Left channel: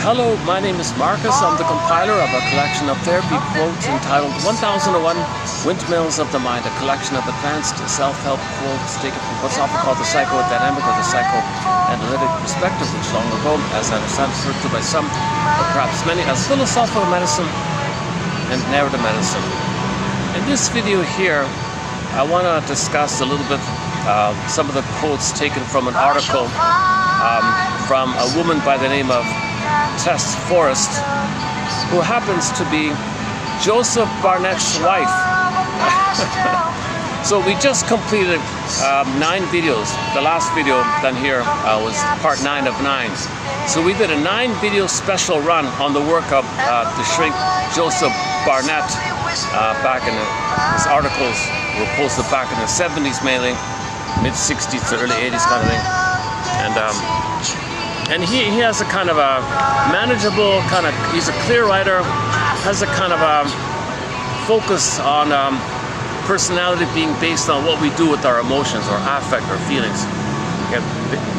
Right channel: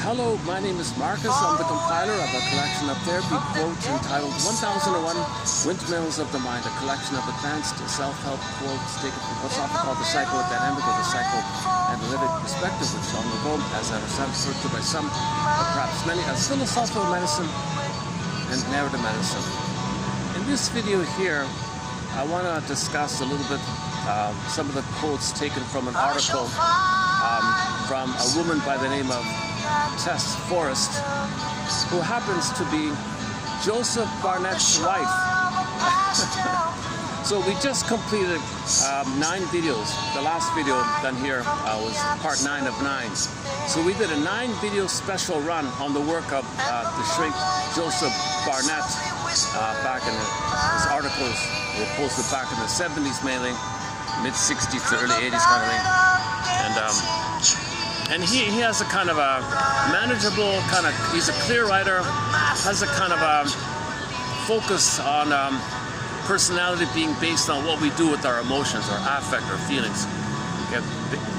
Hello, my name is Marcus. I'm the compiler of a collection of therapy quotes entitled 1001 Windmills of the Mind, a collection of advanced self-help quotes taken from what's often called the psychodynamic or the psychoanalytic perspective, which long ago, as I understand, referred to by some, but perhaps many, as philosophical medicine and narrative medicine. In this video here, I want to discuss a little bit some of the quotes taken from an article from a woman by the name of Tess Forrest, who happens to be Joseph Barnett's wife. So we just completed 9 videos. The last video done here was part 9 of 9. So we did a 9 video special run on the work of the shrink Joseph Barnett back in his articles were posted back in the 70s mainly, mid-60s to early 80s kind of thing. And he has a kind of a manageable kind of, he's a clear writer, has a kind of a focus on personality being based on what we do with our emotions or affect or feelings. Okay.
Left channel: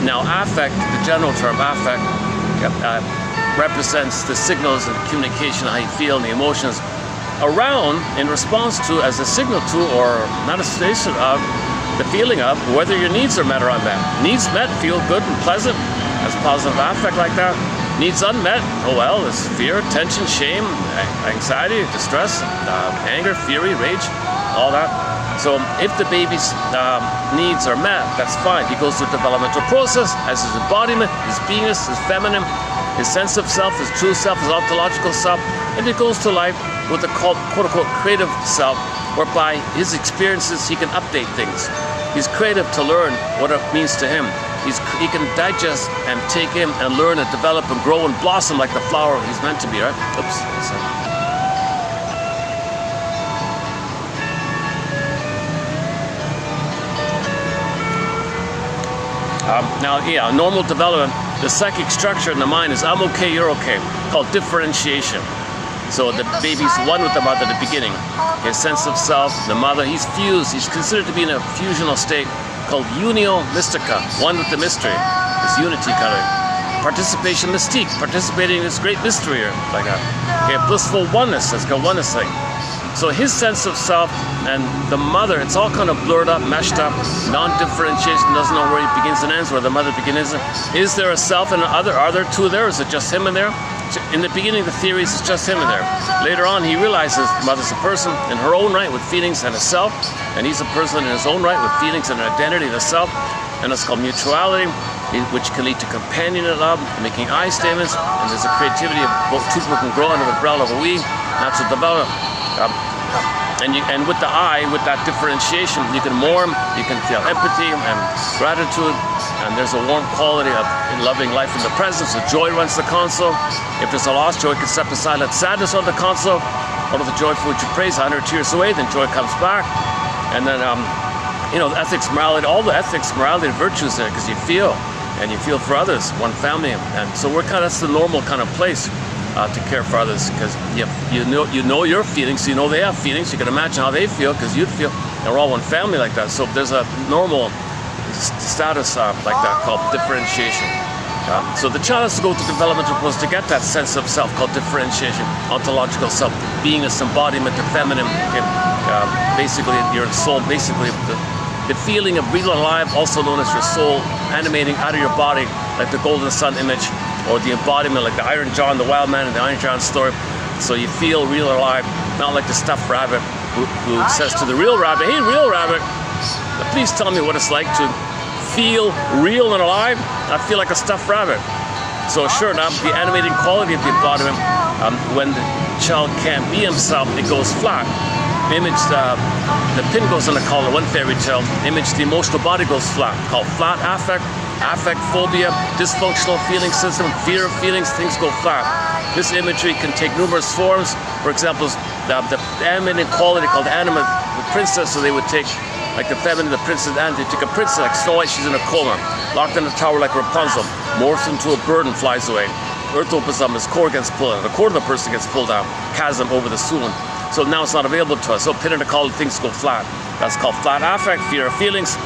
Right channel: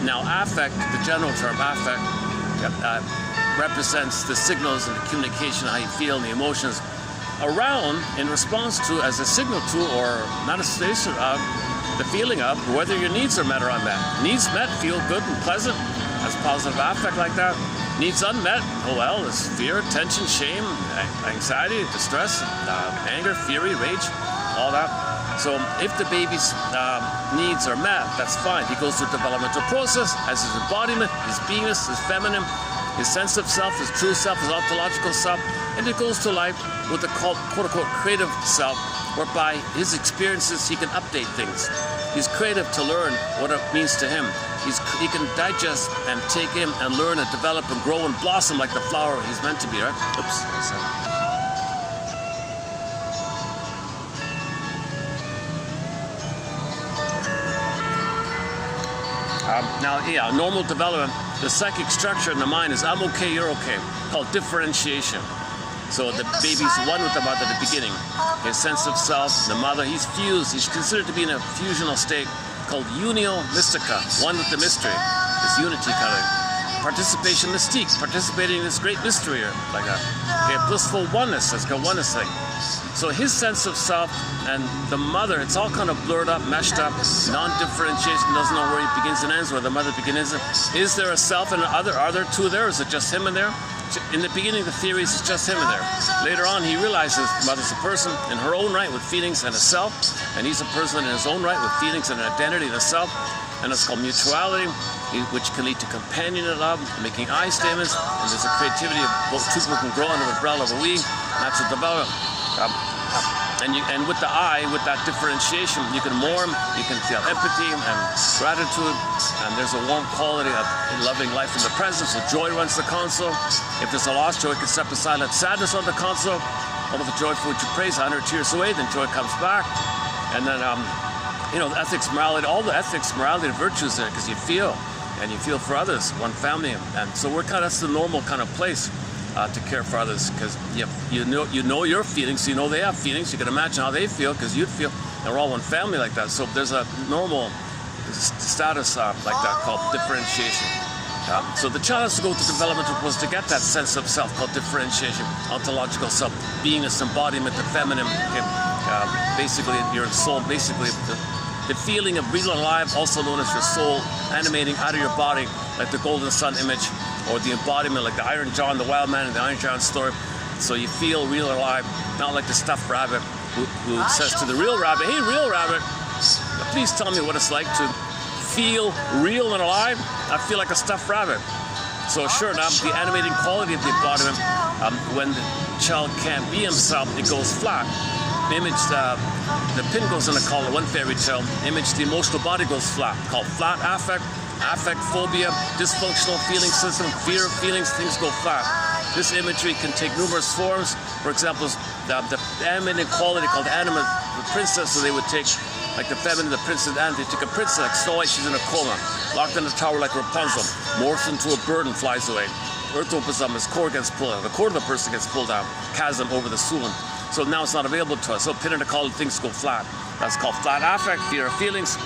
Now affect, the general term affect, represents the signals and the communication, how you feel and the emotions around in response to, as a signal to or manifestation of the feeling of whether your needs are met or unmet. Needs met feel good and pleasant. That's positive affect like that. Needs unmet, oh well, there's fear, tension, shame, anxiety, distress, anger, fury, rage, all that. So if the baby's needs are met, that's fine. He goes through a developmental process, has his embodiment, his beingness, his feminine, his sense of self, his true self, his ontological self, and he goes to life with a quote-unquote creative self, whereby his experiences, he can update things. He's creative to learn what it means to him. He can digest and take in and learn and develop and grow and blossom like the flower he's meant to be, right? Oops. Normal development, the psychic structure in the mind is I'm okay, you're okay, called differentiation. So the baby's one with the mother at the beginning. His sense of self, the mother, he's fused, he's considered to be in a fusional state called unio mystica, one with the mystery, this unity kind of participation mystique, participating in this great mystery, like a blissful oneness, that's got oneness thing. So his sense of self and the mother, it's all kind of blurred up, meshed up, non-differentiation, doesn't know where he begins and ends, where the mother begins. Is there a self and an other? Are there two there? Is it just him in there? In the beginning, the theories is just him in there. Later on, he realizes the mother's a person in her own right with feelings and a self, and he's a person in his own right with feelings and an identity and a self, and it's called mutuality, which can lead to companionate love, making I statements, and there's a creativity of both two people can grow under the umbrella of a we, natural development. And with the I, with that differentiation, you can warm, you can feel empathy and gratitude, and there's a warm quality of loving life in the present. So joy runs the console. If there's a loss, joy can step aside, let sadness on the console. All of the joy for which you praise, 100 tears away, then joy comes back. And then, ethics, morality, all the ethics, morality, and virtues there, because you feel, and you feel for others, one family. And so that's the normal kind of place to care for others, because you know your feelings, so you know they have feelings. You can imagine how they feel, because you'd feel, and we're all one family like that. So there's a normal status like that called differentiation. So the child has to go to developmental process to get that sense of self called differentiation, ontological self, beingness, embodiment, the feminine. Okay? Basically, your soul, basically the feeling of real alive, also known as your soul, animating out of your body, like the golden sun image, or the embodiment, like the Iron John, the wild man in the Iron John story. So you feel real alive, not like the stuffed rabbit who says to the real rabbit, hey, real rabbit, please tell me what it's like to feel real and alive. I feel like a stuffed rabbit. So sure enough, the animating quality of the embodiment, when the child can't be himself, it goes flat. The image, the pin goes in the collar, one fairy tale. Image, the emotional body goes flat, called flat affect. Affect, phobia, dysfunctional feeling system, fear of feelings, things go flat. This imagery can take numerous forms. For example, the animating quality called anima, the princess, so they would take, like the feminine, the princess, and they take a princess like Snow White, she's in a coma, locked in a tower like Rapunzel, morphs into a bird and flies away. Earth opens up, his core gets pulled out, the core of the person gets pulled out, chasm over the Suan. So now it's not available to us. So pin in the collar, things go flat. That's called flat affect, fear of feelings.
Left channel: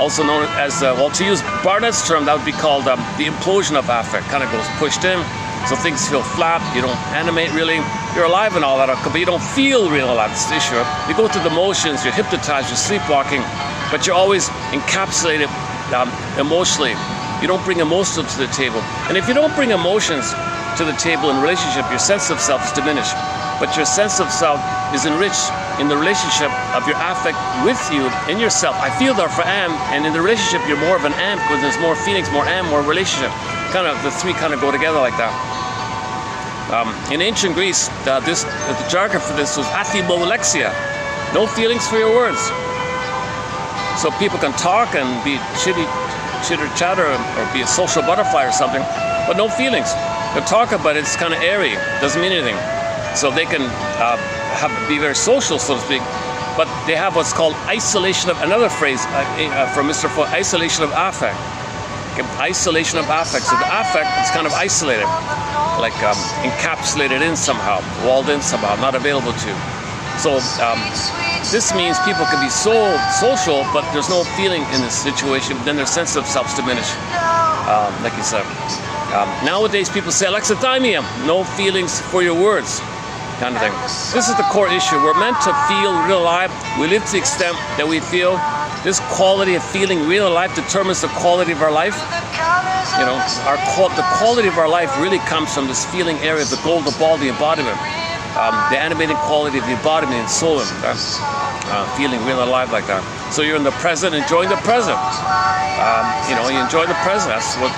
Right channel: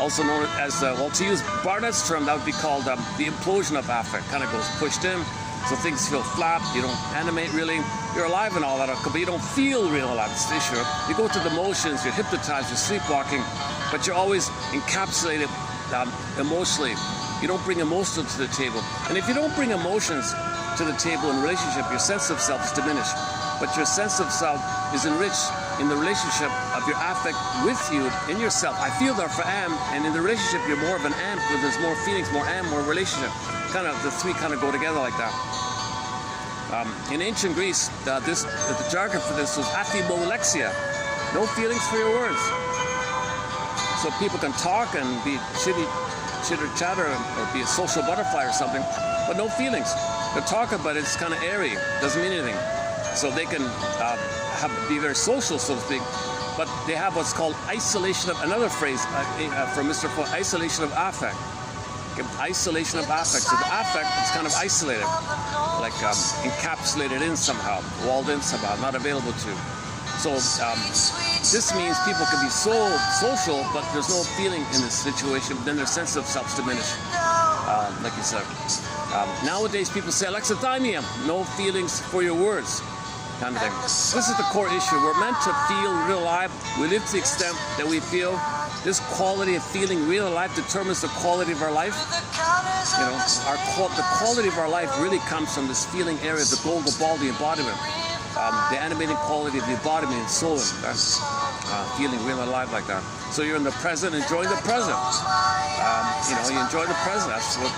Also known as, to use Barnett's term, that would be called the implosion of affect. Kind of goes pushed in, So things feel flat, you don't animate really, you're alive and all that, but you don't feel real alive, it's the issue. You go through the motions, you're hypnotized, you're sleepwalking, but you're always encapsulated emotionally. You don't bring emotions to the table. And if you don't bring emotions to the table in relationship, your sense of self is diminished. But your sense of self is enriched in the relationship of your affect with you, in yourself. I feel that for am, and in the relationship you're more of an am because there's more feelings, more am, more relationship. Kind of the three kind of go together like that. In ancient Greece, the jargon for this was athymolexia, no feelings for your words. So people can talk and be chitter chatter or be a social butterfly or something, but no feelings. They talk about it, it's kind of airy, doesn't mean anything. So they can be very social, so to speak, but they have what's called isolation of, another phrase from Mr. Ford, isolation of affect. Okay, isolation of affect. So the affect is kind of isolated, like encapsulated in somehow, walled in somehow, not available to. So this means people can be so social, but there's no feeling in this situation, then their sense of self's diminished, like you said. Nowadays people say alexithymia, no feelings for your words, kind of thing. This is the core issue. We're meant to feel real life. We live to the extent that we feel. This quality of feeling real life determines the quality of our life. You know, the quality of our life really comes from this feeling area of the golden ball, the embodiment, the animating quality of the embodiment and soul, feeling real alive like that. So you're in the present, enjoying the present. You know, you enjoy the present. That's what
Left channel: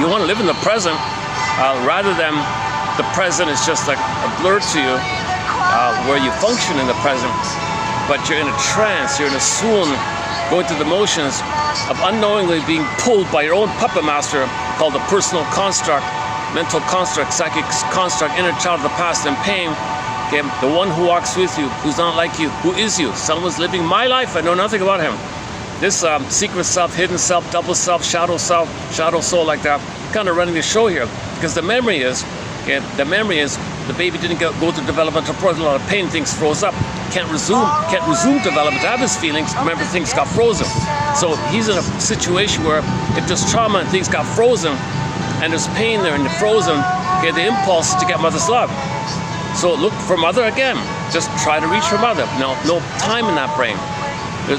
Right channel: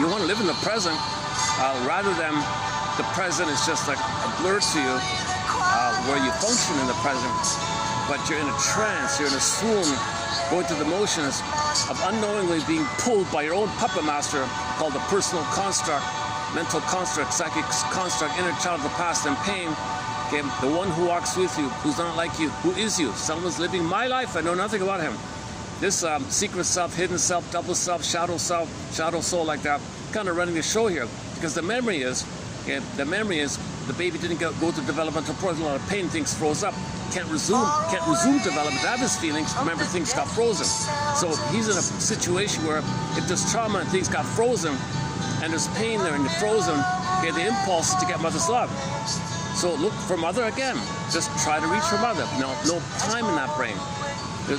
you want to live in the present, rather than the present is just like a blur to you, where you function in the present, but you're in a trance, you're in a swoon, going through the motions of unknowingly being pulled by your own puppet master called the personal construct, mental construct, psychic construct, inner child of the past and pain. Okay, the one who walks with you, who's not like you, who is you. Someone's living my life, I know nothing about him. This secret self, hidden self, double self, shadow soul like that, kind of running the show here. Because the memory is the baby didn't go through developmental process, a lot of pain, things froze up. Can't resume development, have his feelings, remember things got frozen. So he's in a situation where if there's trauma and things got frozen, and there's pain there and they're frozen, okay, the impulse is to get mother's love. So look for mother again. Just try to reach for mother. No time in that brain.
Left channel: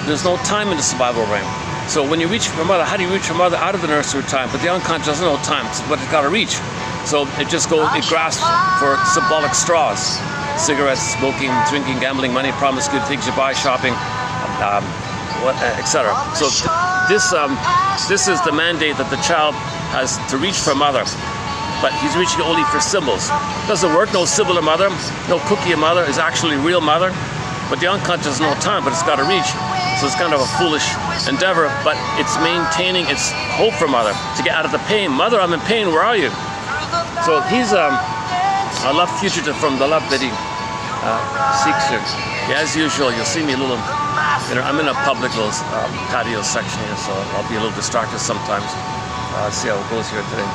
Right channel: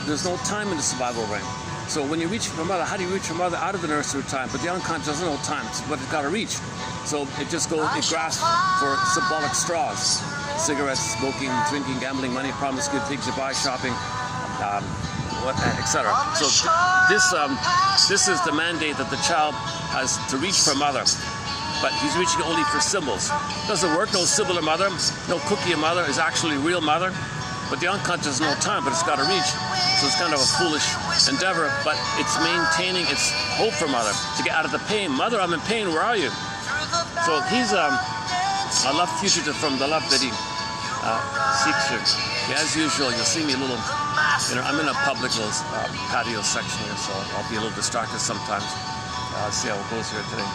There's no time in the survival brain. So when you reach for mother, how do you reach for mother out of the nursery time? But the unconscious doesn't know time, but it's got to reach. So it grasps for symbolic straws. Cigarettes, smoking, drinking, gambling, money, promise, good things you buy, shopping, etc. So this is the mandate that the child has to reach for mother. But he's reaching only for symbols. Doesn't work, no symbol of mother, no cookie of mother is actually real mother. But the unconscious has no time, but it's got to reach. So it's kind of a foolish endeavor, but it's maintaining its hope for mother to get out of the pain. Mother, I'm in pain, where are you? So he's a love fugitive from the love that he seeks here. Yeah, as usual, you'll see me a little, I'm in a public little patio section here, so I'll be a little distracted sometimes. See how it goes here today.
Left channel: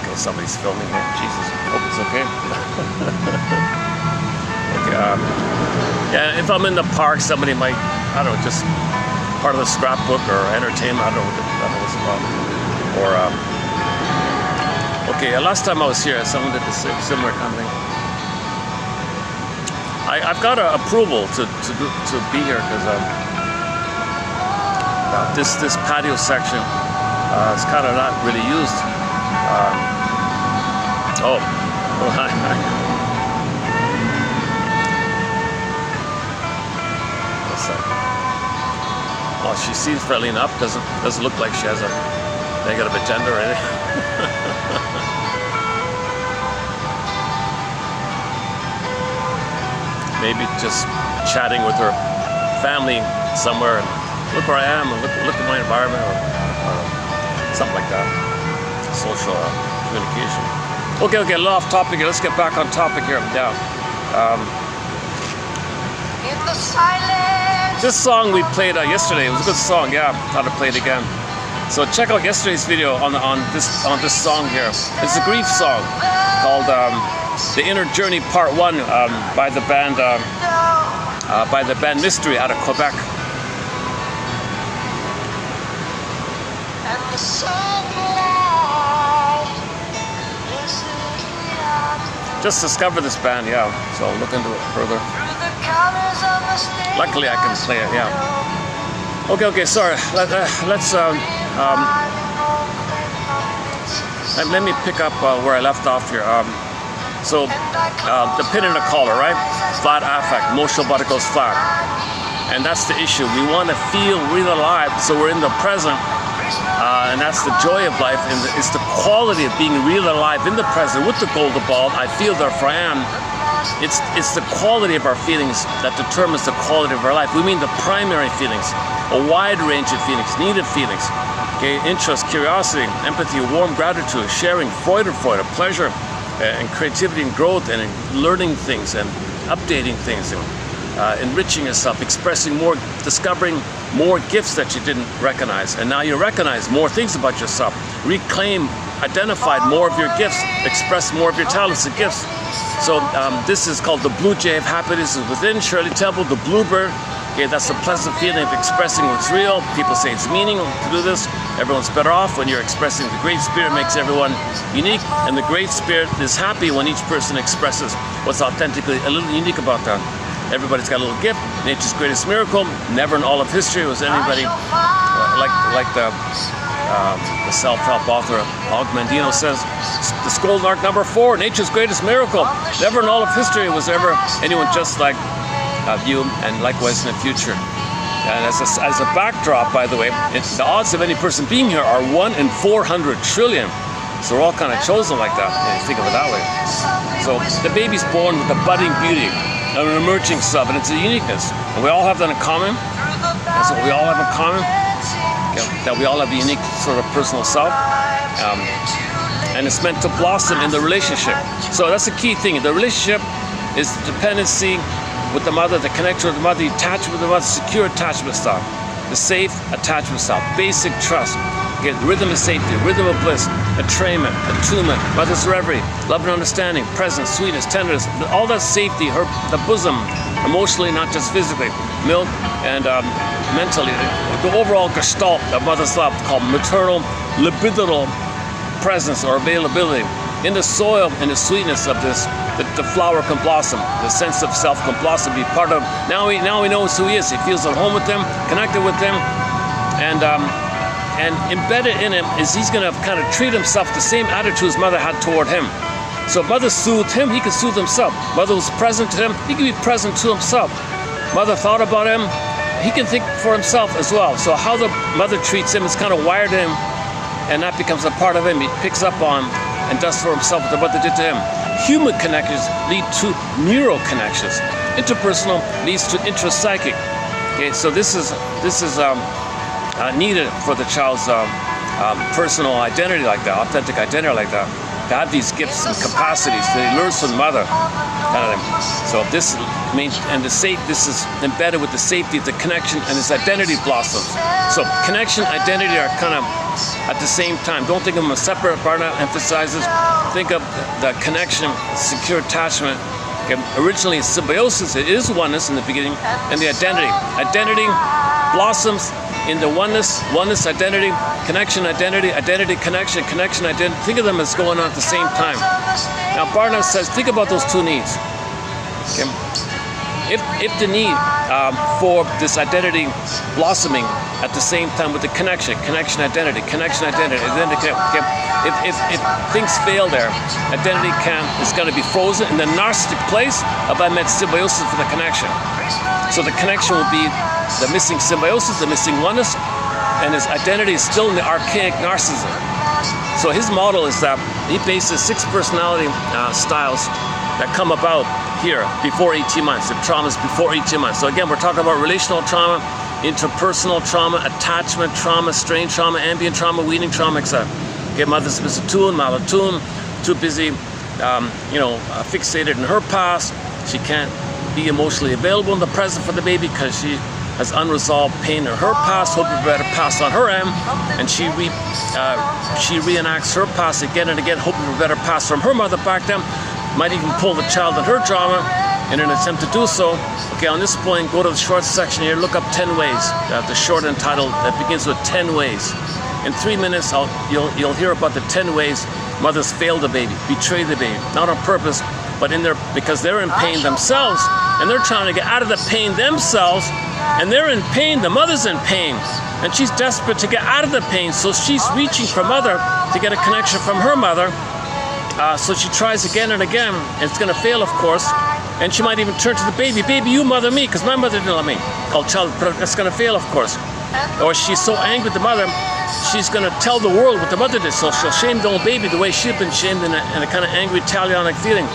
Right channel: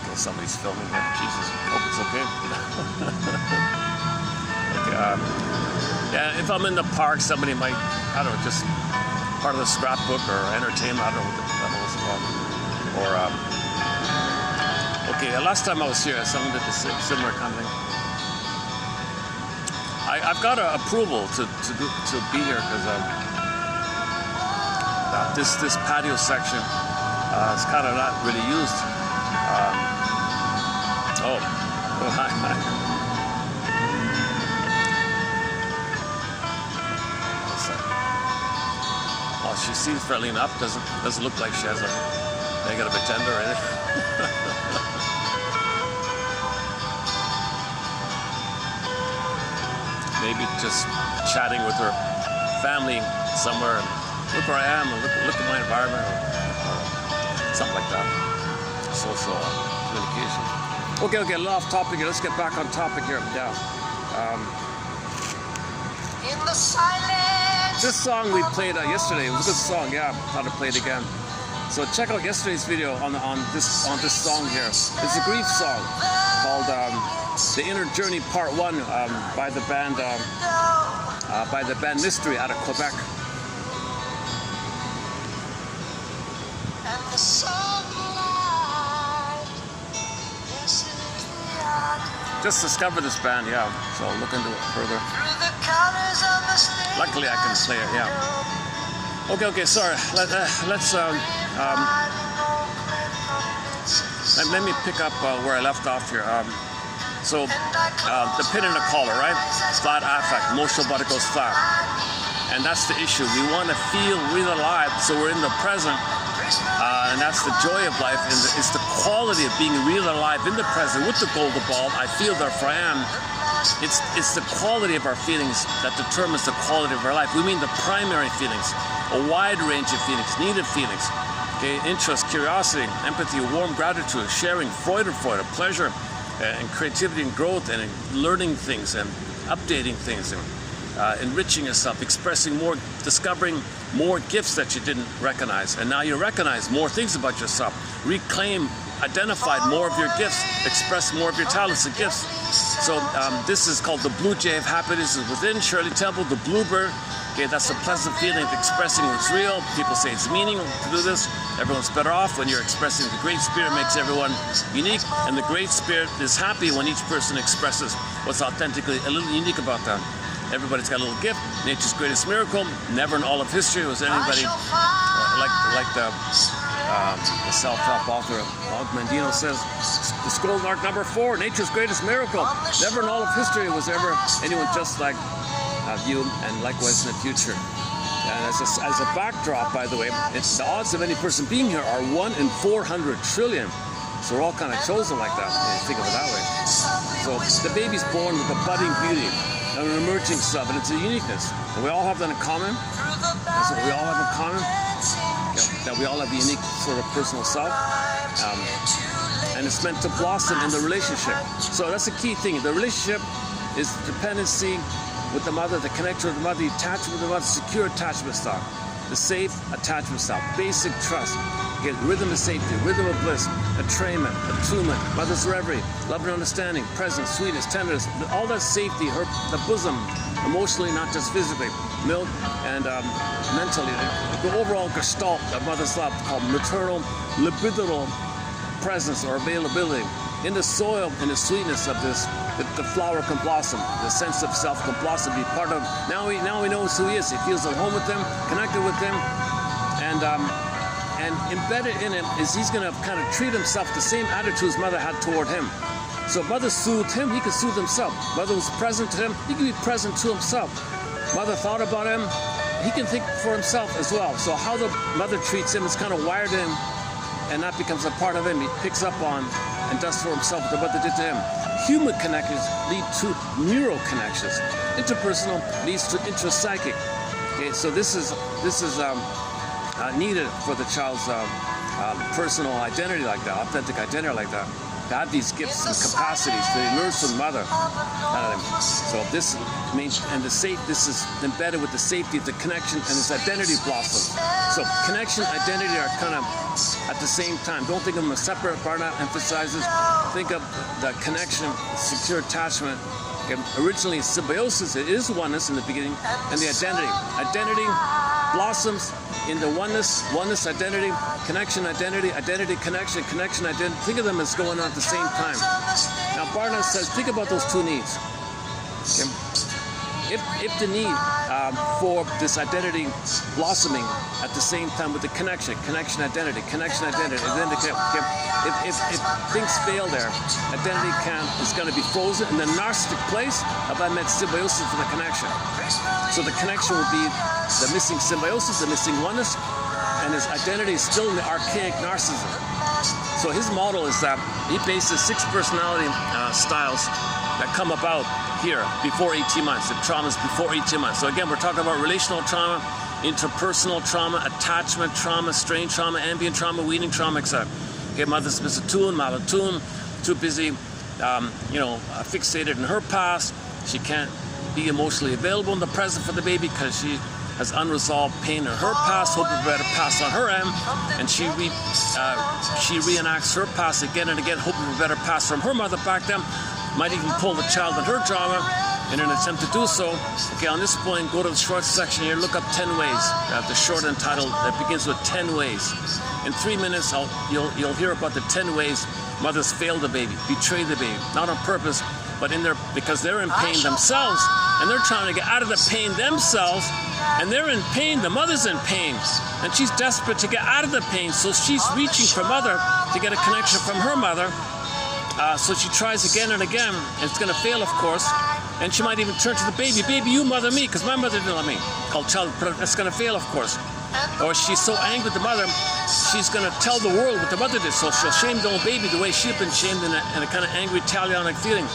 Okay, somebody's filming here. Jesus, I hope it's okay. Okay, yeah, if I'm in the park, somebody might, I don't know, just part of the scrapbook or entertainment, I don't know what it's about. Or, okay, last time I was here, someone did the similar kind of thing. I've got approval to be here because this patio section is kind of not really used. Hi. Well, she seems friendly enough. Doesn't look like she has a negative agenda or anything. Maybe just chatting with her family somewhere. Look where I am, and look at my environment, or something like that. Social communication. Okay, a little off topic here. Let's get back on topic here. Yeah. In the silence. This song we played yesterday. It was a good song. Yeah, thought I'd play it again. So check out yesterday's video on this song here. It's a grief song called "The Inner Journey Part 1" by the band Mystery out of Quebec. And the sunlight just discovered this band, yeah. So I'll look into it further. Luckily, I can play it, yeah. Okay, sorry. Let me pick up where I left off here. The pin in the collar, right? Flat affect, emotional body goes flat. And that's the issue. We want to feel real alive, so we're in the present. And that's the joy of life, and it's the quality of being real alive in the present with the golden ball. I feel, therefore I am. It's the quality of our feelings that determines the quality of our life. We mean the primary feelings, a wide range of feelings, needed feelings. Okay, interest, curiosity, empathy, warm gratitude, sharing, Freude, pleasure, and creativity and growth, and learning things and updating things, and enriching yourself, expressing more, discovering more gifts that you didn't recognize. And now you recognize more things about yourself. Reclaim, identified more of your gifts, express more of your talents and gifts. So this is called the Blue Jay of Happiness is within. Shirley Temple, the Bluebird. Okay, that's the pleasant feeling of expressing what's real. People say it's meaning to do this. Everyone's better off when you're expressing. The Great Spirit makes everyone unique, and the Great Spirit is happy when each person expresses what's authentically a little unique about them. Everybody's got a little gift. Nature's greatest miracle. Never in all of history was anybody like the self-help author Og Mandino says. The Scroll Arc number 4, nature's greatest miracle. Never in all of history was ever anyone just like you, and likewise in the future. And as a backdrop, by the way, the odds of any person being here are 1 in 400 trillion. So we're all kind of chosen like that, if you think of it that way. So the baby's born with a budding beauty, an emerging self, and it's a uniqueness. And we all have that in common. That's what we all have in common. That we all have a unique sort of personal self. And it's meant to blossom in the relationship. So that's the key thing. The relationship is the dependency with the mother, the connection with the mother, the attachment with the mother, secure attachment style, the safe attachment style, basic trust, again, rhythm of safety, rhythm of bliss, entrainment, attunement, mother's reverie, love and understanding, presence, sweetness, tenderness, all that safety, the bosom, emotionally, not just physically, milk and mentally, the overall gestalt of mother's love called maternal libidinal presence or availability. In the soil, in the sweetness of this, the flower can blossom. The sense of self can blossom, be part of. Now he knows who he is. He feels at home with them, connected with them, and embedded in him is he's going to kind of treat himself the same attitude his mother had toward him. So if mother soothed him, he could soothe himself. Mother was present to him, he could be present to himself. Mother thought about him, he can think for himself as well. So how the mother treats him is kind of wired in him, and that becomes a part of him. He picks up on and does for himself what the mother did to him. Human connections lead to neural connections. Interpersonal leads to intrapsychic. Okay, so this is needed for the child's personal identity like that, authentic identity like that. To have these gifts and capacities that he learns from the mother. So this means, and this is embedded with the safety of the connection and his identity blossoms. So connection, identity are kind of at the same time. Don't think of them as separate. Barna emphasizes, think of the connection, secure attachment. Okay, originally symbiosis, it is oneness in the beginning, and the identity. Identity blossoms in the oneness, identity, connection, identity, connection, identity. Think of them as going on at the same time. Now Barna says, think about those two needs. Okay. If the need for this identity blossoming at the same time with the connection, identity. Okay. If things fail there, identity is going to be frozen in the narcissistic place of I met symbiosis for the connection. So the connection will be the missing symbiosis, the missing oneness, and his identity is still in the archaic narcissism. So his model is that he bases 6 personality styles that come about here before 18 months, the traumas before 18 months. So again, we're talking about relational trauma, interpersonal trauma, attachment trauma, strain trauma, ambient trauma, weaning trauma, etc. Okay, mother's misattuned, malattuned, too busy, fixated in her past. She can't be emotionally available in the present for the baby because she has unresolved pain in her past, hoping for a better past on her end, and she reenacts her past again and again, hoping for a better past from her mother back then. Might even pull the child in her trauma in an attempt to do so. Okay, on this point, go to the short section here, look up 10 ways. The short entitled that begins with 10 ways. In 3 minutes, you'll hear about the 10 ways Mothers fail the baby, betray the baby, not on purpose, but because they're in pain themselves, and they're trying to get out of the pain themselves, and they're in pain, the mother's in pain, and she's desperate to get out of the pain, so she's reaching for mother to get a connection from her mother. So she tries again and again, and it's going to fail, of course, and she might even turn to the baby, baby, you mother me, because my mother didn't love me. Called child, but it's going to fail, of course. Or she's so angry with the mother, she's going to tell the world what the mother did, so she'll shame the old baby the way she'd been shamed in a kind of angry, Italianic feeling.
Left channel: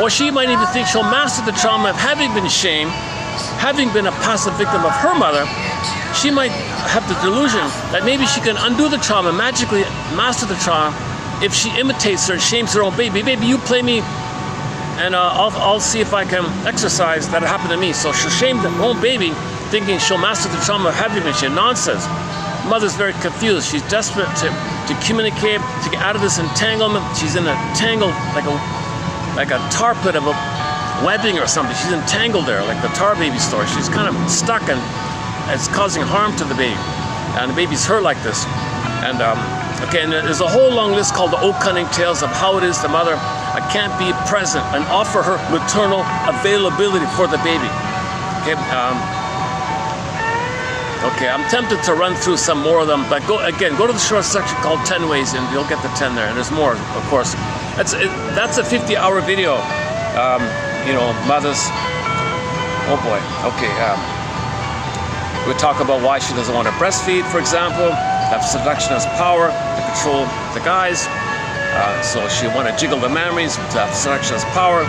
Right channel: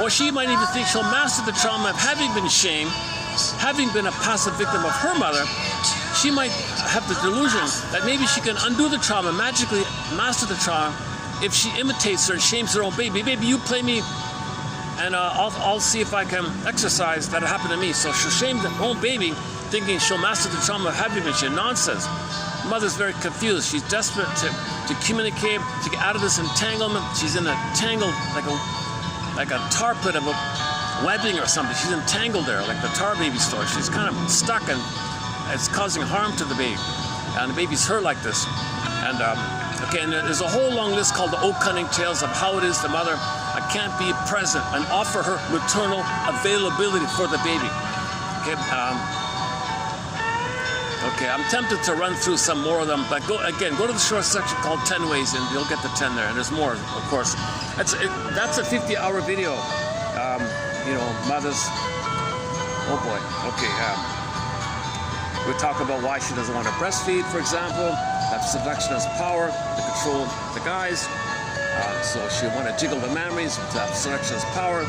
Or she might even think she'll master the trauma of having been shamed, having been a passive victim of her mother. She might have the delusion that maybe she can undo the trauma, magically master the trauma, if she imitates her and shames her own baby. Baby, you play me, and I'll see if I can exercise that it happened to me. So she'll shame her own baby, thinking she'll master the trauma of having been shamed. Nonsense. Mother's very confused. She's desperate to communicate, to get out of this entanglement. She's in a tangle, like a tar pit of a webbing or something. She's entangled there, like the tar baby story. She's kind of stuck, and it's causing harm to the baby. And the baby's hurt like this. And and there's a whole long list called the Oh Cunning Tales of how it is the mother can't be present and offer her maternal availability for the baby. Okay, I'm tempted to run through some more of them, but go to the short section called 10 Ways, and you'll get the 10 there. And there's more, of course. That's a 50-hour video. Mothers. Oh boy. Okay. We talk about why she doesn't want to breastfeed, for example. That seduction has power to control the guys. So she want to jiggle the memories. That seduction has power,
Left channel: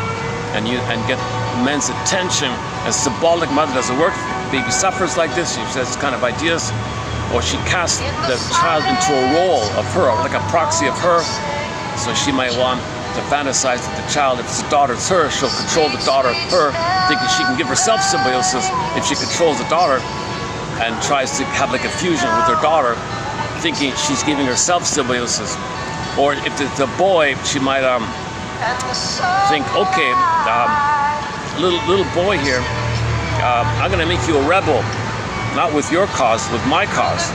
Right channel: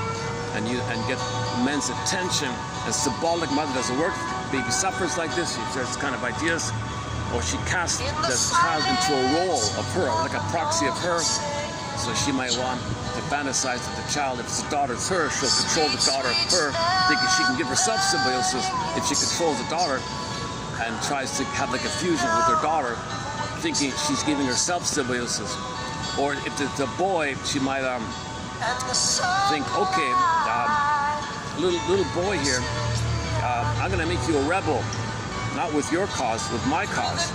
and get men's attention. A symbolic mother doesn't work. The baby suffers like this. She says kind of ideas, or she casts the child into a role of her, like a proxy of her. So she might want to fantasize that the child, if it's a daughter, it's her. She'll control the daughter, her, thinking she can give herself symbiosis if she controls the daughter, and tries to have like a fusion with her daughter, thinking she's giving herself symbiosis. Or if it's a boy, she might think, okay, little boy here, I'm gonna make you a rebel, not with your cause, with my cause.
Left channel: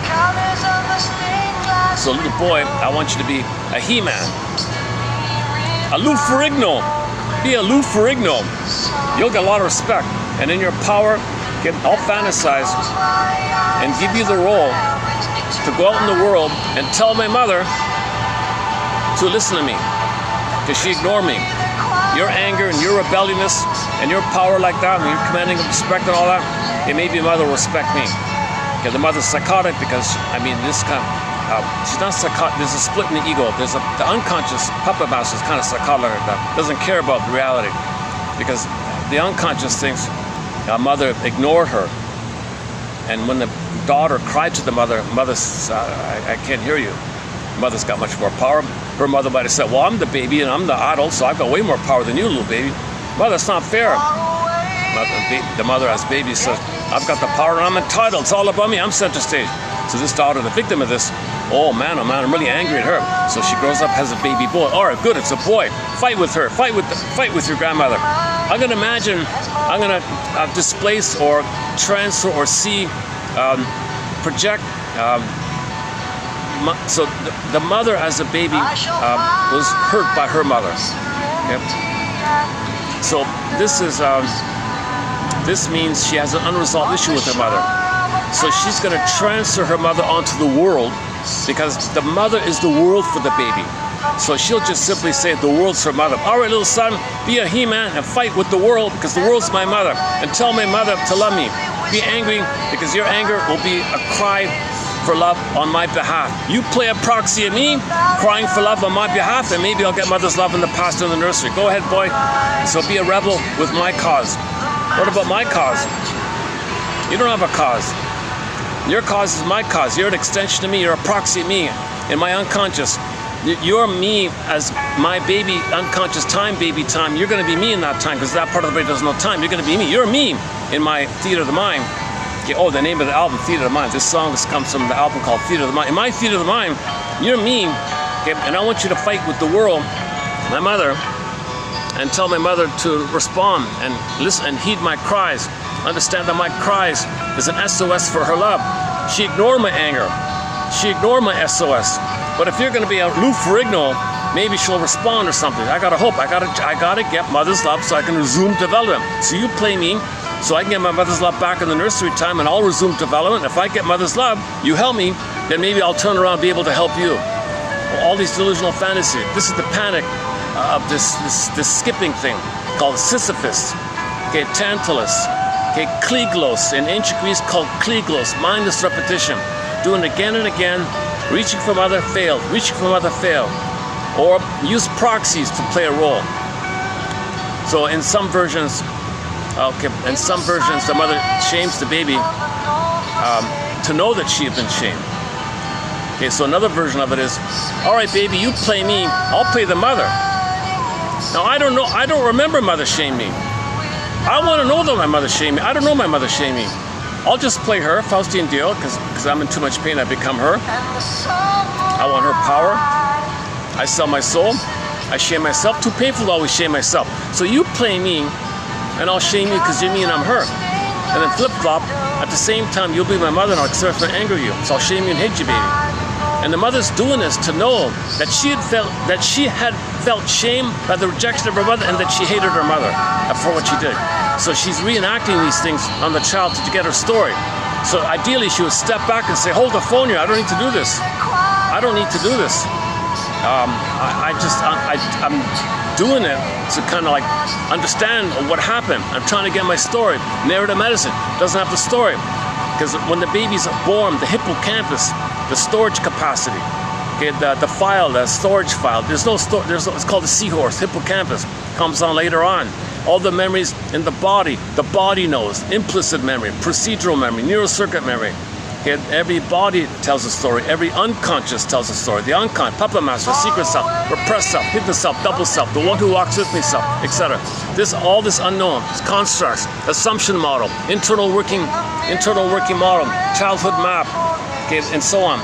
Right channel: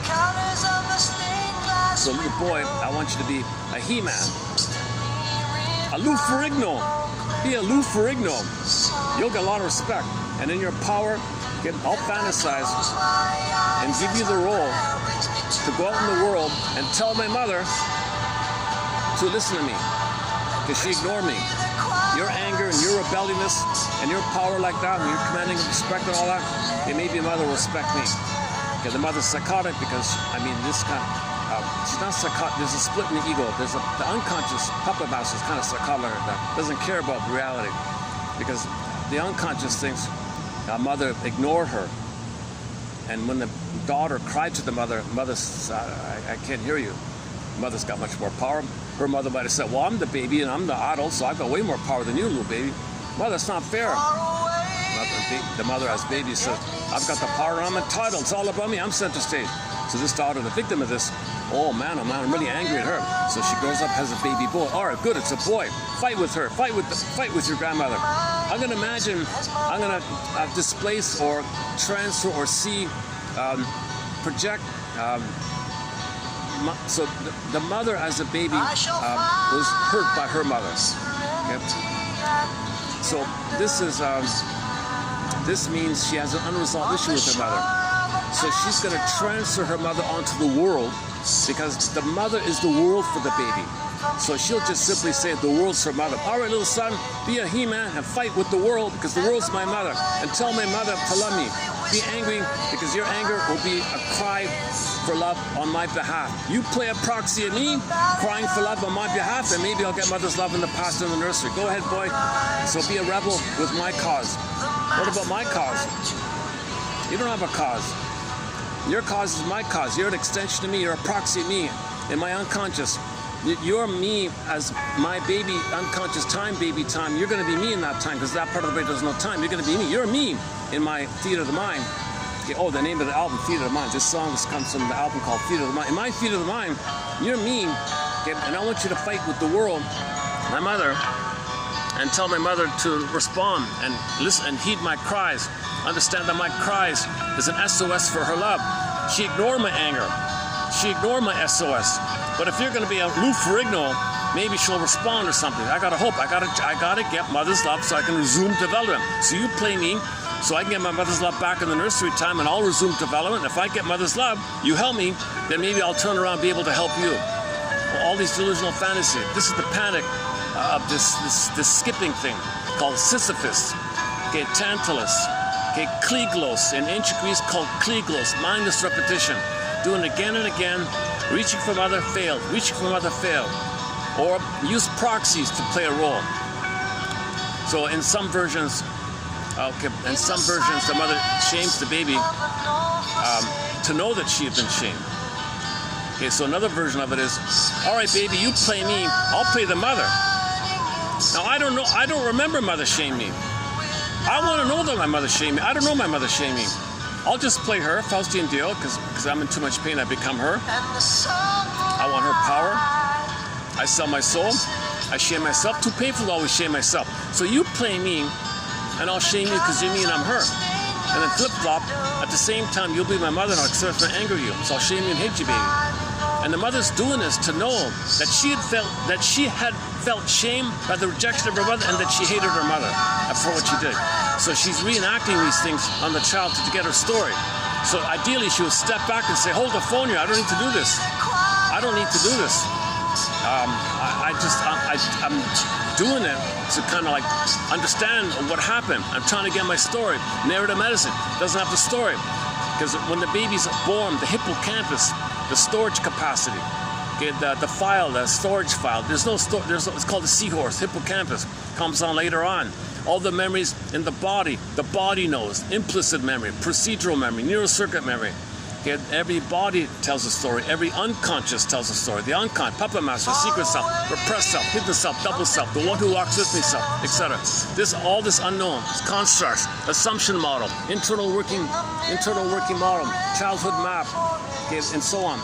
So little boy, I want you to be a He-Man, a Lou Ferrigno. Be a Lou Ferrigno. You'll get a lot of respect, and in your power, I'll fantasize and give you the role to go out in the world and tell my mother to listen to me, because she ignored me. Your anger and your rebelliousness and your power like that, and your commanding of respect and all that, it made the mother respect me. Okay, the mother's psychotic because, this kind of, she's not psychotic. There's a split in the ego. The unconscious puppet master is kind of psychotic like that. Doesn't care about the reality, because the unconscious thinks a mother ignored her. And when the daughter cried to the mother, says, I can't hear you. Mother's got much more power. Her mother might have said, well, I'm the baby and I'm the adult, so I've got way more power than you, little baby. Mother, that's not fair. The mother as baby says, I've got the power and I'm entitled. It's all about me. I'm center stage. So this daughter, the victim of this, oh man, I'm really angry at her. So she grows up, has a baby boy. All right, good, it's a boy. Fight with her. Fight with your grandmother. I'm going to imagine, I'm going to displace or transfer or see, project. So the mother as a baby was hurt by her mother. Okay? So this means she has an unresolved issue with her mother. So she's going to transfer her mother onto the world, because the mother is the world for the baby. So she'll just simply say the world's her mother. All right, little son, be a He-Man and fight with the world, because the world's my mother. And tell my mother to love me. Be angry, because your anger will be a cry for love on my behalf. You play a proxy of me, crying for love on my behalf, and maybe I'll get mother's love in the past in the nursery. Go ahead, boy. So be a rebel with my cause. What about my cause? You don't have a cause. Your cause is my cause. You're an extension of me. You're a proxy of me in my unconscious. You're me as my baby, unconscious time, baby time. You're going to be me in that time, because that part of the brain doesn't know time. You're going to be me. You're me in my theater of the mind. Okay, oh, the name of the album, Theater of the Mind. This song comes from the album called Theater of the Mind. In my theater of the mind, you're me, okay, and I want you to fight with the world, my mother, and tell my mother to respond and listen and heed my cries. Understand that my cries is an SOS for her love. She ignored my anger. She ignored my SOS. But if you're going to be a Lou Ferrigno maybe she'll respond or something. I gotta hope. I gotta get mother's love so I can resume development. So you play me, so I can get my mother's love back in the nursery time, and I'll resume development. If I get mother's love, you help me, then maybe I'll turn around and be able to help you. All these delusional fantasies. This is the panic of this skipping thing called Sisyphus. Okay, Tantalus. Okay, Kleglos. In ancient Greece called Kleglos, mindless repetition. Doing it again and again. Reaching for mother, failed. Reaching for mother, failed. Or use proxies to play a role. So in some versions, the mother shames the baby to know that she had been shamed. Okay, so another version of it is, all right, baby, you play me, I'll play the mother. Now, I don't remember mother shaming me. I want to know that my mother shamed me. I don't know my mother shamed me. I'll just play her, Faustian deal, because I'm in too much pain, I become her. I want her power. I sell my soul. I shame myself. Too painful to always shame myself. So you play me, and I'll shame you because you're me and I'm her. And then flip-flop, at the same time, you'll be my mother and I'll accept and anger you. So I'll shame you and hate you, baby. And the mother's doing this to know that she had felt shame by the rejection of her mother and that she hated her mother for what she did. So she's reenacting these things on the child to get her story. So ideally she would step back and say, hold the phone here, I don't need to do this. I don't need to do this. I'm doing it to kind of like understand what happened. I'm trying to get my story. Narrative medicine doesn't have the story. Because when the baby's born, the hippocampus, the storage capacity, okay, the file, the storage file, it's called the seahorse, hippocampus, comes on later on. All the memories in the body knows, implicit memory, procedural memory, neural circuit memory. Okay, every body tells a story, every unconscious tells a story. The unconscious, puppet master, secret self, repressed self, hidden self, double self, the one who walks with me self, etc. All this unknown, constructs, assumption model, internal working model, childhood map, okay, and so on.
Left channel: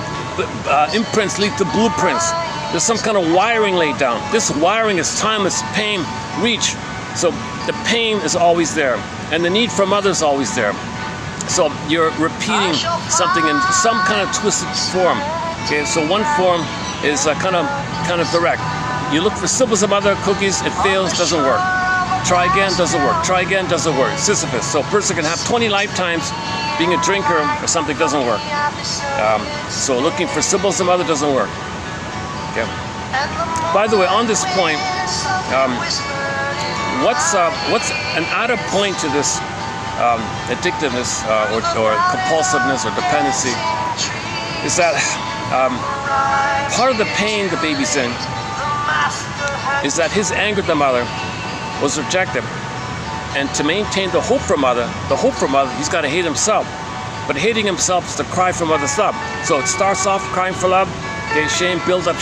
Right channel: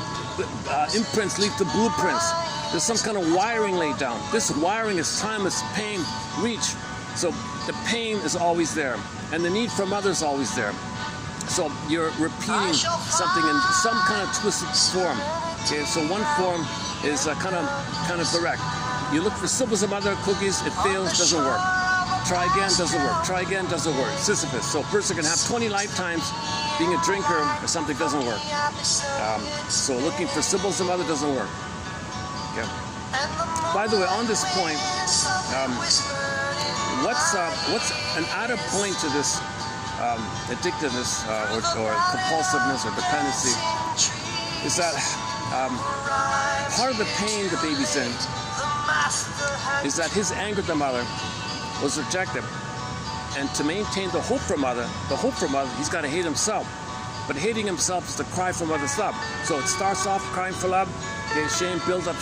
Imprints lead to blueprints. There's some kind of wiring laid down. This wiring is timeless, pain, reach. So the pain is always there, and the need for mother is always there. So you're repeating something in some kind of twisted form. Okay, so one form is kind of direct. You look for symbols of mother, cookies, it fails, doesn't work. Try again, doesn't work. Try again, doesn't work. Sisyphus. So a person can have 20 lifetimes being a drinker or something doesn't work. So looking for symbols of mother doesn't work. Okay. By the way, on this point, what's an added point to this addictiveness or compulsiveness or dependency is that part of the pain the baby's in is that his anger at the mother was rejected, and to maintain the hope for mother, he's got to hate himself. But hating himself is the cry for mother's love. So it starts off crying for love, okay, shame, build up,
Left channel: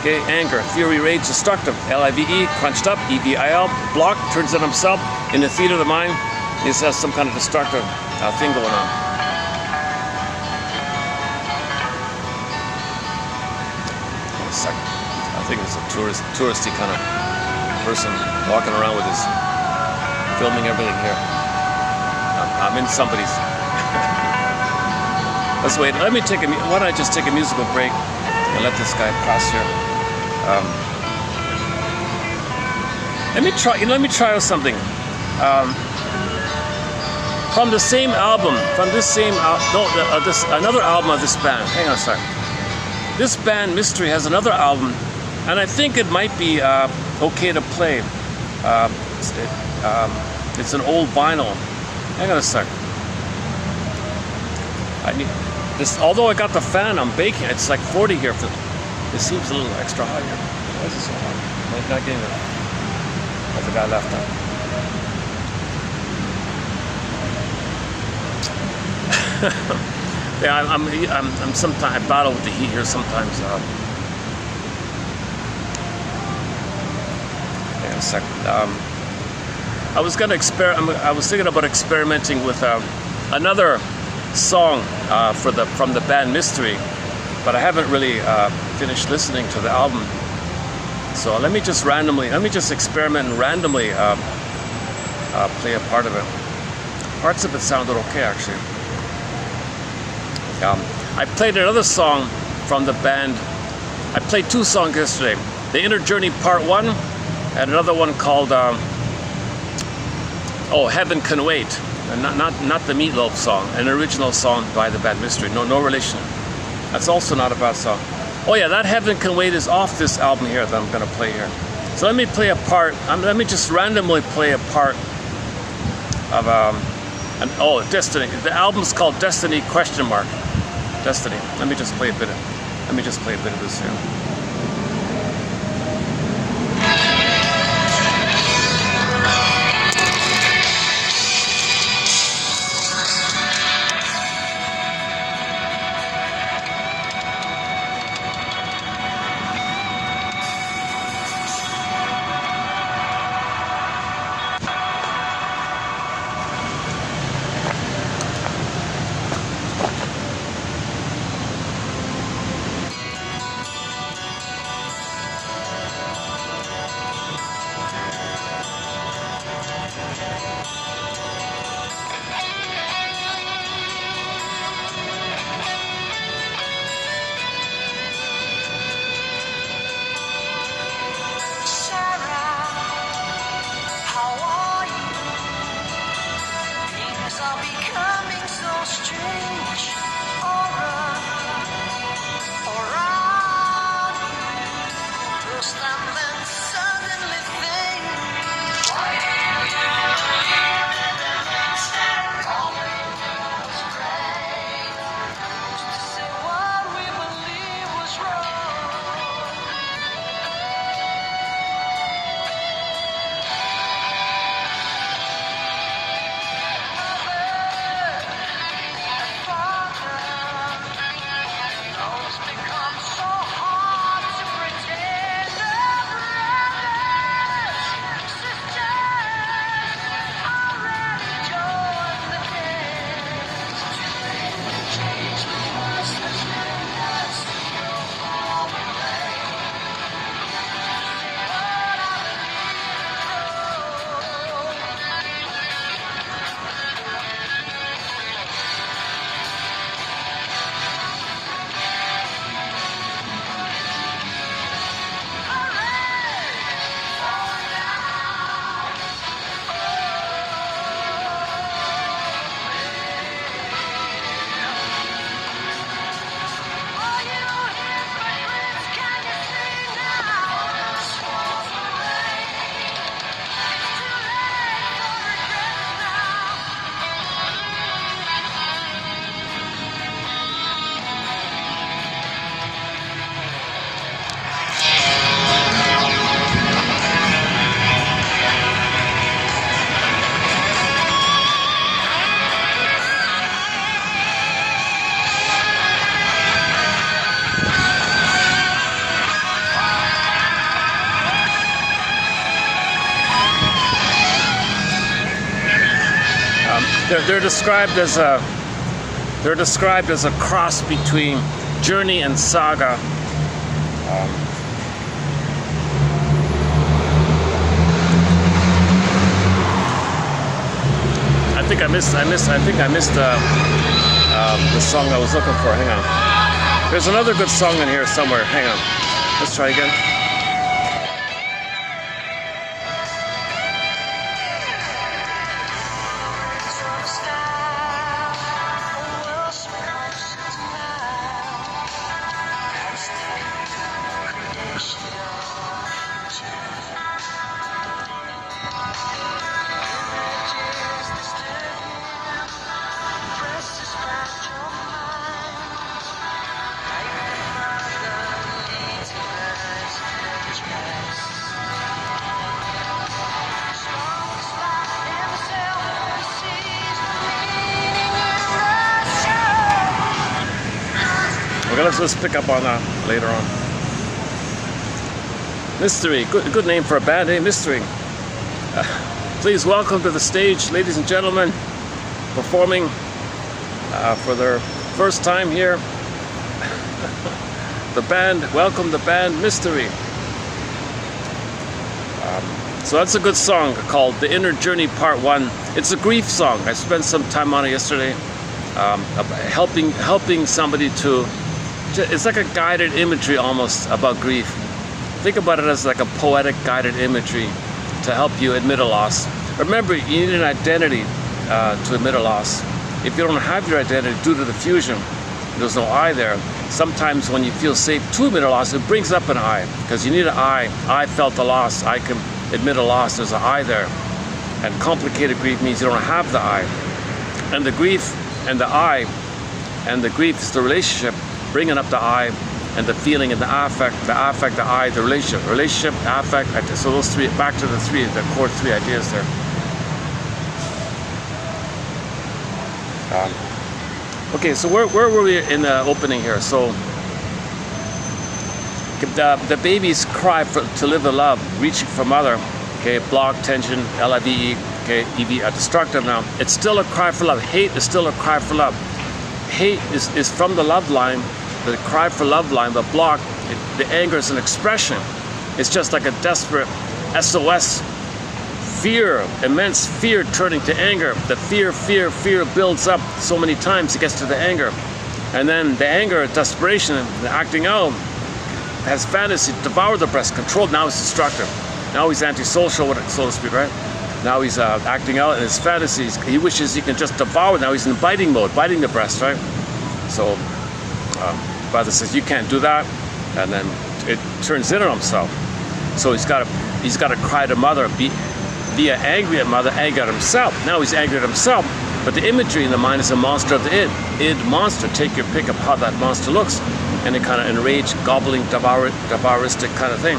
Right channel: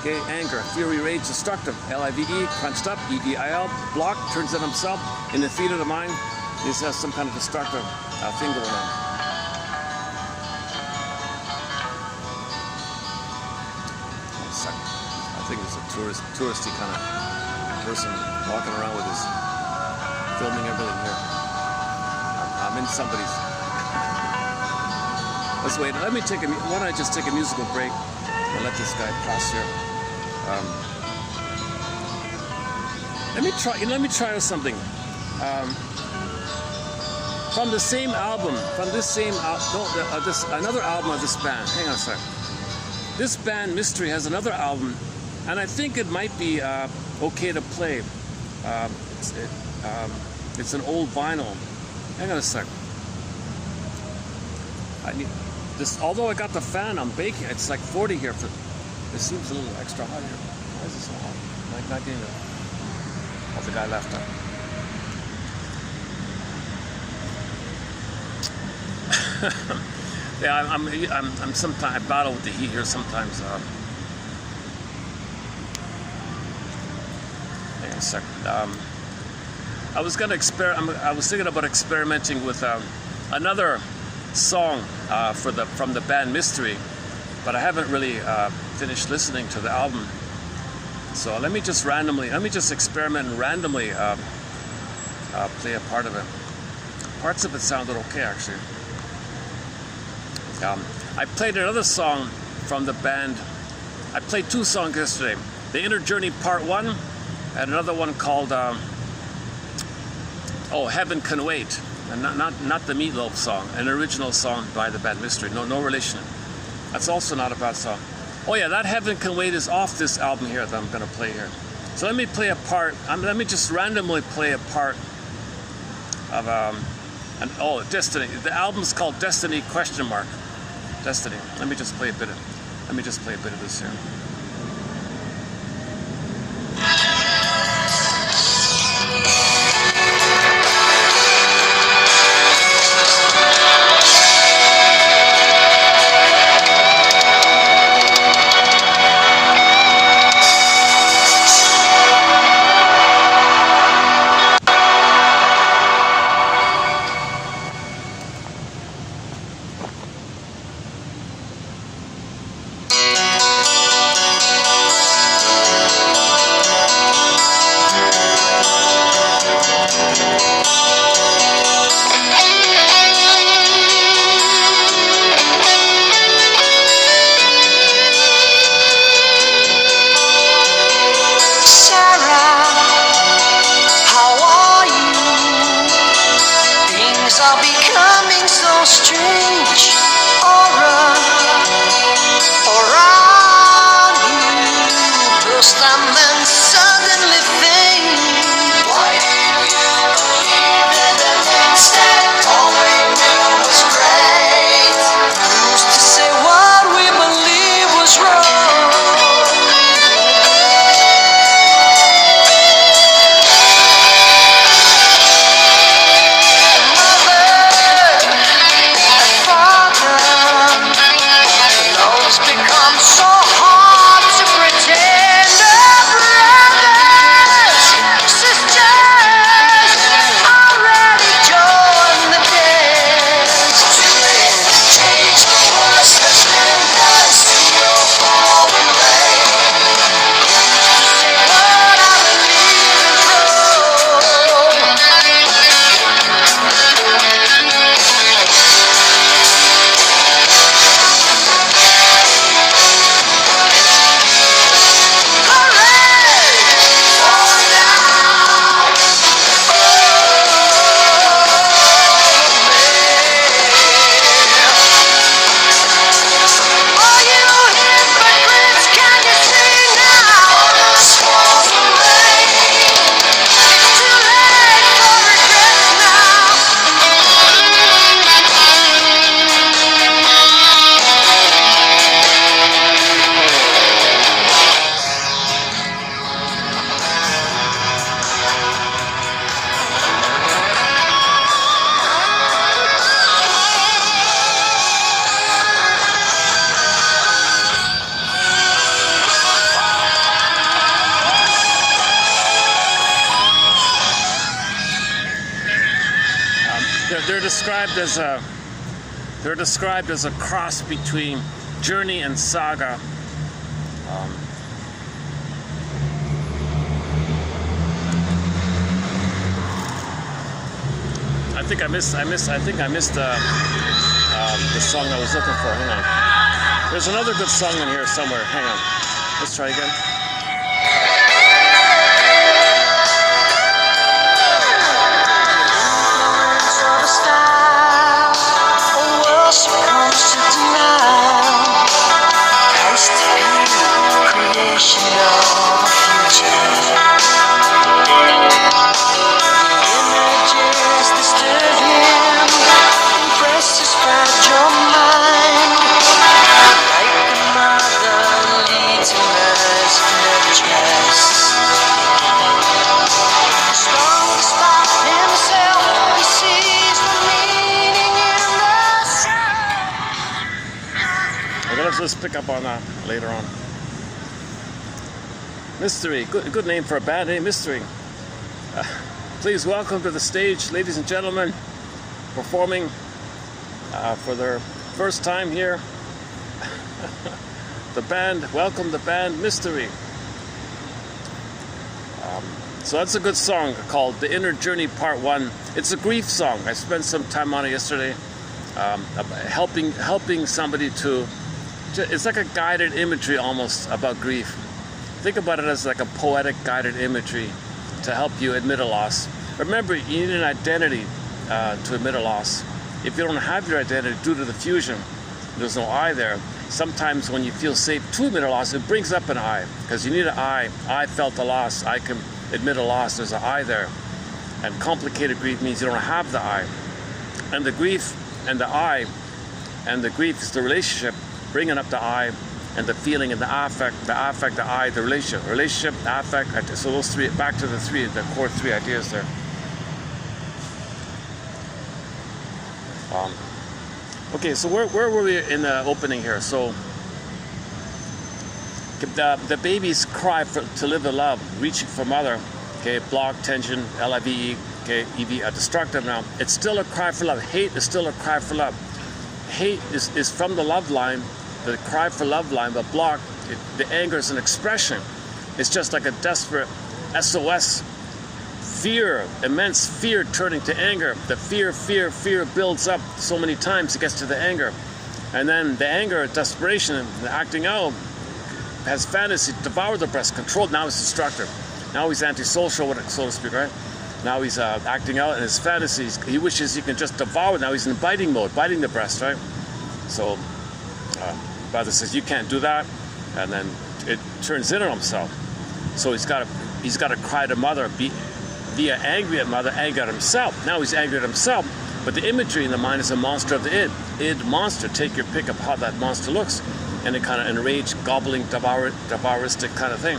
okay, anger, fury, rage, destructive, L-I-V-E, crunched up, E-V-I-L, block, turns on himself, in the theater of the mind, this has some kind of destructive thing going on. I think it's a touristy kind of person walking around with his, filming everything here. I'm in somebody's. Let's wait. Why don't I just take a musical break and let this guy pass here. Let me try out something. From the same album, another album of this band. Hang on a second. This band, Mystery, has another album, and I think it might be okay to play. It's an old vinyl. Hang on a second. I need this. Although I got the fan, I'm baking. It's like 40 here. It seems a little extra hot here. Why is it so hot? I'm not getting it. Oh, the guy left now. Yeah, I'm sometimes I battle with the heat here sometimes. Hang on a second. I was thinking about experimenting with another song from the band Mystery, but I haven't really finished listening to the album. So let me just experiment and randomly play a part of it. Parts of it sounded okay, actually. I played another song from the band. I played two songs yesterday. The Inner Journey Part 1, and another one called Heaven Can Wait. And not the Meatloaf song, an original song by the band Mystery. No relation. That's also not a bad song. Oh yeah, that Heaven Can Wait is off this album here that I'm gonna play here. So let me play a part. Let me just randomly play a part of Destiny. The album's called Destiny ? Destiny. Let me just play a bit of this here. They're described as a cross between Journey and Saga. I think I missed the song I was looking for. Hang on. There's another good song in here somewhere. Hang on. Let's try again. Let's pick up on that later on. Mystery, good name for a band, eh? Mystery. Please welcome to the stage, ladies and gentlemen, performing for their first time here. Welcome the band Mystery. So that's a good song called The Inner Journey Part 1. It's a grief song. I spent some time on it yesterday, helping somebody to. It's like a guided imagery almost about grief. Think about it as like a poetic guided imagery to help you admit a loss. Remember, you need an identity to admit a loss. If you don't have your identity due to the fusion, there's no I there. Sometimes when you feel safe to admit a loss, it brings up an I, because you need an I. I felt the loss. I can admit a loss. There's an I there. And complicated grief means you don't have the I. And the grief and the I, and the grief is the relationship, bringing up the I, and the feeling and the affect, the I, the relationship, affect. So those three, back to the core three ideas there. Okay, so where were we in the opening here? So the baby's cry to live in love, reaching for mother, okay, block, tension, LIVE, okay, EV, destructive now. It's still a cry for love. Hate is still a cry for love. Hate is from the love line, the cry for love line, but block, the anger is an expression. It's just like a desperate SOS. Fear, immense fear turning to anger. The fear builds up so many times it gets to the anger. And then the anger, desperation, the acting out, has fantasy, devour the breast, controlled. Now he's destructive. Now he's antisocial, so to speak, right? Now he's acting out in his fantasies. He wishes he can just devour. Now he's in biting mode, biting the breast, right? So, brother says, you can't do that. And then it turns in on himself. So he's got to cry to mother, via angry at mother, angry at himself. Now he's angry at himself, but the imagery in the mind is a monster of the id monster. Take your pick of how that monster looks, and it kind of enraged, gobbling, devouristic kind of thing.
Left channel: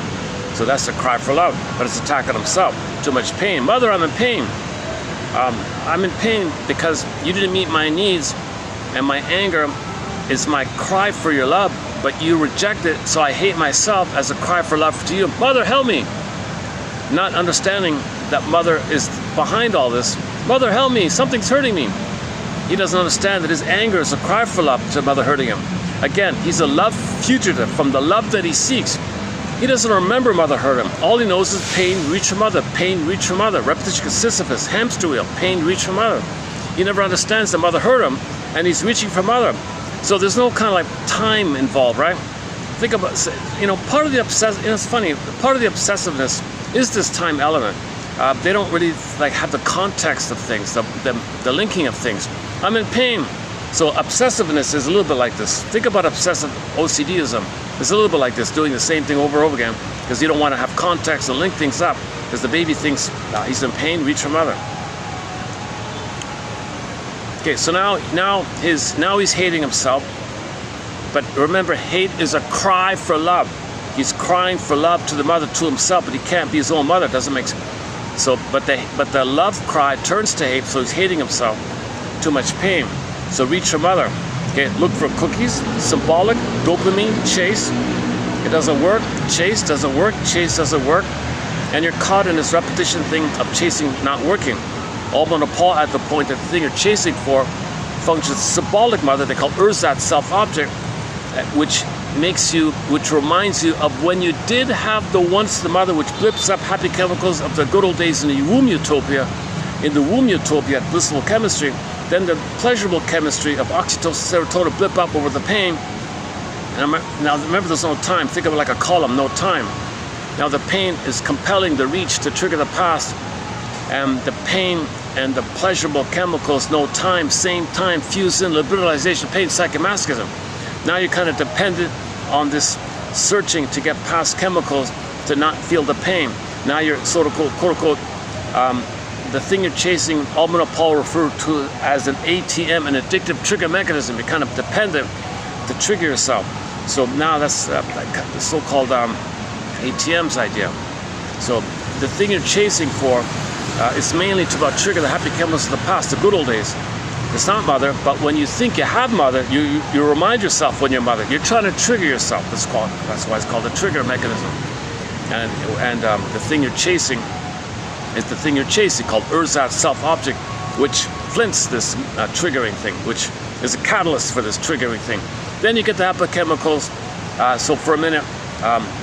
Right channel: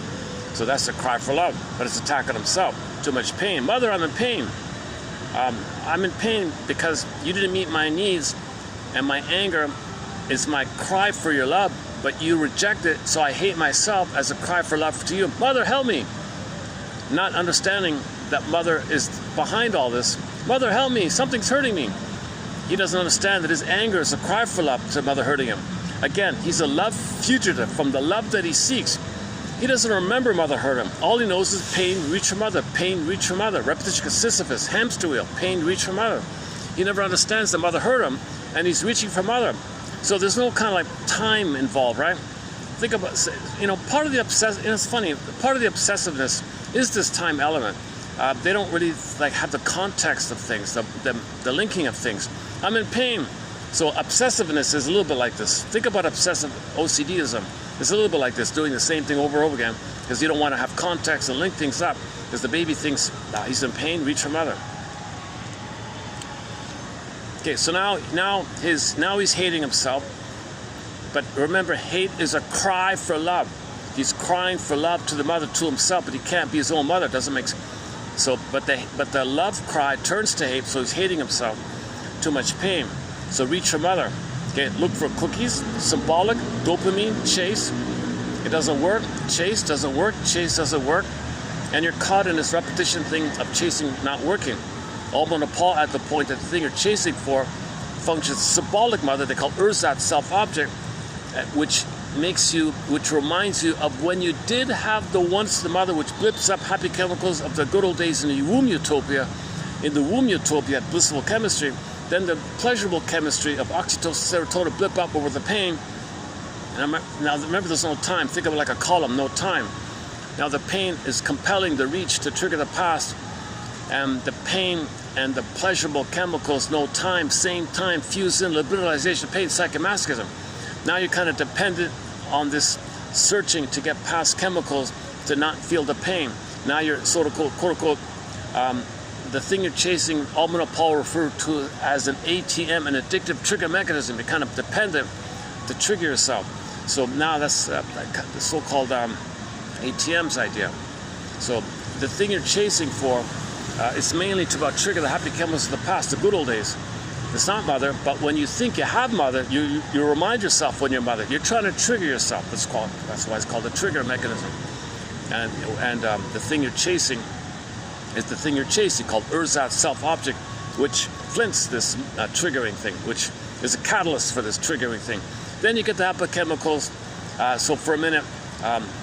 So that's the cry for love, but it's attacking himself. Too much pain. Mother, I'm in pain. I'm in pain because you didn't meet my needs, and my anger is my cry for your love, but you reject it, so I hate myself as a cry for love to you. Mother, help me. Not understanding that mother is behind all this. Mother, help me, something's hurting me. He doesn't understand that his anger is a cry for love to mother hurting him. Again, he's a love fugitive from the love that he seeks. He doesn't remember mother hurt him. All he knows is pain, reach for mother, pain, reach for mother. Repetition, Sisyphus, hamster wheel, pain, reach for mother. He never understands that mother hurt him, and he's reaching for mother. So there's no kind of like time involved, right? Think about, part of the it's funny, part of the obsessiveness is this time element. They don't really like have the context of things, the linking of things. I'm in pain. So obsessiveness is a little bit like this. Think about obsessive OCDism. It's a little bit like this, doing the same thing over and over again, because you don't want to have context and link things up, because the baby thinks he's in pain, reach for mother. Okay, so now he's hating himself. But remember, hate is a cry for love. He's crying for love to the mother, to himself, but he can't be his own mother. Doesn't make sense. So, but the love cry turns to hate, so he's hating himself. Too much pain. So reach for mother. Okay, look for cookies, symbolic, dopamine, chase. It doesn't work. Chase doesn't work. Chase doesn't work. And you're caught in this repetition thing of chasing not working. All monopole at the point that the thing you're chasing for functions symbolic mother. They call ersatz self-object, which reminds you of when you did have the once the mother, which blips up happy chemicals of the good old days in the womb utopia. In the womb utopia, blissful chemistry, then the pleasurable chemistry of oxytocin, serotonin blip up over the pain. And now remember, there's no time. Think of it like a column, no time. Now the pain is compelling the reach to trigger the past, and the pain and the pleasurable chemicals, no time, same time, fuse in liberalization, pain, psychomasochism. Now you're kind of dependent on this searching to get past chemicals to not feel the pain. Now you're sort of quote unquote, the thing you're chasing, Almana Paul referred to as an ATM, an addictive trigger mechanism. You're kind of dependent to trigger yourself. So now that's the so-called ATM's idea. So the thing you're chasing for is mainly to about trigger the happy chemicals of the past, the good old days. It's not mother, but when you think you have mother, you remind yourself when you're mother. You're trying to trigger yourself. That's why it's called a trigger mechanism. And the thing you're chasing is the thing you're chasing, called ersatz self-object, which flints this triggering thing, which is a catalyst for this triggering thing. Then you get the happy chemicals. So for a minute,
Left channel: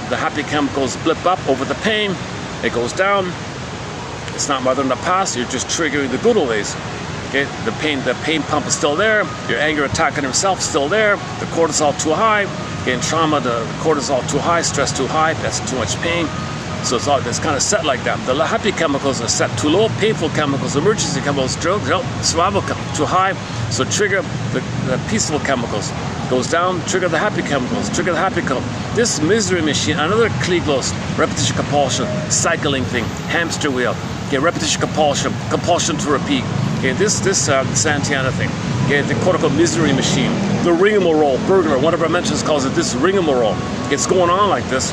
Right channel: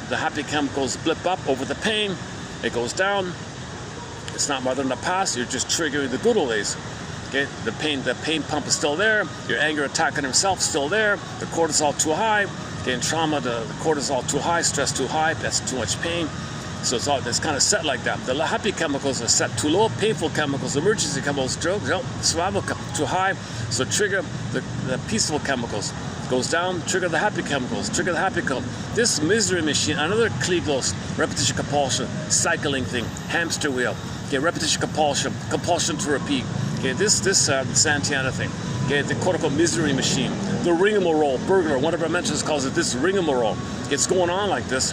the happy chemicals blip up over the pain. It goes down. It's not mother in the past. You're just triggering the good old days. Okay, the pain pump is still there. Your anger attacking himself still there. The cortisol too high. Okay, in trauma, the cortisol too high, stress too high, that's too much pain. So it's kind of set like that. The happy chemicals are set too low, painful chemicals, emergency chemicals, survival too high. So trigger the peaceful chemicals. Goes down, trigger the happy chemicals, trigger the happy chemicals. This misery machine, another Klieglos, repetition compulsion, cycling thing, hamster wheel. Okay, repetition compulsion, compulsion to repeat. Okay, this Santana thing. Okay, the cortical misery machine, the rigmarole, Bergner, one of our mentions calls it this rigmarole. It's going on like this.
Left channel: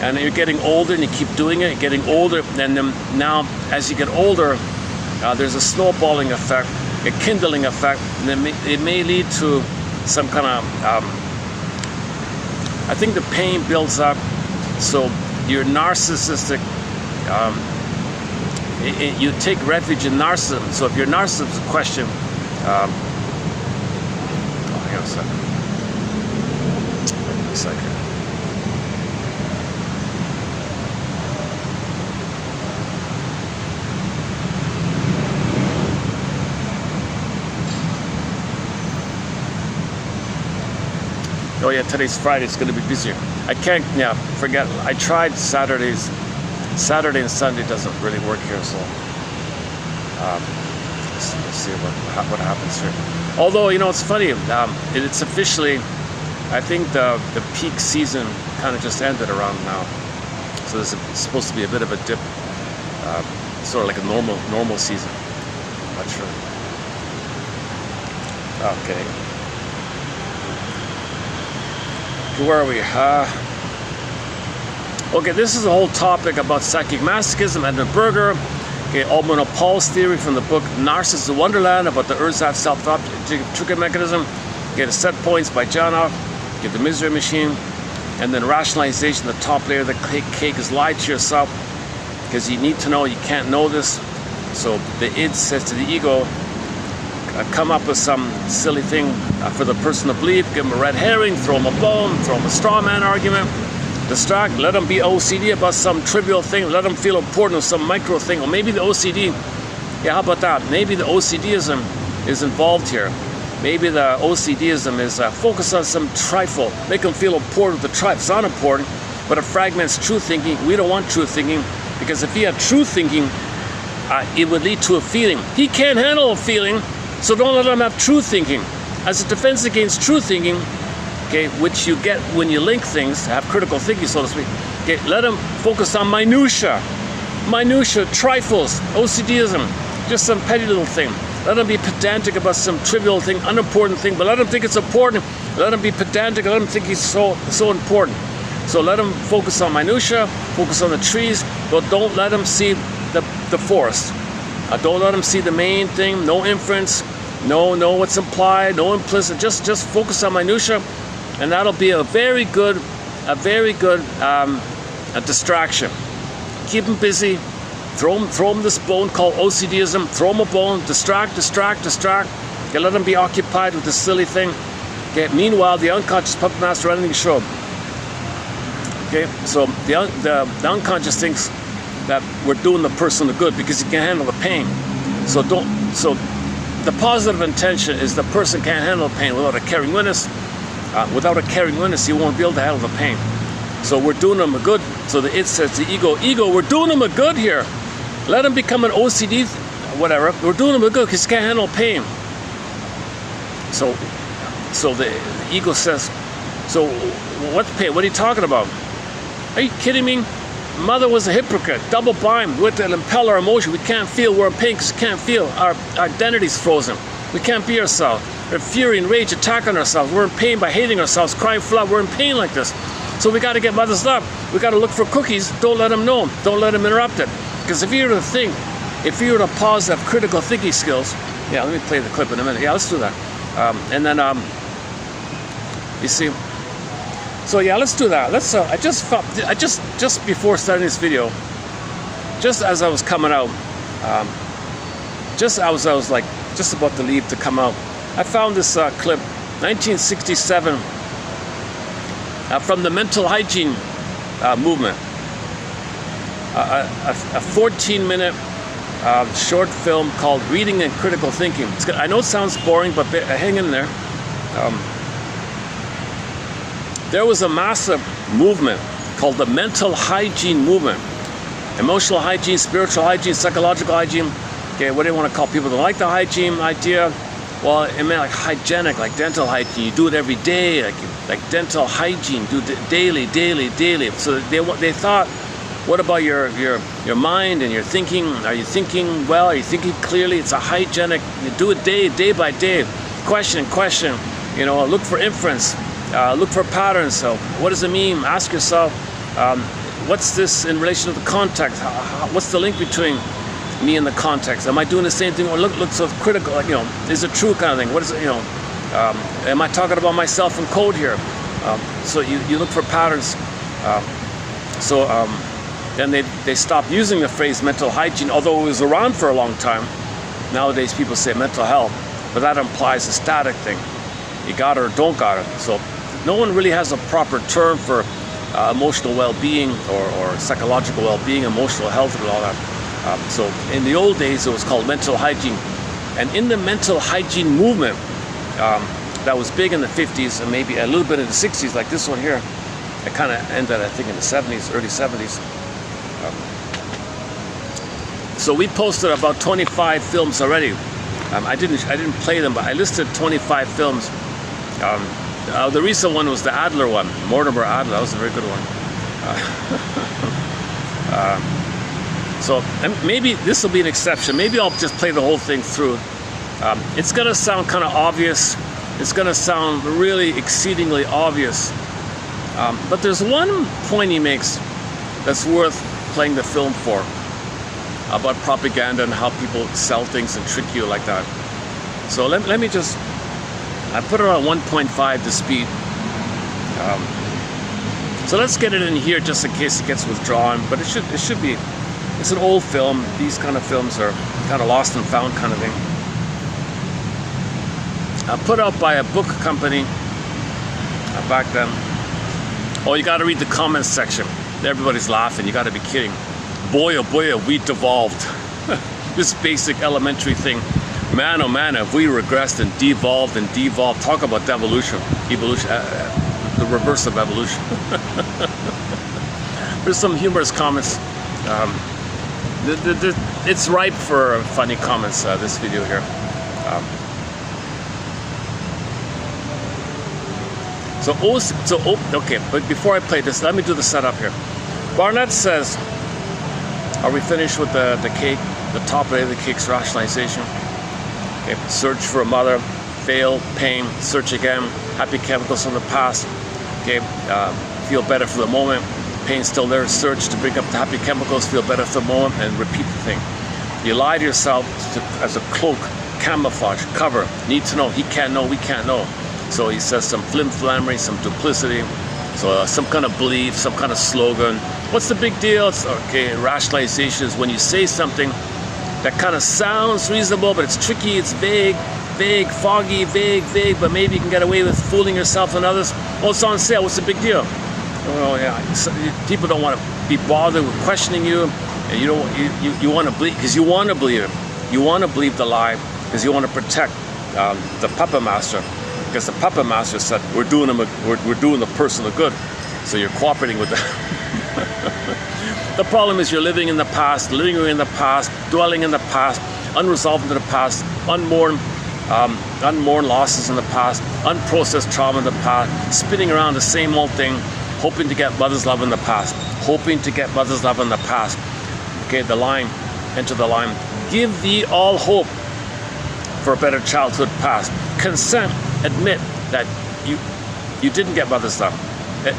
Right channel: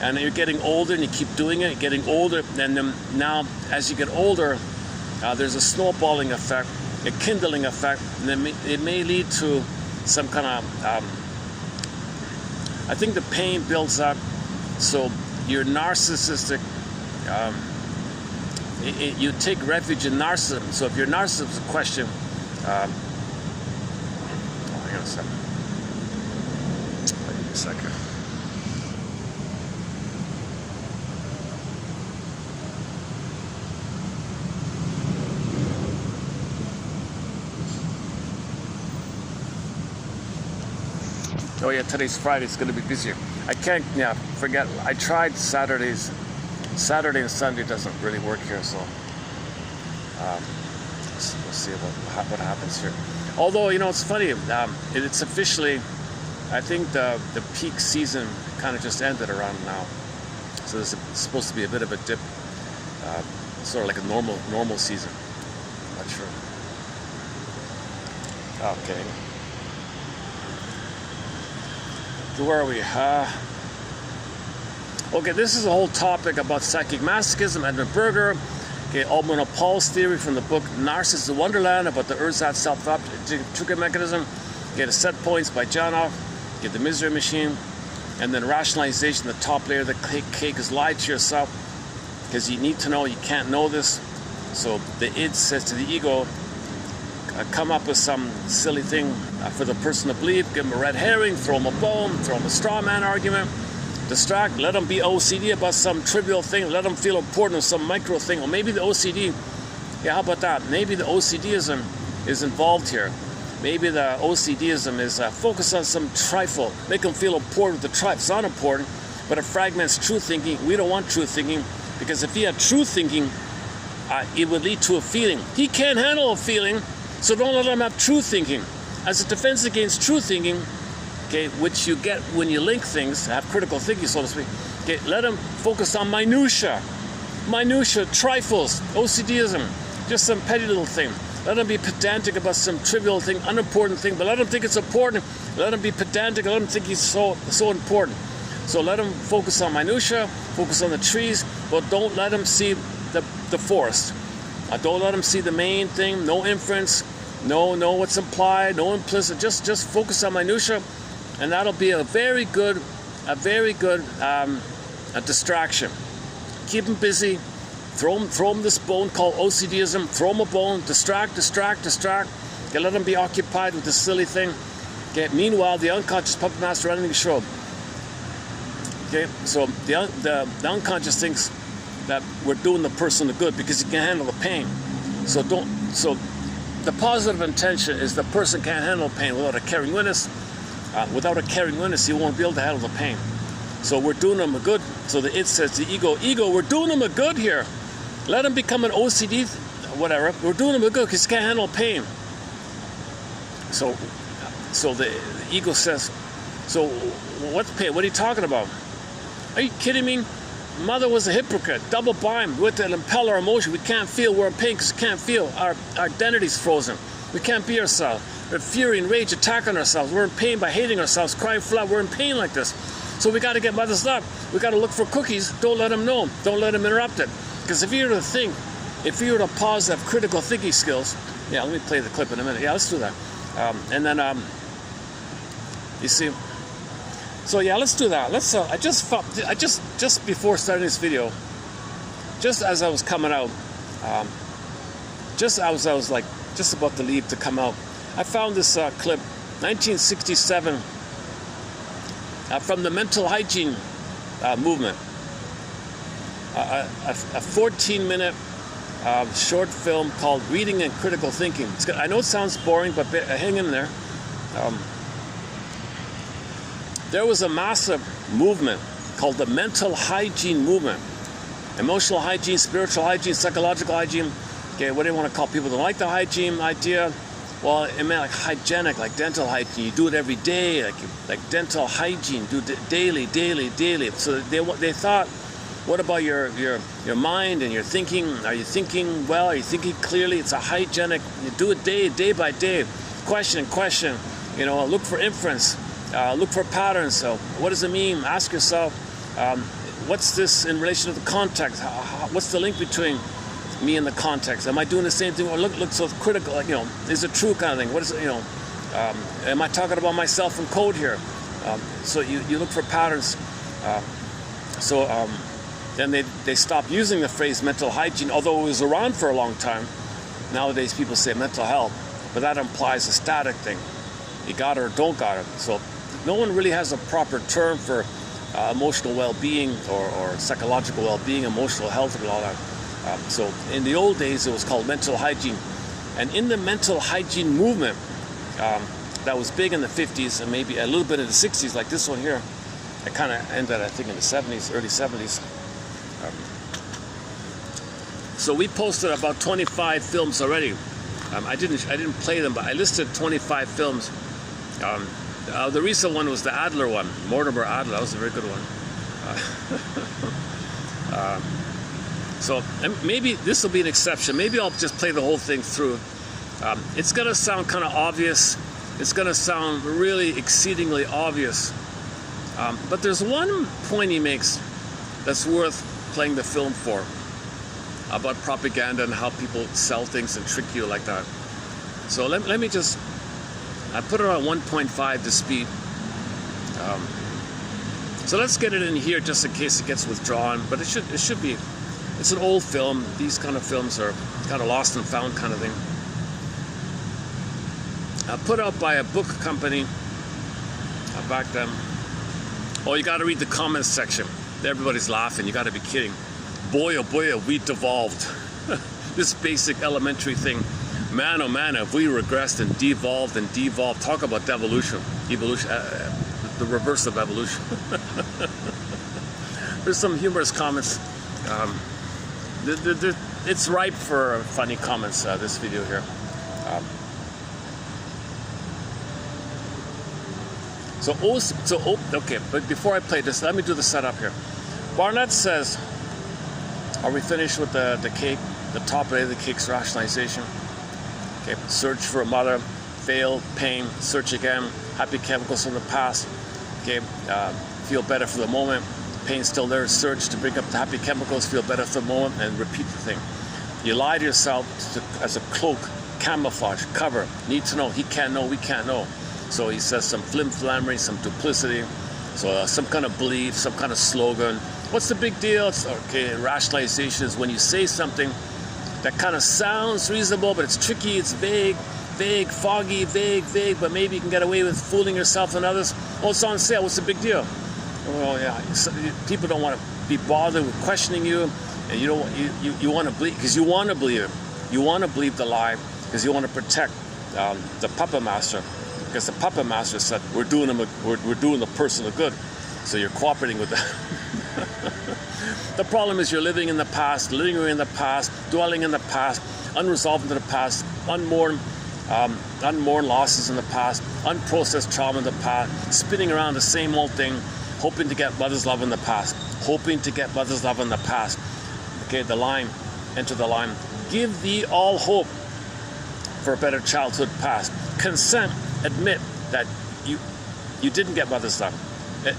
And you're getting older and you keep doing it, getting older, and then now as you get older, there's a snowballing effect, a kindling effect, and it may lead to some kind of, I think the pain builds up, so you're narcissistic, you take refuge in narcissism. So if your narcissism is a question, hang on a second. Oh yeah, today's Friday, it's going to be busier. I can't, forget, I tried Saturday and Sunday doesn't really work here, so let's see what happens here. Although, it's funny, it's officially, I think the peak season kind of just ended around now. So this is supposed to be a bit of a dip, sort of like a normal season. Not sure. Oh, kidding. Where are we? Okay, this is a whole topic about psychic masochism, Edmund Berger. Okay, Almano Paul's theory from the book Narcissus Wonderland about the ersatz self-object trigger mechanism. Okay, the set points by Janov. Get the misery machine, and then rationalization. The top layer of the cake is lie to yourself because you need to know you can't know this. So the id says to the ego, come up with some silly thing for the person to believe, give them a red herring, throw them a bone, throw them a straw man argument, distract, let them be OCD about some trivial thing, let them feel important with some micro thing, or maybe the OCD, how about that? Maybe the OCDism is involved here. Maybe the OCDism is focused on some trifle, make them feel important with the trifle. It's not important, but it fragments true thinking. We don't want true thinking, because if he had true thinking, it would lead to a feeling. He can't handle a feeling, so don't let him have true thinking. As a defense against true thinking, okay, which you get when you link things, have critical thinking, so to speak, okay, let him focus on minutia, trifles, OCDism, just some petty little thing. Let him be pedantic about some trivial thing, unimportant thing, but let him think it's important. Let him be pedantic, let him think he's so important. So let him focus on minutia, focus on the trees, but don't let him see the forest. Don't let him see the main thing, no inference, no what's implied, no implicit, just focus on minutia, and that'll be a very good distraction. Keep him busy, throw him this bone called OCDism, throw him a bone, distract, okay, let him be occupied with this silly thing. Okay, meanwhile, the unconscious puppet master running the show. Okay, so the unconscious thinks that we're doing the person the good because he can't handle the pain. So the positive intention is the person can't handle pain without a caring witness. Without a caring witness, he won't be able to handle the pain. So we're doing him a good. So the id says to the ego, we're doing him a good here. Let him become an OCD, whatever. We're doing him a good because he can't handle pain. So the ego says, so what pain? What are you talking about? Are you kidding me? Mother was a hypocrite, double bind with the impeller emotion. We can't feel, we're in pain because we can't feel. Our identity's frozen. We can't be ourselves. We're fury and rage attack on ourselves. We're in pain by hating ourselves, crying for love. We're in pain like this. So we got to get mother's love. We got to look for cookies. Don't let them know. Don't let them interrupt it. Because if you were to think, if you were to pause, have critical thinking skills. Yeah, let me play the clip in a minute. Yeah, let's do that. And then, you see. So yeah, let's do that. Let's. I just before starting this video, just as I was coming out, just as I was like just about to leave to come out, I found this clip, 1967, from the mental hygiene movement. A 14-minute short film called "Reading and Critical Thinking." It's good. I know it sounds boring, but hang in there. there was a massive movement called the mental hygiene movement. Emotional hygiene, spiritual hygiene, psychological hygiene. Okay, what do you want to call people that like the hygiene idea? Well, it meant like hygienic, like dental hygiene. You do it every day, like dental hygiene, do it daily. So they thought, what about your mind and your thinking? Are you thinking well? Are you thinking clearly? It's a hygienic. You do it day by day. Question. You know, look for inference. Look for patterns. So, what does it mean? Ask yourself, what's this in relation to the context? What's the link between me and the context? Am I doing the same thing? Or look so critical, like, you know, is it true kind of thing? What is it, you know, am I talking about myself in code here? So you look for patterns. Then they stopped using the phrase mental hygiene, although it was around for a long time. Nowadays people say mental health, but that implies a static thing. You got it or don't got it. So no one really has a proper term for emotional well-being or psychological well-being, emotional health and all that. So in the old days, it was called mental hygiene. And in the mental hygiene movement, that was big in the 50s and maybe a little bit in the 60s, like this one here. It kind of ended, I think, in the 70s, early 70s. So we posted about 25 films already. I didn't play them, but I listed 25 films. The recent one was the Adler one, Mortimer Adler. That was a very good one. So maybe this will be an exception. Maybe I'll just play the whole thing through. It's going to sound kind of obvious. It's going to sound really exceedingly obvious. But there's one point he makes that's worth playing the film for, about propaganda and how people sell things and trick you like that. So let me just, I put it on 1.5 to speed. So let's get it in here just in case it gets withdrawn, but it should be, it's an old film. These kind of films are kind of lost and found kind of thing. Put out by a book company back then. Oh, you got to read the comments section. Everybody's laughing. You got to be kidding. Boy, oh boy, have we devolved. This basic elementary thing. Man, oh man, have we regressed and devolved and devolved. Talk about devolution. Evolution. The reverse of evolution. There's some humorous comments. It's ripe for funny comments, this video here. Okay, but before I play this, let me do the setup here. Barnett says, are we finished with the cake? The top layer of the cake's rationalization. Okay, search for a mother, fail, pain, search again, happy chemicals from the past. Okay, feel better for the moment, pain still there, search to bring up the happy chemicals, feel better for the moment, and repeat the thing. You lie to yourself as a cloak, camouflage, cover, need to know, he can't know, we can't know. So he says some flim-flammery, some duplicity, so some kind of belief, some kind of slogan. What's the big deal? It's, okay, rationalization is when you say something that kind of sounds reasonable, but it's tricky, it's vague, foggy, vague, but maybe you can get away with fooling yourself and others. Oh, it's on sale, what's the big deal? Oh, yeah, people don't want to be bothered with questioning you, and you want to believe, because you want to believe it. You want to believe the lie, because you want to protect the puppet master. Because the puppet master said, we're doing the person a good. So you're cooperating with them. The problem is you're living in the past, lingering in the past, dwelling in the past, unresolved in the past, unmourned losses in the past, unprocessed trauma in the past, spinning around the same old thing, hoping to get mother's love in the past, hoping to get mother's love in the past. Okay, the line, enter the line. Give thee all hope for a better childhood past. Consent, admit that you didn't get mother's love.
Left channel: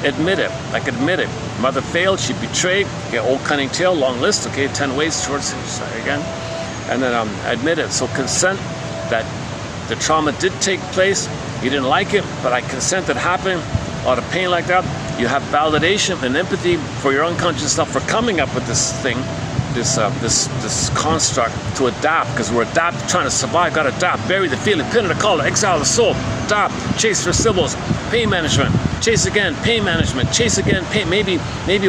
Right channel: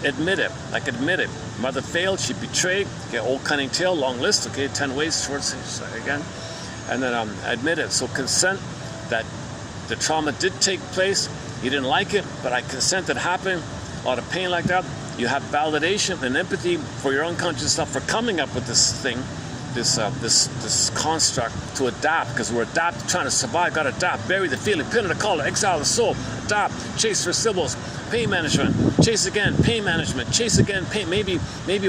Admit it, admit it. Mother failed, she betrayed. Okay, old cunning tale, long list. Okay, 10 ways towards again, and then admit it. So consent that the trauma did take place. You didn't like it, but I consent it happened. A lot of pain like that. You have validation and empathy for your unconscious self for coming up with this thing, this construct to adapt, because we're trying to survive. Got to adapt. Bury the feeling, pin in the collar, exile the soul. Adapt. Chase for symbols. Pain management. Chase again. Pain management. Chase again. Pain. Maybe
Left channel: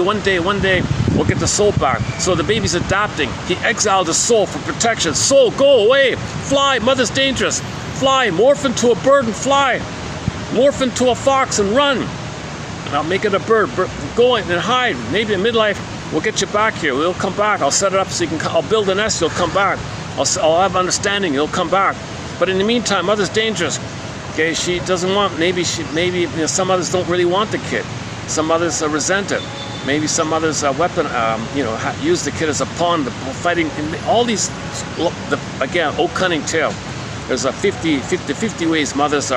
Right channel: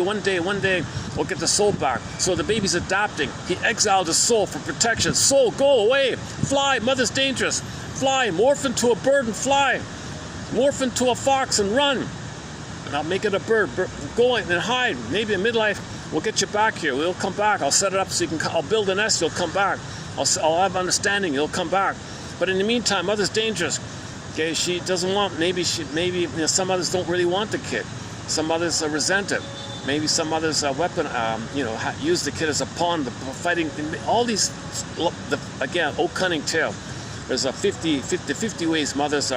one day we'll get the soul back. So the baby's adapting. He exiled the soul for protection. Soul, go away. Fly. Mother's dangerous. Fly. Morph into a bird and fly. Morph into a fox and run. I'll make it a bird. Go and hide. Maybe in midlife, we'll get you back here. We'll come back. I'll set it up so you can. I'll build a nest. You'll come back. I'll have understanding. You'll come back. But in the meantime, mother's dangerous. Okay, she doesn't want. Maybe you know, some mothers don't really want the kid. Some mothers resent it. Maybe some mothers you know, use the kid as a pawn. The fighting. All these. Again, oh cunning tale. There's a 50 ways mothers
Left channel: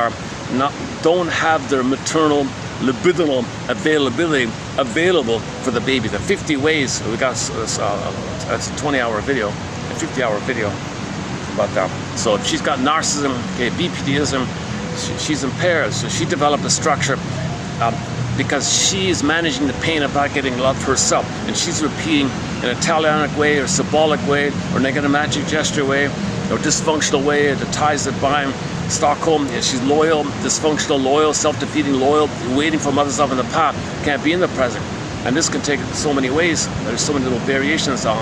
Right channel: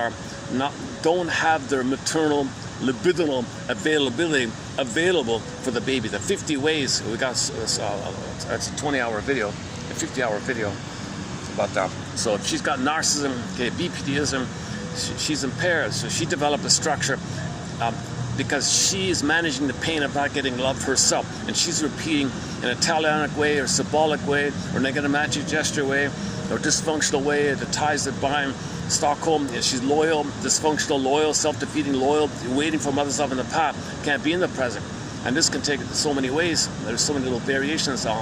don't have their maternal libidinal availability available for the baby. The 50 ways. We got that's a 20-hour video, a 50-hour video about that. So she's got narcissism, okay, BPDism. She's impaired, so she developed a structure because she's managing the pain of not getting loved herself, and she's repeating in a Italianic way or symbolic way or negative magic gesture way or dysfunctional way. The ties that bind. Stockholm, she's loyal, dysfunctional, loyal, self-defeating, loyal, waiting for mother's love in the past, can't be in the present. And this can take so many ways. There's so many little variations on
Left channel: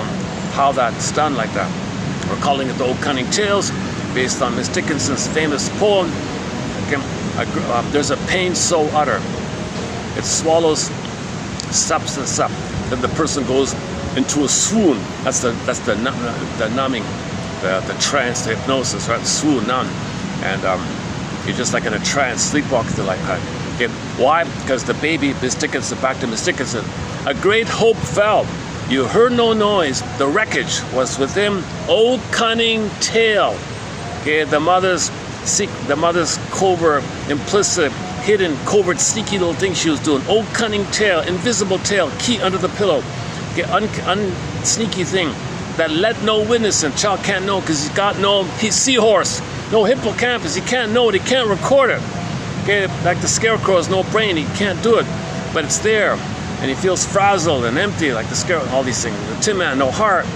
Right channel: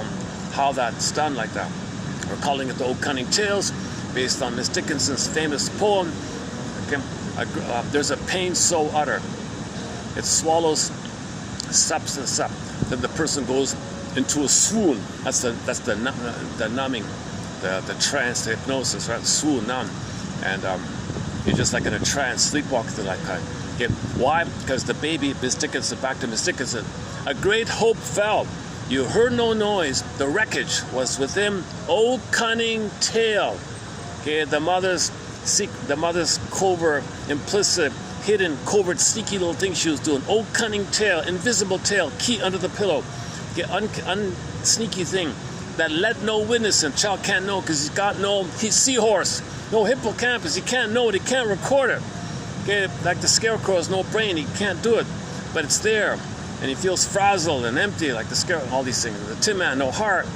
how that's done like that. We're calling it the Old Cunning Tales, based on Miss Dickinson's famous poem. Okay, there's a pain so utter, it swallows substance up, then the person goes into a swoon. That's the numbing, the trance, the hypnosis, right? Swoon, numb. And you're just like in a trance, sleepwalking like that. Okay. Why? Because the baby, Miss Dickinson, back to Miss Dickinson, a great hope fell. You heard no noise. The wreckage was within. Oh, cunning tale. Okay, the mother's covert, implicit, hidden, covert, sneaky little thing she was doing. Oh, cunning tale, invisible tale, key under the pillow. Okay, sneaky thing that let no witness, and child can't know because he's seahorse. No hippocampus, he can't know it, he can't record it. Okay, like the scarecrow has no brain, he can't do it, but it's there. And he feels frazzled and empty like the scarecrow, all these things. The Tin Man, no heart,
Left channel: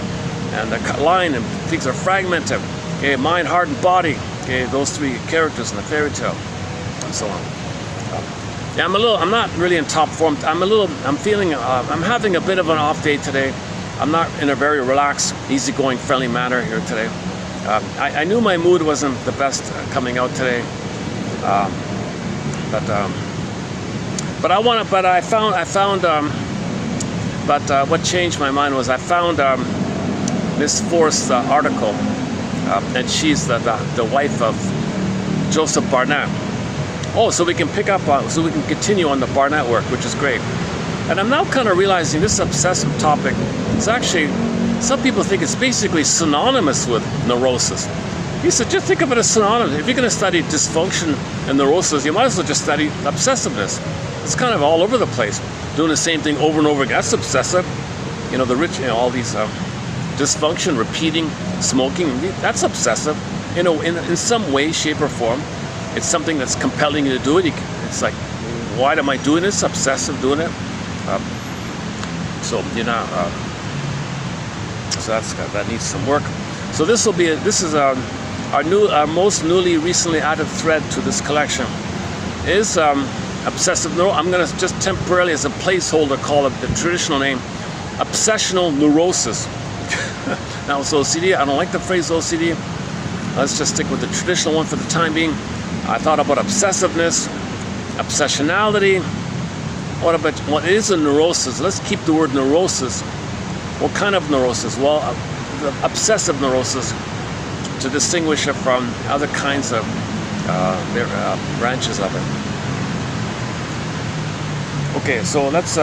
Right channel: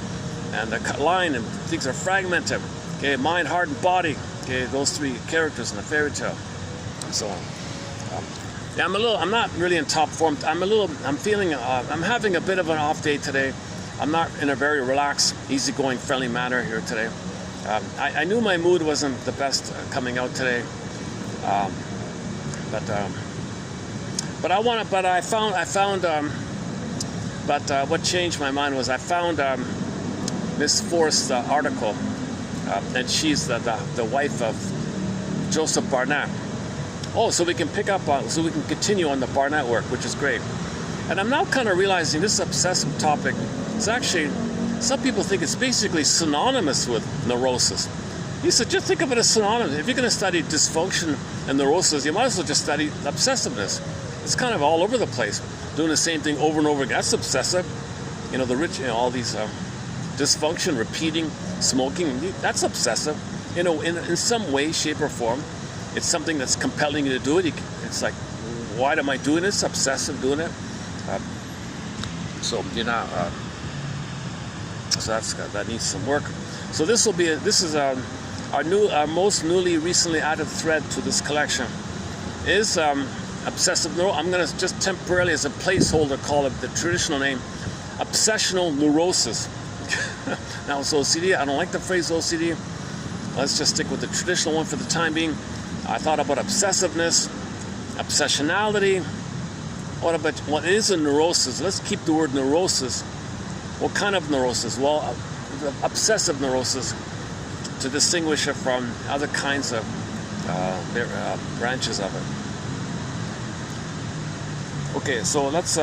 and the Lion, and things are fragmented. Okay, mind, heart, and body. Okay, those three characters in the fairy tale, and so on. Yeah, I'm not really in top form. I'm having a bit of an off day today. I'm not in a very relaxed, easygoing, friendly manner here today. I knew my mood wasn't the best coming out today, what changed my mind was I found Miss Forrest's article, and she's the wife of Joseph Barnett. Oh, so we can so we can continue on the Barnett work, which is great. And I'm now kind of realizing this obsessive topic is actually, some people think it's basically synonymous with neurosis. You should just think of it as synonymous. If you're going to study dysfunction and neurosis, you might as well just study obsessiveness. It's kind of all over the place, doing the same thing over and over again. That's obsessive. You know, all these dysfunction, repeating, smoking, that's obsessive. You know, in some way, shape, or form. It's something that's compelling you to do it. It's like, why am I doing this? Obsessive doing it. So you're not. So that needs some work. So this is our most recently added thread to this collection is obsessive neurosis. I'm going to just temporarily, as a placeholder, call it the traditional name, obsessional neurosis. Now it's OCD. I don't like the phrase OCD. Let's just stick with the traditional one for the time being. I thought about obsessiveness, obsessionality. What is a neurosis? Let's keep the word neurosis. What kind of neurosis? Well, the obsessive neurosis, to distinguish it from other kinds of branches of it. Okay, so let's.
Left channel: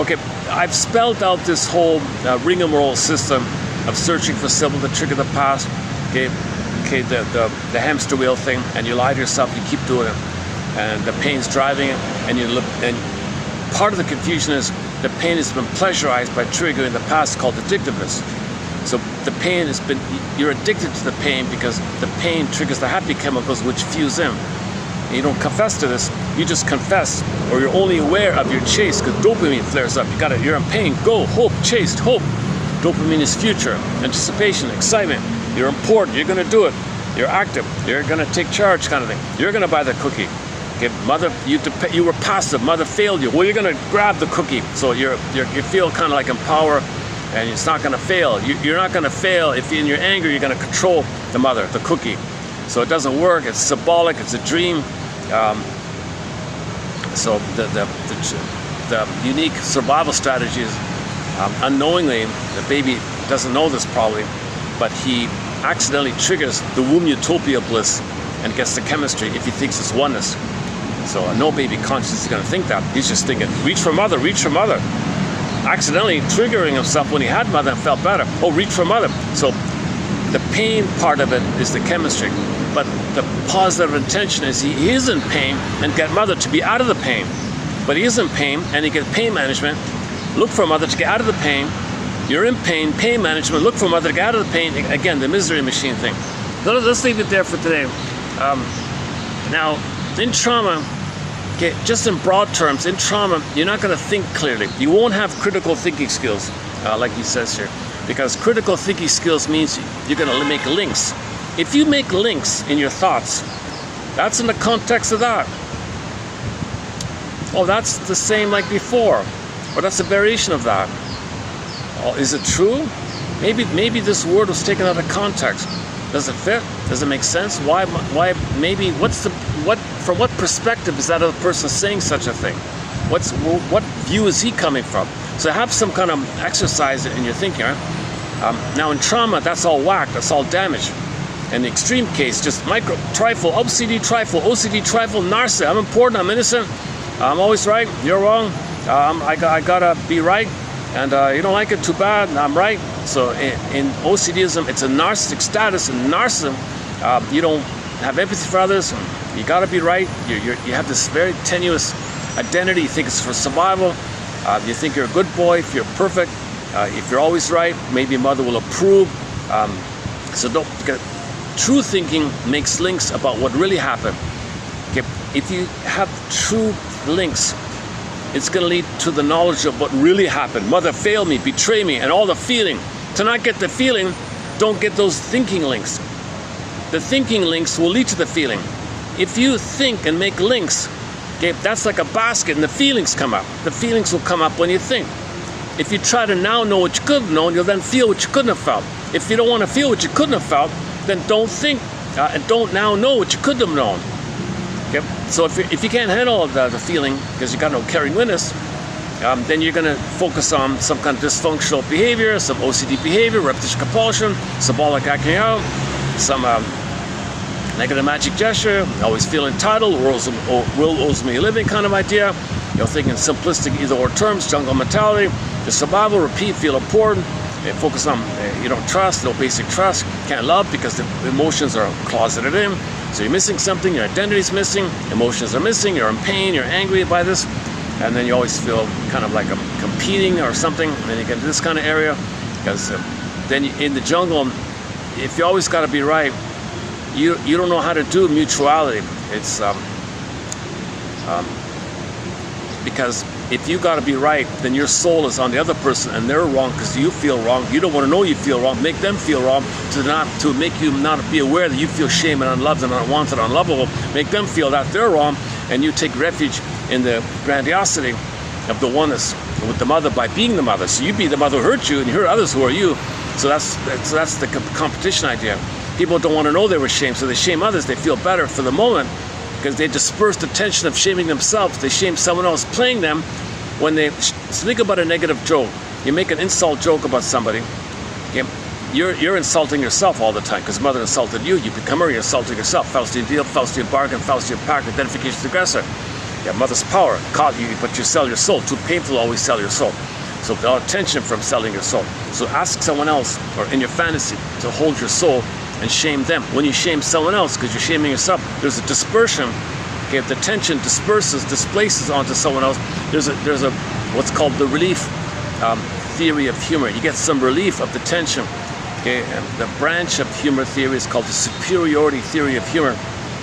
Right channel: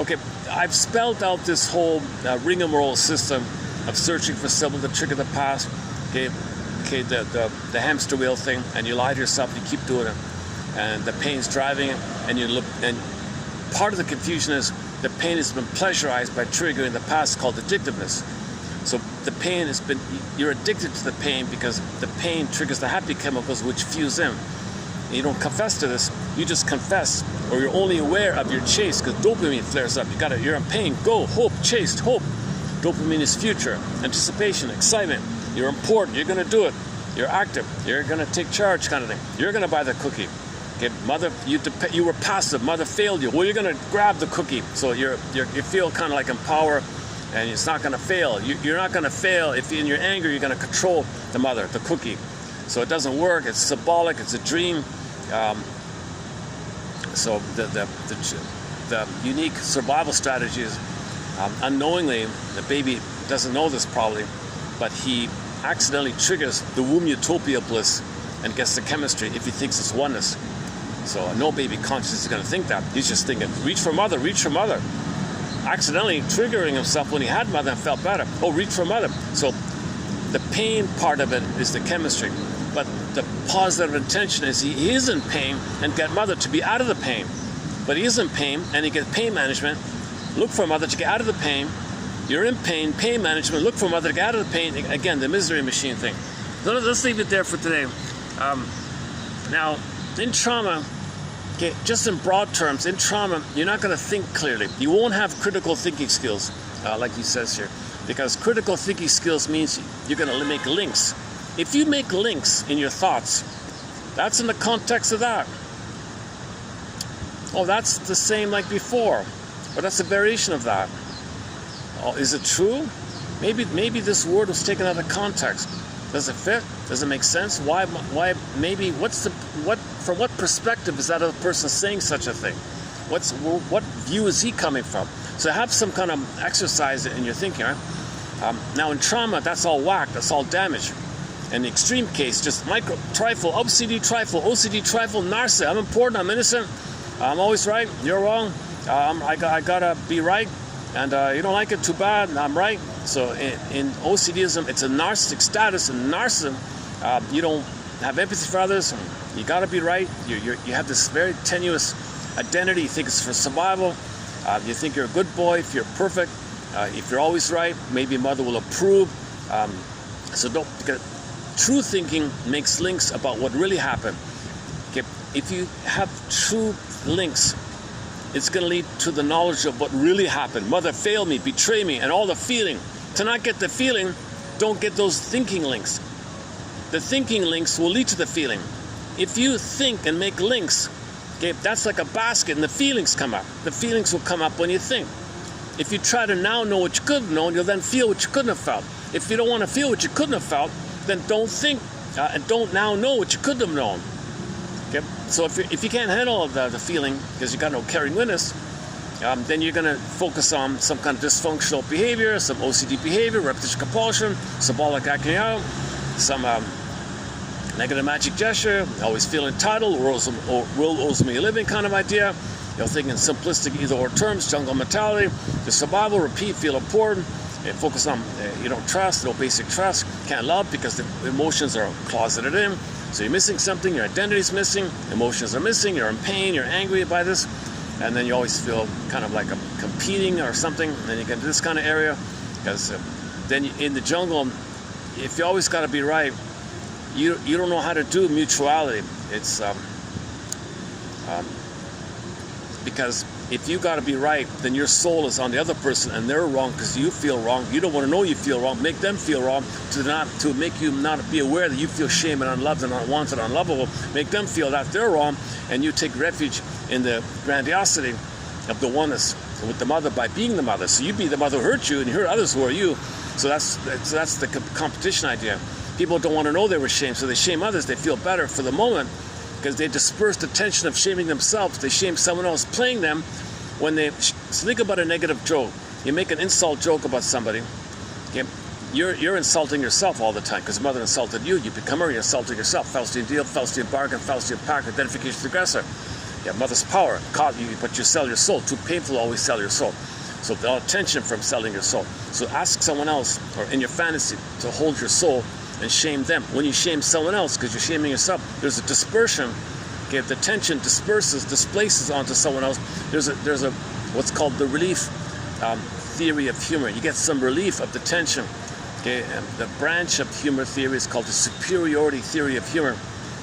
Okay, I've spelled out this whole rigmarole system of searching for symbol to trigger the past. Okay, the hamster wheel thing, and you lie to yourself, you keep doing it, and the pain's driving it, and part of the confusion is the pain has been pleasurized by triggering the past, called addictiveness. So the pain has been, you're addicted to the pain because the pain triggers the happy chemicals which fuse in. And you don't confess to this, you just confess, or you're only aware of your chase because dopamine flares up. You're in pain, go, hope, chase, hope. Dopamine is future, anticipation, excitement. You're important, you're gonna do it. You're active, you're gonna take charge kind of thing. You're gonna buy the cookie. Okay, mother, you were passive, mother failed you. Well, you're gonna grab the cookie. So you feel kind of like in power, and it's not gonna fail. You're not gonna fail if in your anger you're gonna control the mother, the cookie. So it doesn't work, it's symbolic, it's a dream. So the unique survival strategy is unknowingly, the baby doesn't know this probably, but he accidentally triggers the womb utopia bliss and gets the chemistry if he thinks it's oneness. So no baby conscious is going to think that. He's just thinking, reach for mother, reach for mother. Accidentally triggering himself when he had mother and felt better. Oh, reach for mother. So the pain part of it is the chemistry. But the positive intention is he is in pain and get mother to be out of the pain. But he is in pain and he gets pain management. Look for mother to get out of the pain. You're in pain, pain management. Look for mother to get out of the pain. Again, the misery machine thing. So let's leave it there for today. Now, in trauma, okay, just in broad terms, in trauma, you're not going to think clearly. You won't have critical thinking skills, like he says here, because critical thinking skills means you're going to make links. If you make links in your thoughts, that's in the context of that. Oh, that's the same like before, or that's a variation of that. Oh, is it true? Maybe this word was taken out of context. Does it fit? Does it make sense? Why maybe, from what perspective is that other person saying such a thing? What view is he coming from? So have some kind of exercise in your thinking, right? Now in trauma, that's all whack, that's all damage. In the extreme case, just micro, trifle, OCD trifle, narcissist, I'm important, I'm innocent, I'm always right, you're wrong, I gotta be right, and you don't like it, too bad, I'm right. So in OCDism, it's a narcissistic status. In narcissism, you don't have empathy for others, you gotta be right, you have this very tenuous identity, you think it's for survival, you think you're a good boy, if you're perfect, if you're always right, maybe mother will approve. So don't get. True thinking makes links about what really happened. Okay? If you have true links, it's going to lead to the knowledge of what really happened. Mother failed me, betrayed me, and all the feeling. To not get the feeling, don't get those thinking links. The thinking links will lead to the feeling. If you think and make links, okay, that's like a basket and the feelings come up. The feelings will come up when you think. If you try to now know what you could have known, you'll then feel what you couldn't have felt. If you don't want to feel what you couldn't have felt, then don't think and don't now know what you could have known. Okay? So if you can't handle the feeling because you got no caring witness, then you're going to focus on some kind of dysfunctional behavior, some OCD behavior, repetition compulsion, symbolic acting out, some negative magic gesture, always feel entitled, world owes me a living kind of idea, thinking simplistic either-or terms, jungle mentality, the survival, repeat, feel important, focus on you don't trust, no basic trust, can't love because the emotions are closeted in, so you're missing something, your identity's missing, emotions are missing, you're in pain, you're angry by this, and then you always feel kind of like I'm competing or something, and then you get into this kind of area, because then in the jungle, if you always got to be right, you don't know how to do mutuality. It's because if you got to be right, then your soul is on the other person and they're wrong because you feel wrong. You don't want to know you feel wrong. Make them feel wrong to make you not be aware that you feel shame and unloved and unwanted, unlovable. Make them feel that they're wrong, and you take refuge in the grandiosity of the oneness with the mother by being the mother. So you be the mother who hurt you and you hurt others who are you. So that's the competition idea. People don't want to know they were shamed, so they shame others. They feel better for the moment because they disperse the tension of shaming themselves. They shame someone else playing them when they think about a negative joke. You make an insult joke about somebody. Okay? You're insulting yourself all the time because mother insulted you. You become her, you're insulting yourself. Faustian deal, Faustian bargain, Faustian pact, identification with the aggressor. You have mother's power, caught you, but you sell your soul. Too painful to always sell your soul. So a lot of tension from selling your soul. So ask someone else, or in your fantasy, to hold your soul and shame them. When you shame someone else, because you're shaming yourself, there's a dispersion. Okay, if the tension displaces onto someone else, there's a what's called the relief theory of humor. You get some relief of the tension. Okay, and the branch of humor theory is called the superiority theory of humor.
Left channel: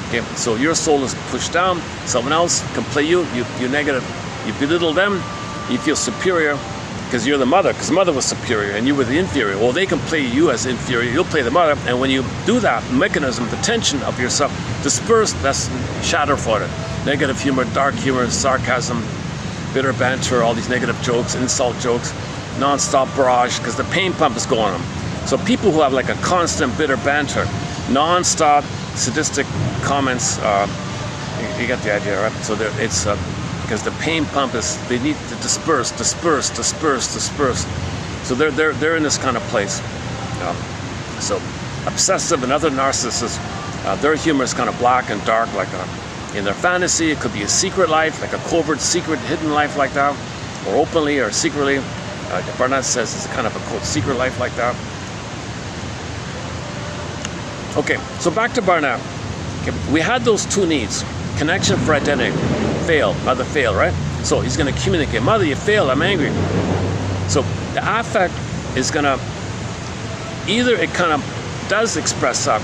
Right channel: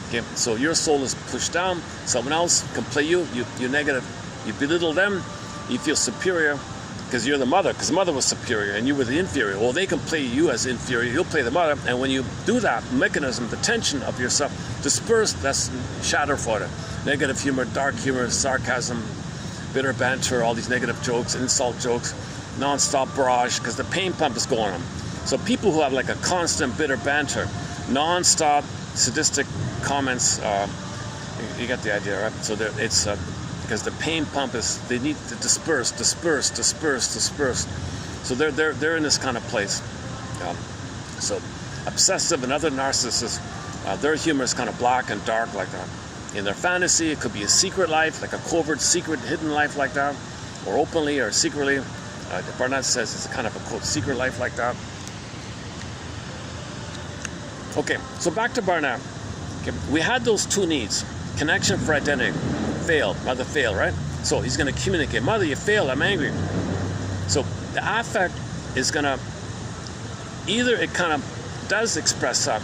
Okay, so your soul is pushed down, someone else can play you negative, you belittle them, you feel superior because you're the mother, because mother was superior and you were the inferior. Well, they can play you as inferior, you'll play the mother, and when you do that mechanism, the tension of yourself dispersed, that's shatter for it. Negative humor, dark humor, sarcasm, bitter banter, all these negative jokes, insult jokes, non-stop barrage, because the pain pump is going on. So people who have like a constant bitter banter, non-stop sadistic comments, You got the idea, right? So it's because the pain pump is, they need to disperse. So they're in this kind of place. So obsessive and other narcissists, their humor is kind of black and dark, like in their fantasy. It could be a secret life, like a covert, secret, hidden life like that, or openly or secretly. Barnett says it's a kind of a quote secret life like that. Okay, so back to Barnett. Okay, we had those two needs: connection for identity. Fail, mother failed, right? So he's going to communicate, mother, you failed, I'm angry. So the affect is going to, either it kind of does express up,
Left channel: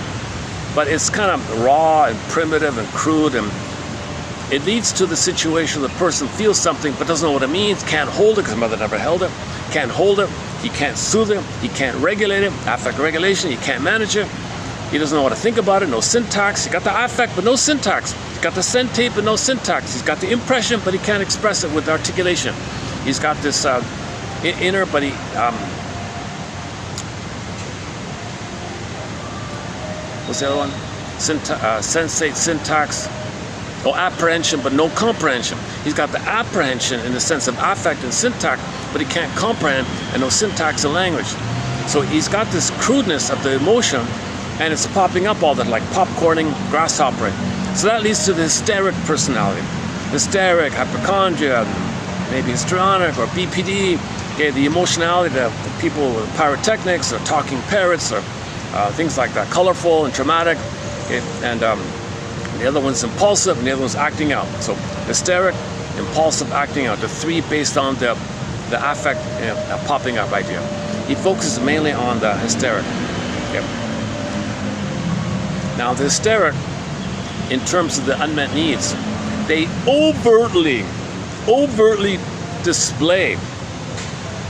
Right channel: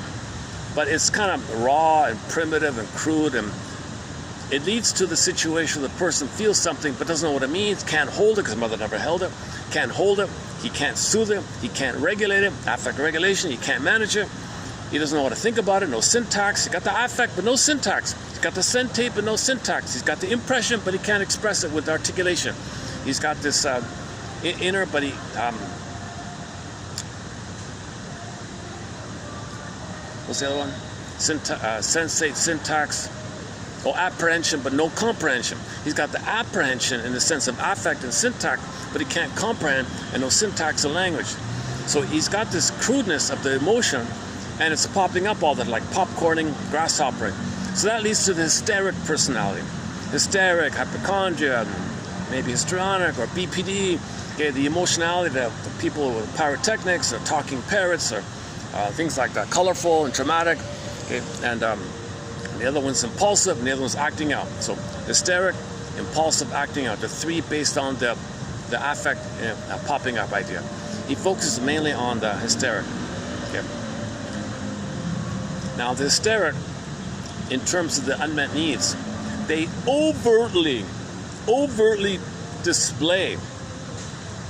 but it's kind of raw and primitive and crude, and it leads to the situation where the person feels something but doesn't know what it means, can't hold it because mother never held it, can't hold it, he can't soothe it, he can't regulate it, affect regulation, he can't manage it, he doesn't know how to think about it, no syntax, he got the affect but no syntax, he's got the sentate but no syntax, he's got the impression but he can't express it with articulation, he's got this inner, but he, what's the other one? Sensate, syntax, or apprehension, but no comprehension. He's got the apprehension in the sense of affect and syntax, but he can't comprehend, and no syntax and language. So he's got this crudeness of the emotion, and it's popping up all that, like popcorning, grasshoppering. So that leads to the hysteric personality. Hysteric, hypochondria, maybe histrionic, or BPD. Okay, the emotionality, the people with pyrotechnics, or talking parrots, or things like that, colorful and dramatic, okay? And the other one's impulsive, and the other one's acting out. So hysteric, impulsive, acting out, the three based on the affect popping up idea. He focuses mainly on the hysteric. Okay. Now the hysteric, in terms of the unmet needs, they overtly display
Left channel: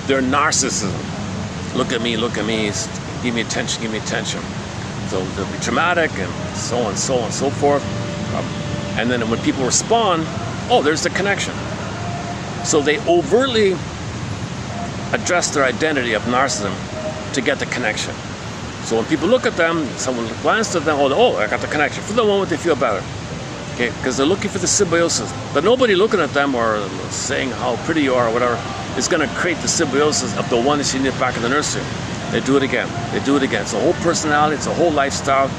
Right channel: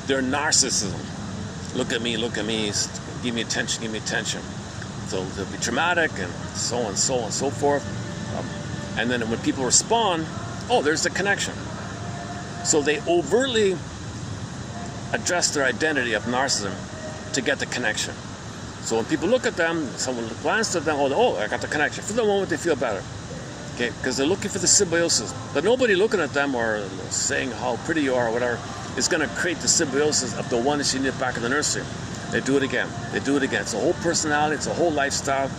their narcissism. Look at me, give me attention, give me attention. So they'll be dramatic and so on, so on, so forth. And then when people respond, oh, there's the connection. So they overtly address their identity of narcissism to get the connection. So when people look at them, someone glances at them, oh, I got the connection. For the moment, they feel better. Okay, because they're looking for the symbiosis. But nobody looking at them or saying how pretty you are or whatever is going to create the symbiosis of the one that you knit back in the nursery. They do it again. They do it again. It's a whole personality. It's a whole lifestyle.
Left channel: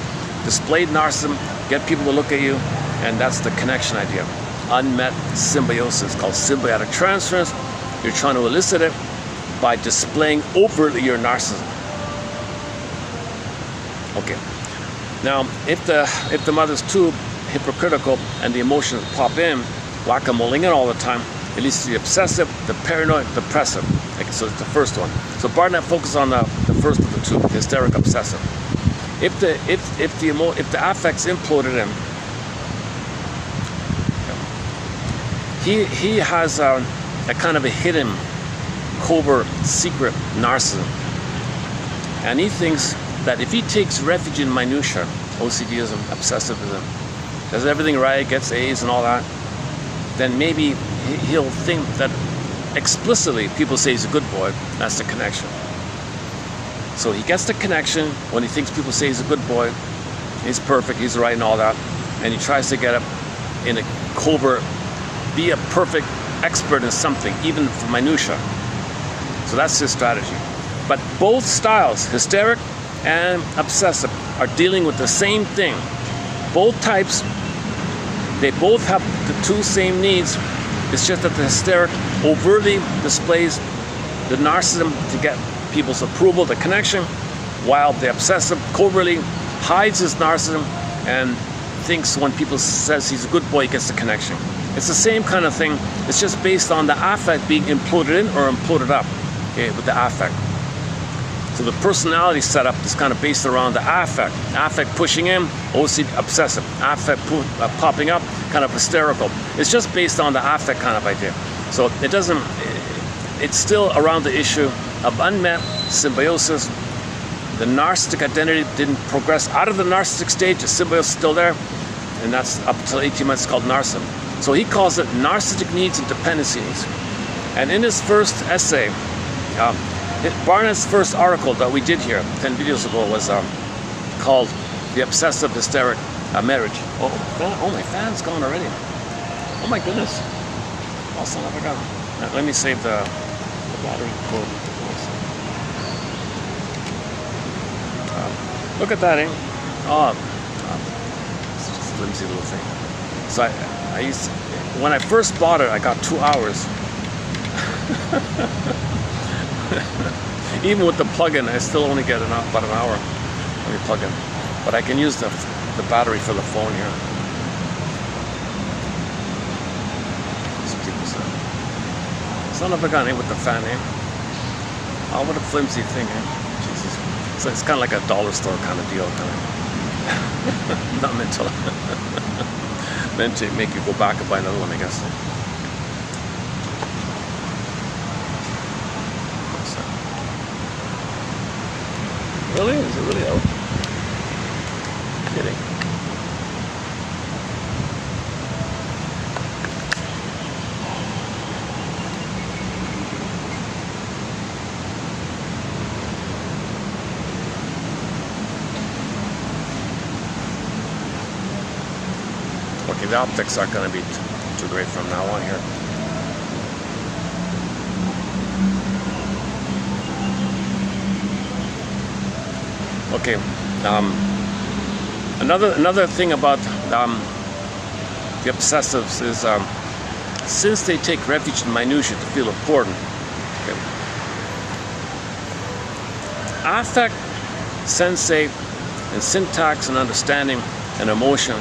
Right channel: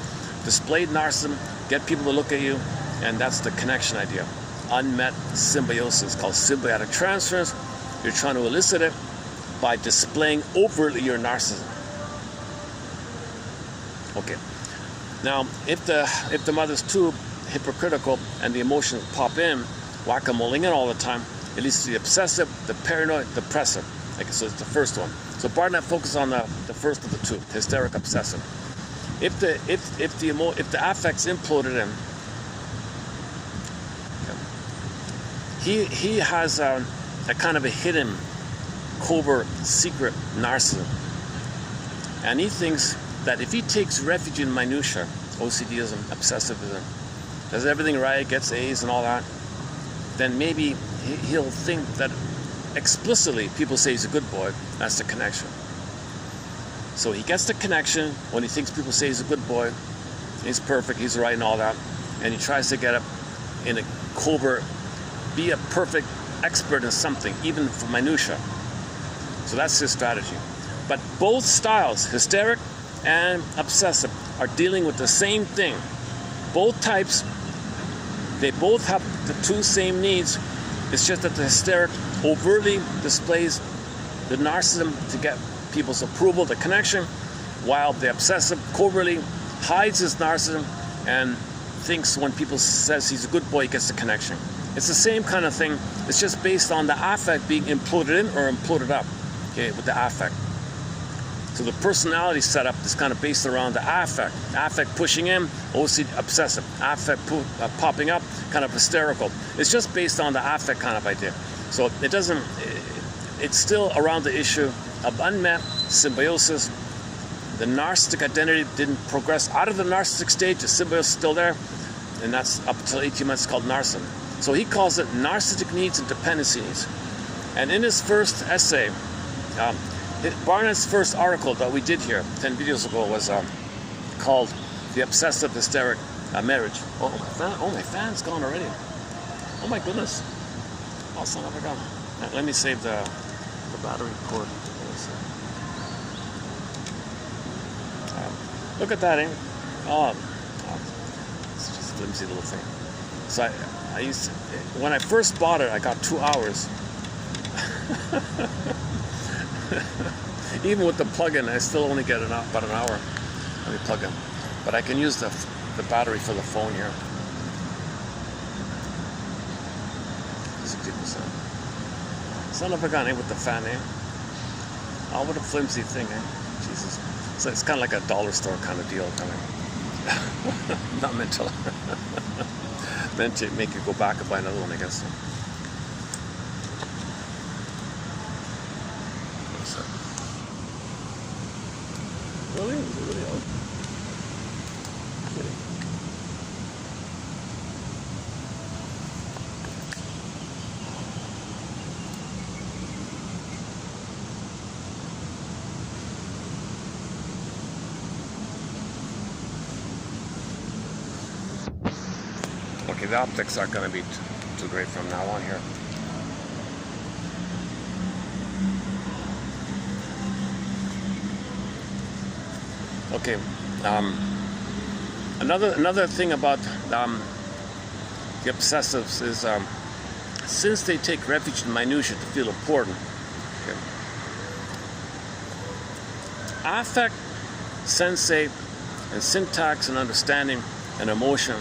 Displayed narcissism. Get people to look at you. And that's the connection idea. Unmet symbiosis called symbiotic transference. You're trying to elicit it by displaying overtly your narcissism. Okay. Now, if the mother's too hypocritical and the emotions pop in, whack-a-moling it all the time, it leads to the obsessive, the paranoid, depressive. Okay, so it's the first one. So Barnett focuses on the first of the two, the hysteric obsessive. If the affects imploded in, he has a kind of a hidden, covert, secret narcissism, and he thinks that if he takes refuge in minutia, OCDism, obsessivism, does everything right, gets A's and all that, then maybe he'll think that explicitly people say he's a good boy. That's the connection. So he gets the connection when he thinks people say he's a good boy, he's perfect, he's right and all that, and he tries to get up in a covert, be a perfect expert in something, even for minutia. So that's his strategy. But both styles, hysteric and obsessive, are dealing with the same thing. Both types, they both have the two same needs. It's just that the hysteric overtly displays the narcissism to get people's approval, the connection, while the obsessive covertly hides his narcissism and thinks when people says he's a good boy, he gets the connection. It's the same kind of thing. It's just based on the affect being imploded in or imploded up, okay, with the affect. So the personality setup is kind of based around the affect. Affect pushing in, OCD obsessive. Affect popping up, kind of hysterical. It's just based on the affect kind of idea. So it doesn't, it's still around the issue of unmet symbiosis. The narcissistic identity didn't progress out of the narcissistic stage. The symbiosis is still there. And that's up until 18 months called narcissism. So he calls it narcissistic needs and dependencies. And in his first essay, Barnett's first article that we did here 10 videos ago was called The Obsessive Hysteric A marriage. Oh, my fan's gone already. Oh my goodness. Also, I forgot. Now, let me save the battery cord. Look at that, eh? Oh, it's just a flimsy little thing. So I used to, when I first bought it, I got 2 hours. Even with the plug-in, I still only get about an hour. Let me plug in. But I can use the battery for the phone here. 60%. Son of a gun, eh, with the fan, eh? Oh, what a flimsy thing, eh? Jesus. So it's kind of like a dollar store kind of deal, kind of. Not meant to make you go back and buy another one, I guess. Really? Is it really out? Kidding. Okay, the optics aren't going to be too great from now on here. Okay, another thing about the obsessives is since they take refuge in minutia to feel important, okay, affect, sensate, and syntax and understanding and emotion,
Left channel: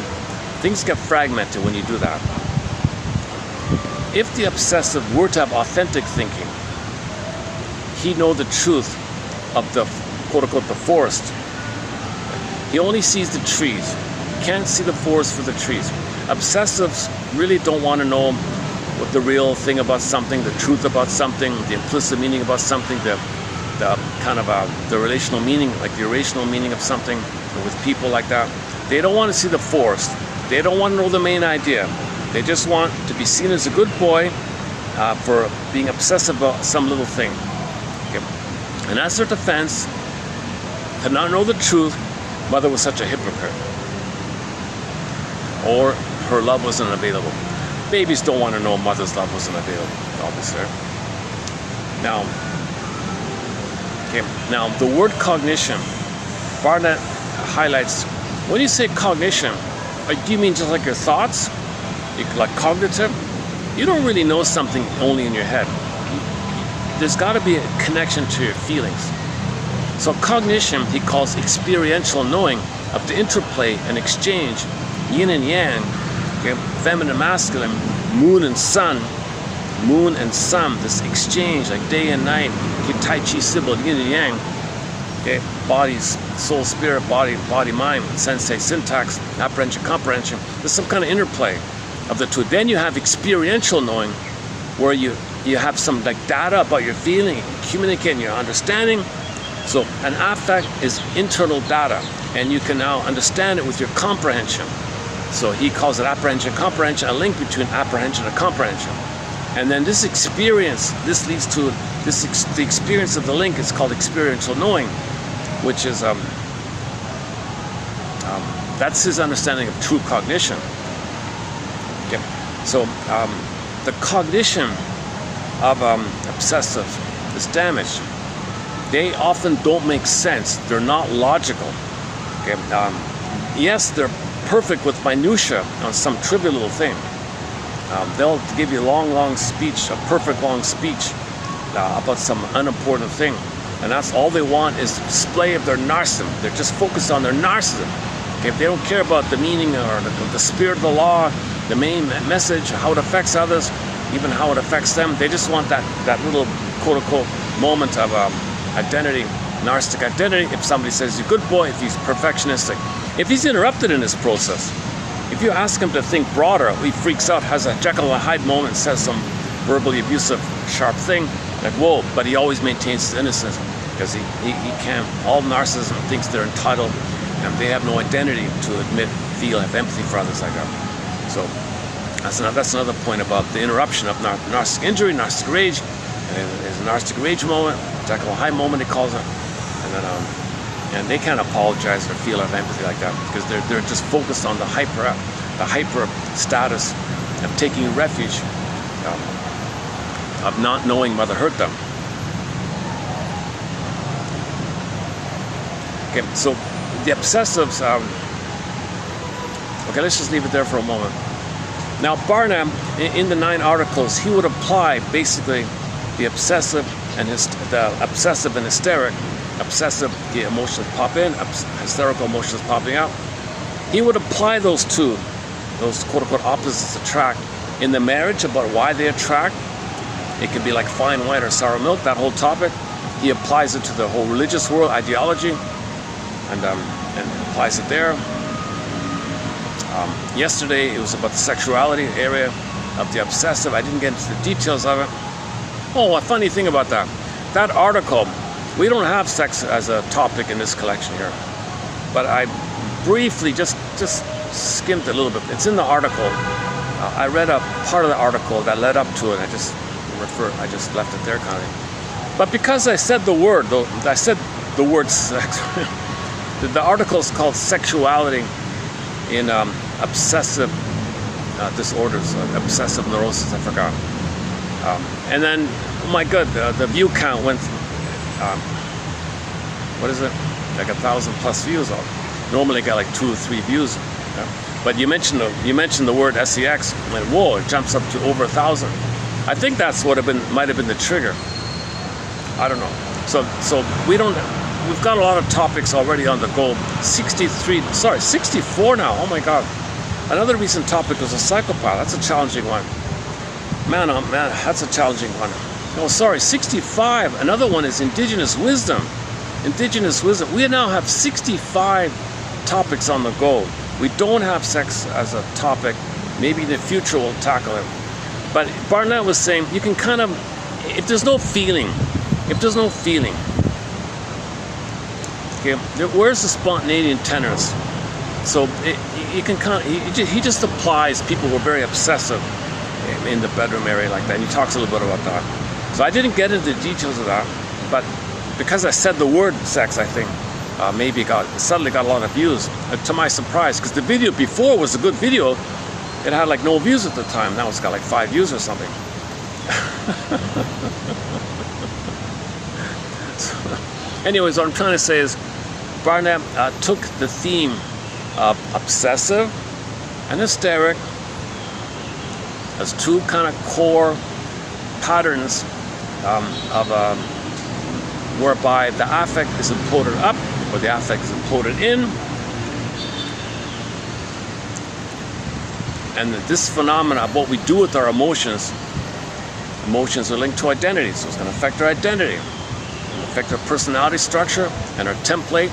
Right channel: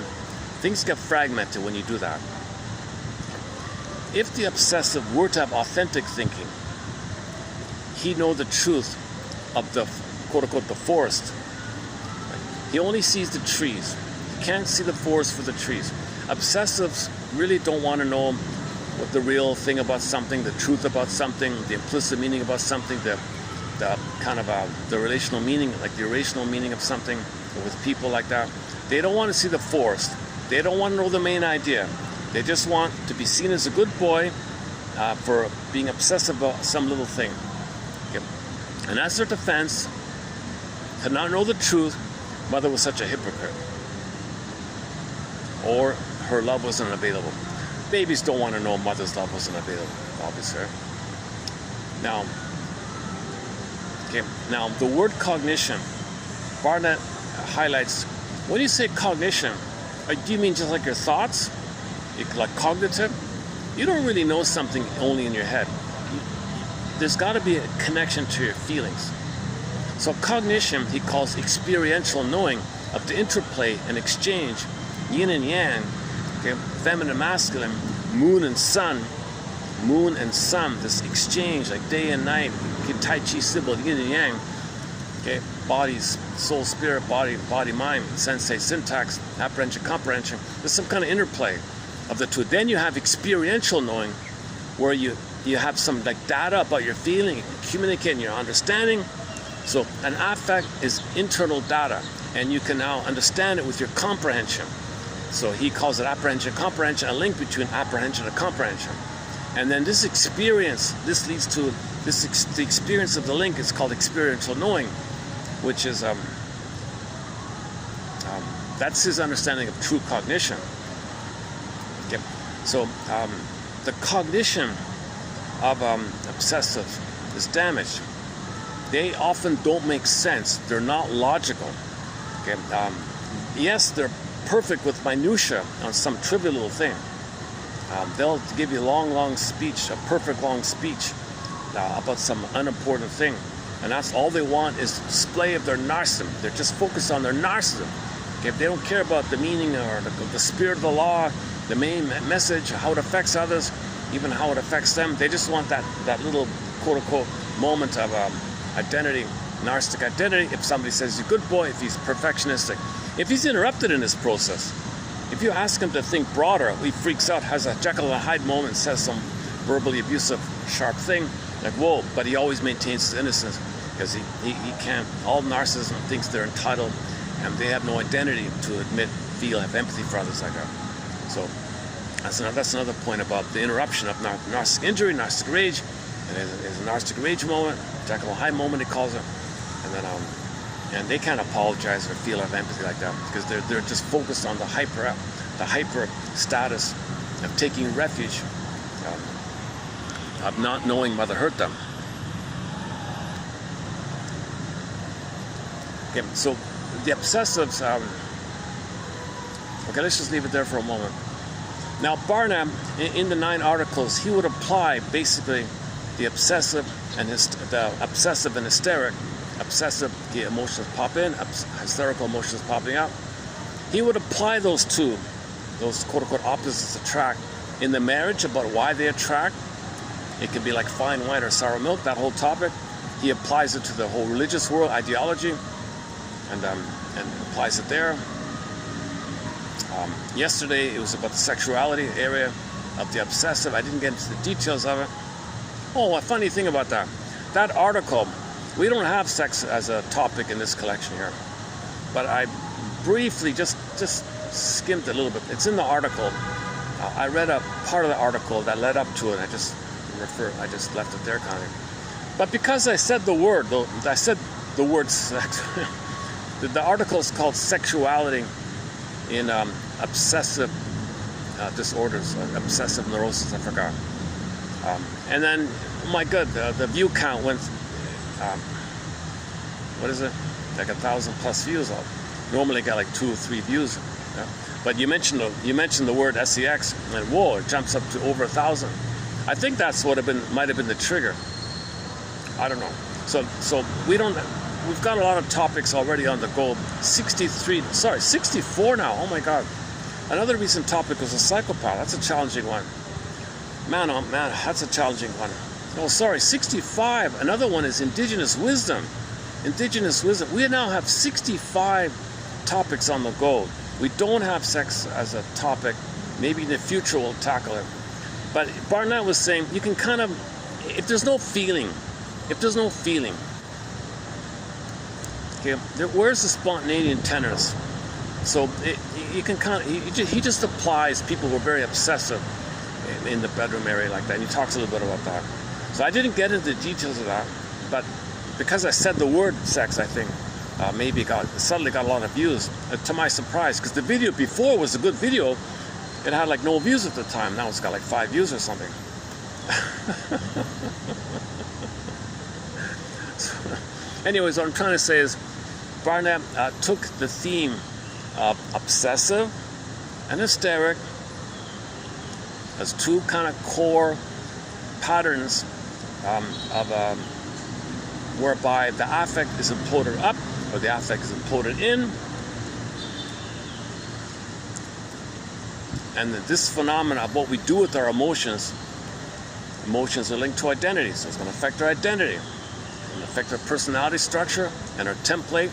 things get fragmented when you do that. If the obsessive were to have authentic thinking, he'd know the truth of the quote-unquote the forest. He only sees the trees. He can't see the forest for the trees. Obsessives really don't want to know what the real thing about something, the truth about something, the implicit meaning about something, the kind of the relational meaning, like the irrational meaning of something with people like that. They don't want to see the forest. They don't want to know the main idea. They just want to be seen as a good boy for being obsessive about some little thing. Okay. And as their defense, to not know the truth, mother was such a hypocrite, or her love wasn't available. Babies don't want to know mother's love wasn't available, obviously. Now the word cognition, Barnett highlights, when you say cognition, do you mean just like your thoughts? Like cognitive? You don't really know something only in your head. There's got to be a connection to your feelings. So cognition, he calls experiential knowing of the interplay and exchange, yin and yang, okay, feminine, masculine, moon and sun, this exchange like day and night, okay, Tai Chi symbol, yin and yang, okay, bodies, soul, spirit, body, mind, sensei, syntax, apprehension, comprehension. There's some kind of interplay of the two. Then you have experiential knowing, where you have some like data about your feeling, you communicate your understanding. So an affect is internal data, and you can now understand it with your comprehension. So he calls it apprehension, comprehension, a link between apprehension and comprehension. And then this experience, this leads to the experience of the link is called experiential knowing, which is that's his understanding of true cognition. Okay, so the cognition of obsessive is damaged. They often don't make sense. They're not logical. Okay, yes, they're perfect with minutia on some trivial little thing. They'll give you a long speech, a perfect long speech about some unimportant thing. And that's all they want is the display of their narcissism. They're just focused on their narcissism. Okay, they don't care about the meaning or the spirit of the law, the main message, how it affects others, even how it affects them. They just want that little quote-unquote moment of identity, narcissistic identity. If somebody says he's a good boy, if he's perfectionistic, if he's interrupted in this process, if you ask him to think broader, he freaks out, has a Jekyll and Hyde moment, says some verbally abusive, sharp thing, like whoa, but he always maintains his innocence because he can't. All narcissism thinks they're entitled and they have no identity to admit, feel, have empathy for others like that. So that's another point about the interruption of narcissistic injury, narcissistic rage. There's a narcissistic rage moment, Jekyll and Hyde moment, he calls it. And then and they can't apologize or feel empathy like that because they're just focused on the hyper status of taking refuge, of not knowing mother hurt them. Okay, so the obsessives. Okay, let's just leave it there for a moment. Now, Barnum, in the 9 articles, he would apply basically the obsessive and the obsessive and hysteric. Obsessive, the emotions pop in, hysterical emotions popping out. He would apply those two, those quote-unquote opposites attract, in the marriage about why they attract. It could be like fine wine or sour milk, that whole topic. He applies it to the whole religious world, ideology, and applies it there. Yesterday, it was about the sexuality area of the obsessive. I didn't get into the details of it. Oh, a funny thing about that. That article, we don't have sex as a topic in this collection here. But I briefly just skimmed a little bit. It's in the article. I read a part of the article that led up to it. I just left it there kind of. But because I said the word, though, I said the word sex. The article is called Sexuality in Obsessive Disorders, Obsessive Neurosis, I forgot. And then, oh my God, the view count went, what is it? Like 1,000+ views. Normally I get like 2 or 3 views. But you mentioned the word sex, and whoa, it jumps up to over 1,000. I think that's what might have been the trigger. I don't know. So we've got a lot of topics already on the go. 64 now. Oh my God. Another recent topic was a psychopath. That's a challenging one. Man, oh man, that's a challenging one. Oh, sorry, 65. Another one is indigenous wisdom. Indigenous wisdom. We now have 65 topics on the go. We don't have sex as a topic. Maybe in the future we'll tackle it. But Barnett was saying you can kind of, if there's no feeling, okay, where's the spontaneity and tenors? So you can kind of, he just applies people who are very obsessive in the bedroom area like that. And he talks a little bit about that. So I didn't get into the details of that, but because I said the word sex, I think maybe suddenly got a lot of views, to my surprise, because the video before was a good video. It had like no views at the time. Now it's got like 5 views or something. So, anyways, what I'm trying to say is Barnett took the theme of obsessive and hysteric as 2 kind of core patterns whereby the affect is imploded up or the affect is imploded in. And this phenomena of what we do with our emotions are linked to identity, so it's going to affect our identity, it's going to affect our personality structure and our template.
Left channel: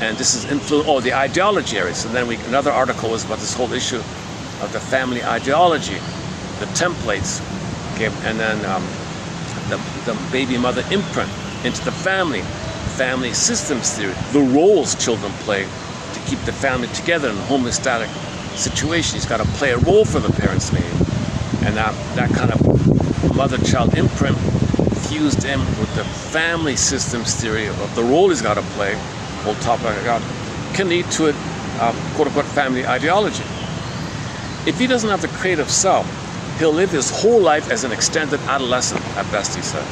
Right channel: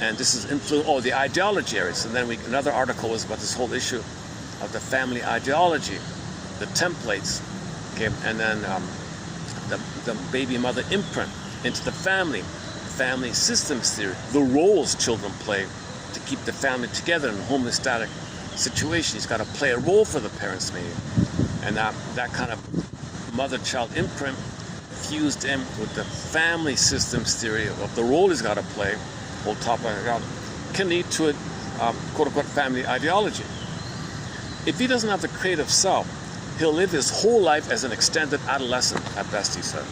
And this is the ideology area. So then another article was about this whole issue of the family ideology, the templates, okay, and then the baby mother imprint into the family systems theory, the roles children play to keep the family together in a homeostatic situation. He's got to play a role for the parents maybe. And that kind of mother-child imprint fused in with the family systems theory of the role he's got to play, whole topic I got, can lead to a quote-unquote family ideology. If he doesn't have the creative self, he'll live his whole life as an extended adolescent, at best, he said.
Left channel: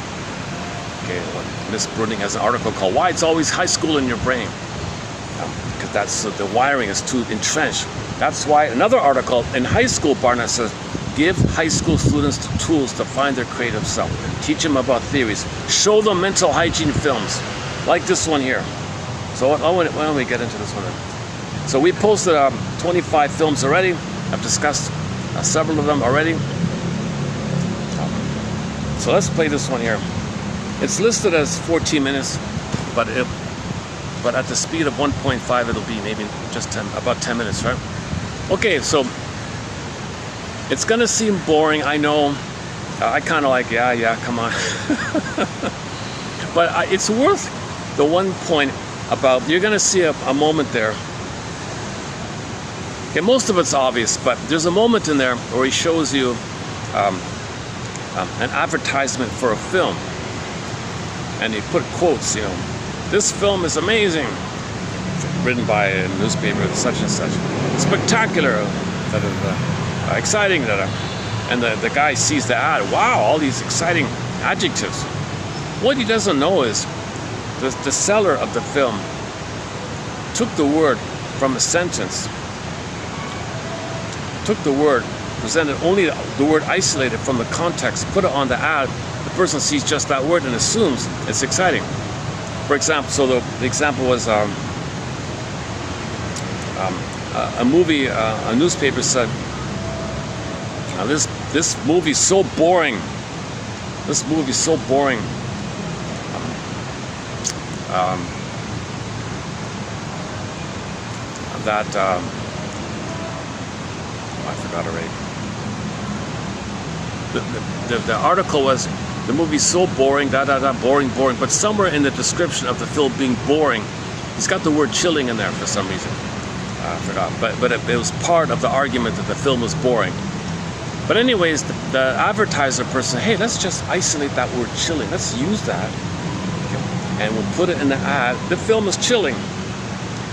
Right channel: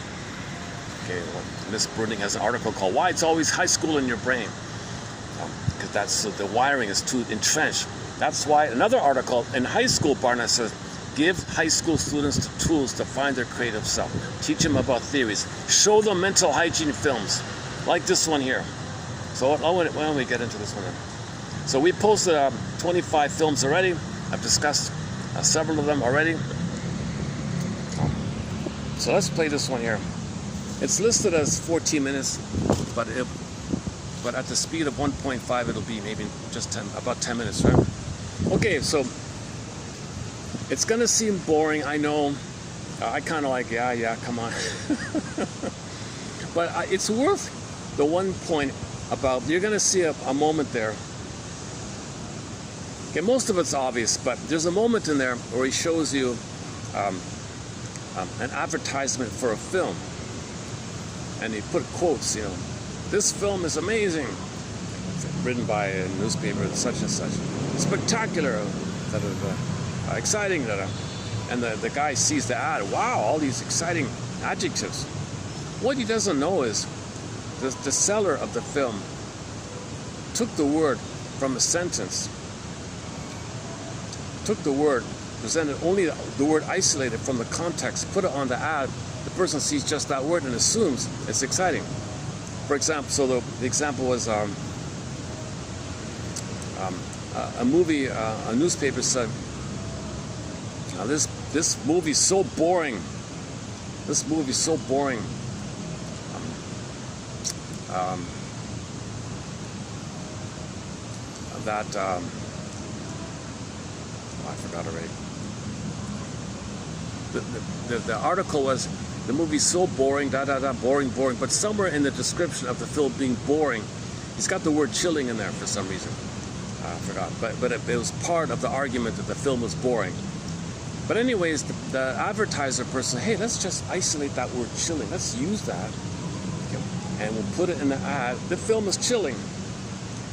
Okay, Miss Bruning has an article called Why It's Always High School in Your Brain. Because that's the wiring is too entrenched. That's why another article in high school, Barnett says, give high school students the tools to find their creative self. Teach them about theories. Show them mental hygiene films, like this one here. So why don't we get into this one then? So we posted 25 films already. I've discussed several of them already. So let's play this one here. It's listed as 14 minutes, but at the speed of 1.5, it'll be maybe just about 10 minutes, right? Okay, so it's gonna seem boring, I know. I kind of like, yeah, come on. But it's worth the one point about, you're gonna see a moment there. Okay, most of it's obvious, but there's a moment in there where he shows you an advertisement for a film. And he put quotes, this film is amazing, written by a newspaper, such and such, spectacular, exciting, and the guy sees the ad, wow, all these exciting adjectives. What he doesn't know is the seller of the film took the word from a sentence, took the word, presented only the word isolated from the context, put it on the ad. The person sees just that word and assumes it's exciting. For example, so the example was a movie, a newspaper said, this movie's so boring. This movie's so boring. That I forgot already. The article was, the movie's so boring, boring. But somewhere in the description of the film being boring, it's got the word chilling in there for some reason. I forgot. But it was part of the argument that the film was boring. But anyways, the advertiser person, hey, let's just isolate that word chilling. Let's use that, and we'll put it in the ad. The film is chilling.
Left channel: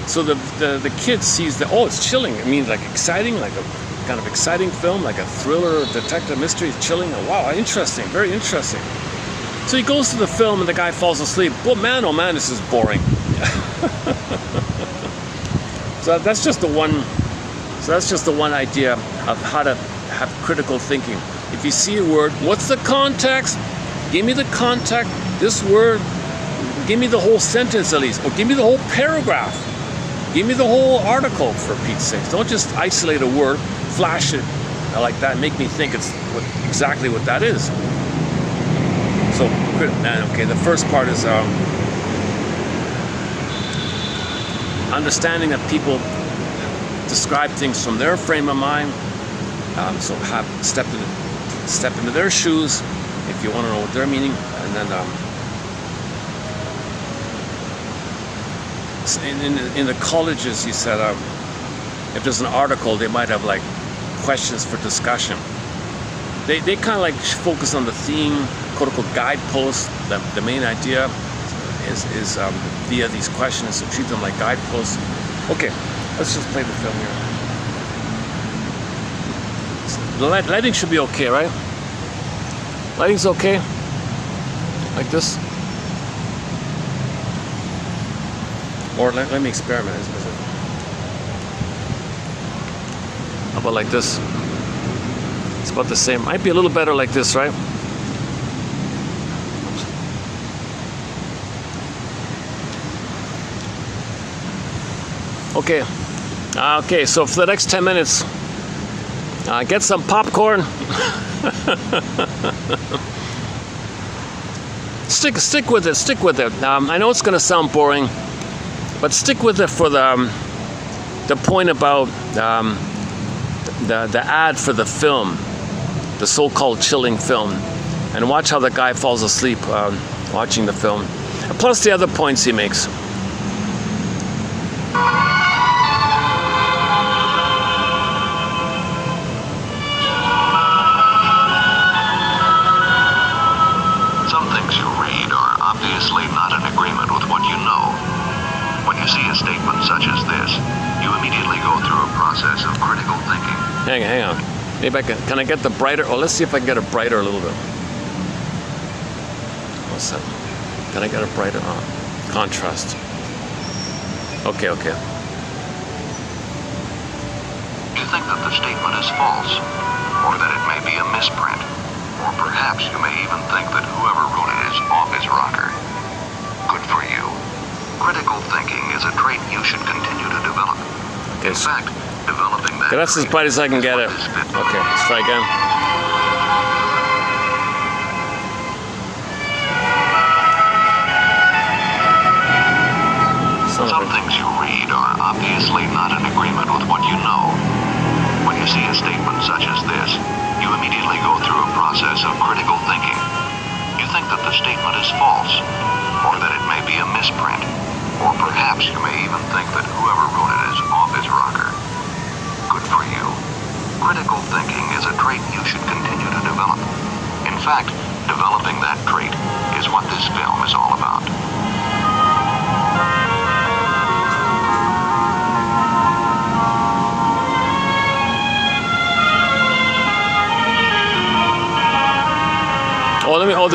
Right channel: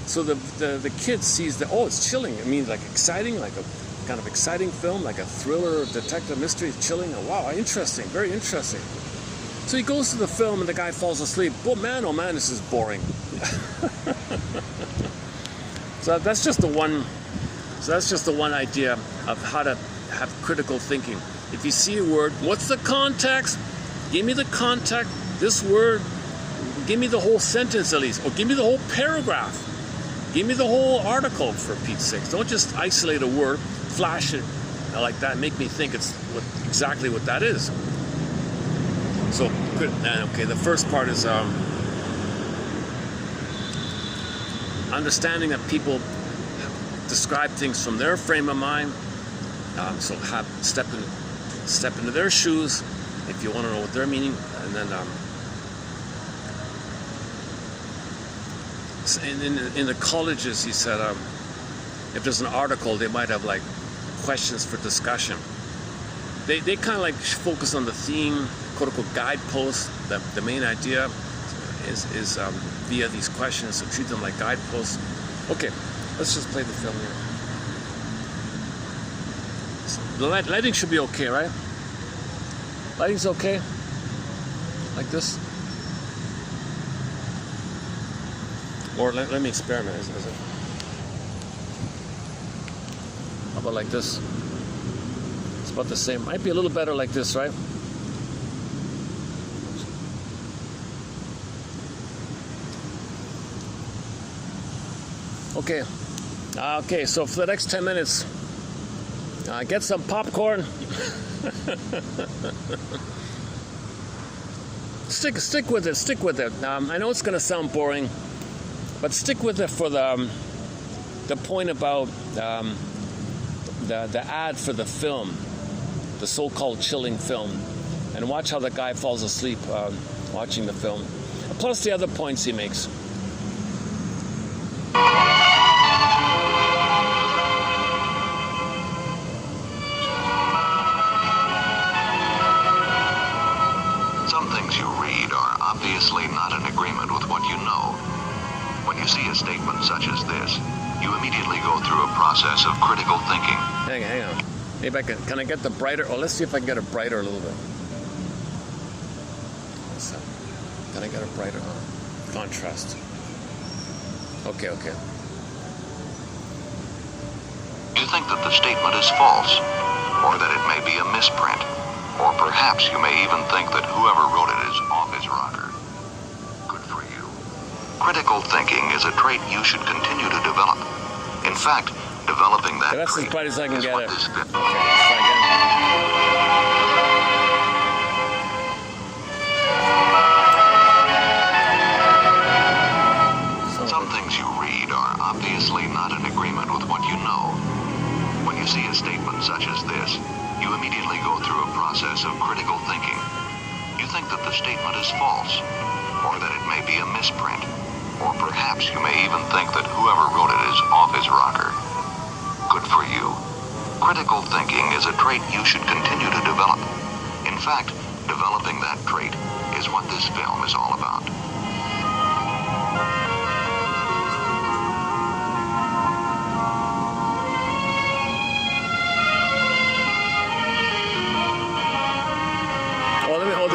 So the kid sees that, oh, it's chilling. It means like exciting, like a kind of exciting film, like a thriller, detective mystery, chilling. Oh, wow, interesting, very interesting. So he goes to the film and the guy falls asleep. Well, man, oh man, this is boring. So that's just the one. So that's just the one idea of how to have critical thinking. If you see a word, what's the context? Give me the context. This word. Give me the whole sentence at least, or give me the whole paragraph. Give me the whole article, for Pete's sake. Don't just isolate a word, flash it like that, make me think it's exactly what that is. So, okay, the first part is understanding that people describe things from their frame of mind. So have step into their shoes if you want to know what they're meaning, and then in the colleges, he said, if there's an article, they might have like questions for discussion. They kind of like focus on the theme, quote unquote guideposts. The main idea is via these questions to treat them like guideposts. Okay, let's just play the film here. The lighting should be okay, right? Lighting's okay? Like this? Or let me experiment. Is it? How about like this? It's about the same. Might be a little better like this, right? Okay. Okay, so for the next 10 minutes, get some popcorn. Stick with it. Stick with it. I know it's going to sound boring, but stick with it for the point about the ad for the film, the so-called chilling film, and watch how the guy falls asleep watching the film. And plus the other points he makes. Hang on. Maybe can I get the brighter? Oh, let's see if I can get it brighter a little bit. What's that? Can I get it brighter? Contrast. Okay. You think that the statement is false, or that it may be a misprint, or perhaps you may even think that whoever wrote it is off his rocker. Good for you. Critical thinking is a trait you should continue to develop. In fact, developing that. Okay, that's as bright as I can get it. Okay, let's try again. Some things you read are obviously not in agreement with what you know. When you see a statement such as this, you immediately go through a process of critical thinking. You think that the statement is false, or that it may be a misprint, or perhaps you may even think that whoever wrote it is off his rocker. Good for you. Critical thinking is a trait you should continue to develop. In fact, developing that trait is what this film is all about.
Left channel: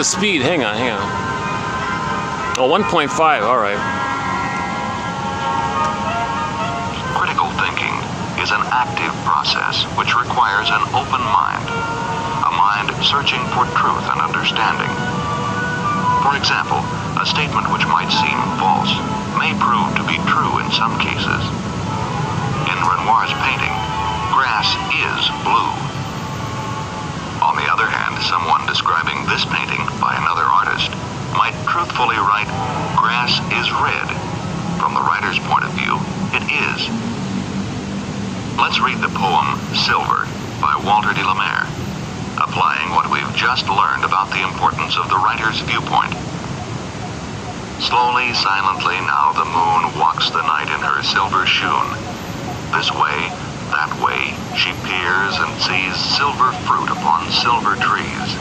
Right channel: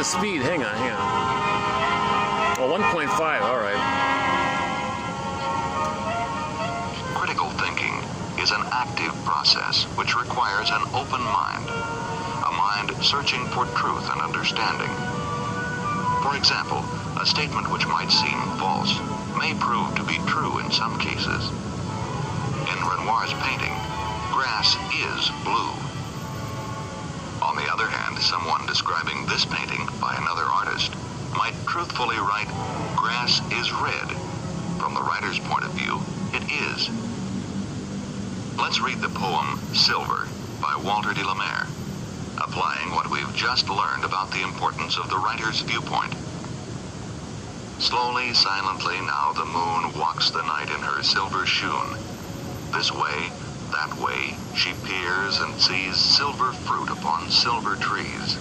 speed? Hang on. Oh, 1.5, all right. Critical thinking is an active process which requires an open mind, a mind searching for truth and understanding. For example, a statement which might seem false may prove to be true in some cases. In Renoir's painting, grass is blue. On the other hand, someone describing this painting by another artist might truthfully write, grass is red. From the writer's point of view, it is. Let's read the poem Silver by Walter de la Mare, applying what we've just learned about the importance of the writer's viewpoint. Slowly, silently, now the moon walks the night in her silver shoon. This way, that way, she peers and sees silver fruit upon silver trees.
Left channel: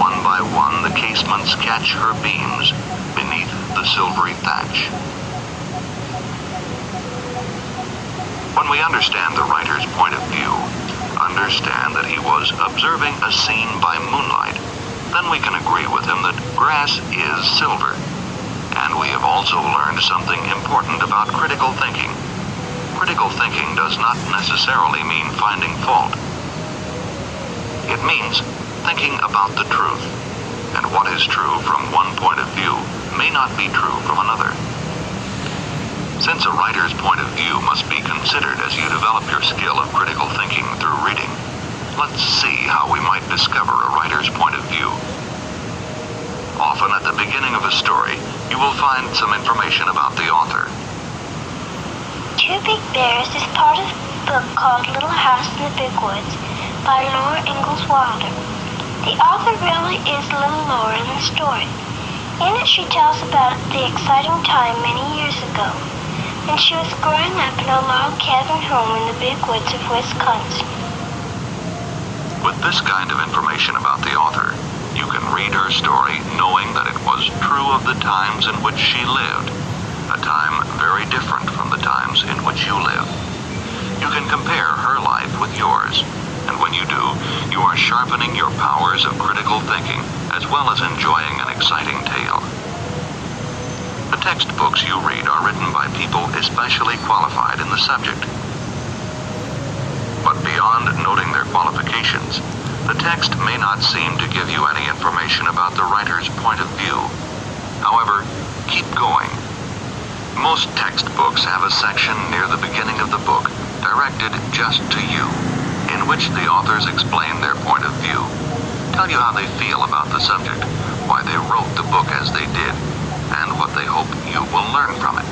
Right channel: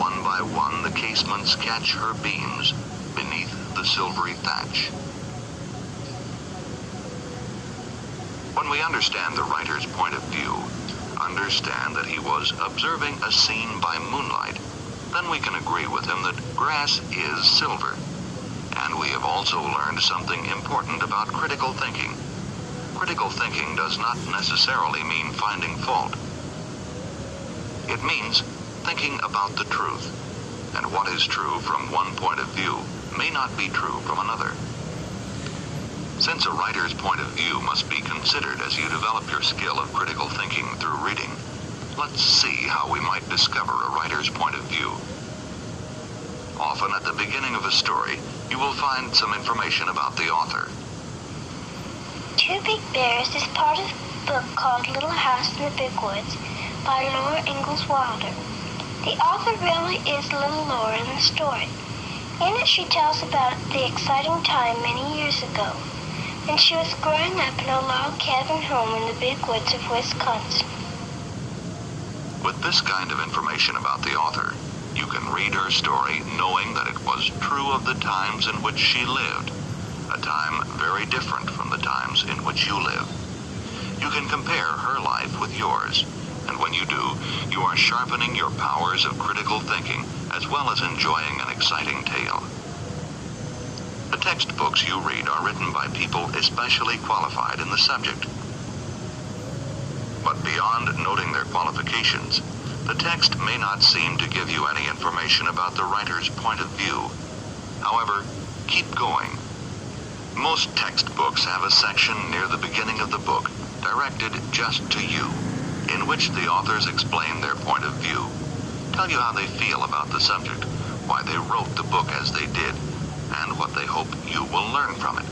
One by one, the casements catch her beams beneath the silvery thatch. When we understand the writer's point of view, understand that he was observing a scene by moonlight, then we can agree with him that grass is silver. And we have also learned something important about critical thinking. Critical thinking does not necessarily mean finding fault. It means thinking about the truth, and what is true from one point of view may not be true from another. Since a writer's point of view must be considered as you develop your skill of critical thinking through reading, let's see how we might discover a writer's point of view. Often at the beginning of a story, you will find some information about the author. Two Big Bears is part of a book called Little House in the Big Woods by Laura Ingalls Wilder. The author really is little Laura in the story. In it, she tells about the exciting time many years ago, when she was growing up in a log cabin home in the big woods of Wisconsin. With this kind of information about the author, you can read her story knowing that it was true of the times in which she lived, a time very different from the times in which you live. You can compare her life with yours, and when you do, you are sharpening your powers of critical thinking as well as enjoying an exciting tale. The textbooks you read are written by people especially qualified in the subject. But beyond noting their qualifications, the text may not seem to give you any information about the writer's point of view. However, keep going. Most textbooks have a section near the beginning of the book directed just to you, in which the authors explain their point of view, tell you how they feel about the subject, why they wrote the book as they did, and what they hope you will learn from it.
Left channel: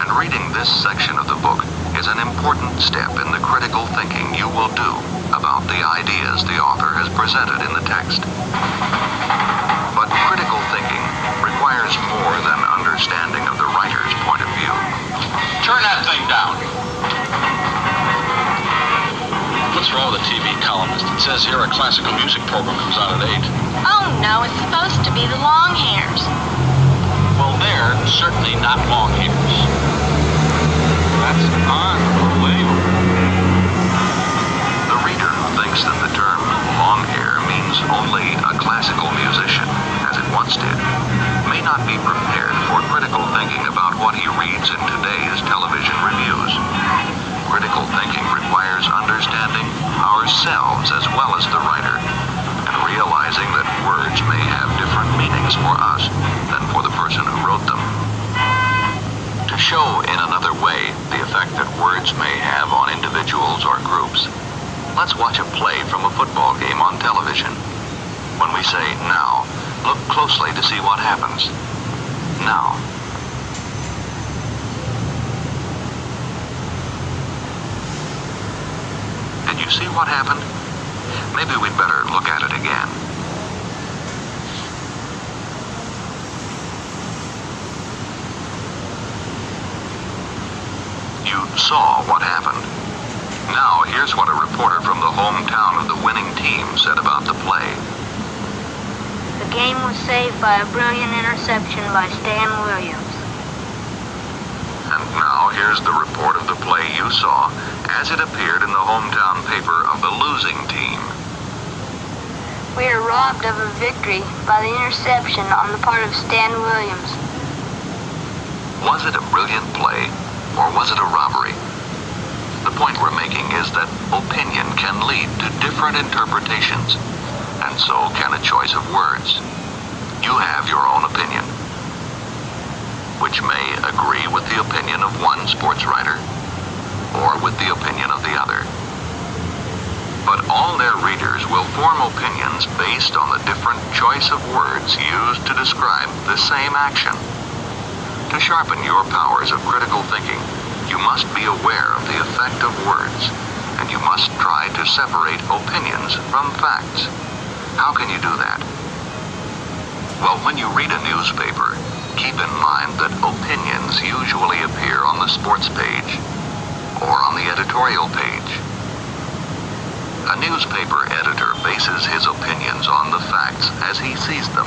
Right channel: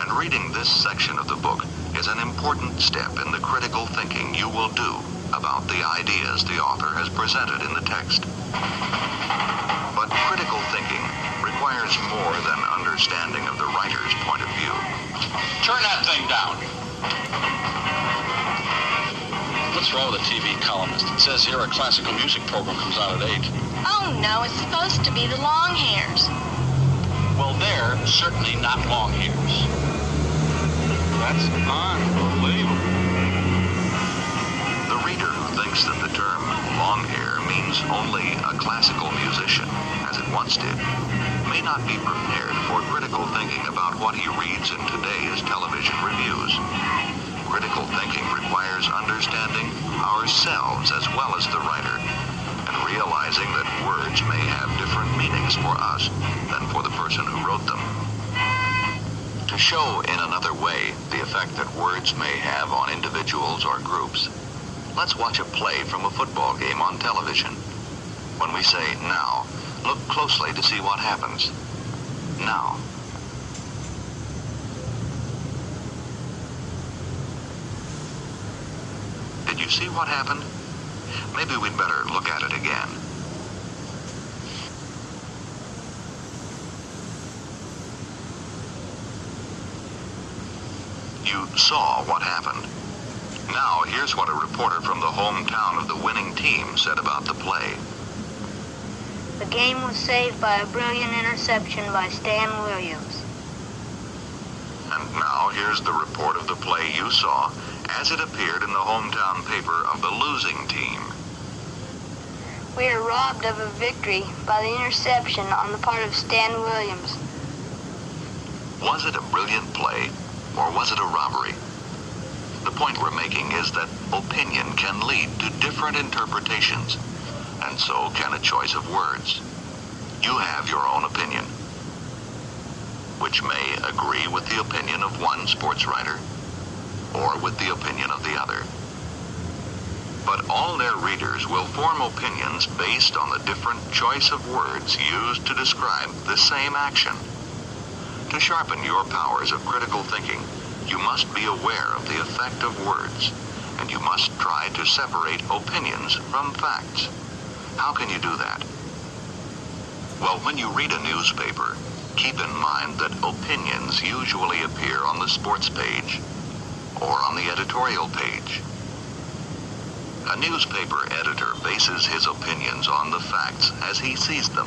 And reading this section of the book is an important step in the critical thinking you will do about the ideas the author has presented in the text. But critical thinking requires more than understanding of the writer's point of view. Turn that thing down. What's wrong with the TV columnist? It says here a classical music program comes on at 8. Oh no, it's supposed to be the long hairs. Well, they're certainly not long hairs. That's unbelievable. The reader who thinks that the term long hair means only a classical musician, as it once did, may not be prepared for critical thinking about what he reads in today's television reviews. Critical thinking requires understanding ourselves as well as the writer, and realizing that words may have different meanings for us than for the person who wrote them. To show in another way the effect that words may have on individuals or groups, let's watch a play from a football game on television. When we say now, look closely to see what happens. Now. Did you see what happened? Maybe we'd better look at it again. You saw what happened. Now, here's what a reporter from the hometown of the winning team said about the play. The game was saved by a brilliant interception by Stan Williams. And now, here's the report of the play you saw as it appeared in the hometown paper of the losing team. We are robbed of a victory by the interception on the part of Stan Williams. Was it a brilliant play, or was it a robbery? The point we're making is that opinion can lead to different interpretations, and so can a choice of words. You have your own opinion, which may agree with the opinion of one sports writer, or with the opinion of the other. But all their readers will form opinions based on the different choice of words used to describe the same action. To sharpen your powers of critical thinking, you must be aware of the effect of words, and you must try to separate opinions from facts. How can you do that? Well, when you read a newspaper, keep in mind that opinions usually appear on the sports page or on the editorial page. A newspaper editor bases his opinions on the facts as he sees them.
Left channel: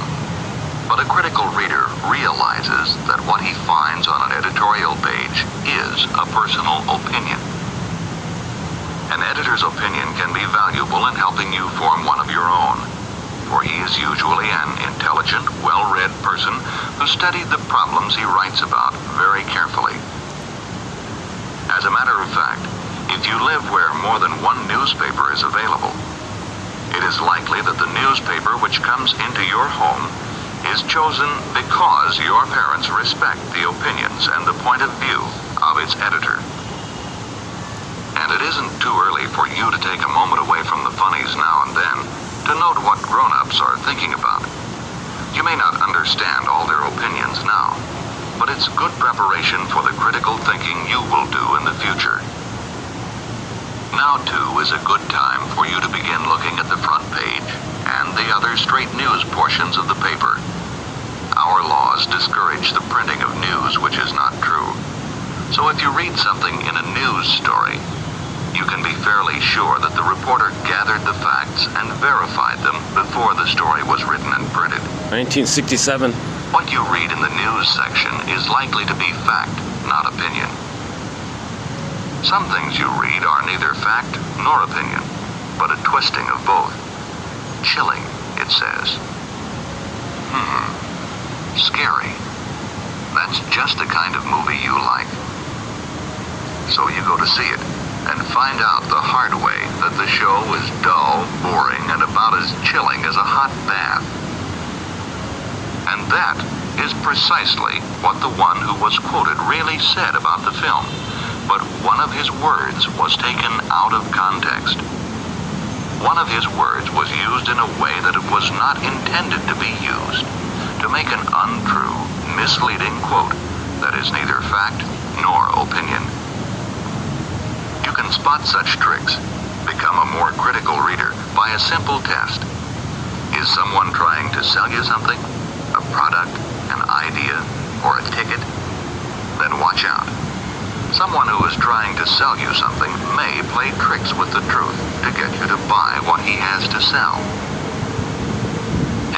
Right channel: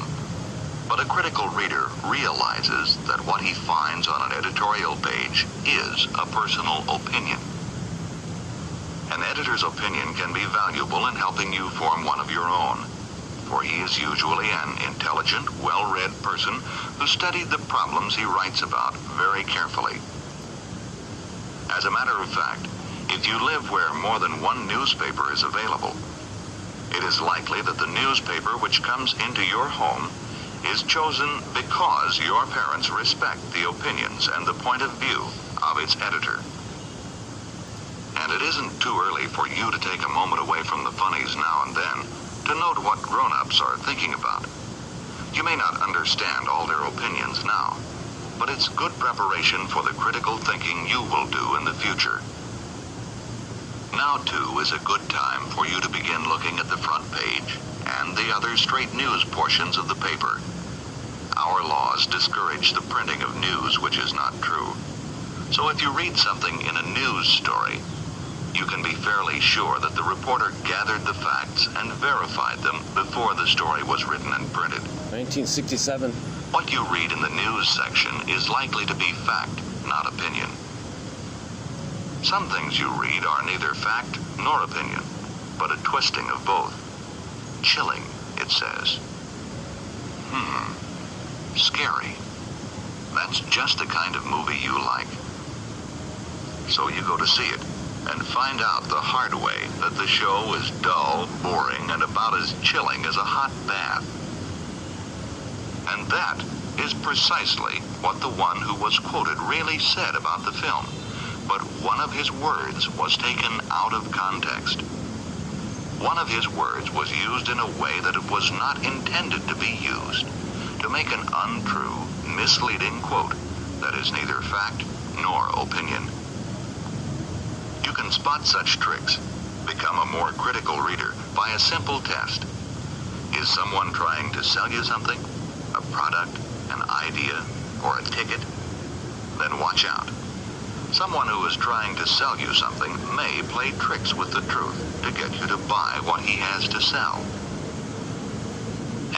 But a critical reader realizes that what he finds on an editorial page is a personal opinion. An editor's opinion can be valuable in helping you form one of your own, for he is usually an intelligent, well-read person who studied the problems he writes about very carefully. As a matter of fact, if you live where more than one newspaper is available, it is likely that the newspaper which comes into your home is chosen because your parents respect the opinions and the point of view of its editor. And it isn't too early for you to take a moment away from the funnies now and then to note what grown-ups are thinking about. You may not understand all their opinions now, but it's good preparation for the critical thinking you will do in the future. Now, too, is a good time for you to begin looking at the front page and the other straight news portions of the paper. Our laws discourage the printing of news which is not true. So if you read something in a news story, you can be fairly sure that the reporter gathered the facts and verified them before the story was written and printed. 1967. What you read in the news section is likely to be fact, not opinion. Some things you read are neither fact nor opinion, but a twisting of both. Chilling, it says. Scary. That's just the kind of movie you like. So you go to see it, and find out the hard way that the show is dull, boring, and about as chilling as a hot bath. And that is precisely what the one who was quoted really said about the film, but one of his words was taken out of context. One of his words was used in a way that it was not intended to be used, to make an untrue, misleading quote that is neither fact nor opinion. You can spot such tricks, become a more critical reader by a simple test. Is someone trying to sell you something? A product, an idea, or a ticket? Then watch out. Someone who is trying to sell you something may play tricks with the truth to get you to buy what he has to sell.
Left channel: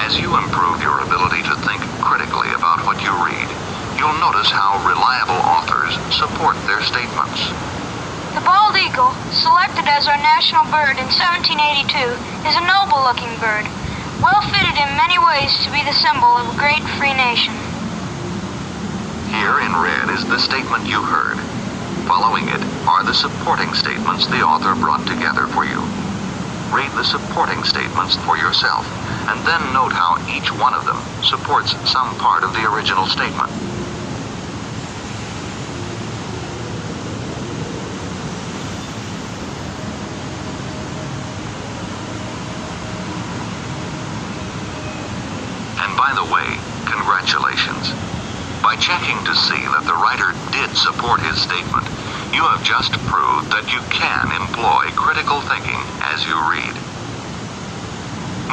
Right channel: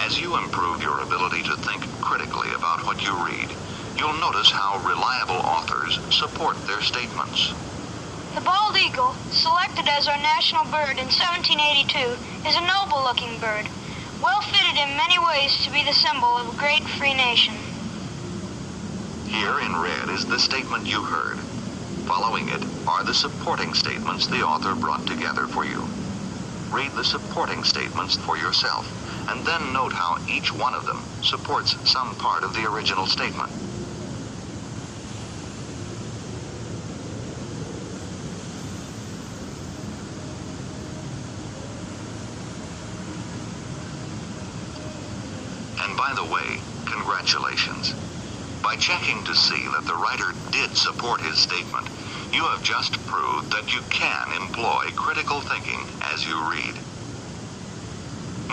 As you improve your ability to think critically about what you read, you'll notice how reliable authors support their statements. The bald eagle, selected as our national bird in 1782, is a noble-looking bird, well fitted in many ways to be the symbol of a great free nation. Here in red is the statement you heard. Following it are the supporting statements the author brought together for you. Read the supporting statements for yourself, and then note how each one of them supports some part of the original statement. And by the way, congratulations. By checking to see that the writer did support his statement, you have just proved that you can employ critical thinking as you read.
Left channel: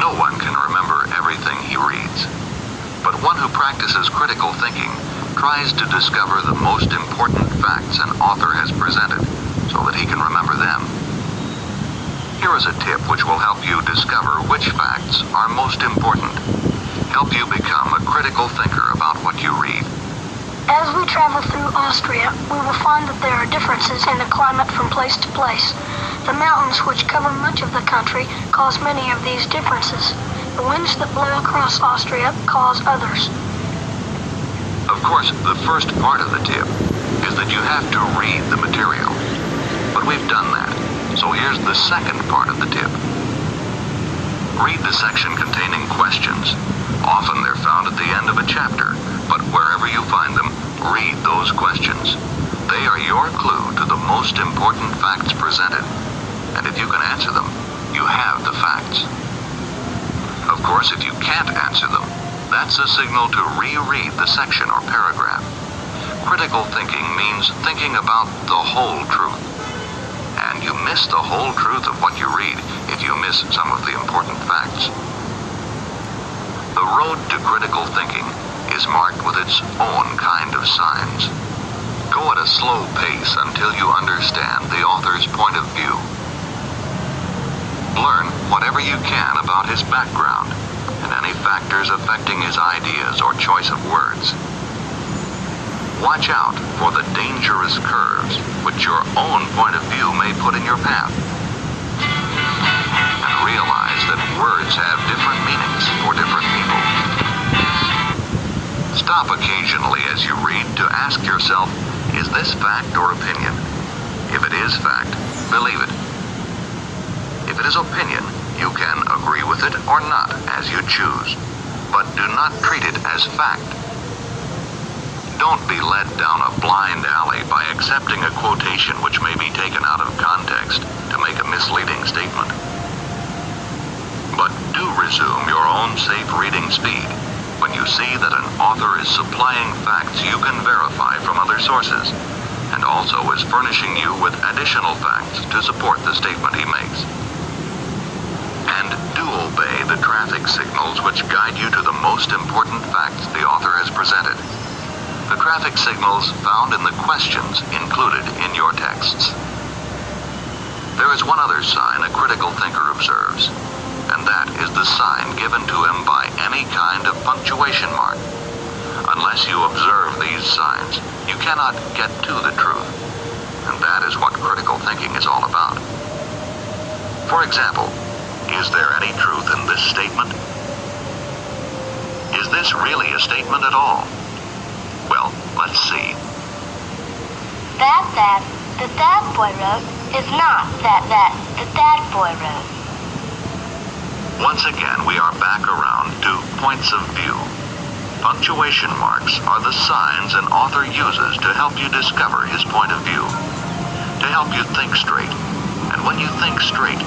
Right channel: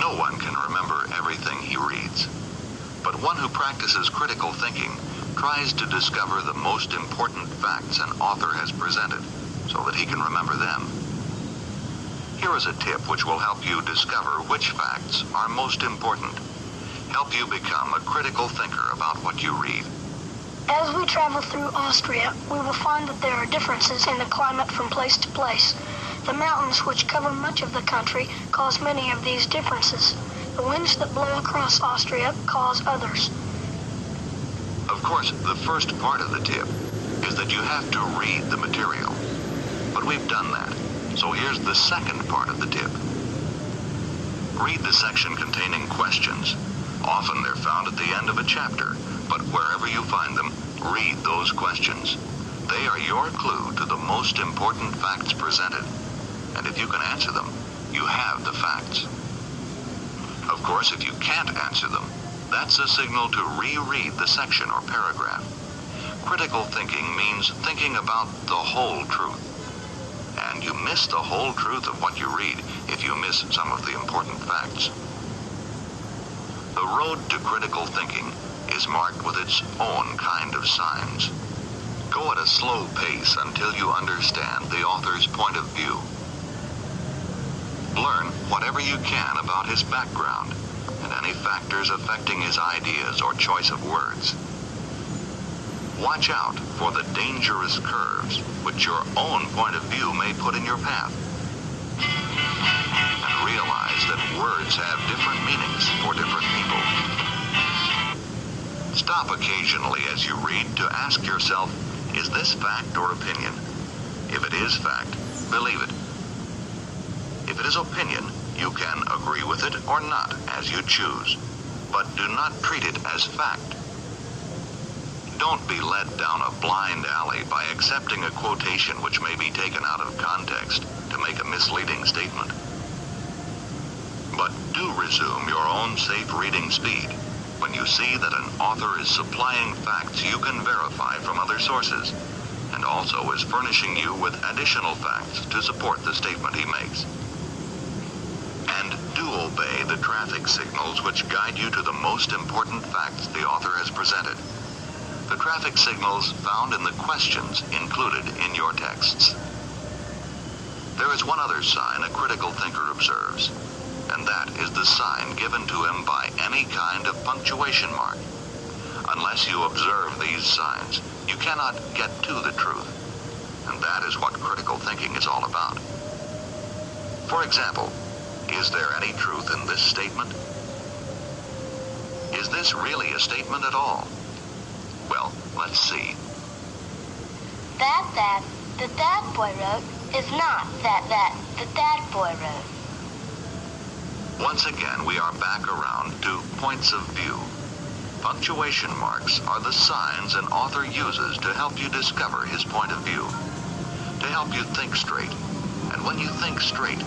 No one can remember everything he reads, but one who practices critical thinking tries to discover the most important facts an author has presented so that he can remember them. Here is a tip which will help you discover which facts are most important. Help you become a critical thinker about what you read. As we travel through Austria, we will find that there are differences in the climate from place to place. The mountains which cover much of the country cause many of these differences. The winds that blow across Austria cause others. Of course, the first part of the tip is that you have to read the material. But we've done that, so here's the second part of the tip. Read the section containing questions. Often they're found at the end of a chapter, but wherever you find them, read those questions. They are your clue to the most important facts presented. And if you can answer them, you have the facts. Of course, if you can't answer them, that's a signal to reread the section or paragraph. Critical thinking means thinking about the whole truth. And you miss the whole truth of what you read if you miss some of the important facts. The road to critical thinking is marked with its own kind of signs. Go at a slow pace until you understand the author's point of view. Learn whatever you can about his background and any factors affecting his ideas or choice of words. Watch out for the dangerous curves which your own point of view may put in your path. And realize that words have different meanings for different people. Stop occasionally as you read to ask yourself, is this fact or opinion? If it is fact, believe it. If it is opinion, you can agree with it or not as you choose, but do not treat it as fact. Don't be led down a blind alley by accepting a quotation which may be taken out of context to make a misleading statement. But do resume your own safe reading speed when you see that an author is supplying facts you can verify from other sources, and also is furnishing you with additional facts to support the statement he makes. And do obey the traffic signals which guide you to the most important facts the author has presented. The traffic signals found in the questions included in your texts. There is one other sign a critical thinker observes, and that is the sign given to him by any kind of punctuation mark. Unless you observe these signs, you cannot get to the truth, and that is what critical thinking is all about. For example, is there any truth in this statement? Is this really a statement at all? Well, let's see. That boy wrote is not that boy wrote. Once again, we are back around to points of view. Punctuation marks are the signs an author uses to help you discover his point of view, to help you think straight. And when you think straight,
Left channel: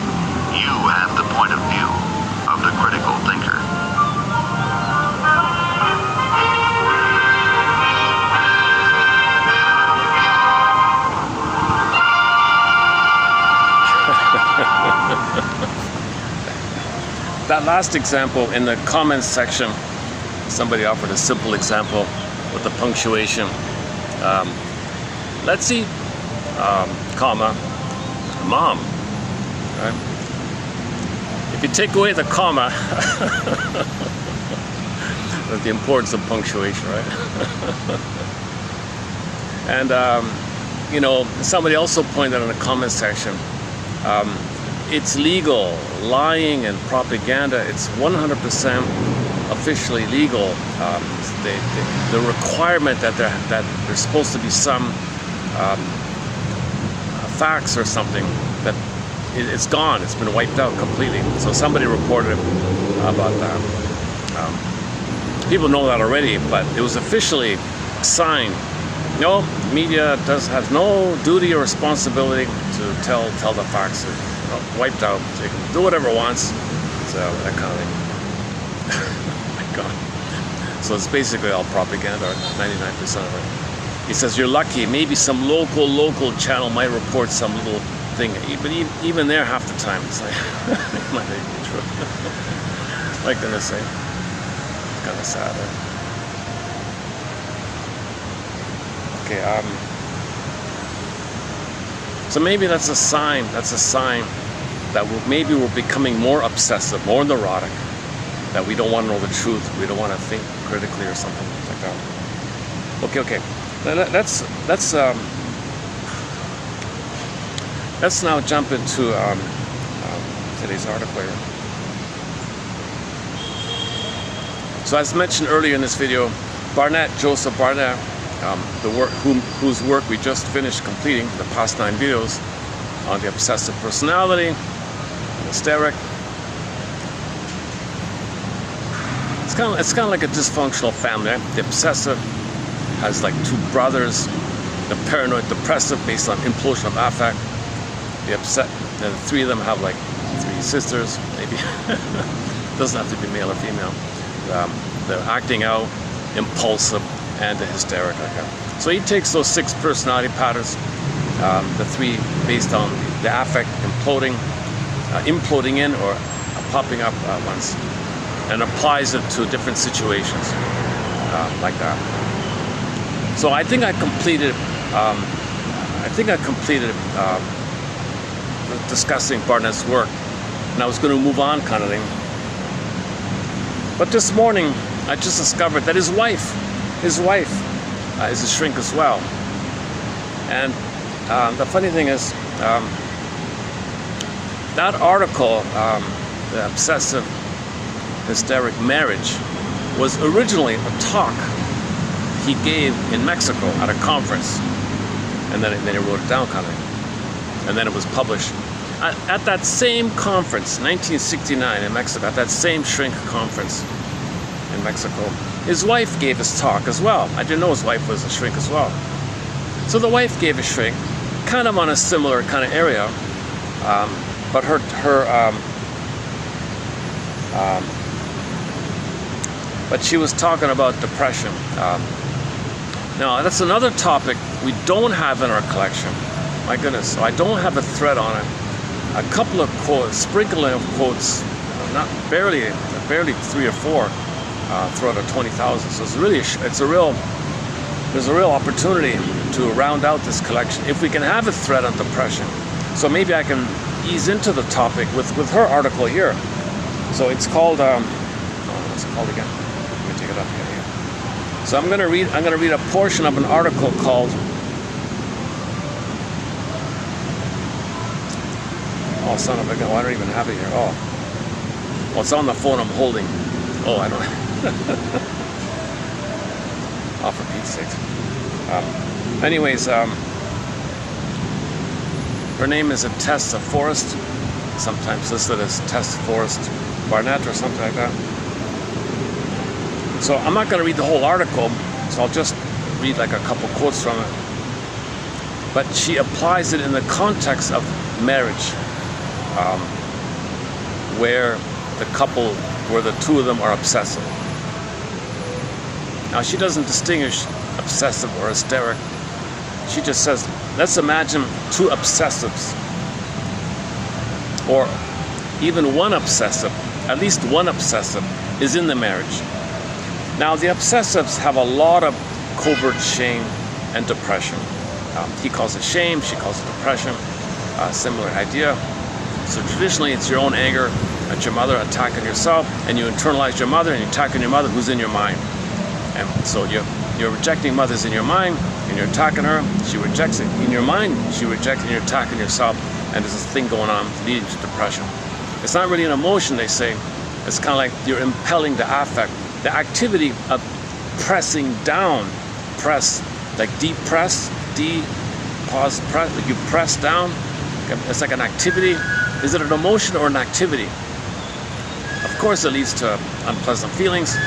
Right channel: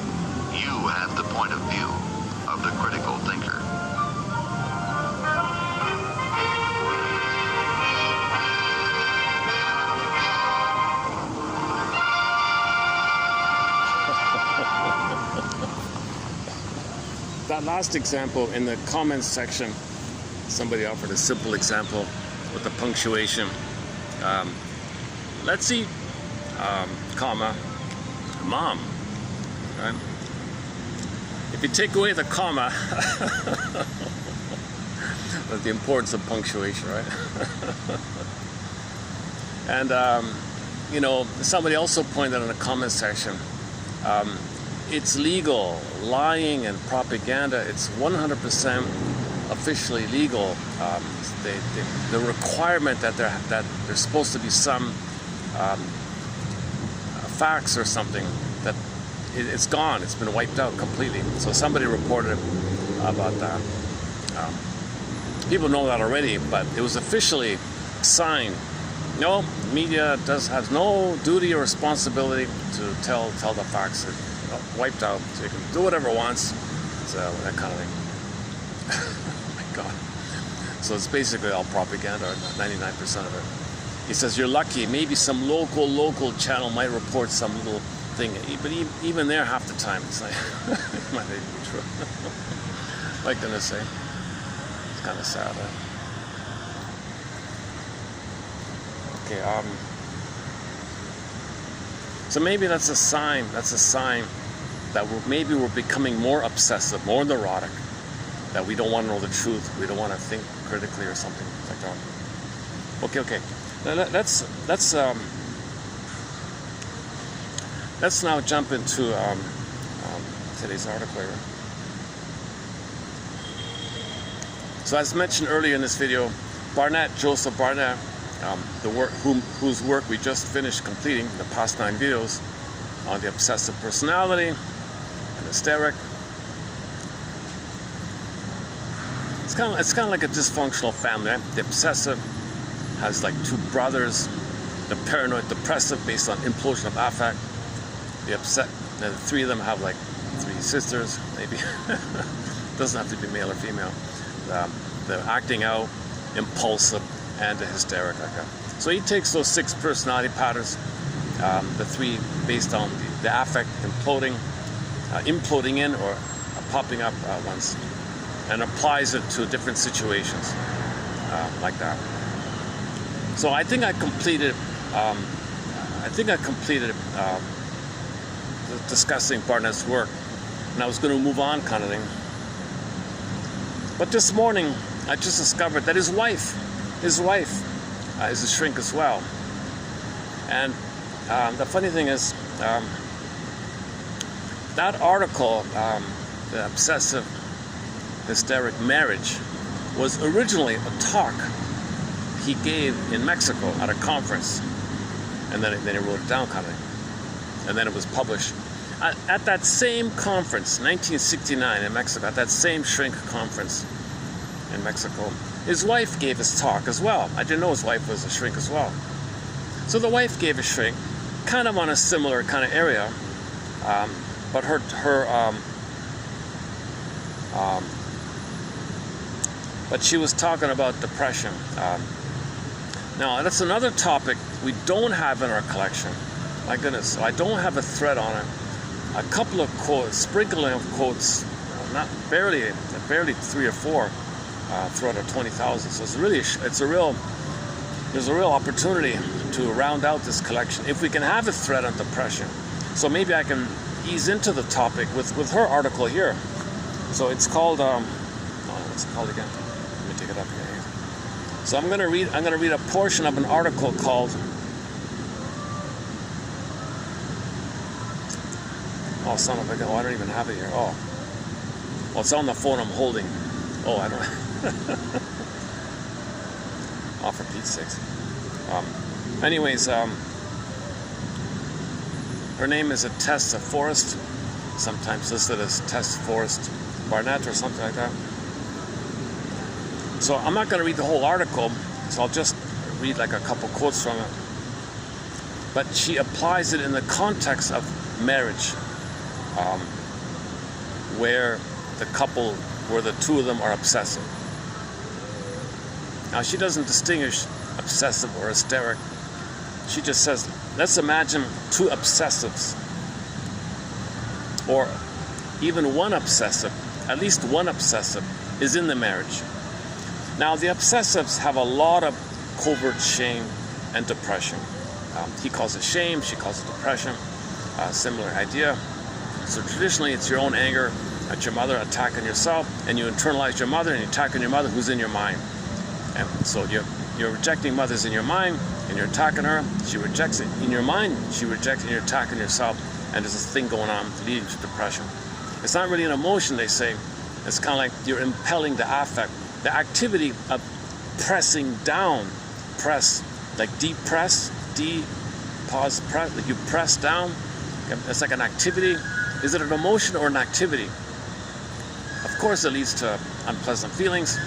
you have the point of view of the critical thinker. That last example in the comments section, somebody offered a simple example with the punctuation. Let's see, comma, mom. Right? If you take away the comma, the importance of punctuation, right? And somebody also pointed out in the comment section, it's legal. Lying and propaganda, it's 100% officially legal. The requirement that there's supposed to be some facts or something, that it's gone. It's been wiped out completely. So somebody reported about that. People know that already, but it was officially signed. No, media has no duty or responsibility to tell the facts. Wiped out. So you can do whatever it wants. So that kind of thing. My God. So it's basically all propaganda, 99% of it. He says you're lucky. Maybe some local channel might report some little thing, but even there, half the time it's like it might not be true. What am I gonna say? It's kind of sad. Okay. So maybe that's a sign. That's a sign that maybe we're becoming more obsessive, more neurotic, that we don't want to know the truth, we don't want to think critically or something like that. Okay. Let's now jump into today's article here. So as mentioned earlier in this video, Joseph Barnett, whose work we just finished completing, the past 9 videos on the obsessive personality, hysteric. It's kind of like a dysfunctional family. Right? The obsessive has like 2 brothers. The paranoid depressive based on implosion of affect. The 3 of them have like 3 sisters, maybe. Doesn't have to be male or female. They're acting out, impulsive, and the hysteric. Okay. So he takes those 6 personality patterns, the 3 based on the affect imploding in or popping up at once, and applies it to different situations like that. So I think I completed. Discussing Barnett's work, and I was going to move on, kind of thing. But this morning, I just discovered that his wife is a shrink as well. And the funny thing is, that article, the obsessive hysteric marriage, was originally a talk he gave in Mexico at a conference, and then he wrote it down, kind of, and then it was published. At that same conference, 1969 in Mexico, at that same shrink conference in Mexico, his wife gave his talk as well. I didn't know his wife was a shrink as well. So the wife gave a shrink, kind of on a similar kind of area, but but she was talking about depression. Now that's another topic we don't have in our collection. My goodness, so I don't have a thread on it. A couple of quotes, sprinkling of quotes, not barely 3 or 4 throughout a 20,000. So there's a real opportunity to round out this collection if we can have a thread on depression. So maybe I can ease into the topic with her article here. So it's called what's it called again? Let me take it up here. So I'm gonna read a portion of an article called son of a gun. Oh, I don't even have it here. Oh, it's on the phone I'm holding. Oh, I don't. Oh, for Pete's sakes. Anyways, her name is Tessa Forrest, sometimes listed as Tess Forrest Barnett or something like that. So I'm not going to read the whole article, so I'll just read like a couple quotes from it. But she applies it in the context of marriage. Where the 2 of them are obsessive. Now she doesn't distinguish obsessive or hysteric. She just says, let's imagine 2 obsessives, or even one obsessive, at least one obsessive is in the marriage. Now the obsessives have a lot of covert shame and depression. He calls it shame, she calls it depression, similar idea. So traditionally it's your own anger at your mother attacking yourself, and you internalize your mother and you attack on your mother who's in your mind. And so you're rejecting mother's in your mind and you're attacking her, she rejects it in your mind, she rejects it and you're attacking yourself, and there's this thing going on leading to depression. It's not really an emotion, they say. It's kind of like you're impelling the affect, the activity of pressing down, press, like deep press, pause, press, like you press down. It's like an activity. Is it an emotion or an activity? Of course, it leads to unpleasant feelings.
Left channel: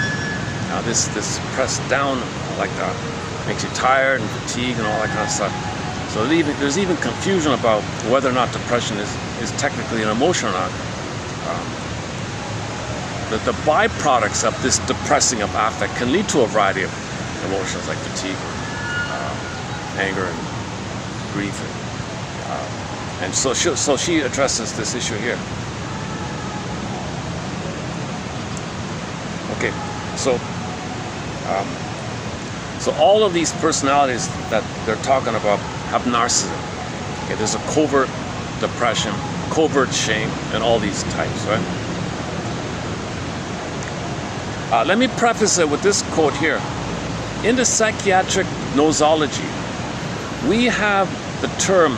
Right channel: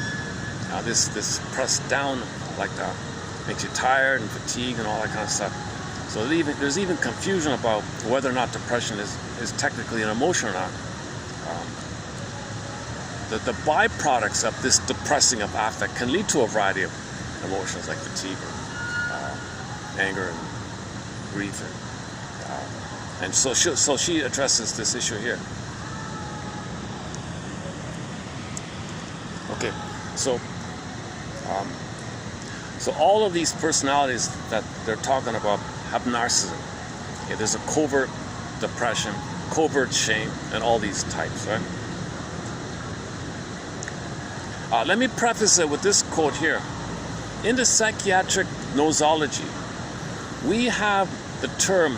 This press down like that makes you tired and fatigued and all that kind of stuff. So there's even confusion about whether or not depression is technically an emotion or not. The byproducts of this depressing of affect can lead to a variety of emotions like fatigue, anger, and grief. And so she addresses this issue here. Okay, so all of these personalities that they're talking about have narcissism. Okay, there's a covert depression, covert shame, and all these types, right? Let me preface it with this quote here. In the psychiatric nosology, we have the term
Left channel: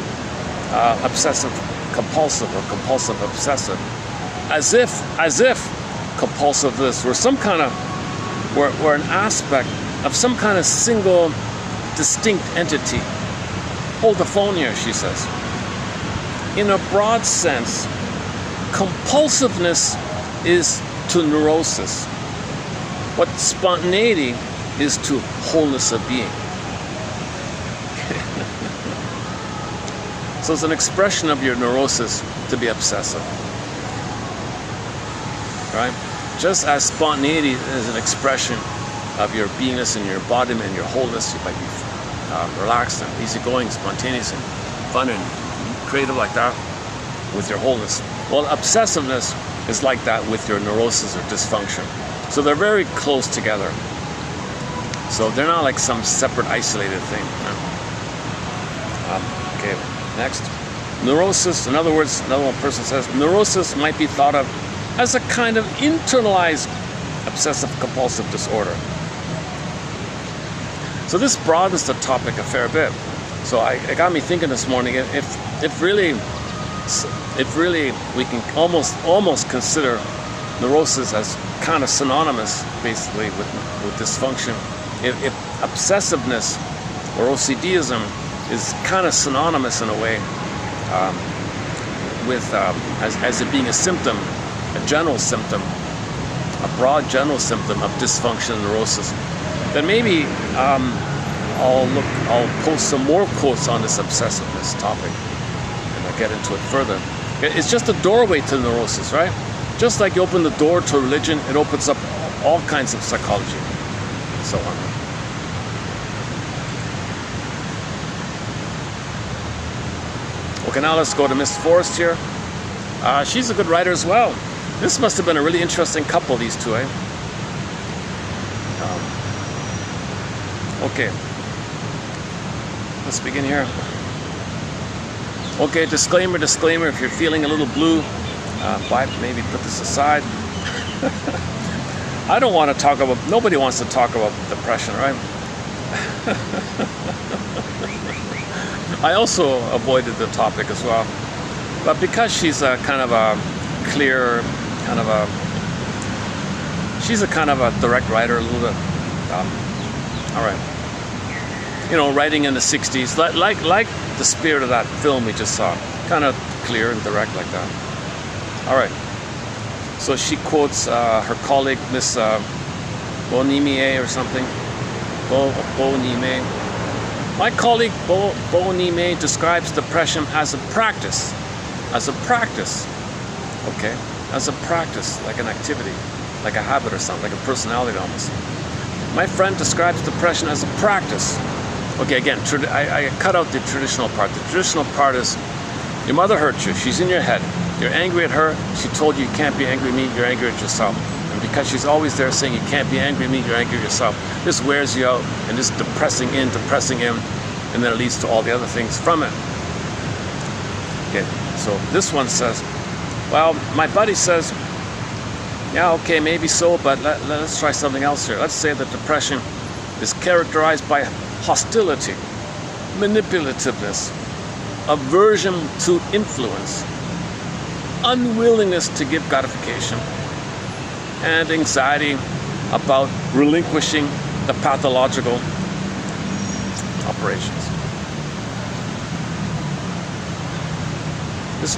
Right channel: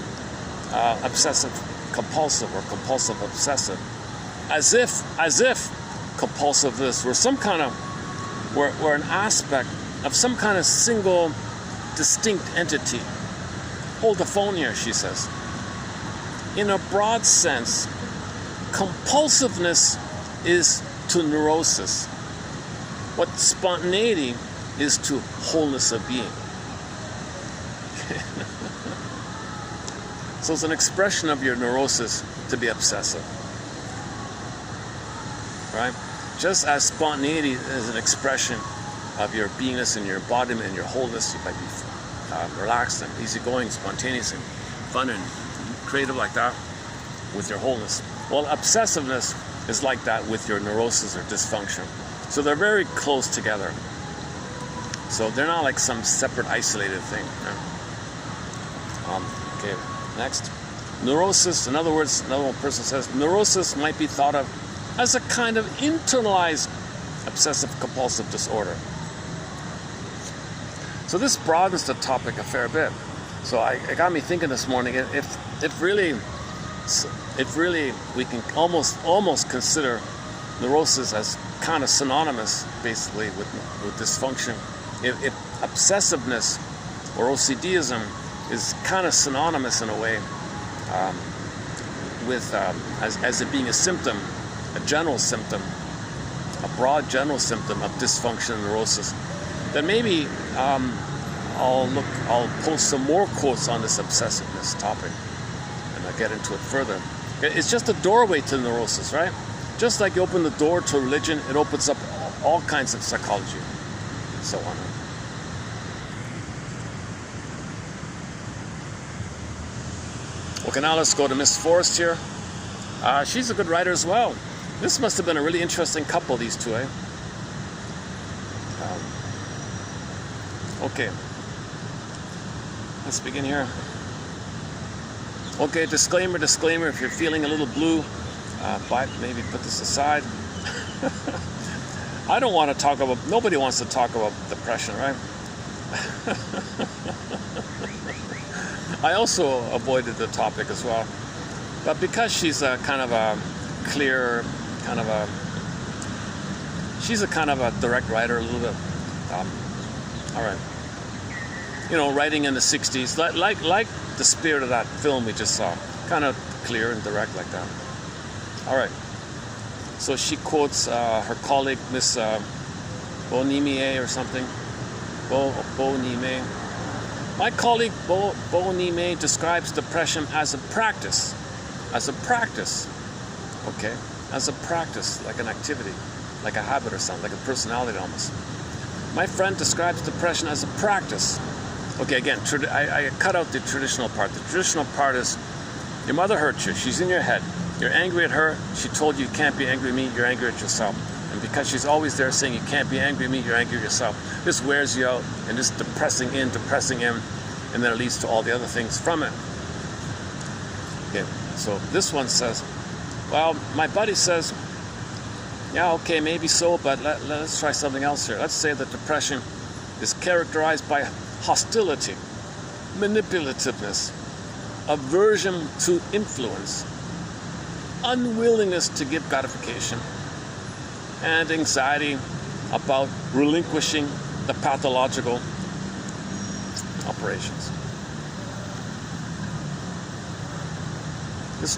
obsessive compulsive or compulsive obsessive as if compulsiveness were some kind of We're an aspect of some kind of single, distinct entity. Hold the phone here, she says. In a broad sense, compulsiveness is to neurosis what spontaneity is to wholeness of being. So it's an expression of your neurosis to be obsessive. Right? Just as spontaneity is an expression of your beingness and your embodiment and your wholeness, you might be relaxed and easygoing, spontaneous and fun and creative like that with your wholeness. Well, obsessiveness is like that with your neurosis or dysfunction. So they're very close together. So they're not like some separate, isolated thing. Okay, next. Neurosis, in other words, another one person says, neurosis might be thought of as a kind of internalized obsessive-compulsive disorder. So this broadens the topic a fair bit. So it got me thinking this morning, if really we can almost consider neurosis as kind of synonymous, basically, with dysfunction. If obsessiveness or OCDism is kind of synonymous in a way with as it being a symptom, a general symptom, a broad general symptom of dysfunction and neurosis, then maybe I'll post some more quotes on this obsessiveness topic and I'll get into it further. It's just a doorway to neurosis, right? Just like you open the door to religion, it opens up all kinds of psychology and so on. Okay, now let's go to Miss Forrest here. She's a good writer as well. This must have been a really interesting couple, these two, eh? Okay. Let's begin here. Okay, disclaimer, if you're feeling a little blue, maybe put this aside. I don't want to talk about, nobody wants to talk about depression, right? I also avoided the topic as well. But because she's a kind of a clear, she's a kind of a direct writer, a little bit, all right. You know, writing in the 60s, like the spirit of that film we just saw, kind of clear and direct like that. All right. So she quotes her colleague, Miss Bonimier or something. Bonimier. My colleague Bonimier describes depression as a practice. As a practice. Okay? As a practice, like an activity, like a habit or something, like a personality almost. My friend describes depression as a practice. Okay, again, I cut out the traditional part. The traditional part is your mother hurt you. She's in your head. You're angry at her. She told you you can't be angry at me. You're angry at yourself. And because she's always there saying you can't be angry at me, you're angry at yourself. This wears you out and just depressing in, and then it leads to all the other things from it. Okay, so this one says, well, my buddy says, yeah, okay, maybe so, but let's try something else here. Let's say that depression is characterized by hostility, manipulativeness, aversion to influence, unwillingness to give gratification, and anxiety about relinquishing the pathological operations.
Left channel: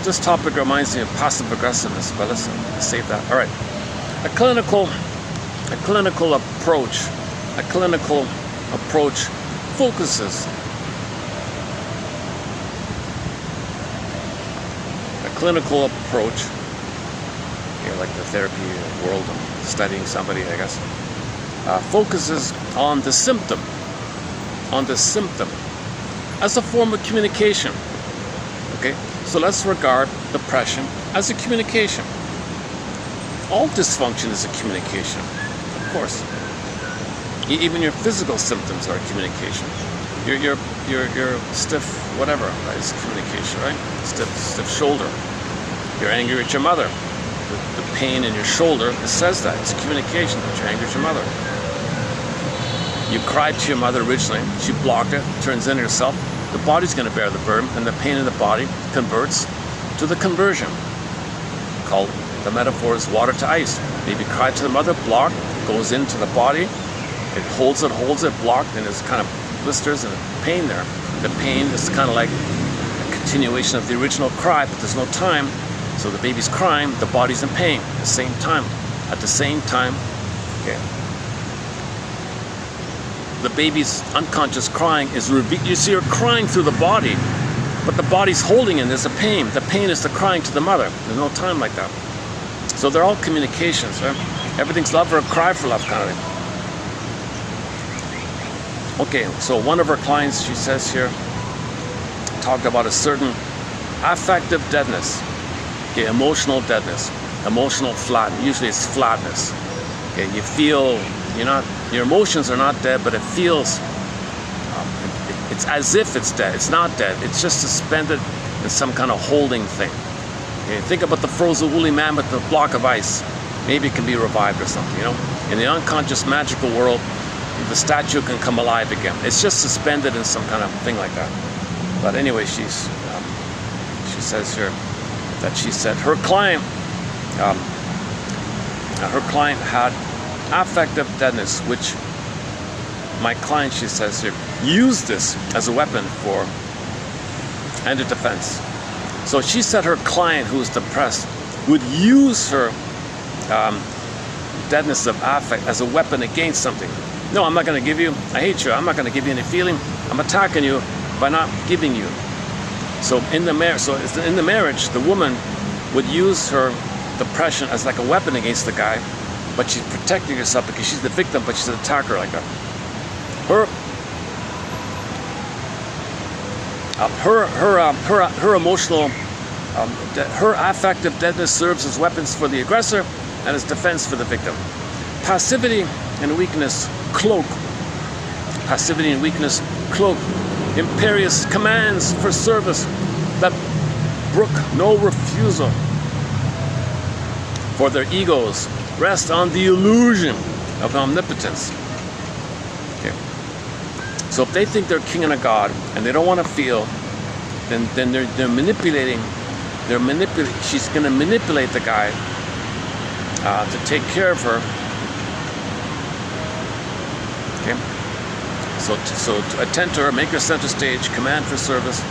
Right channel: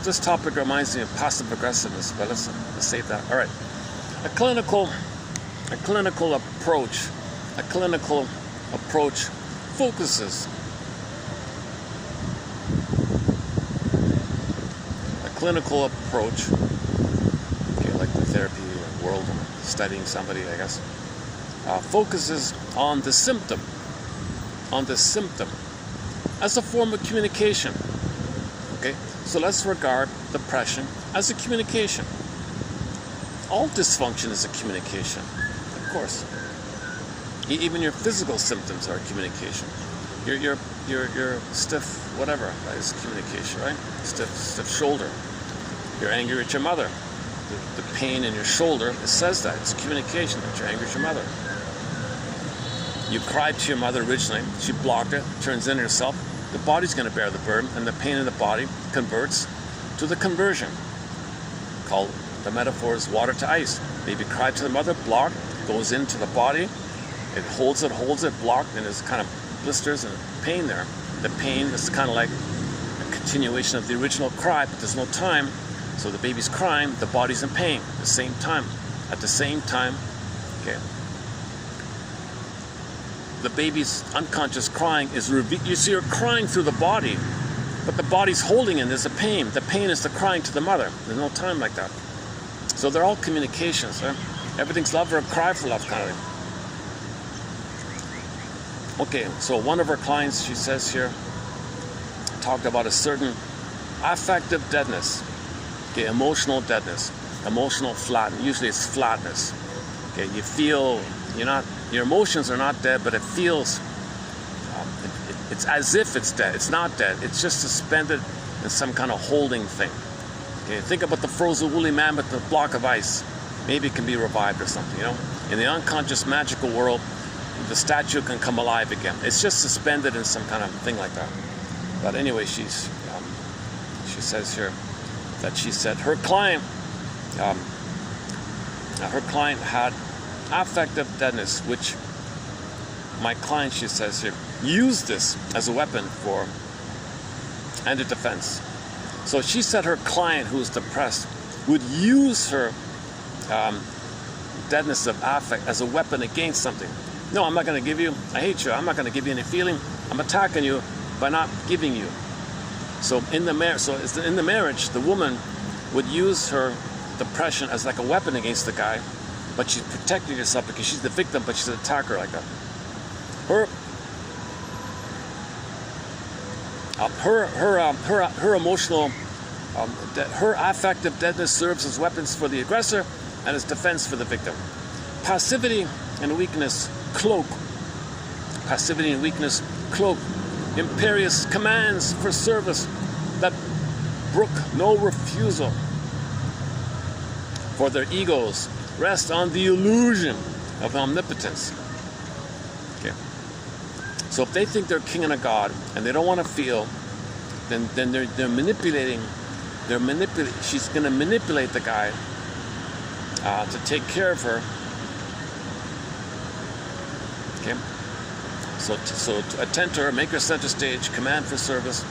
This topic reminds me of passive aggressiveness, but let's save that. All right. A clinical approach focuses. A clinical approach, okay, like the therapy world, studying somebody, I guess, focuses on the symptom as a form of communication. Okay, so let's regard depression as a communication. All dysfunction is a communication, of course. Even your physical symptoms are a communication. Your stiff whatever is communication, right? Stiff shoulder. You're angry at your mother. The pain in your shoulder, it says that. It's communication that you're angry at your mother. You cried to your mother originally. She blocked it, turns in herself. The body's going to bear the burden, and the pain in the body converts to the conversion, called the metaphor is water to ice. Baby cried to the mother, blocked, goes into the body. It holds it, blocked, and there's kind of blisters and pain there. The pain is kind of like a continuation of the original cry, but there's no time. So the baby's crying, the body's in pain at the same time. At the same time, okay. The baby's unconscious crying is you see her crying through the body, but the body's holding it. There's a pain. The pain is the crying to the mother. There's no time like that. So they're all communications, right? Everything's love or cry for love kind of thing. Okay, so one of her clients, she says here, talked about a certain affective deadness, okay, emotional deadness, emotional flatness. Usually it's flatness. Okay, you feel your emotions are not dead, but it feels, it's as if it's dead. It's not dead. It's just suspended in some kind of holding thing. Okay, think about the frozen woolly mammoth, the block of ice. Maybe it can be revived or something, In the unconscious magical world, the statue can come alive again. It's just suspended in some kind of thing like that. But anyway, she says here that she said her client had affective deadness, which my client, she says here, used this as a weapon for and a defense. So she said her client, who's depressed, would use her deadness of affect as a weapon against something. No, I'm not going to give you, I hate you, I'm not going to give you any feeling, I'm attacking you by not giving you. So in the marriage, the woman would use her depression as like a weapon against the guy, but she's protecting herself because she's the victim, but she's an attacker like that. Her emotional, her affective deadness serves as weapons for the aggressor and as defense for the victim. Passivity and weakness cloak. Passivity and weakness cloak imperious commands for service that brook no refusal. For their egos rest on the illusion of omnipotence. Okay. So if they think they're king and a god and they don't want to feel, then they're manipulating. She's going to manipulate the guy to take care of her. Okay. So to attend to her, make her center stage, command for service,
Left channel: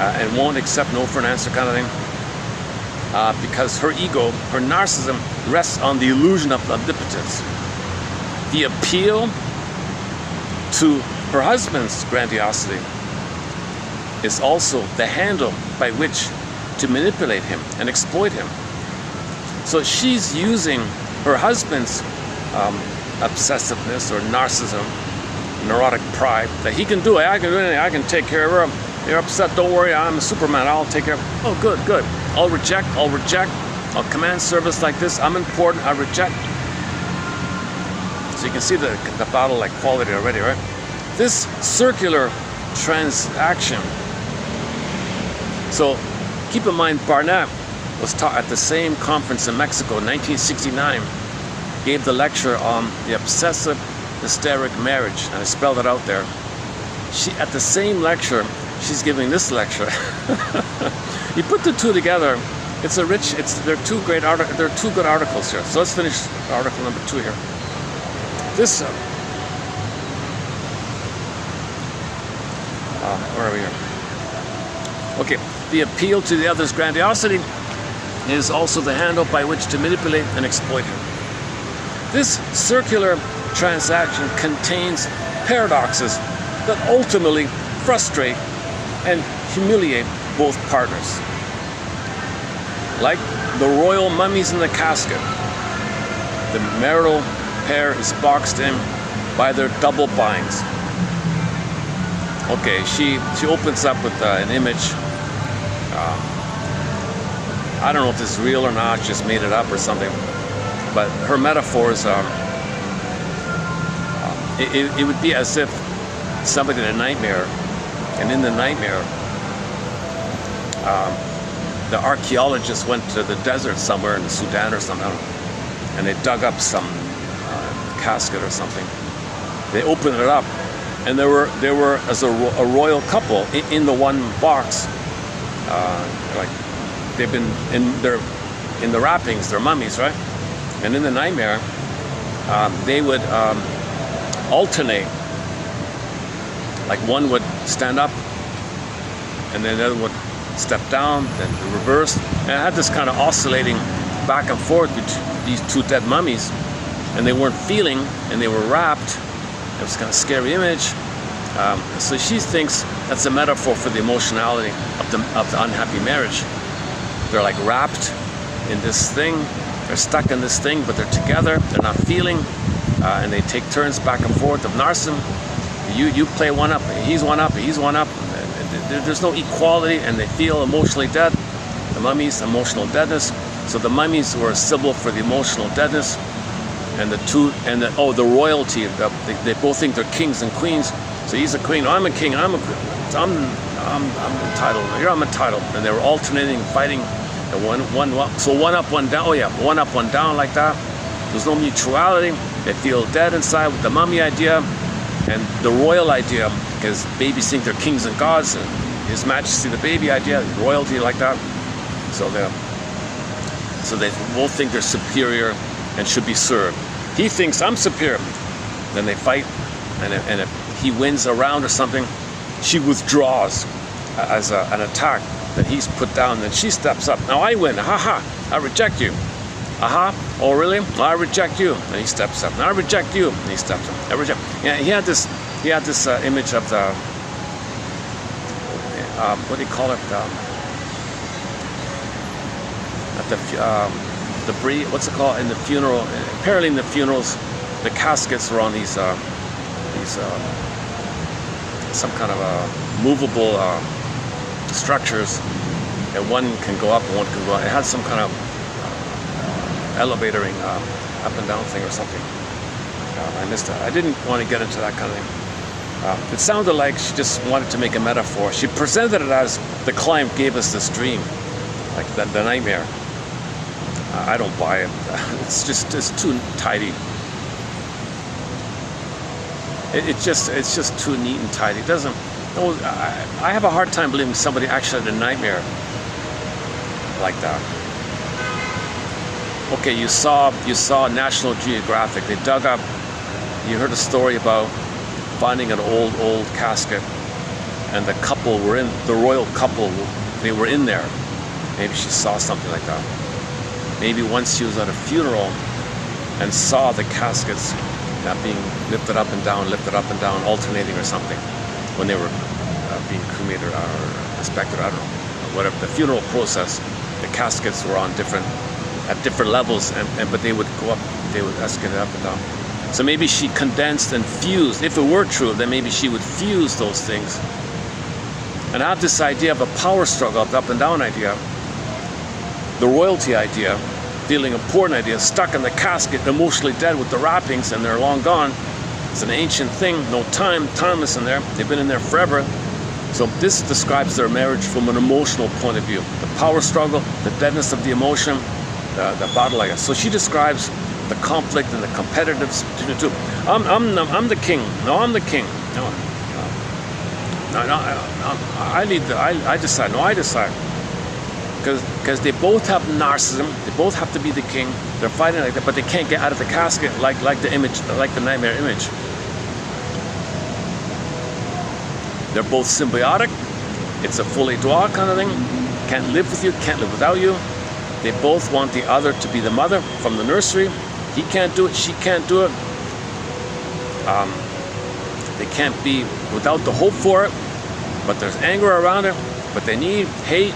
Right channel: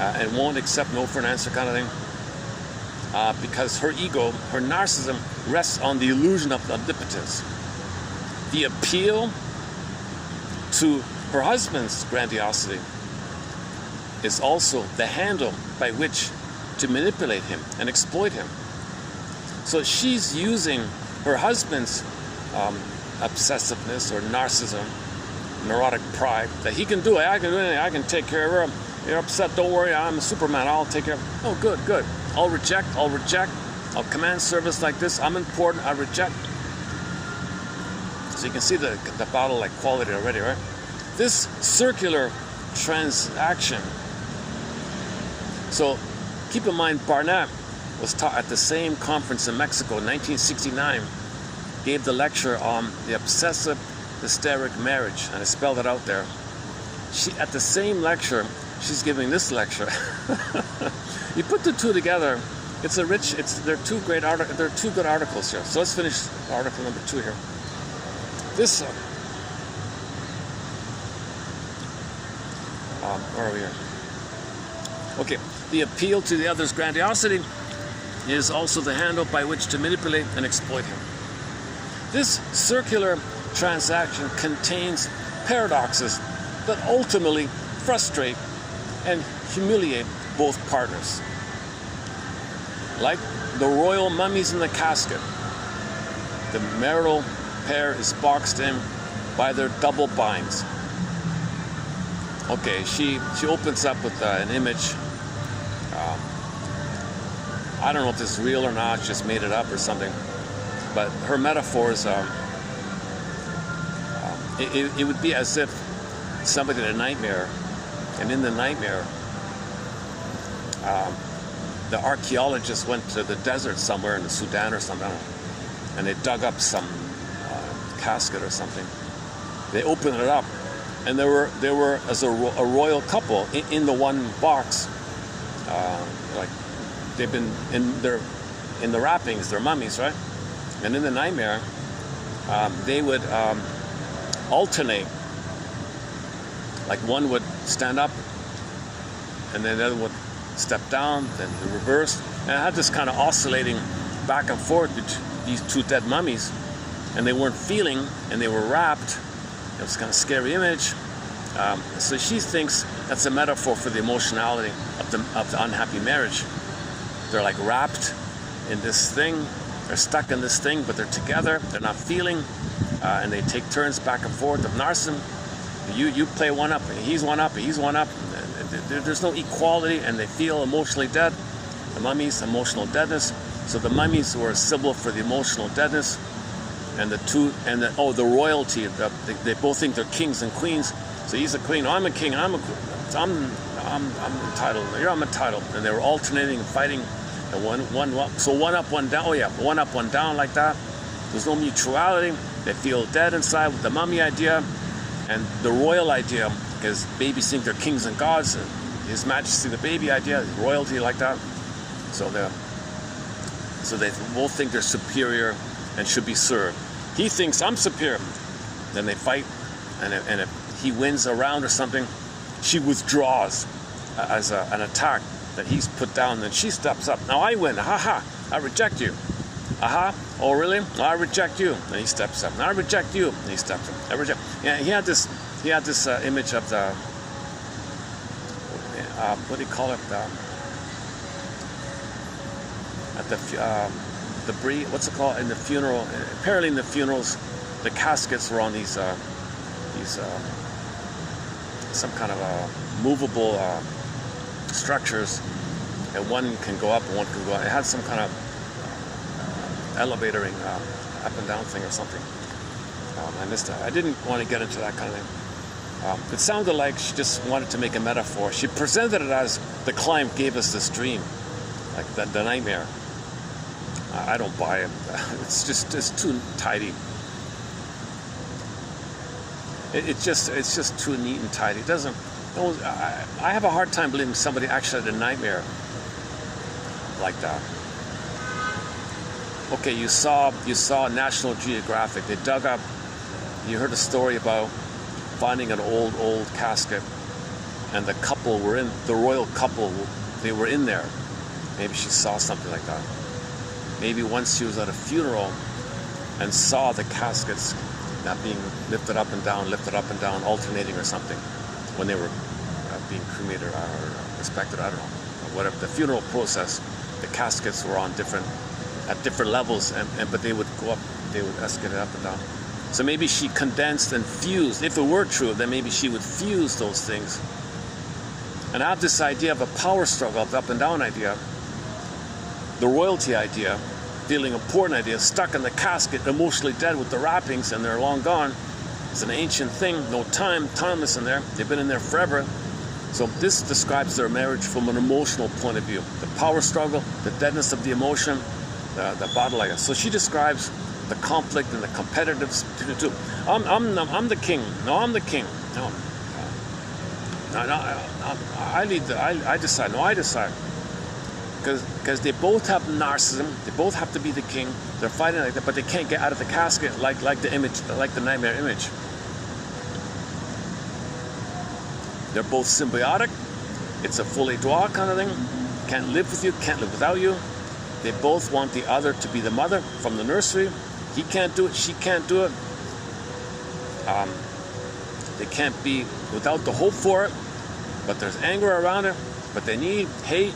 and won't accept no for an answer kind of thing. Because her ego, her narcissism, rests on the illusion of omnipotence. The appeal to her husband's grandiosity is also the handle by which to manipulate him and exploit him. So she's using her husband's obsessiveness or narcissism, neurotic pride, that he can do it, I can do anything, I can take care of her. You're upset, don't worry, I'm Superman, I'll take care of her. Oh, good. I'll reject, I'll command service like this, I'm important, I reject. So you can see the battle like quality already, right? This circular transaction. So keep in mind, Barnett was taught at the same conference in Mexico in 1969, gave the lecture on the obsessive hysteric marriage, and I spelled it out there. At the same lecture, she's giving this lecture. You put the two together, there are two good articles here. So let's finish article number 2 here. This, where are we here? Okay, the appeal to the other's grandiosity is also the handle by which to manipulate and exploit him. This circular transaction contains paradoxes that ultimately frustrate and humiliate both partners. Like the royal mummies in the casket, the marital pair is boxed in by their double binds. Okay, she opens up with an image. I don't know if this is real or not, just made it up or something. But her metaphors are, it would be as if somebody had a nightmare, and in the nightmare, the archaeologists went to the desert somewhere in the Sudan or something, and they dug up some casket or something. They opened it up, and there were as a royal couple in the one box. Like they've been in the wrappings, they're mummies, right? And in the nightmare, they would alternate. Like one would stand up, and then the other would step down, then the reverse. And I had this kind of oscillating back and forth with these two dead mummies, and they weren't feeling, and they were wrapped. It was kind of scary image. So she thinks that's a metaphor for the emotionality of the unhappy marriage. They're like wrapped in this thing. They're stuck in this thing, but they're together. They're not feeling, and they take turns back and forth of narcissism. You play one up, he's one up, he's one up. There's no equality, and they feel emotionally dead. The mummies, emotional deadness. So the mummies were a symbol for the emotional deadness, and the royalty. They both think they're kings and queens. So he's a queen. I'm a king. I'm entitled. Here I'm entitled. And they were alternating, fighting. So one up, one down. Oh yeah, one up, one down, like that. There's no mutuality. They feel dead inside with the mummy idea and the royal idea, because babies think they're kings and gods, and His Majesty the baby idea, royalty, like that. So they both think they're superior and should be served. He thinks I'm superior. Then they fight, and if he wins a round or something, she withdraws as an attack that he's put down. Then she steps up. Now I win. Ha ha! I reject you. Aha! Oh really? I reject you. And he steps up. I reject you. And he steps up. I reject. Yeah, he had this image of the what do you call it? What's it called in the funeral? Apparently in the funerals, the caskets were on these some kind of movable structures, and one can go up and one can go out. It had some kind of elevatoring up and down thing or something. I missed it. I didn't want to get into that kind of thing. It sounded like she just wanted to make a metaphor. She presented it as the Klein gave us this dream, like the nightmare. I don't buy it. It's too tidy. It's just too neat and tidy. It doesn't. I have a hard time believing somebody actually had a nightmare like that. Okay, you saw National Geographic. They dug up. You heard a story about finding an old casket, and the couple were in, the royal couple. They were in there. Maybe she saw something like that. Maybe once she was at a funeral and saw the caskets being lifted up and down, alternating or something, when they were being cremated or inspected, I don't know, whatever. The funeral process, the caskets were on at different levels, but they would go up, they would escalate up and down. So maybe she condensed and fused. If it were true, then maybe she would fuse those things. And I have this idea of a power struggle, the up and down idea, the royalty idea, feeling important idea, stuck in the casket, emotionally dead with the wrappings, and they're long gone. It's an ancient thing, no time, timeless in there. They've been in there forever. So this describes their marriage from an emotional point of view. The power struggle, the deadness of the emotion, the battle, I guess. So she describes the conflict and the competitiveness between the two. I'm the king. No, I'm the king. No, I lead. I decide. No, I decide. Because they both have narcissism. They both have to be the king. They're fighting like that, but they can't get out of the casket like the image, like the nightmare image. They're both symbiotic. It's a full étoile kind of thing. Can't live with you, can't live without you. They both want the other to be the mother from the nursery. He can't do it, she can't do it. They can't be without the hope for it, but there's anger around it. But they need hate.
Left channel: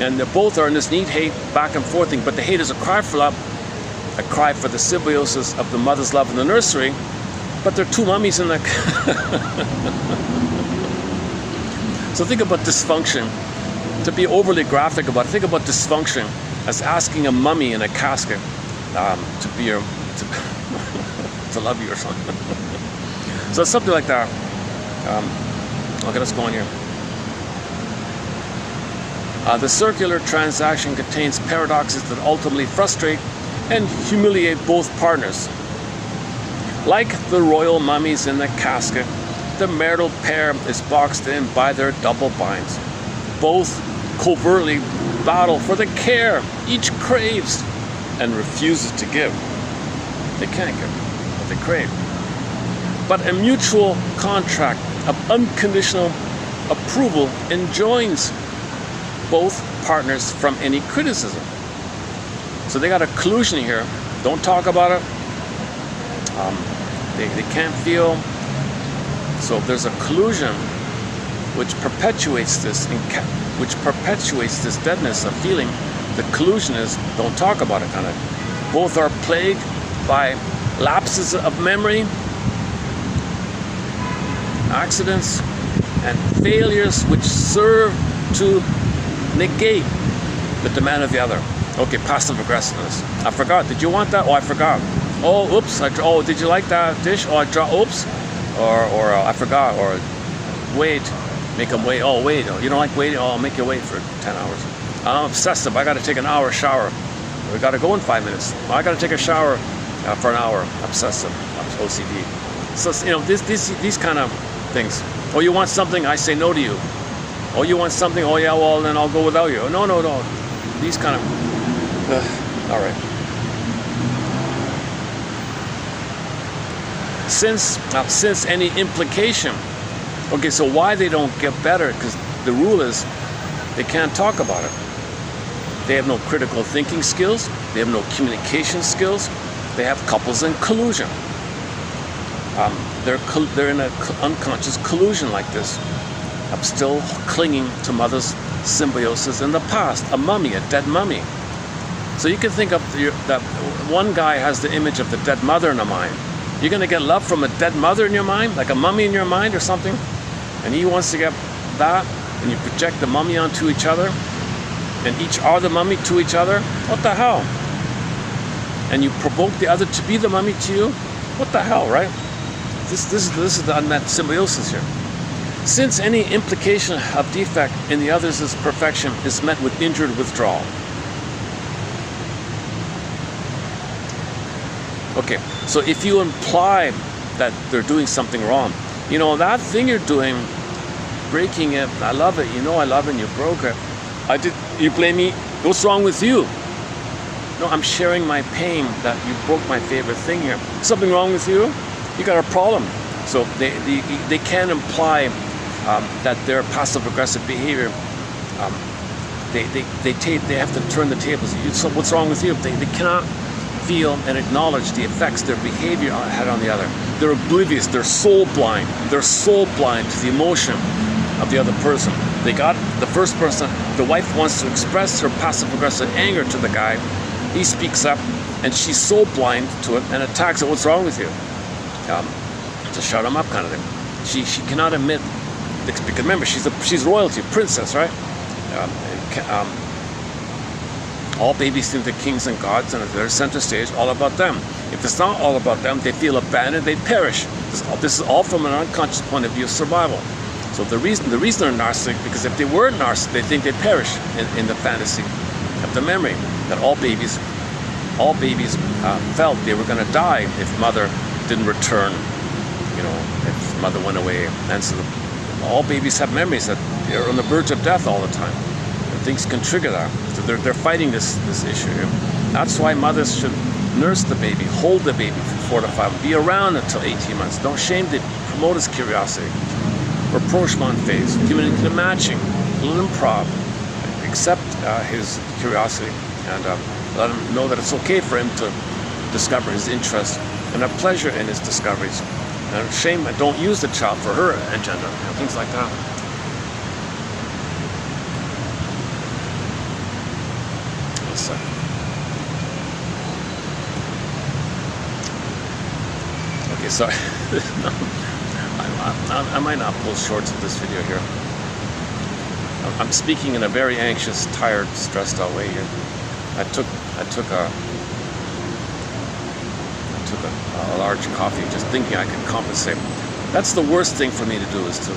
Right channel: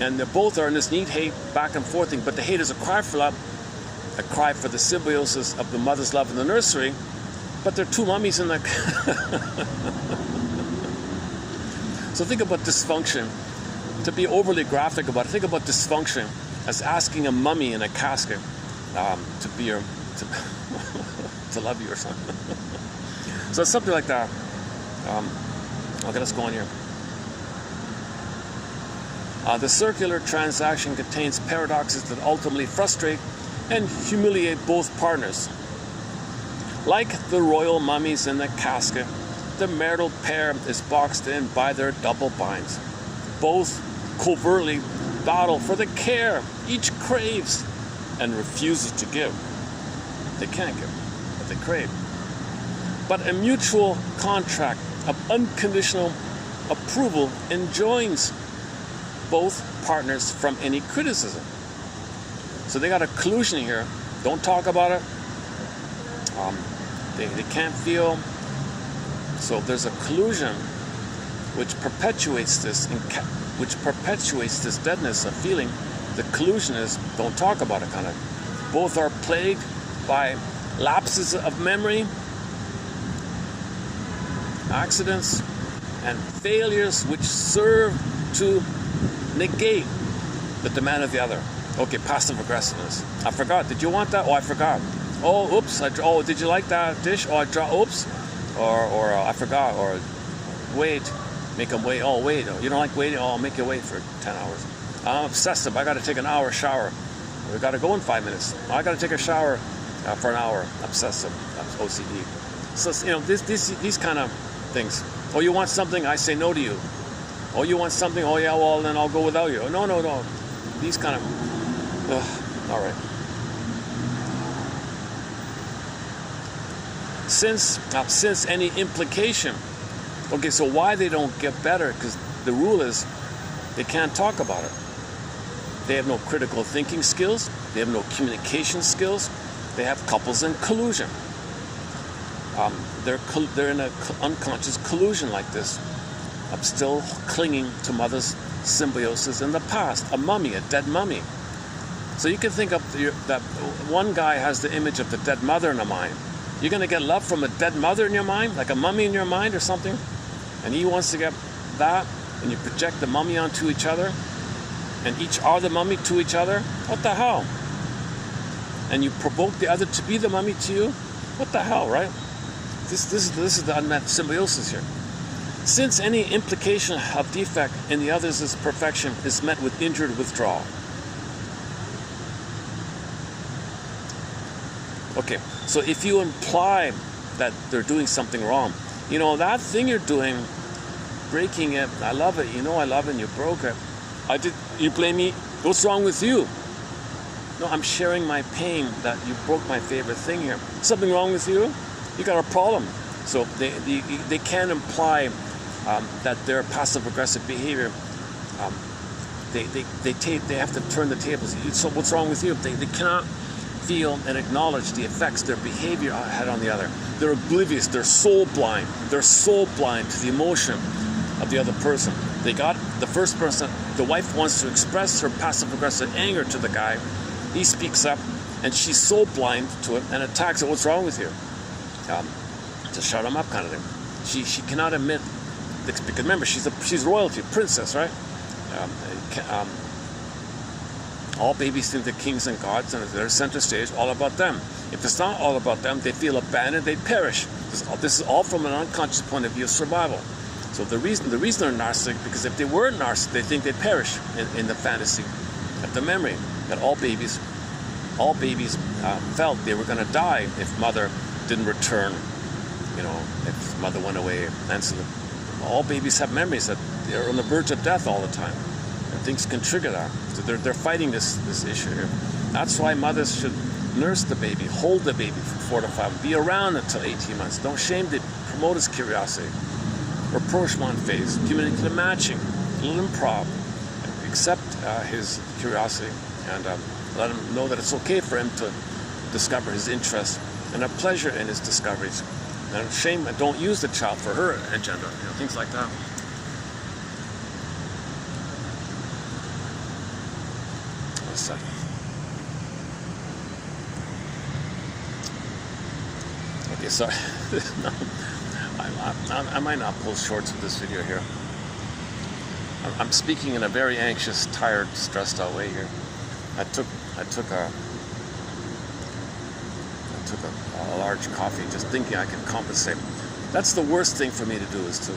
And they both are in this need-hate back and forth thing. But the hate is a cry for love, a cry for the symbiosis of the mother's love in the nursery. But there are two mummies in the... So think about dysfunction. To be overly graphic about it, think about dysfunction as asking a mummy in a casket to be your... to love you or something. So it's something like that. Okay, let's go on here. The circular transaction contains paradoxes that ultimately frustrate and humiliate both partners. Like the royal mummies in the casket, the marital pair is boxed in by their double binds. Both covertly battle for the care each craves and refuses to give. They can't get what they crave. But a mutual contract of unconditional approval enjoins both partners from any criticism. So they got a collusion here. Don't talk about it. They can't feel. So there's a collusion which perpetuates this deadness of feeling. The collusion is don't talk about it kind of. Both are plagued by lapses of memory, accidents, and failures which serve to negate the demand of the other. Okay, passive aggressiveness. I forgot. Did you want that? Oh, I forgot. Oh, oops. Oh, did you like that dish? Oh, I dropped. Oops. Or I forgot. Or wait. Make them wait. Oh, wait. You don't like waiting? Oh, I'll make you wait for 10 hours. I'm obsessive. I got to take an hour shower. We got to go in 5 minutes. I got to take a shower for an hour. Obsessive. OCD. So these kind of things. Oh, you want something? I say no to you. Oh, you want something? Oh, yeah. Well, then I'll go without you. No. These kind of. All right. Since any implication. Okay, so why they don't get better? Because the rule is they can't talk about it. They have no critical thinking skills. They have no communication skills. They have couples in collusion. They're in an unconscious collusion like this. I'm still clinging to mother's symbiosis in the past. A mummy, a dead mummy. So you can think of that one guy has the image of the dead mother in the mind. You're going to get love from a dead mother in your mind, like a mummy in your mind or something. And he wants to get that, and you project the mummy onto each other, and each are the mummy to each other. What the hell? And you provoke the other to be the mummy to you. What the hell, right? This is the unmet symbiosis here. Since any implication of defect in the other's perfection is met with injured withdrawal. Okay, so if you imply that they're doing something wrong, that thing you're doing, breaking it, I love it, I love it, and you broke it. You blame me, what's wrong with you? No, I'm sharing my pain that you broke my favorite thing here. Something wrong with you? You got a problem. So they can imply that their passive-aggressive behavior, they have to turn the tables. So what's wrong with you? They cannot feel and acknowledge the effects their behavior had on the other. They're oblivious. They're soul blind. They're soul blind to the emotion of the other person. They got the first person. The wife wants to express her passive-aggressive anger to the guy. He speaks up, and she's soul blind to it and attacks it. What's wrong with you? To shut him up, kind of thing. She cannot admit. Because remember, she's royalty, princess, right? All babies think they're kings and gods, and they're center stage, all about them. If it's not all about them, they feel abandoned, they perish. This is all from an unconscious point of view of survival. So the reason they're narcissistic, because if they weren't narcissistic, they think they perish in the fantasy of the memory that all babies felt they were going to die if mother didn't return, if mother went away. And so all babies have memories that they're on the verge of death all the time. Things can trigger that. So they're fighting this issue here. That's why mothers should nurse the baby, hold the baby for 4 to 5, be around until 18 months. Don't shame the promote his curiosity. Rapprochement phase, give it the matching, a little improv, accept his curiosity, and let him know that it's okay for him to discover his interest and have pleasure in his discoveries. And shame, don't use the child for her agenda, things like that. Okay, sorry. I might not pull shorts with this video here. I'm speaking in a very anxious, tired, stressed out way here. I took a large coffee just thinking I could compensate. That's the worst thing for me to do, is to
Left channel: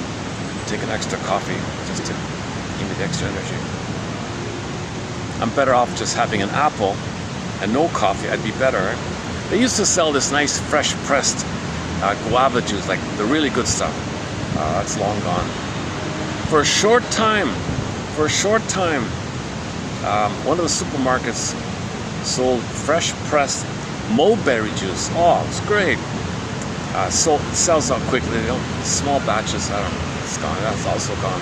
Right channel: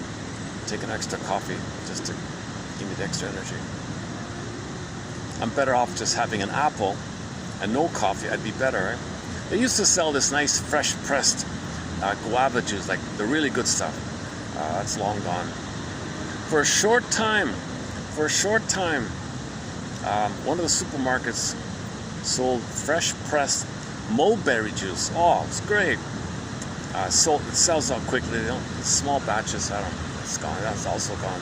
take an extra coffee just to give me the extra energy. I'm better off just having an apple and no coffee. I'd be better, right? They used to sell this nice fresh pressed guava juice, like the really good stuff. That's long gone. For a short time, one of the supermarkets sold fresh pressed mulberry juice. Oh, it's great. So it sells out quickly. You know, small batches. I don't know. It's gone. That's also gone.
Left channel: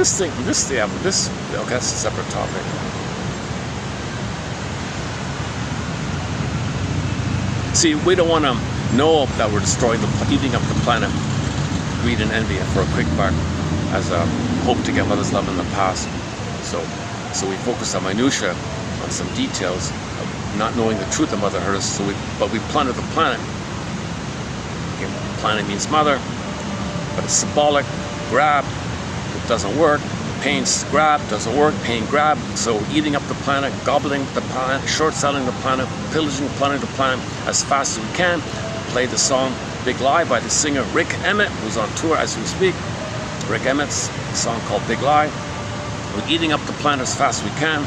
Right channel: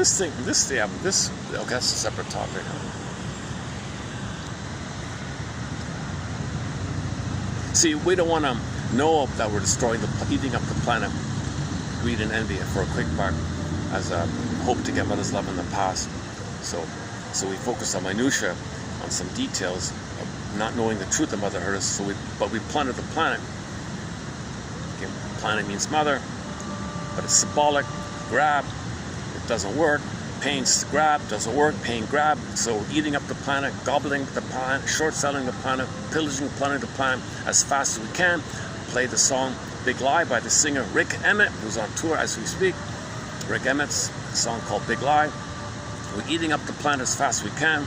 Okay, that's a separate topic. See, we don't want to know that we're destroying eating up the planet. Greed and envy for a quick buck, as a hope to get mother's love in the past. So we focus on minutia, on some details, of not knowing the truth of Mother Earth. But we plunder the planet. Okay, planet means mother, but it's symbolic. Grab, it doesn't work. Pain's grab, doesn't work. Pain grab. So eating up the planet, gobbling the planet, short-selling the planet, pillaging the planet as fast as we can. Play the song Big Lie by the singer Rick Emmett, who's on tour as we speak. Rick Emmett's song called Big Lie. We're eating up the planet as fast as we can.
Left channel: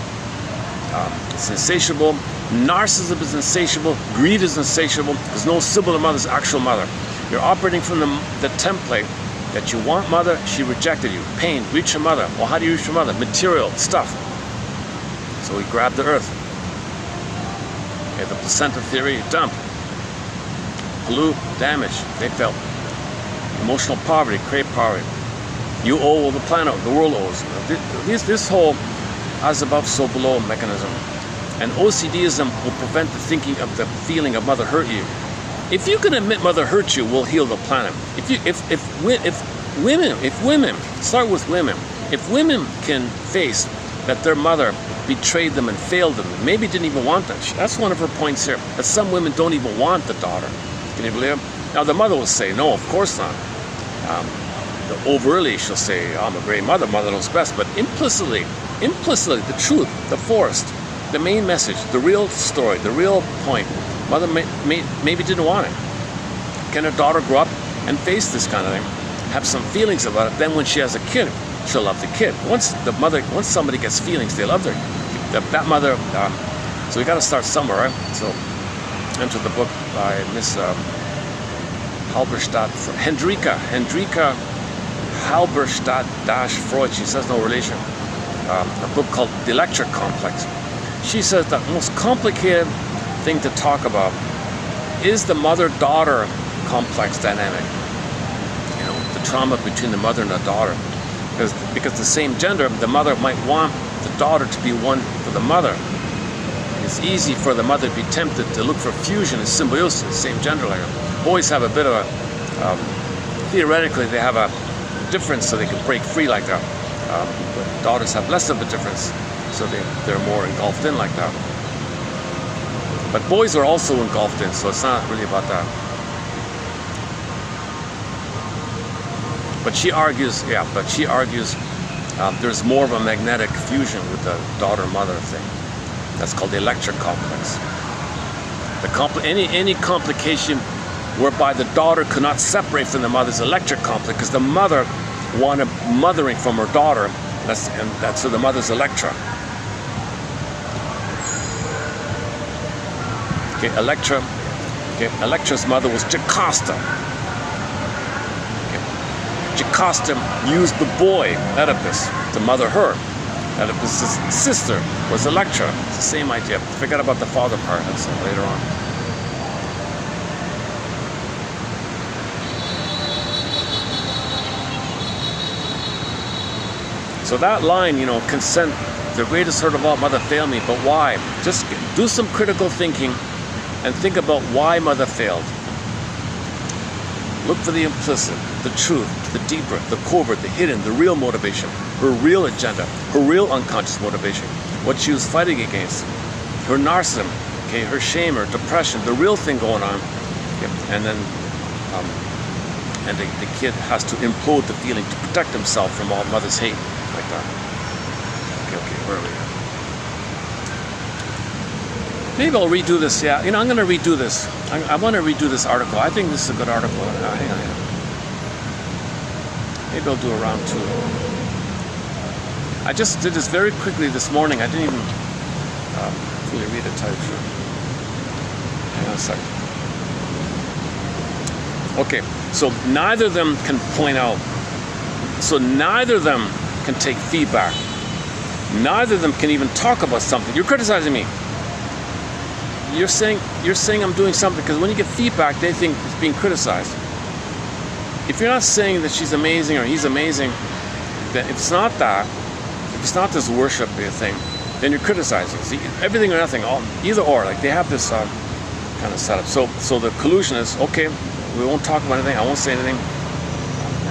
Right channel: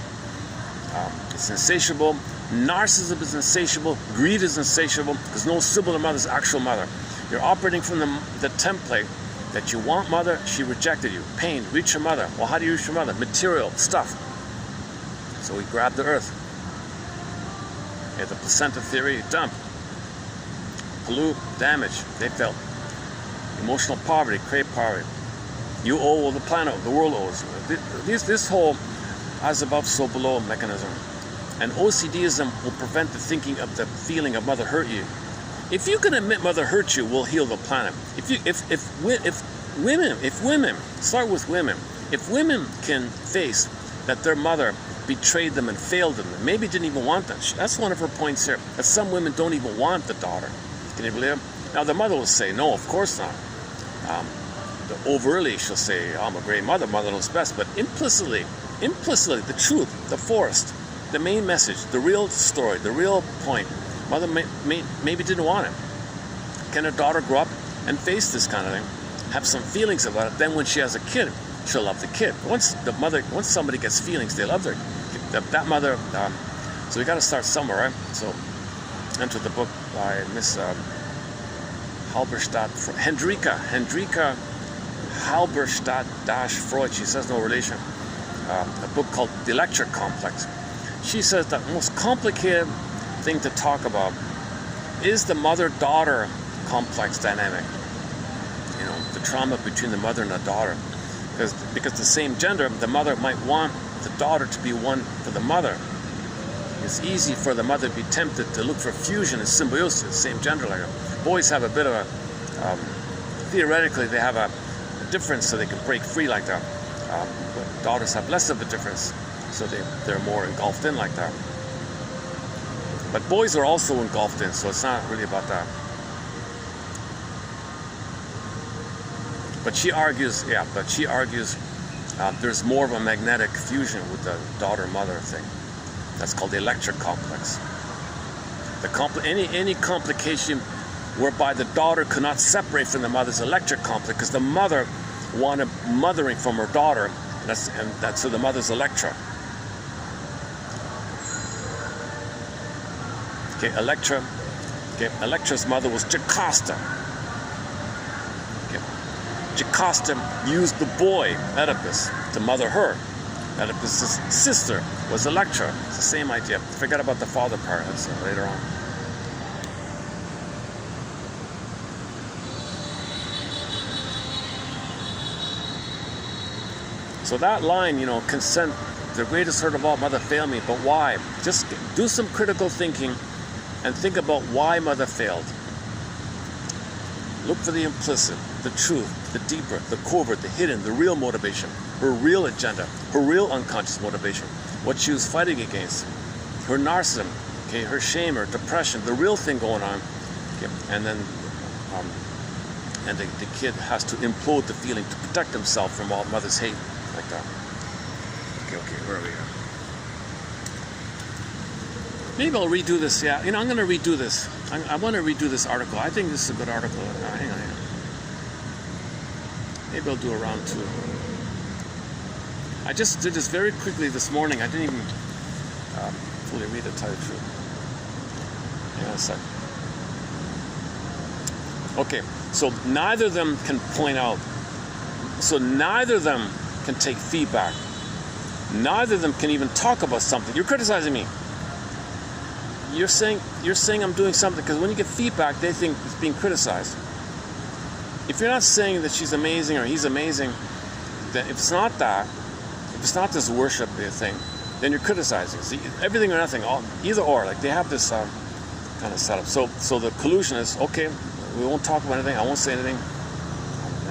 It's insatiable. Narcissism is insatiable. Greed is insatiable. There's no symbol of mother's actual mother. You're operating from the template that you want mother, she rejected you. Pain, reach your mother. Well, how do you reach your mother? Material, stuff. So we grab the earth. Okay, the placenta theory, dump. Pollute, damage, they felt. Emotional poverty, crave poverty. You owe the planet, the world owes. This whole as above, so below mechanism. And OCDism will prevent the thinking of the feeling of mother hurt you. If you can admit mother hurt you, we'll heal the planet. If women, start with women. If women can face that their mother betrayed them and failed them, maybe didn't even want that. That's one of her points here. That some women don't even want the daughter. Can you believe it? Now the mother will say, no, of course not. Overtly, she'll say, I'm a great mother, mother knows best. But implicitly, the truth, the forest, the main message, the real story, the real point, mother maybe didn't want it. Can her daughter grow up and face this kind of thing? Have some feelings about it. Then when she has a kid, she'll love the kid. Once somebody gets feelings, they love that mother. So we got to start somewhere, right? So enter the book by Miss Halberstadt, Hendrika Halberstadt-Freud. She says no relation. A book called The Electric Complex. She says the most complicated thing to talk about is the mother-daughter complex dynamic. You know, the trauma between the mother and the daughter. Because the same gender, the mother might want the daughter to be one for the mother. It's easy for the mother to be tempted to look for fusion and symbiosis, the same gender. Boys have a bit of a, theoretically they have a difference so they can break free like that. But daughters have less of a difference, so they're more engulfed in like that. But boys are also engulfed in, so it's not really about that. But she argues, there's more of a magnetic fusion with the daughter-mother thing. That's called the electric complex. Any complication whereby the daughter could not separate from the mother's electric complex because the mother wanted mothering from her daughter. That's so the mother's Electra. Okay, Electra. Okay, Electra's mother was Jocasta. Jocasta used the boy, Oedipus, to mother her. Oedipus' sister was Electra. It's the same idea. Forget about the father part. That's later on. So that line, consent, the greatest hurt of all, mother failed me, but why? Just do some critical thinking and think about why mother failed. Look for the implicit, the truth, the deeper, the covert, the hidden, the real motivation, her real agenda, her real unconscious motivation, what she was fighting against, her narcissism, okay, her shame, her depression, the real thing going on, okay, and then the kid has to implode the feeling to protect himself from all mother's hate, like that. Okay, where are we now? Maybe I'll redo this. Yeah, I'm going to redo this. I want to redo this article. I think this is a good article. Hang on. Maybe I'll do a round two. I just did this very quickly this morning. I didn't even fully read it, tell you the truth. Hang on a second. Okay, so neither of them can point out. So neither of them can take feedback. Neither of them can even talk about something. You're criticizing me. You're saying I'm doing something, because when you get feedback, they think it's being criticized. If you're not saying that she's amazing or he's amazing, then if it's not that, if it's not this worship thing, then you're criticizing. See, everything or nothing, either or. Like they have this kind of setup. So the collusion is, okay, we won't talk about anything. I won't say anything.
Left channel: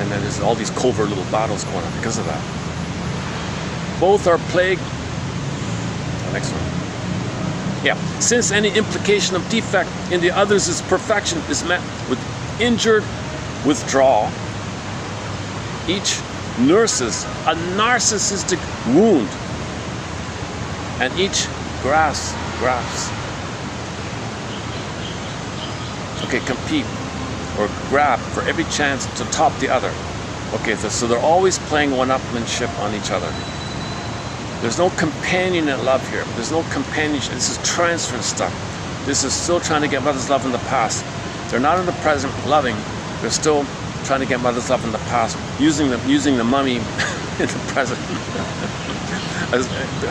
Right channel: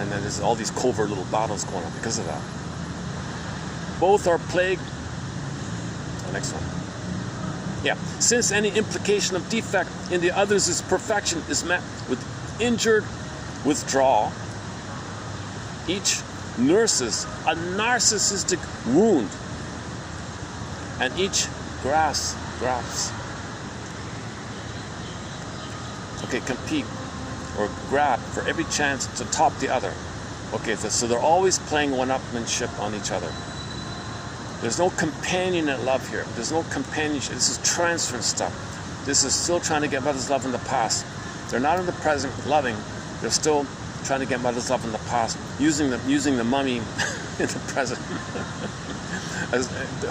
And then there's all these covert little battles going on because of that. Both are plagued. Next one. Yeah. Since any implication of defect in the other's perfection is met with injured withdrawal, each nurses a narcissistic wound, and each grasps. Okay, compete or grab for every chance to top the other. Okay, so they're always playing one-upmanship on each other. There's no companionate love here. There's no companionship. This is transfer stuff. This is still trying to get mother's love in the past. They're not in the present loving. They're still trying to get mother's love in the past, using the mummy in the present, as,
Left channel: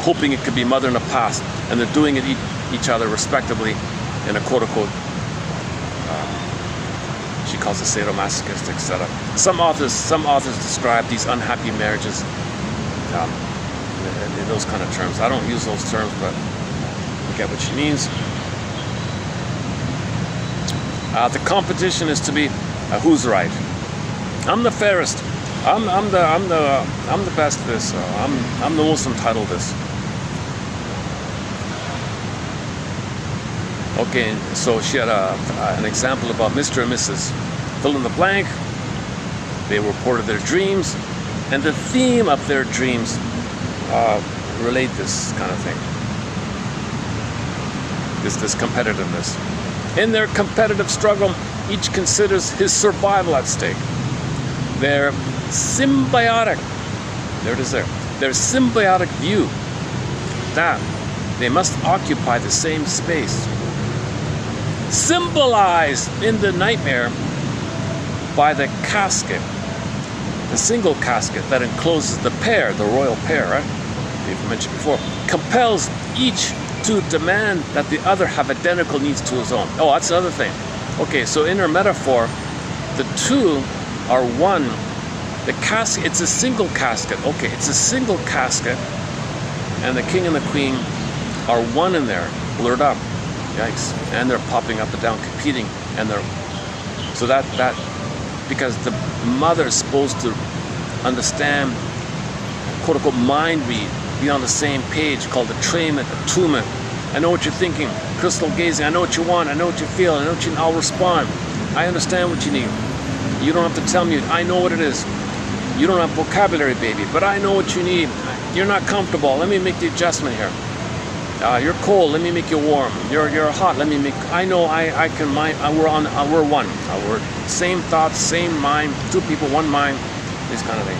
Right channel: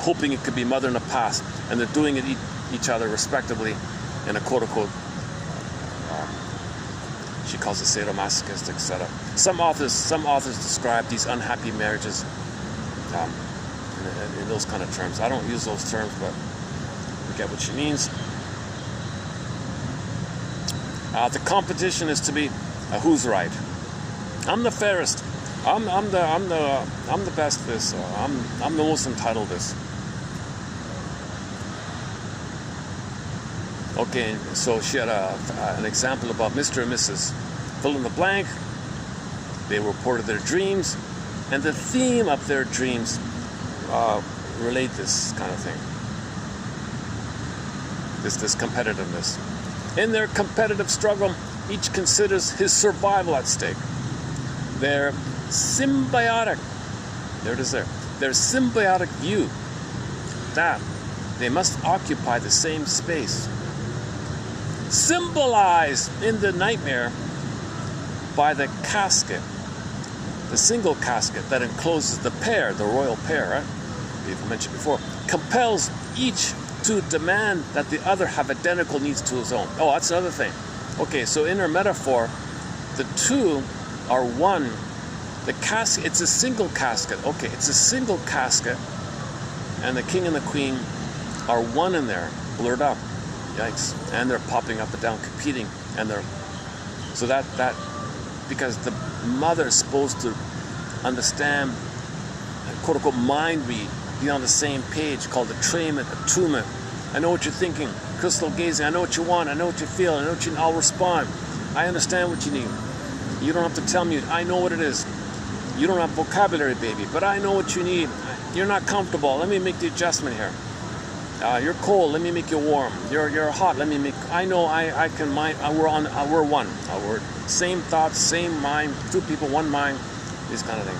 hoping it could be mother in the past, and they're doing it each other respectively in a quote-unquote, she calls it sadomasochistic setup. Some authors describe these unhappy marriages in those kind of terms. I don't use those terms, but you get what she means. The competition is to be who's right. I'm the fairest. I'm the best at this. I'm the most entitled to this. Okay, so she had an example about Mr. and Mrs. Fill in the blank. They reported their dreams, and the theme of their dreams relate this kind of thing. This competitiveness. In their competitive struggle, each considers his survival at stake. Their symbiotic, there it is there, their symbiotic view that they must occupy the same space, symbolized in the nightmare by the casket, the single casket that encloses the pair, the royal pair, right? We've mentioned before, compels each to demand that the other have identical needs to his own. Oh, that's another thing. Okay, so in her metaphor, the two are one. The casket, it's a single casket. Okay, it's a single casket, and the king and the queen are one in there, blurred up. Yikes. And they're popping up and down, competing, and they're so that because the mother is supposed to understand, quote unquote, mind read, be on the same page, called attunement. I know what you're thinking, crystal gazing. I know what you want. I know what you feel. I know what you. I'll respond. I understand what you need. You don't have to tell me. I know what it is. You don't have vocabulary, baby, but I know what you need. You're not comfortable. Let me make the adjustment here. You're cold. Let me make you warm. You're hot. Let me make. I know. I can mind. We're one. We're same thoughts, same mind. Two people, one mind. This kind of thing.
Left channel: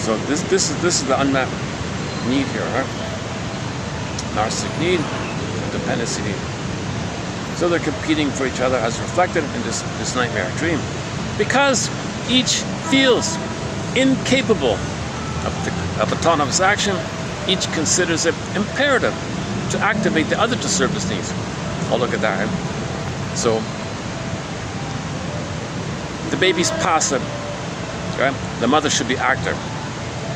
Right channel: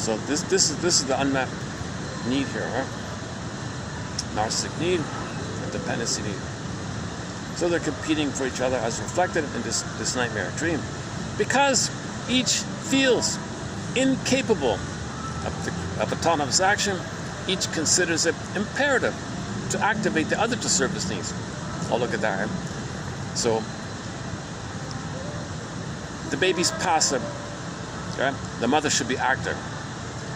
So this is the unmet need here, right? Narcissistic need, dependency need. So they're competing for each other as reflected in this nightmare dream, because each feels incapable of autonomous action. Each considers it imperative to activate the other to serve his needs. Oh, look at that. Right? So the baby's passive, right? The mother should be active.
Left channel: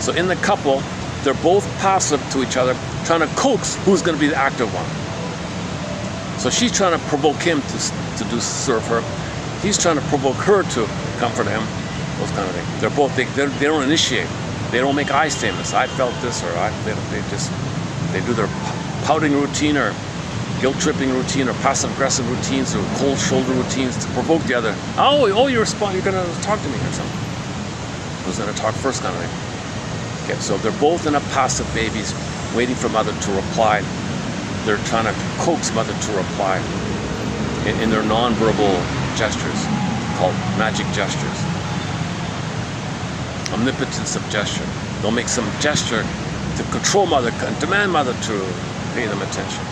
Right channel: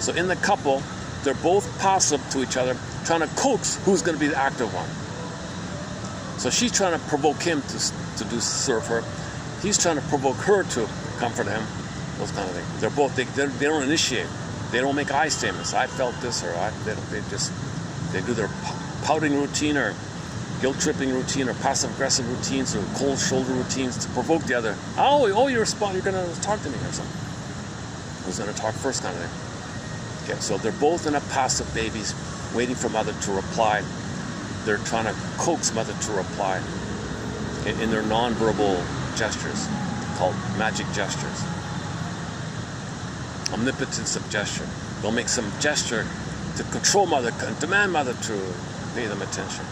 So in the couple, they're both passive to each other, trying to coax who's going to be the active one. So she's trying to provoke him to serve her. He's trying to provoke her to comfort him. Those kind of things. They're both they don't initiate. They don't make I statements. I felt this, or they do their pouting routine or guilt tripping routine or passive aggressive routines or cold shoulder routines to provoke the other. Oh, you're going to talk to me or something. Who's going to talk first, kind of thing. Okay, so they're both in a passive babies, waiting for mother to reply. They're trying to coax mother to reply in their nonverbal gestures, called magic gestures. Omnipotence of gesture. They'll make some gesture to control mother and demand mother to pay them attention.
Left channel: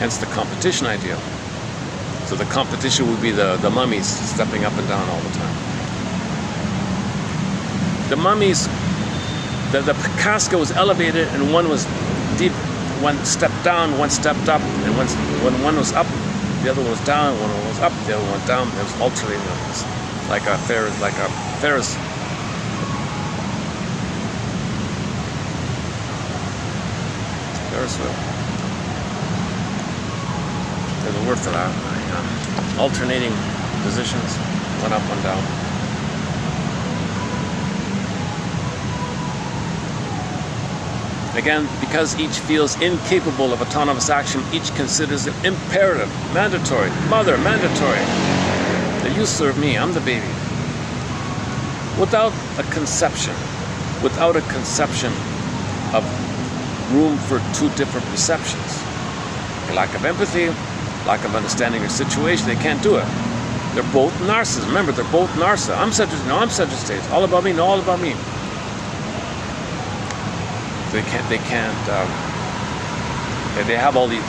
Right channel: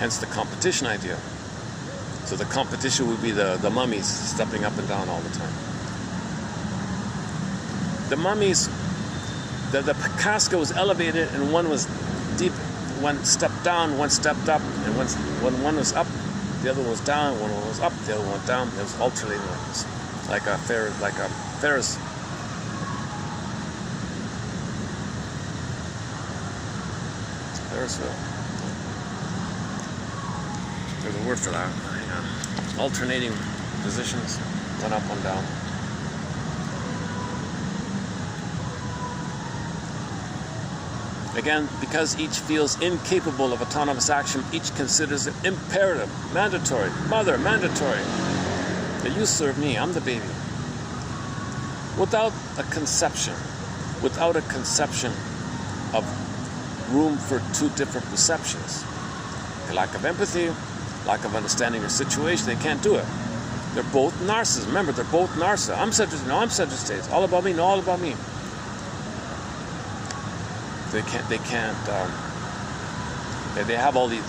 Hence the competition idea. So the competition would be the mummies stepping up and down all the time. The mummies, the casket was elevated and one was deep, one stepped down, one stepped up, and when one was up, the other one was down, one was up, the other one went down. It was alternating. It was like a Ferris. Ferris wheel. There's a word for that. Alternating positions, one up, one down. Again, because each feels incapable of autonomous action, each considers it imperative, mandatory, mother, mandatory, that you serve me, I'm the baby. Without a conception of room for two different perceptions. A lack of empathy, lack of understanding your situation, they can't do it. They're both narcissists. Remember, they're both narcissists. I'm centered, no, I'm centered stage. All about me, no, all about me. They have all these,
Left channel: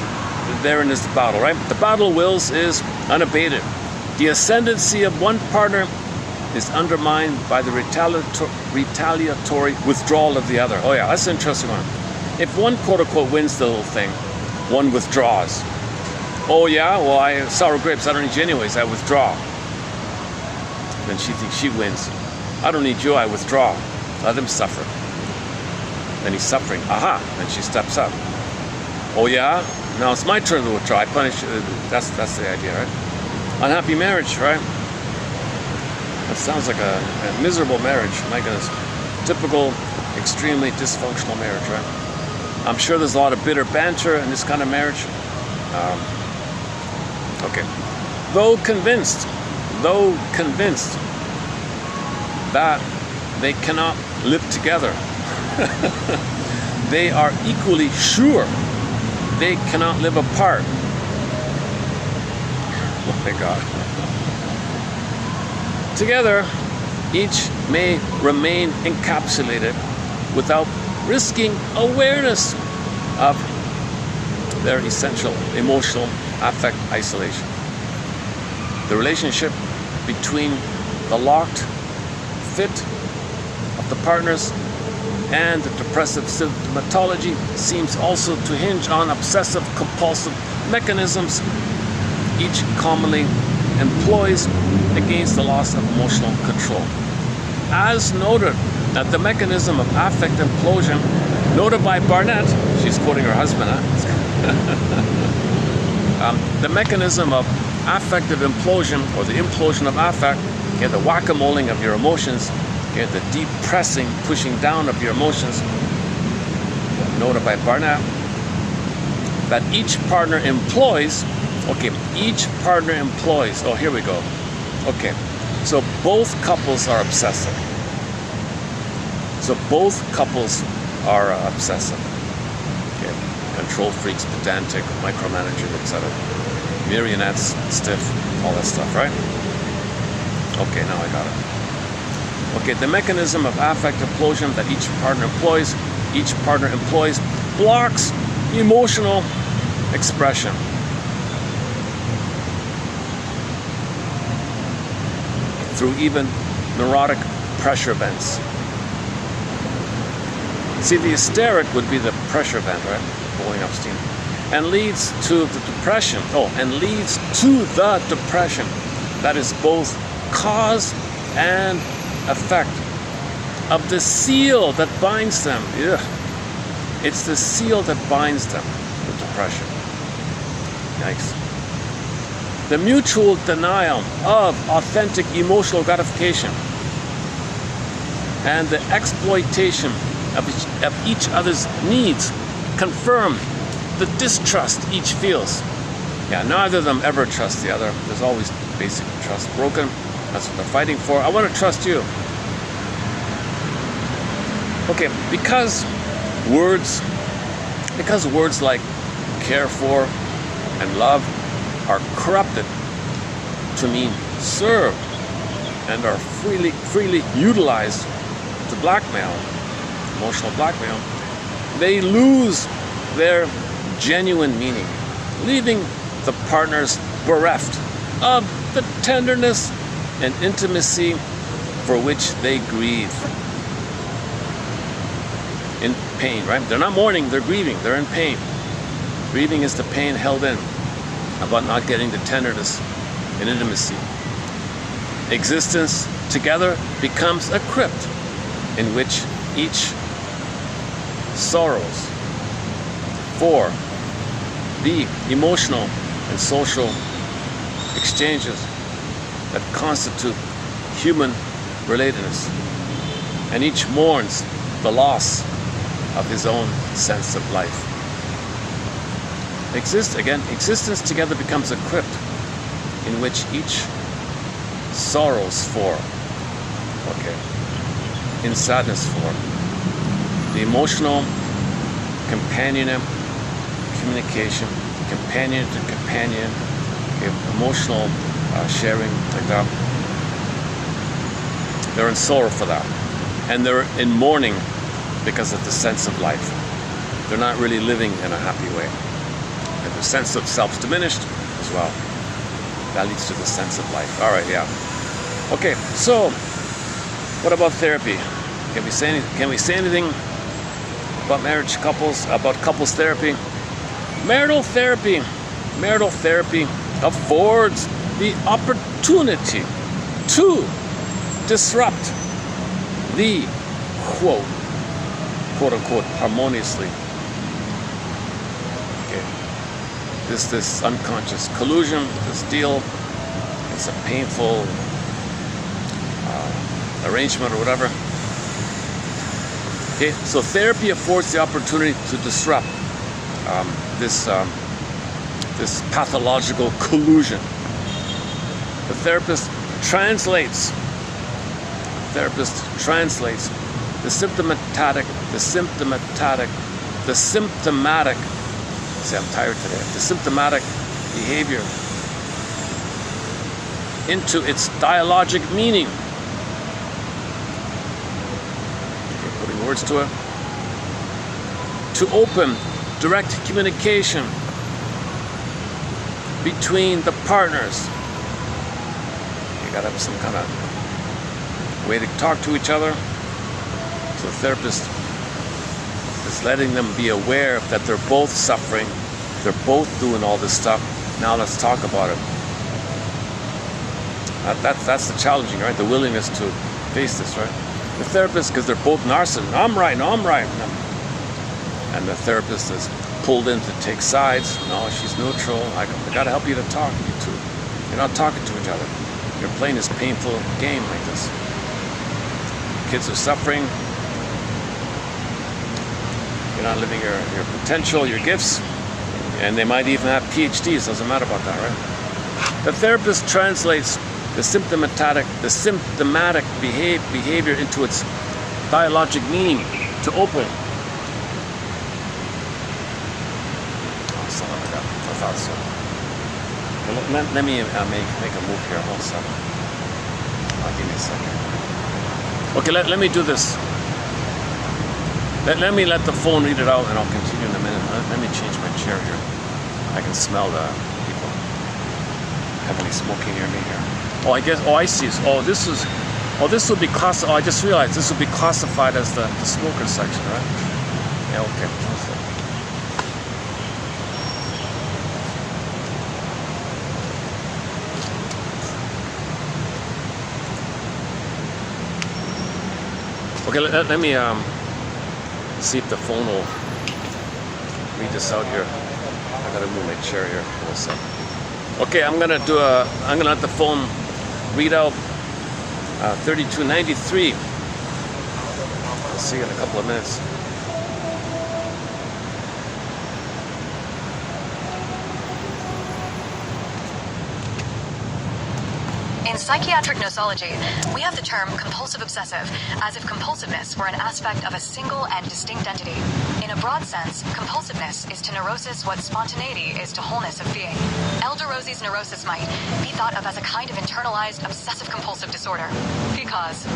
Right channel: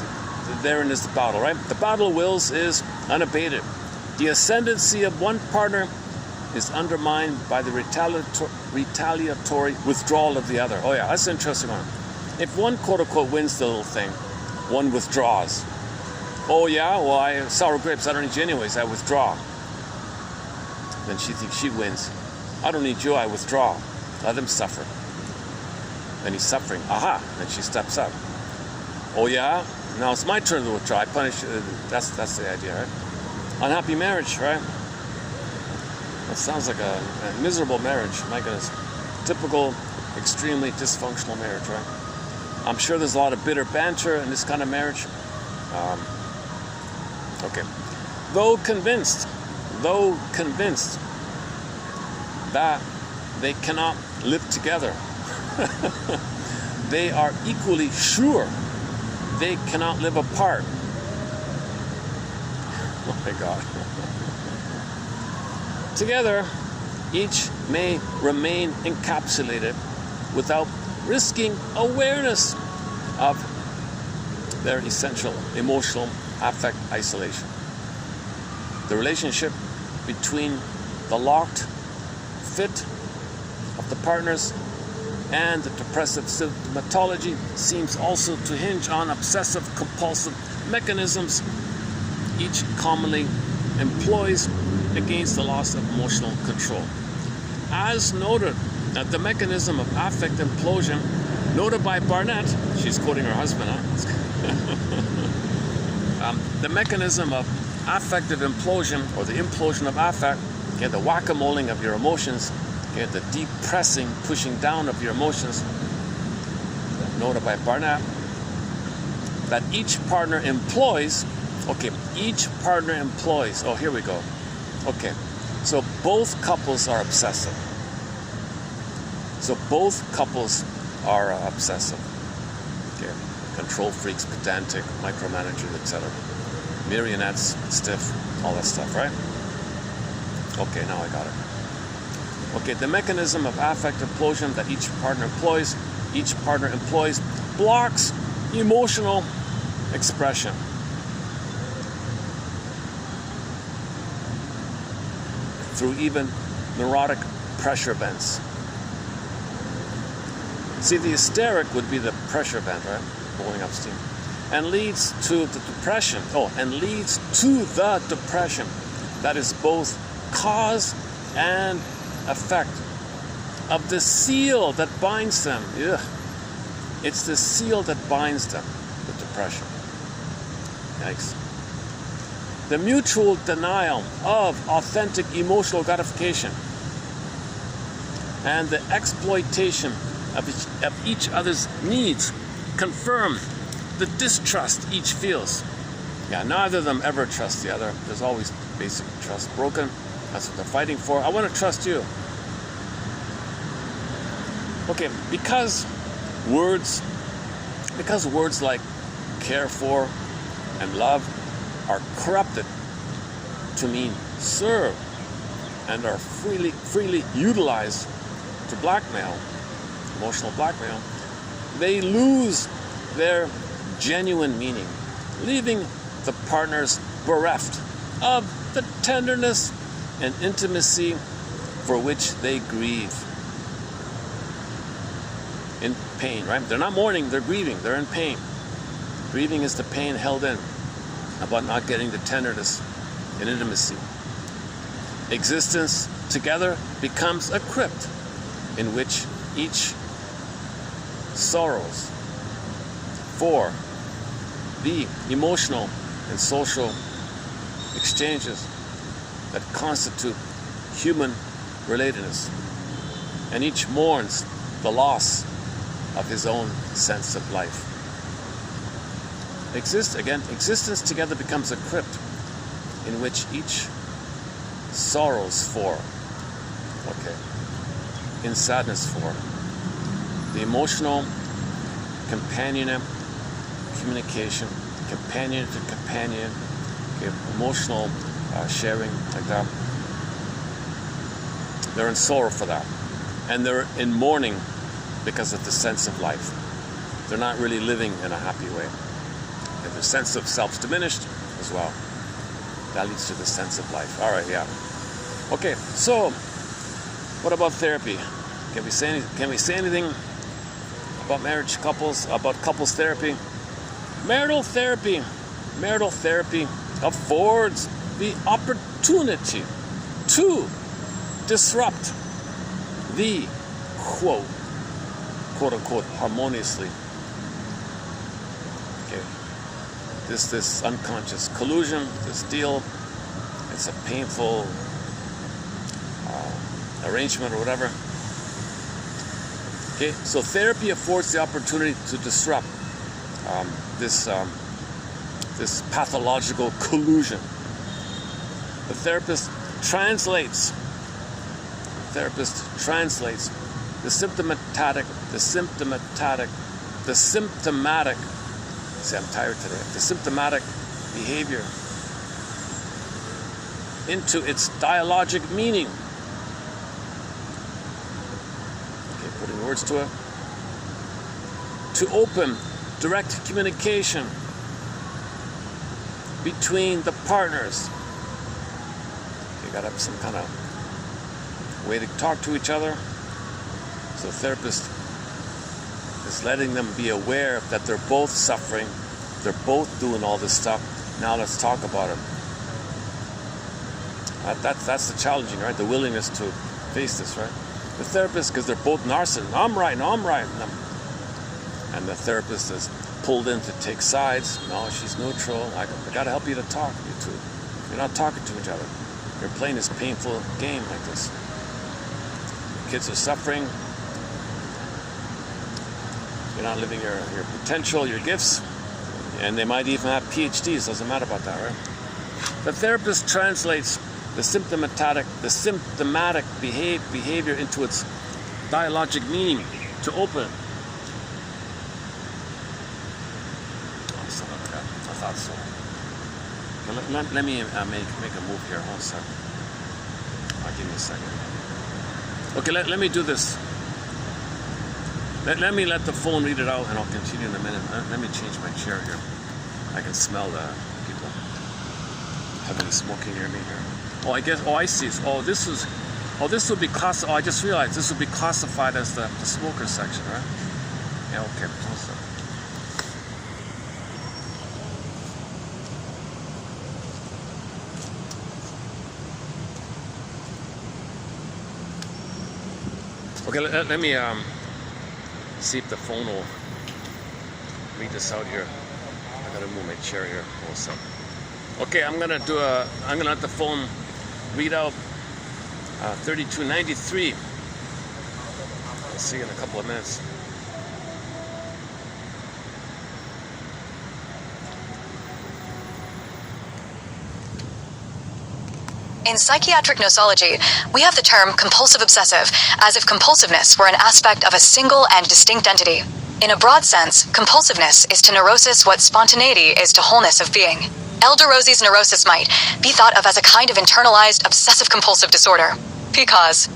therein is the battle, right? The battle of wills is unabated. The ascendancy of one partner is undermined by the retaliatory withdrawal of the other. Oh yeah, that's an interesting one. If one quote-unquote wins the little thing, one withdraws. Oh yeah, well, sour grapes, I don't need you anyways, I withdraw. Then she thinks she wins. I don't need you, I withdraw. Let him suffer. Then he's suffering. Aha! Then she steps up. Oh yeah? Now it's my turn to withdraw. I punish. That's the idea, right? Unhappy marriage, right? It sounds like a miserable marriage. My goodness. Typical, extremely dysfunctional marriage, right? I'm sure there's a lot of bitter banter in this kind of marriage. Okay. Though convinced that they cannot live together, they are equally sure they cannot live apart. Oh my God. Together, each may remain encapsulated without risking awareness of their essential emotional affect isolation. The relationship between the locked fit of the partners and the depressive symptomatology seems also to hinge on obsessive compulsive mechanisms each commonly employs against the loss of emotional control. As noted, that the mechanism of affect implosion, noted by Barnett, she's quoting her husband, the mechanism of affective implosion, or the implosion of affect, the whack-a-moling of your emotions, the deep pressing, pushing down of your emotions, noted by Barnett, that each partner employs, oh, here we go. Okay, so both couples are obsessive. Okay, control freaks, pedantic, micromanagers, etc. Marionettes, stiff, all that stuff, right? Okay, now I got it. Okay, the mechanism of affect implosion that each partner employs blocks emotional expression. Through even neurotic pressure events. See, the hysteric would be the pressure event, right? Blowing up steam. And leads to the depression. That is both cause and effect of the seal that binds them. Ugh. It's the seal that binds them, the depression. Yikes. The mutual denial of authentic emotional gratification and the exploitation of each other's needs confirm the distrust each feels. Yeah, neither of them ever trust the other. There's always basic trust broken. That's what they're fighting for. I want to trust you. Okay, because words like care for and love are corrupted to mean serve and are freely utilized to blackmail, emotional blackmail, they lose their genuine meaning, leaving the partners bereft of the tenderness and intimacy for which they grieve. In pain, right? They're not mourning, they're grieving, they're in pain. Grieving is the pain held in about not getting the tenderness and intimacy. Existence together becomes a crypt in which each sorrows for the emotional and social exchanges that constitute human relatedness, and each mourns the loss of his own sense of life. Existence together becomes a crypt in which each sorrows for, in sadness for, the emotional communication, companion to companion, emotional sharing, like that. They're in sorrow for that. And they're in mourning because of the sense of life. They're not really living in a happy way. And the sense of self's diminished as well. That leads to the sense of life. All right, yeah. Okay, so what about therapy? Can we say anything about marriage couples, about couples therapy? Marital therapy affords the opportunity to disrupt the quote unquote harmoniously. This unconscious collusion, this deal, it's a painful arrangement or whatever. Okay, so therapy affords the opportunity to disrupt this pathological collusion. The therapist translates the symptomatic, see, I'm tired today, the symptomatic behavior into its dialogic meaning. Okay, putting words to it. To open direct communication between the partners. You gotta have some kind of way to talk to each other. So the therapist is letting them be aware that they're both suffering, they're both doing all this stuff. Now let's talk about it. That's the challenging, right? The willingness to face this, right? The therapist, because they're both narcissists. I'm right. And the therapist is pulled in to take sides. No, she's neutral. I gotta help you to talk, you two. You're not talking to each other. You're playing this painful game like this. Kids are suffering. You're not living your potential, your gifts. And they might even have PhDs. Doesn't matter about that, right? The therapist translates the symptomatic behavior into its dialogic meaning to open. Let me make a move here. Hold on a second. Give me a second. Okay, let me do this. Let me let the phone read it out, and I'll continue in a minute. Let me change my chair here. I can smell the people. Have any smoking near me here? I see. This would be I just realized this would be classified as the smoker section, right? Yeah, okay. Okay, let me see if the phone will read this out here. I gotta move my chair here for a second. Okay, I'm gonna let the phone read out 3293. I'll see you in a couple of minutes. In psychiatric nosology, we have the term compulsive obsessive, as if compulsiveness were an aspect of a single and distinct entity. In a broad sense, compulsiveness is to neurosis what spontaneity is to wholeness of being. Elder Rosie's neurosis might be thought of as a kind of internalized obsessive-compulsive disorder, because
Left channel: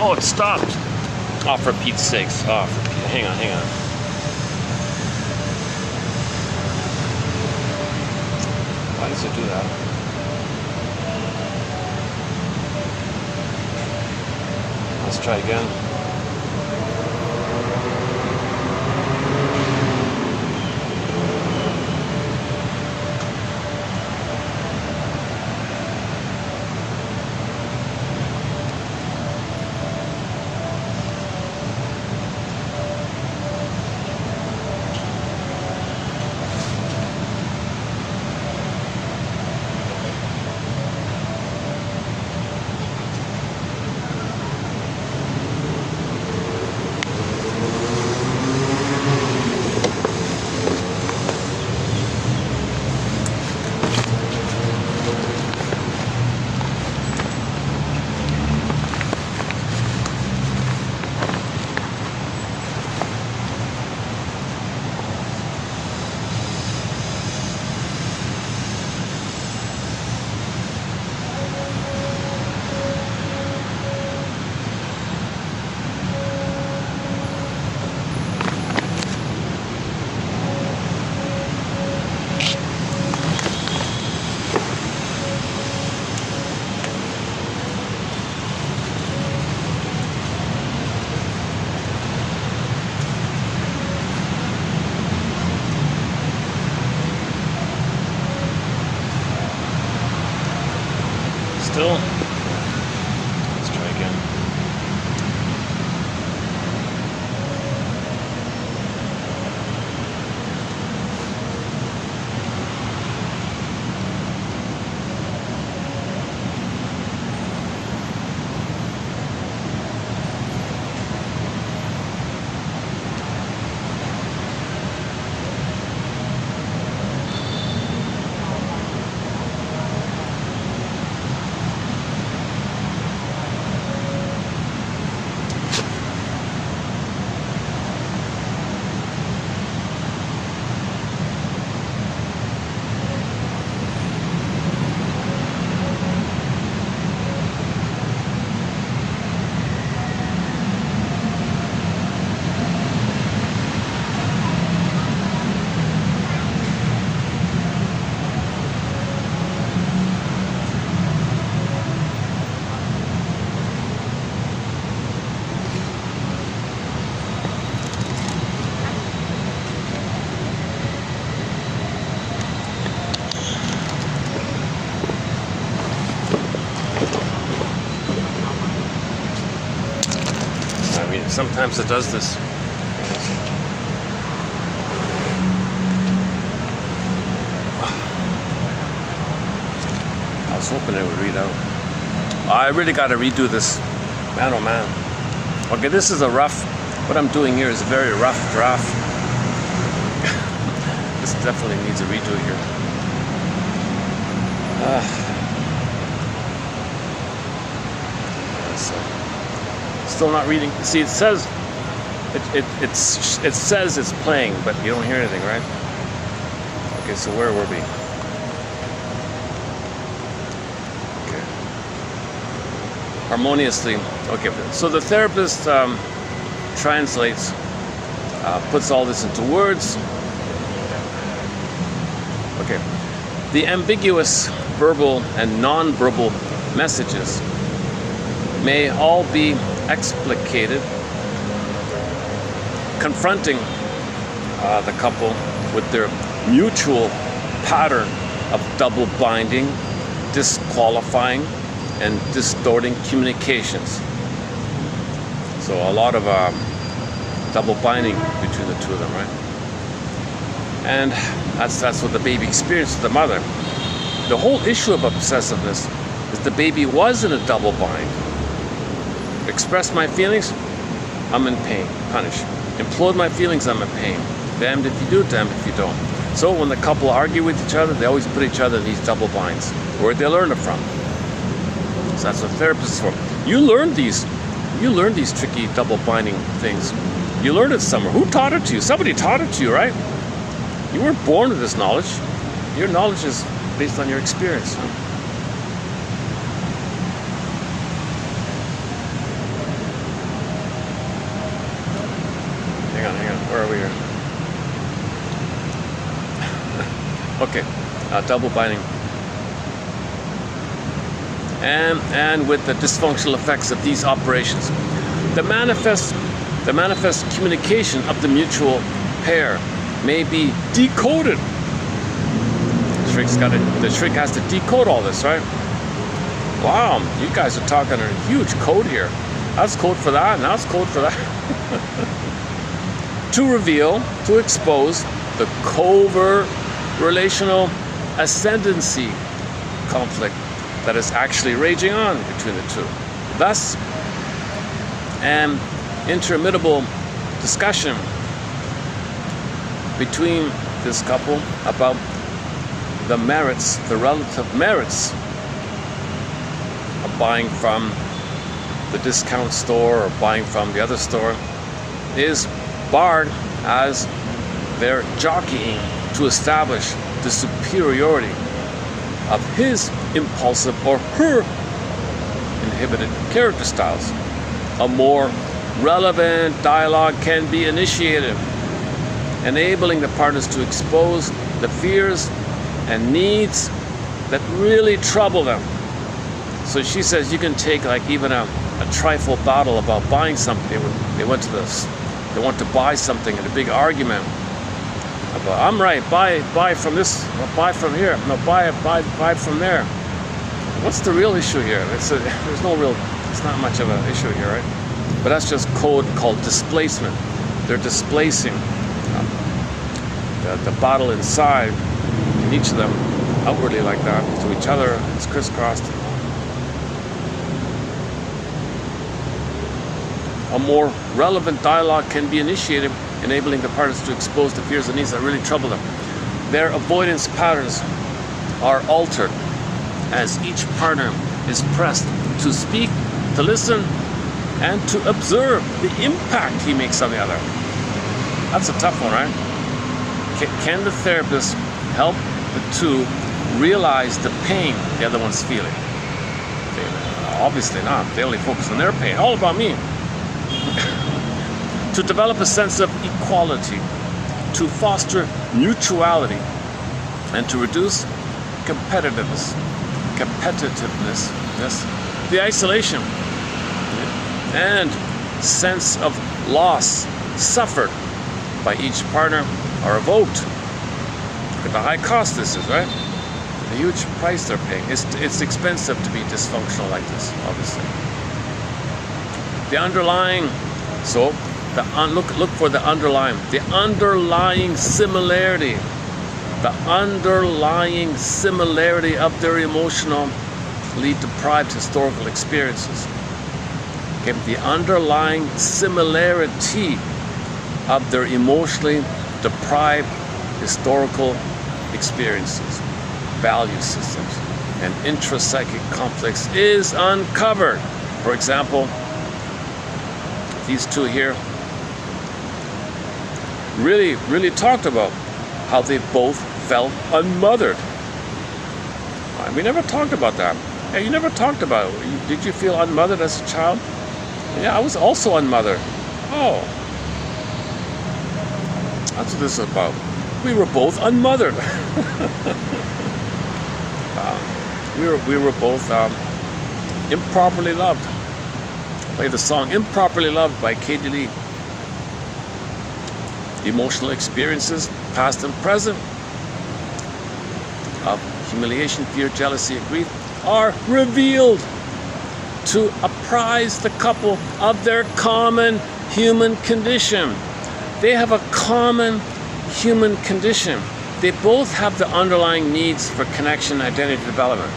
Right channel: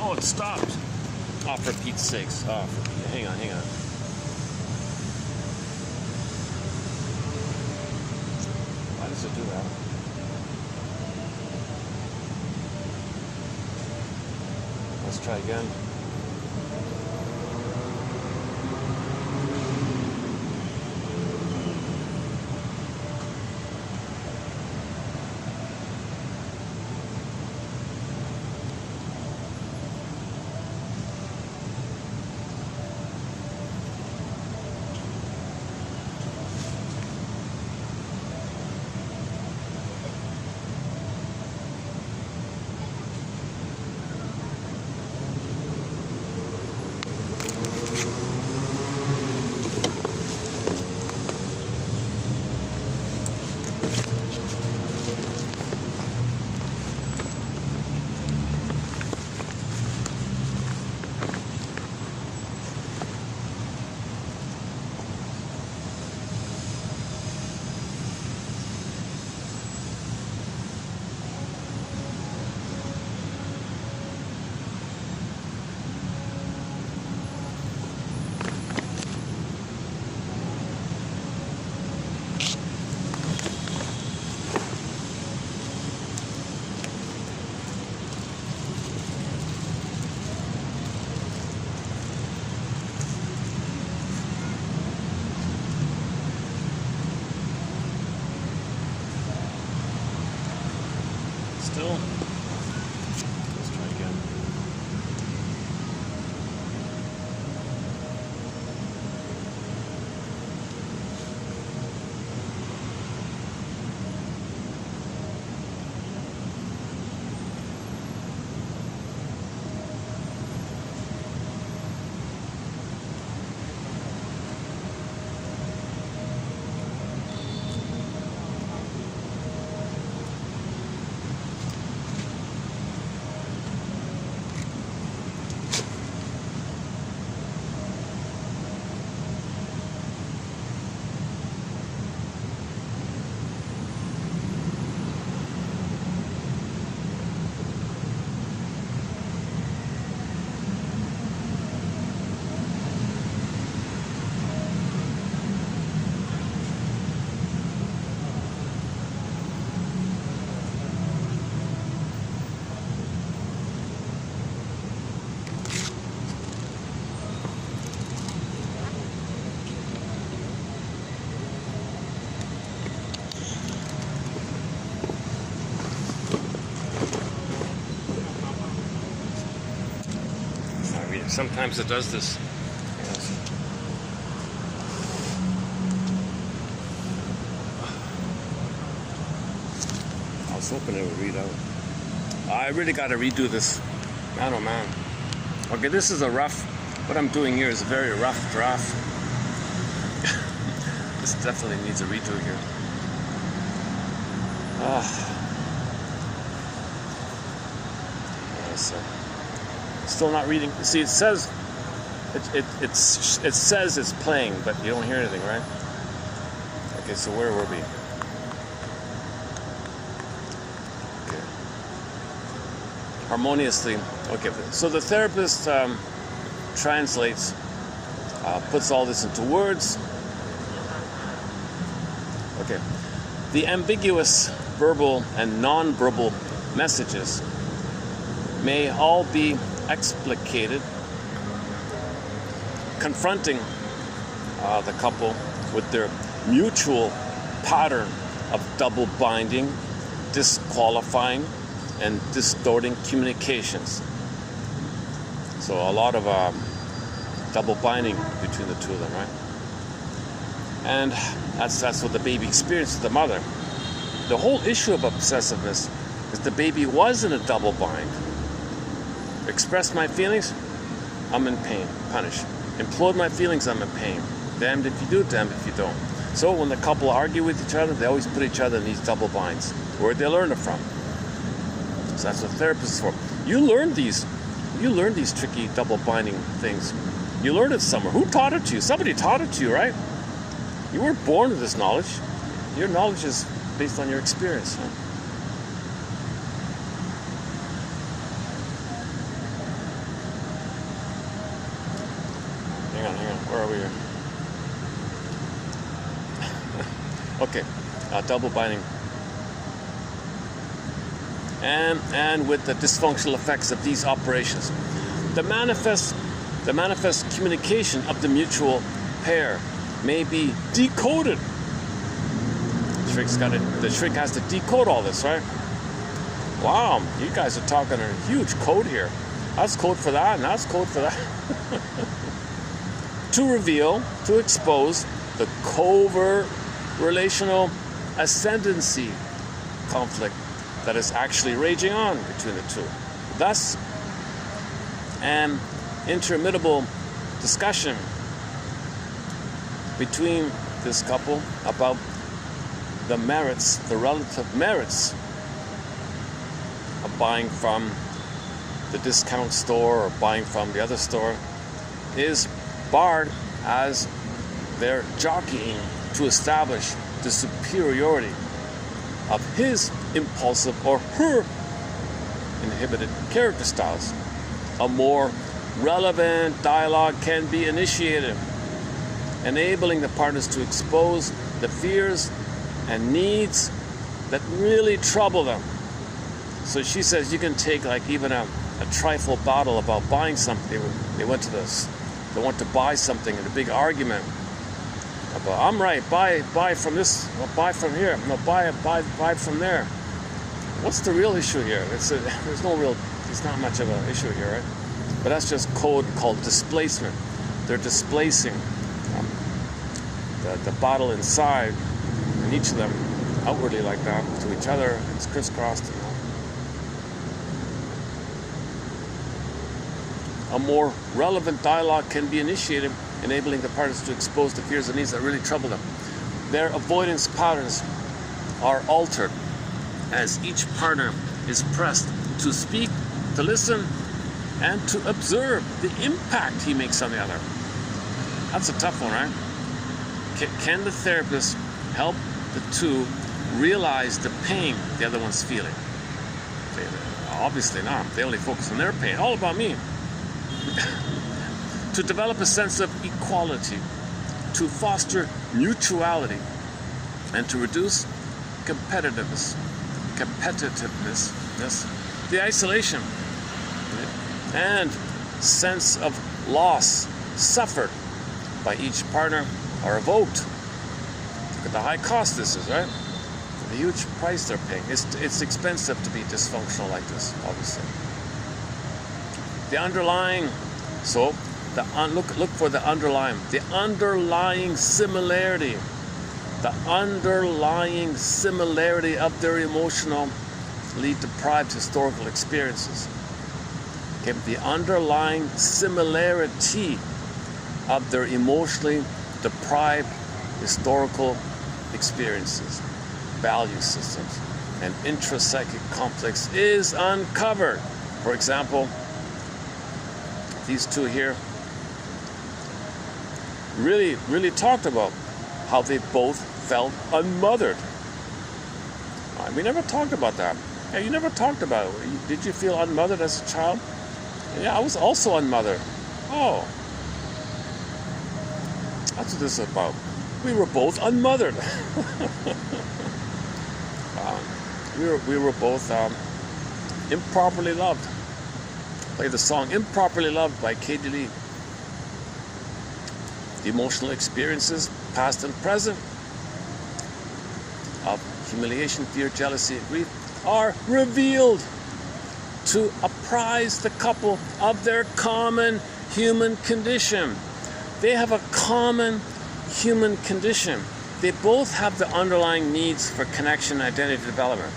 Oh, it stopped. Oh, for Pete's sakes. Oh, for Pete. Hang on, hang on. Why does it do that? Let's try again. Still. Let's try again. Sometimes it does this. I was hoping it would read out. I really got to redo this. Man, oh man. Okay, this is a rough, what I'm doing here is a very rough draft. This definitely needs a redo here. Still not reading. See, it says it says it's playing, but you don't hear anything, right? Okay, so where were we? Okay. Harmoniously. Okay, so the therapist translates, puts all this into words. Okay. The ambiguous verbal and non-verbal messages may all be explicated, confronting the couple with their mutual pattern of double binding, disqualifying, and distorting communications. So a lot of double binding between the two of them, right? And that's what the baby experienced with the mother. The whole issue of obsessiveness is the baby was in a double bind. Express my feelings, I'm in pain, punish. Implode my feelings, I'm in pain. Damned if you do, damned if you don't. So when the couple argue with each other, they always put each other in these double binds. Where'd they learn it from? So that's what therapists is for. You learn these tricky double binding things. You learned it somewhere. Who taught it to you? Somebody taught it to you, right? You weren't born with this knowledge. Your knowledge is based on your experience. Okay, double binding. And with the dysfunctional effects of these operations. The manifest communication of the mutual pair may be decoded. The shrink has to decode all this, right? Wow, you guys are talking a huge code here. That's code for that, and that's code for that. To reveal, to expose the covert relational ascendancy conflict that is actually raging on between the two. Thus, an interminable discussion between this couple about the merits, the relative merits of buying from the discount store or buying from the other store is barred as they're jockeying to establish the superiority of his impulsive or her inhibited character styles. A more relevant dialogue can be initiated, enabling the partners to expose the fears and needs that really trouble them. So she says you can take like even a trifle battle about buying something. They went to this. They want to buy something in a big argument. About, I'm right. Buy from this. Buy from here. No, buy from there. What's the real issue here? There's not much of an issue here, right? But that's just code called displacement. They're displacing the battle inside, and each of them outwardly like that to each other. It's crisscrossed. A more relevant dialogue can be initiated, enabling the partners to expose the fears and needs that really trouble them. Their avoidance patterns are altered as each partner is pressed to speak, to listen, and to observe the impact he makes on the other. That's a tough one, right? Can the therapist help the two realize the pain the other one's feeling? Okay, obviously not. They only focus on their pain. All about me. To develop a sense of equality, to foster mutuality, and to reduce competitiveness, yes, the isolation and sense of loss suffered by each partner are evoked. Look at the high cost this is, right? The huge price they're paying. It's expensive to be dysfunctional like this, obviously. The underlying, so look for the underlying similarity. The underlying similarity of their emotionally deprived historical experiences. Okay, the underlying similarity of their emotionally deprived historical experiences, value systems, and intrapsychic conflicts is uncovered. For example, these two here really talked about how they both felt unmothered. We never talked about that. Yeah, you never talked about it. Did you feel unmothered as a child? Yeah, I was also unmothered. Oh. That's what this is about. We were both unmothered. We were both improperly loved. Play the song Improperly Loved by Katie Lee. The emotional experiences, past and present, of humiliation, fear, jealousy, and grief are revealed to apprise the couple of their common human condition. They have a common human condition. They both have the underlying needs for connection, identity development.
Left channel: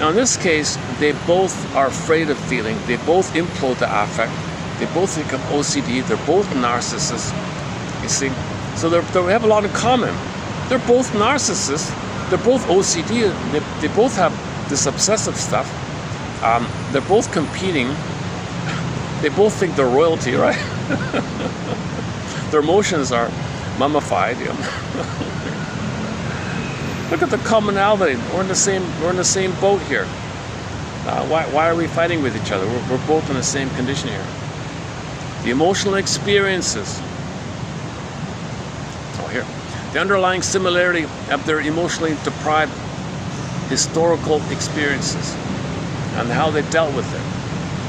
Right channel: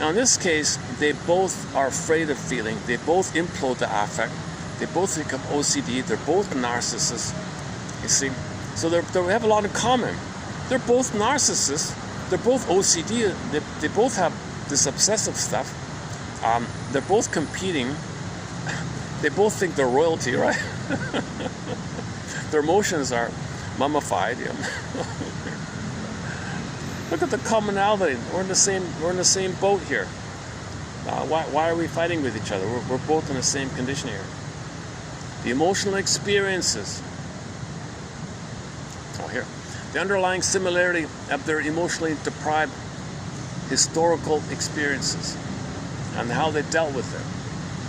Now in this case, they both are afraid of feeling. They both implode the affect. They both think of OCD. They're both narcissists. You see? So they have a lot in common. They're both narcissists. They're both OCD. They both have this obsessive stuff. They're both competing. They both think they're royalty, right? Their emotions are mummified. You know? Look at the commonality. We're in the same boat here. Why are we fighting with each other? We're both in the same condition here. The emotional experiences. Oh, here. The underlying similarity of their emotionally deprived historical experiences and how they dealt with it,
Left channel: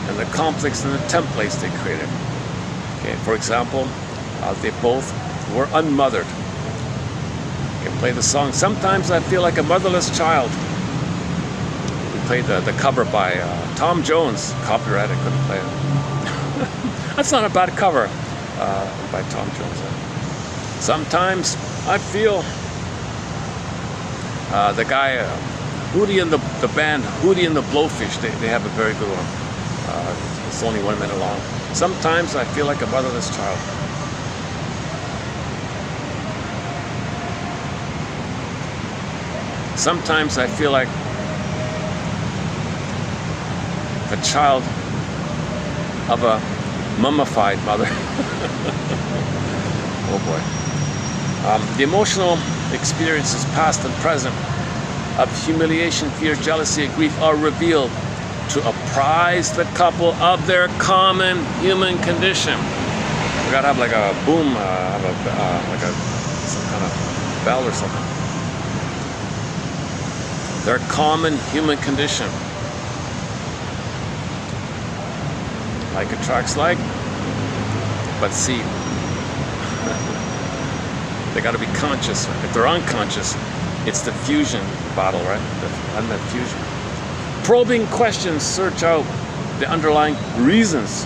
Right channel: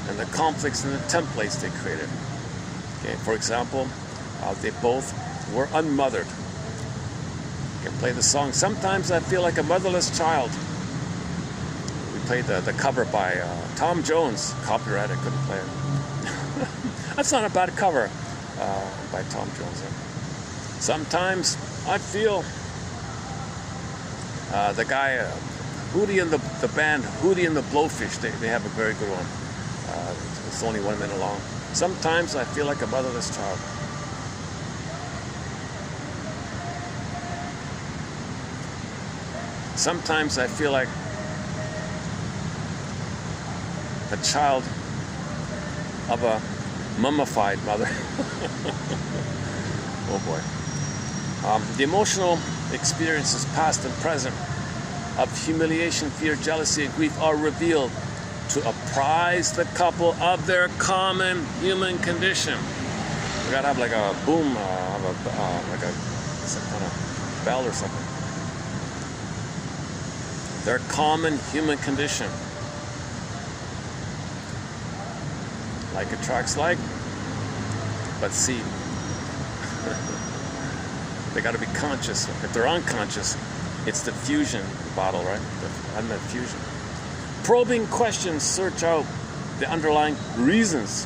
and the conflicts and the templates they created. Okay, for example, they both were unmothered. Okay, play the song "Sometimes I Feel Like a Motherless Child." We played the cover by Tom Jones. Copyright, I couldn't play it. That's not a bad cover by Tom Jones. Sometimes I feel the guy Hootie and the band Hootie and the Blowfish, they have a very good one. It's only 1 minute long. Sometimes I feel like a motherless child. Sometimes I feel like a child of a mummified mother. Oh boy. The emotional experiences, past and present, of humiliation, fear, jealousy, and grief are revealed to apprise the couple of their common human condition. We gotta have like a boom, like some kind of bell or something. Their common human condition. Like attracts like, but see, they gotta be conscious. If they're unconscious, it's the fusion battle, right? The unmet fusion. Probing questions search out the underlying reasons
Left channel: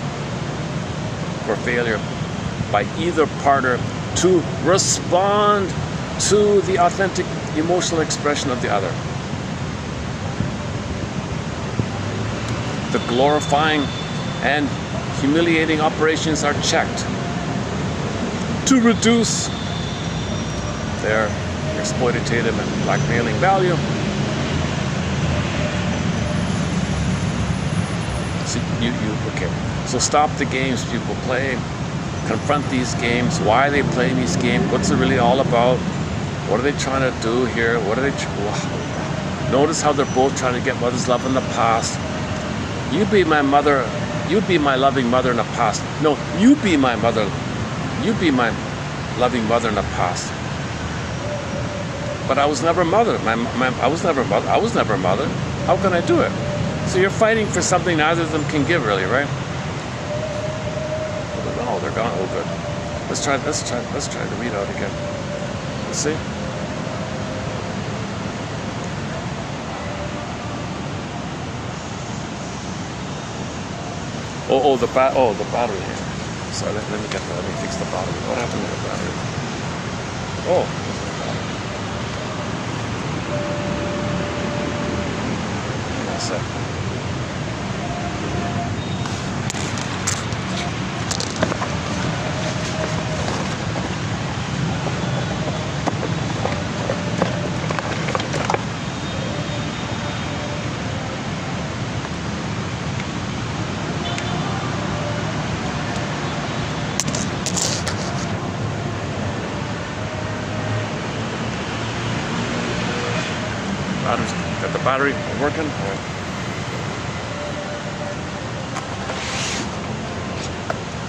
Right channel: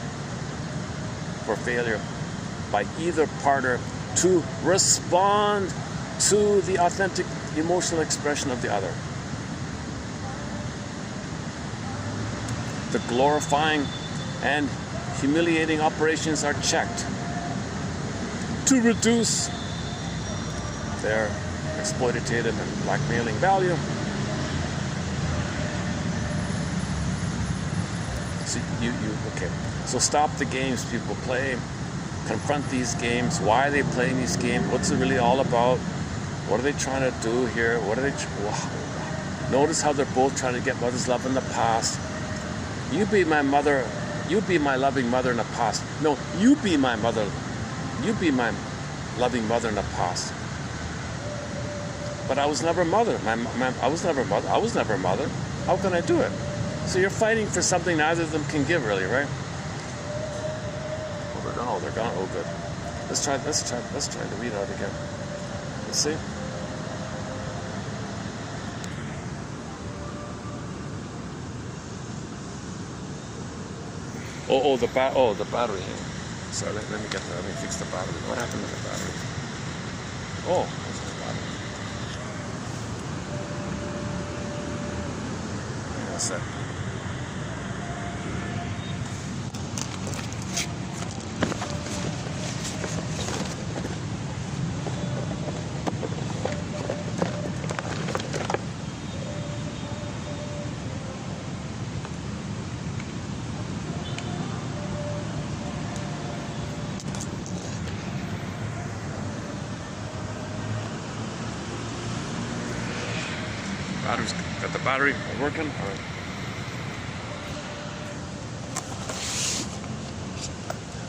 for failure by either partner to respond to the authentic emotional expression of the other. The glorifying and humiliating operations are checked to reduce their exploitative and blackmailing value. See, okay. So stop the games people play. Confront these games. Why are they playing these games? What's it really all about? What are they trying to do here? What are they? Notice how they're both trying to get mother's love in the past. You be my mother. You be my loving mother in the past. No, you be my mother. You be my loving mother in the past. But I was never mother. I was never mother. I was never mother. How can I do it? So you're fighting for something neither of them can give, really, right? Oh, they're gone. Oh, good. Let's try the readout again. Let's see. The battery. Sorry, let me fix the battery. What happened to the battery? Oh. Hang on a sec. Got the battery working.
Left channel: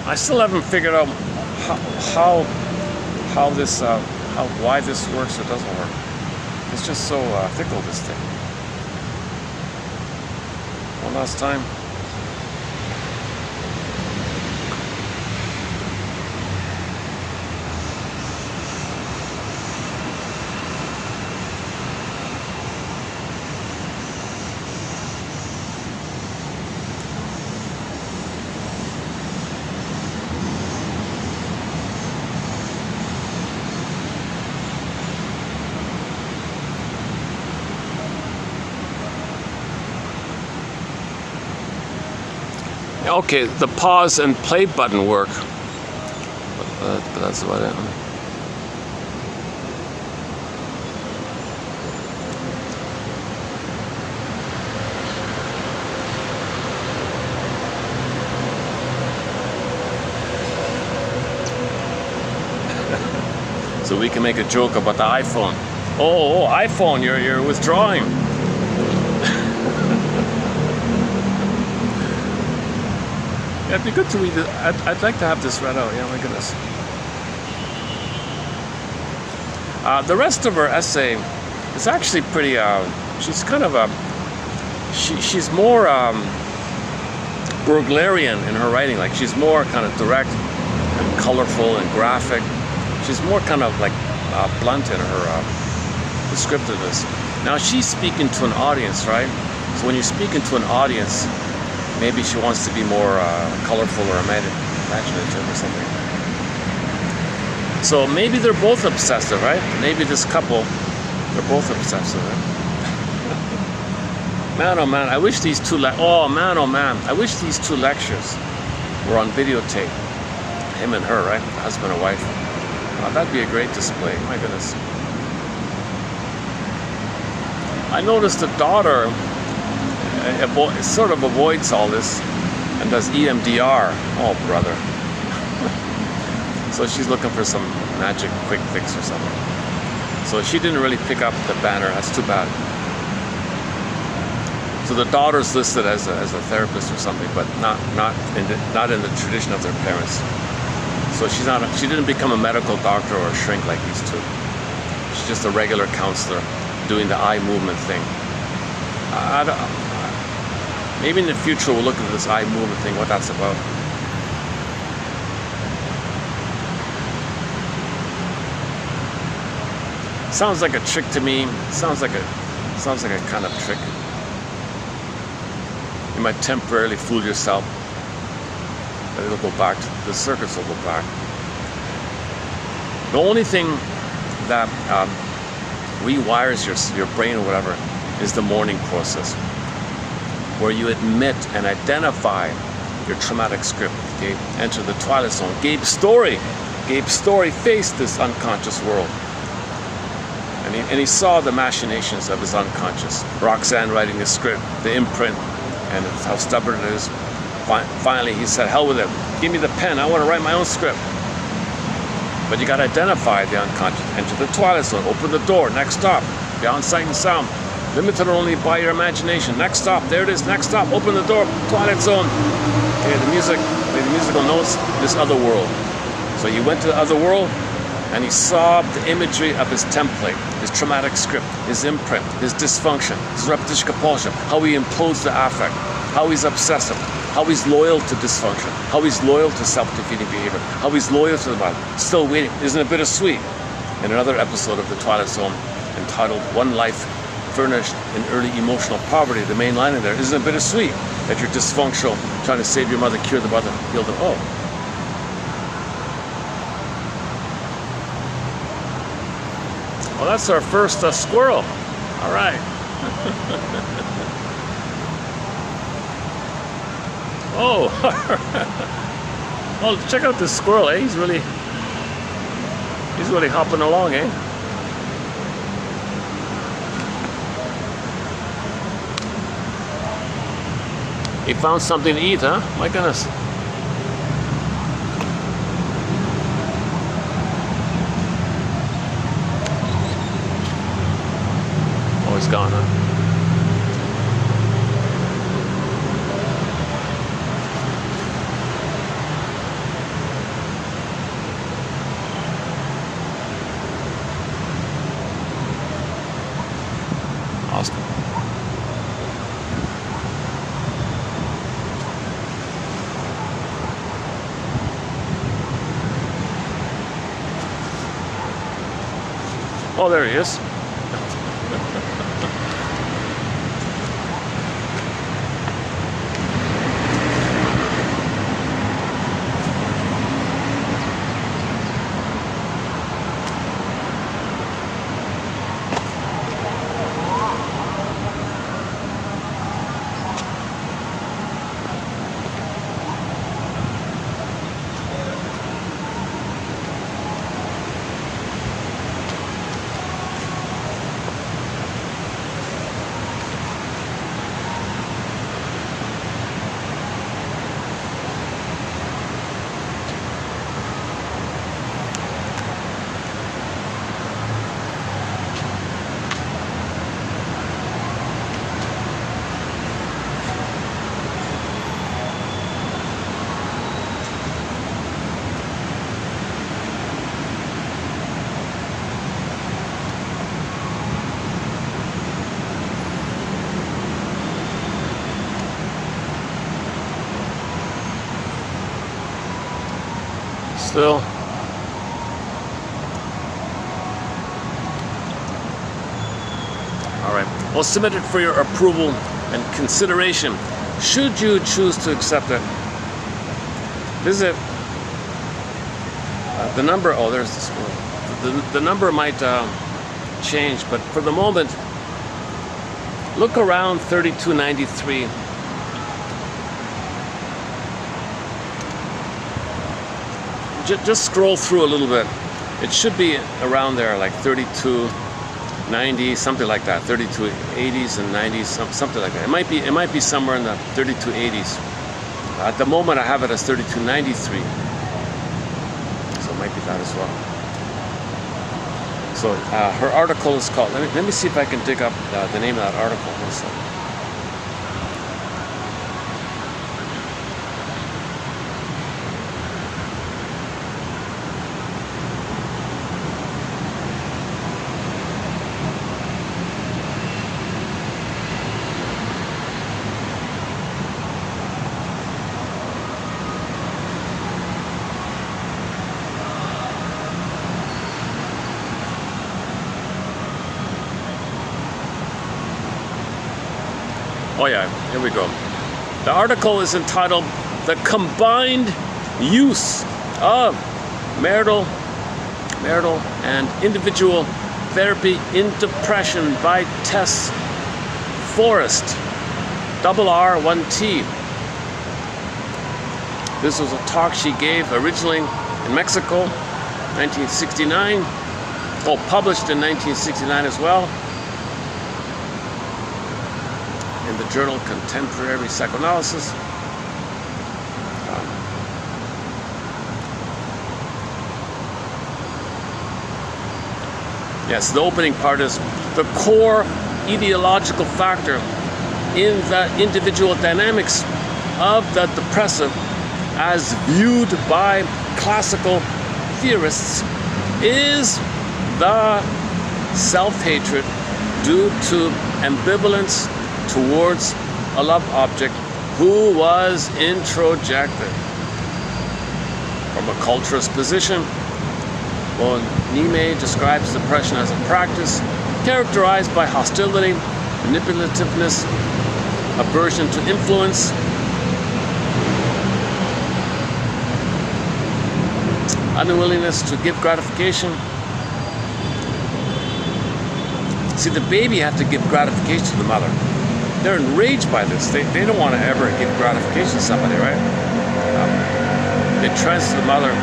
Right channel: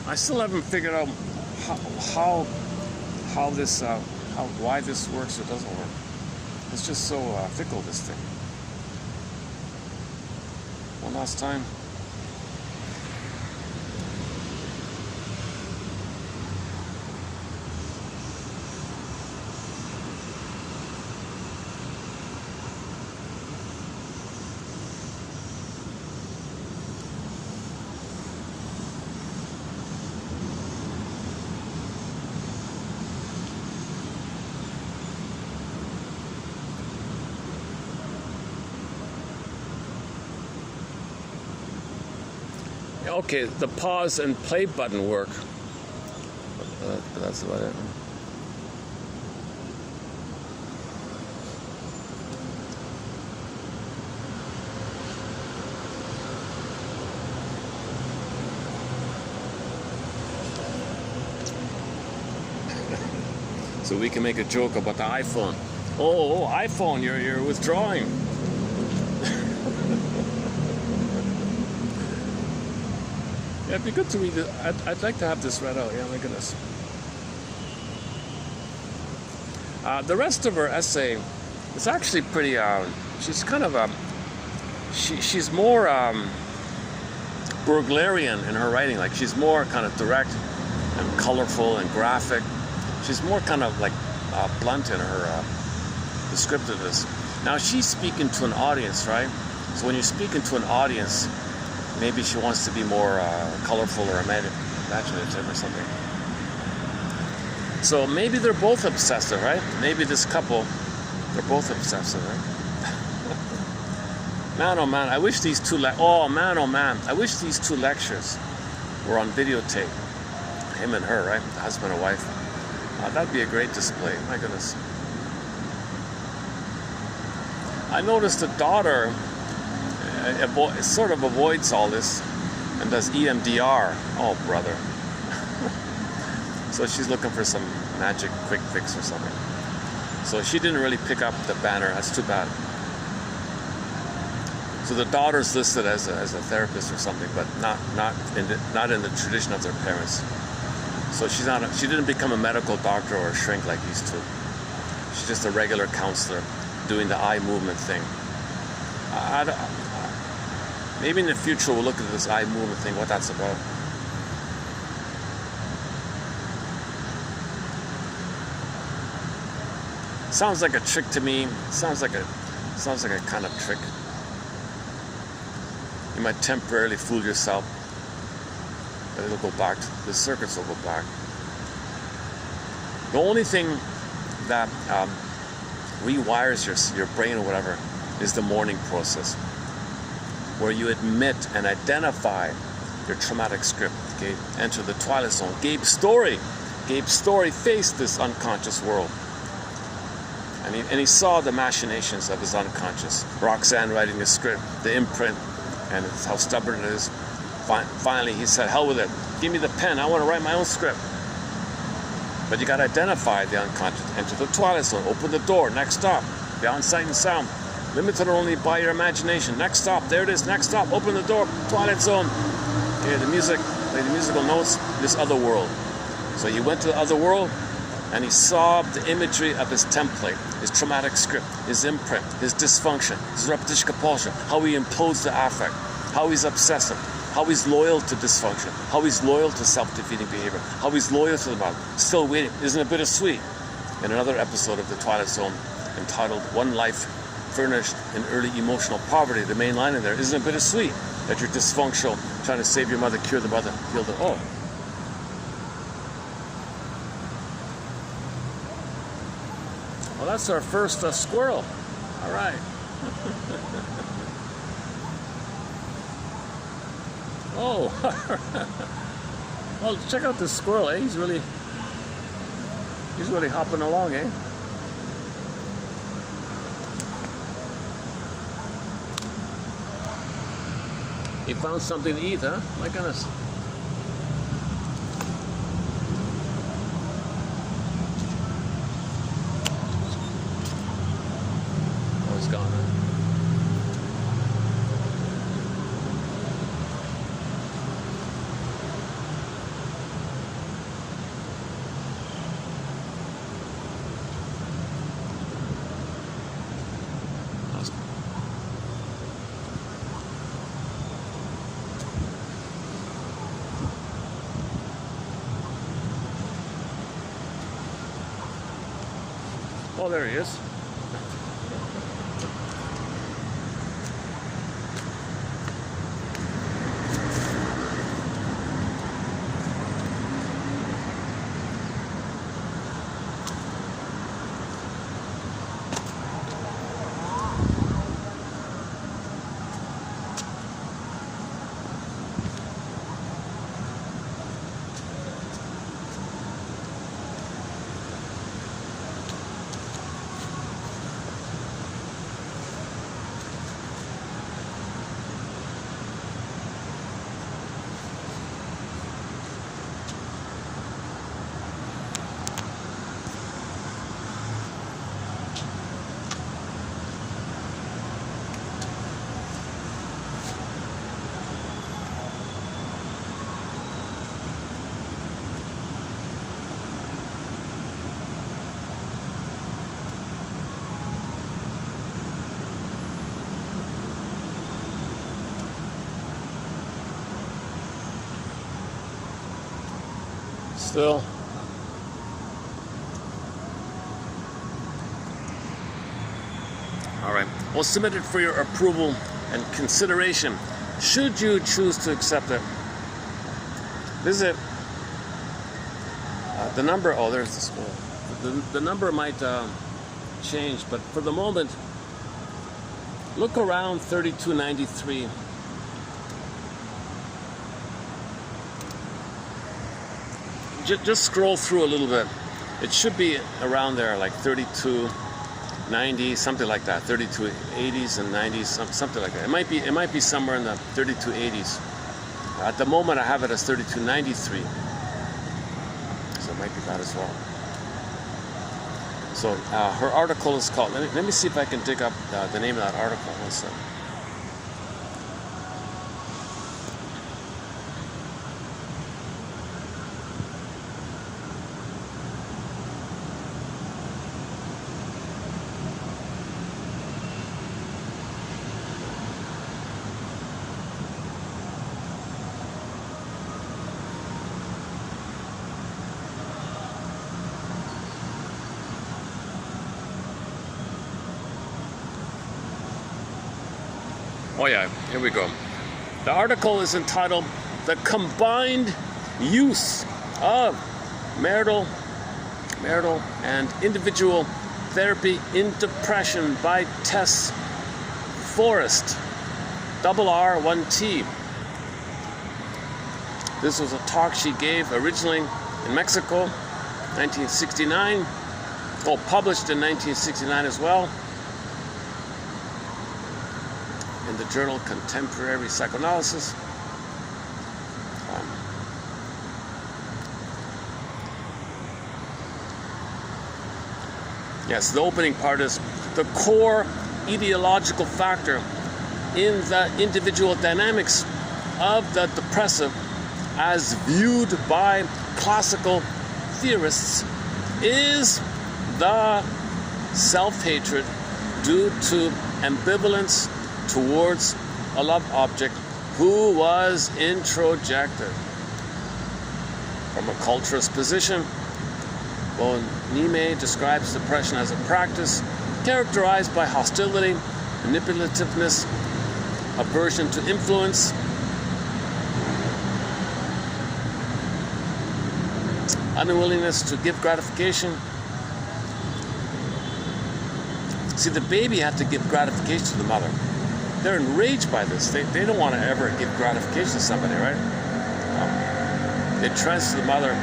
I still haven't figured out why this works or doesn't work. It's just so fickle, this thing. One last time. Okay, the pause and play button work, but that's about it. So we can make a joke about the iPhone. Oh, iPhone, you're withdrawing. It'd be good to read it. I'd like to have this read out. Yeah, my goodness. The rest of her essay is actually pretty. She's kind of a. She's more burglarian in her writing. Like she's more kind of direct and colorful and graphic. She's more kind of like blunt in her descriptiveness. Now she's speaking to an audience, right? So when you're speaking to an audience, maybe she wants to be more colorful or imaginative or something. So maybe they're both obsessive, right? Maybe this couple, they're both obsessive, right? Man, oh man, I wish these two I wish these two lectures were on videotape. Him and her, right? Husband and wife. That'd be a great display, my goodness. I noticed the daughter sort of avoids all this and does EMDR. Oh, brother. So she's looking for some magic quick fix or something. So she didn't really pick up the banner. That's too bad. So the daughter's listed as a therapist or something, but not in the tradition of their parents. So she didn't become a medical doctor or a shrink like these two. She's just a regular counselor doing the eye movement thing. Maybe in the future we'll look at this eye movement thing, what that's about. Sounds like a trick to me. Sounds like a kind of trick. You might temporarily fool yourself, but it'll go back. The circuits will go back. The only thing that rewires your brain or whatever is the mourning process, where you admit and identify your traumatic script. Okay, enter the twilight zone. Gabe's story faced this unconscious world. And he saw the machinations of his unconscious. Roxanne writing the script, the imprint, and how stubborn it is. Finally, he said, hell with it. Give me the pen. I want to write my own script. But you got to identify the unconscious. Enter the twilight zone. Open the door. Next stop. Beyond sight and sound. Limited only by your imagination. Next stop. There it is. Next stop. Open the door. Twilight zone. Okay, the musical notes. This other world. So he went to the other world, and he saw the imagery of his template, his traumatic script, his imprint, his dysfunction, his repetition compulsion, how he implodes the affect, how he's obsessive, how he's loyal to dysfunction, how he's loyal to self-defeating behavior, how he's loyal to the body. Still waiting. Isn't it bittersweet? In another episode of The Twilight Zone, entitled One Life Furnished in Early Emotional Poverty, the main line in there, isn't it bittersweet that you're dysfunctional, trying to save your mother, cure the mother, heal the... Oh. Well, that's our first squirrel. All right. Oh. Well, check out this squirrel, eh? He's really hopping along, eh? He found something to eat, huh? My goodness. He's gone, huh? Awesome. Oh, there he is. still. All right. Well, submit it for your approval and consideration. Should you choose to accept it, visit the number. Oh, there's the school. The number might change, but for the moment, look around 3293. Just scroll through a little bit. It should be around there, like 3290, something like that. 3280s and 90s, something like that. It might be somewhere in the 3280s. At the moment, I have it as 3293, so it might be that as well. So her article is called. Let me see if I can dig up the name of that article. One second. Oh yeah, here we go. The article is entitled "The Combined Use of Marital and Individual Therapy in Depression" by Tess Forrest, RR1T. This was a talk she gave originally in Mexico, 1969. Oh, published in 1969 as well. In the journal Contemporary Psychoanalysis. Yes, the opening part is the core ideological factor in the individual dynamics of the depressive, as viewed by classical theorists, is the self-hatred due to ambivalence towards a love object who was introjected. From a culturist position, Nime describes depression as a practice characterized by hostility, manipulativeness, aversion to influence, unwillingness to give gratification. See, the baby had to give gratification to the mother. They're enraged by this. They don't want to ever give gratification to somebody, right? They trust the mother.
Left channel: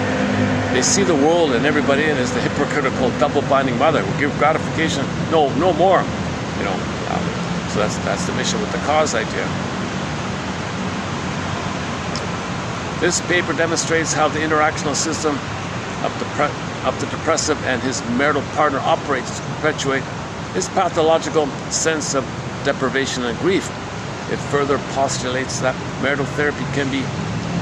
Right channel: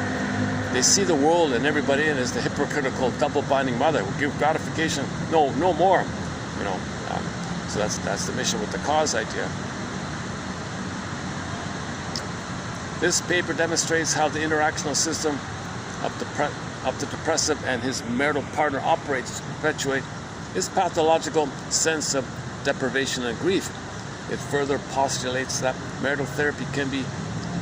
They see the world and everybody in as the hypocritical, double-binding mother who give gratification. No more. You know. So that's the mission with the cause idea. This paper demonstrates how the interactional system of the depressive and his marital partner operates to perpetuate his pathological sense of deprivation and grief. It further postulates that marital therapy can be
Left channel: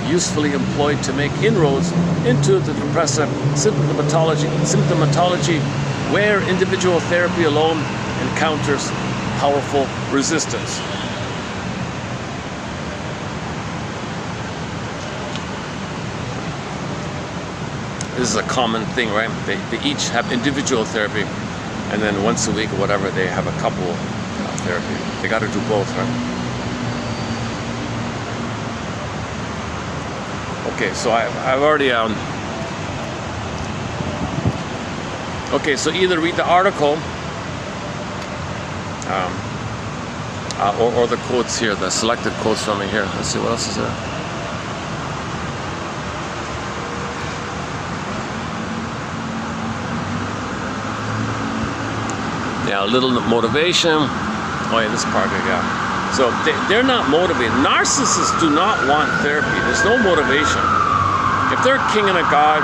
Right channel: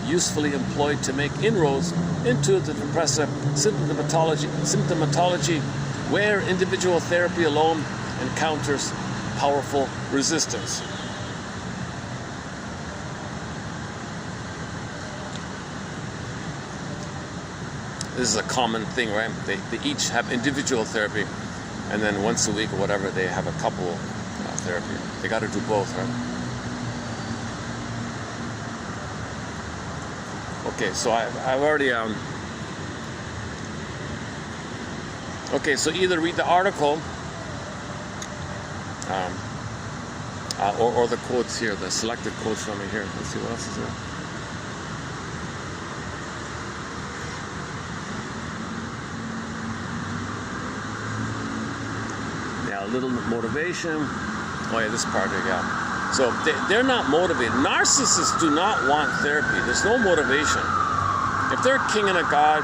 usefully employed to make inroads into the depressive symptomatology where individual therapy alone encounters powerful resistance. This is a common thing, right? They each have individual therapy, and then once a week or whatever, they have a couple therapy. They got to do both, right? Okay, so I've already okay, so either read the article or the quotes here, the selected quotes from it here. Let's see what else is there. Yeah, a little motivation. Oh yeah, this part here, yeah. So they're not motivated. Narcissists do not want therapy. There's no motivation. If they're a king and a god,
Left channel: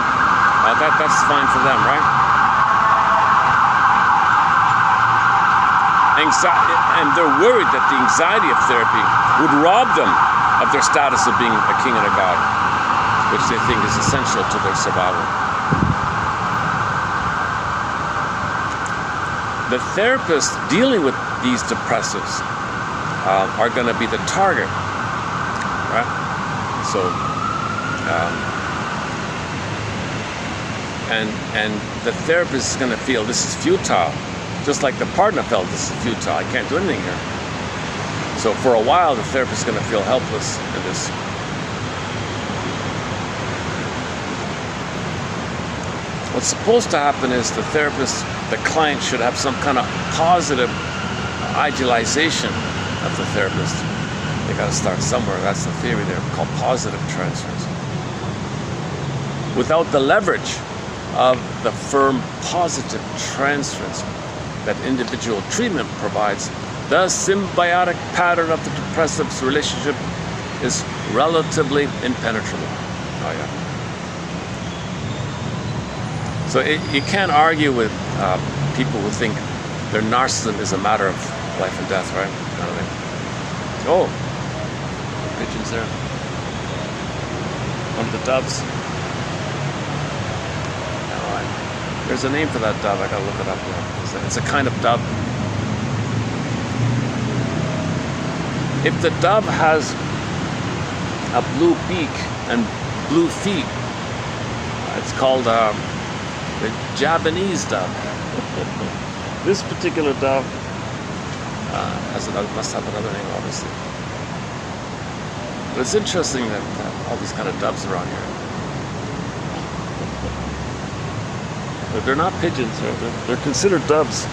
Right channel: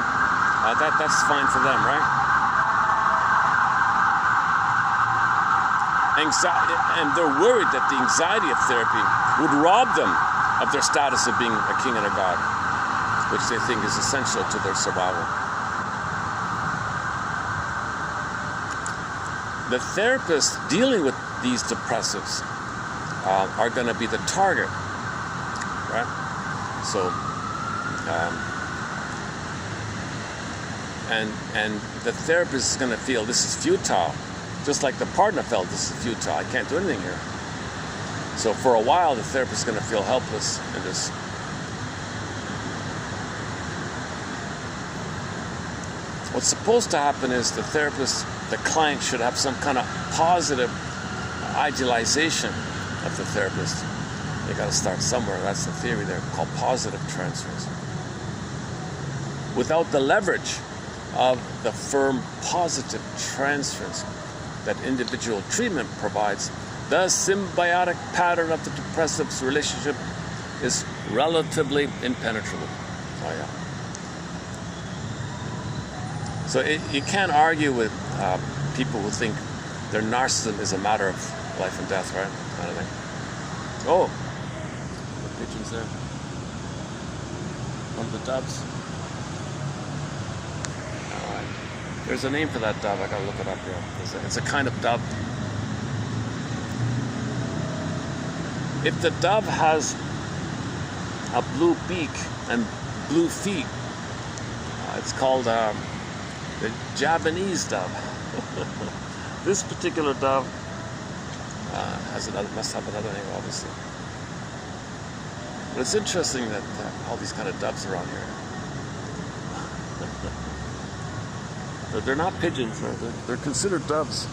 that's fine for them, right? And they're worried that the anxiety of therapy would rob them of their status of being a king and a god, which they think is essential to their survival. The therapists dealing with these depressives are going to be the target, right? So and the therapist is going to feel this is futile, just like the partner felt this is futile. I can't do anything here. So for a while, the therapist is going to feel helpless in this. What's supposed to happen is the therapist, the client, should have some kind of positive idealization of the therapist. They got to start somewhere. That's the theory there, called positive transference. Without the leverage of the firm positive transference that individual treatment provides, the symbiotic pattern of the depressive's relationship is relatively impenetrable. Oh, yeah. So you can't argue with people who think their narcissism is a matter of life and death, right? Kind of thing. Oh, pigeons there. One of the doves. All right. There's a name for that dove. I gotta look it up there. It's a kind of dove. If the dove has a blue beak and blue feet, it's called the Japanese dove. This particular dove must have another name, obviously. But it's interesting that all these kind of doves are on here. But they're not pigeons. They're considered doves.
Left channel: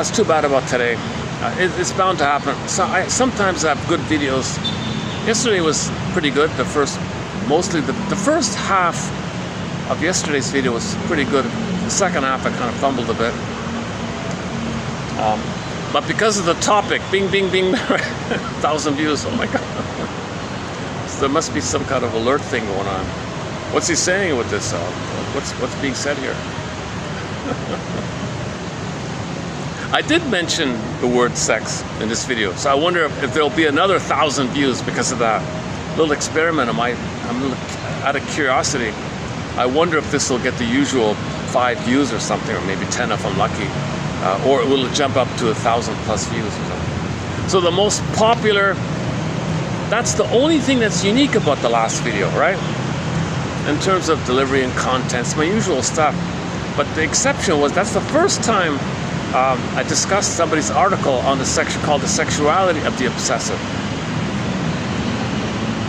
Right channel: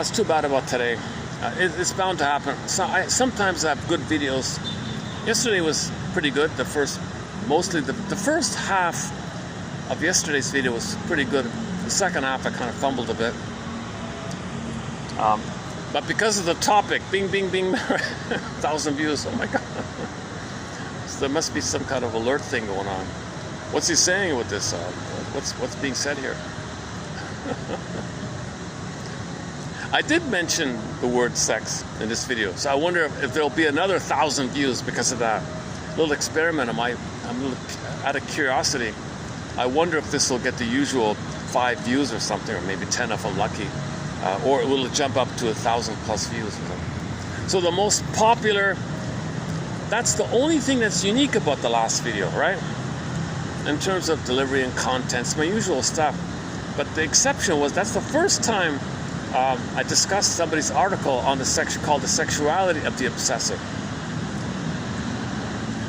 It's too bad about today. It's bound to happen. So sometimes I have good videos. Yesterday was pretty good. The first half of yesterday's video was pretty good. The second half I kind of fumbled a bit. But because of the topic, bing, bing, bing, 1,000 views. Oh my God. So there must be some kind of alert thing going on. What's he saying with this? What's being said here? I did mention the word sex in this video, so I wonder if there'll be another 1,000 views because of that little experiment. I'm out of curiosity. I wonder if this will get the usual 5 views or something, or maybe 10 if I'm lucky, or will it jump up to 1,000 plus views or something. So the most popular, that's the only thing that's unique about the last video, right? In terms of delivery and contents, my usual stuff. But the exception was that's the first time I discussed somebody's article on the section called The Sexuality of the Obsessive.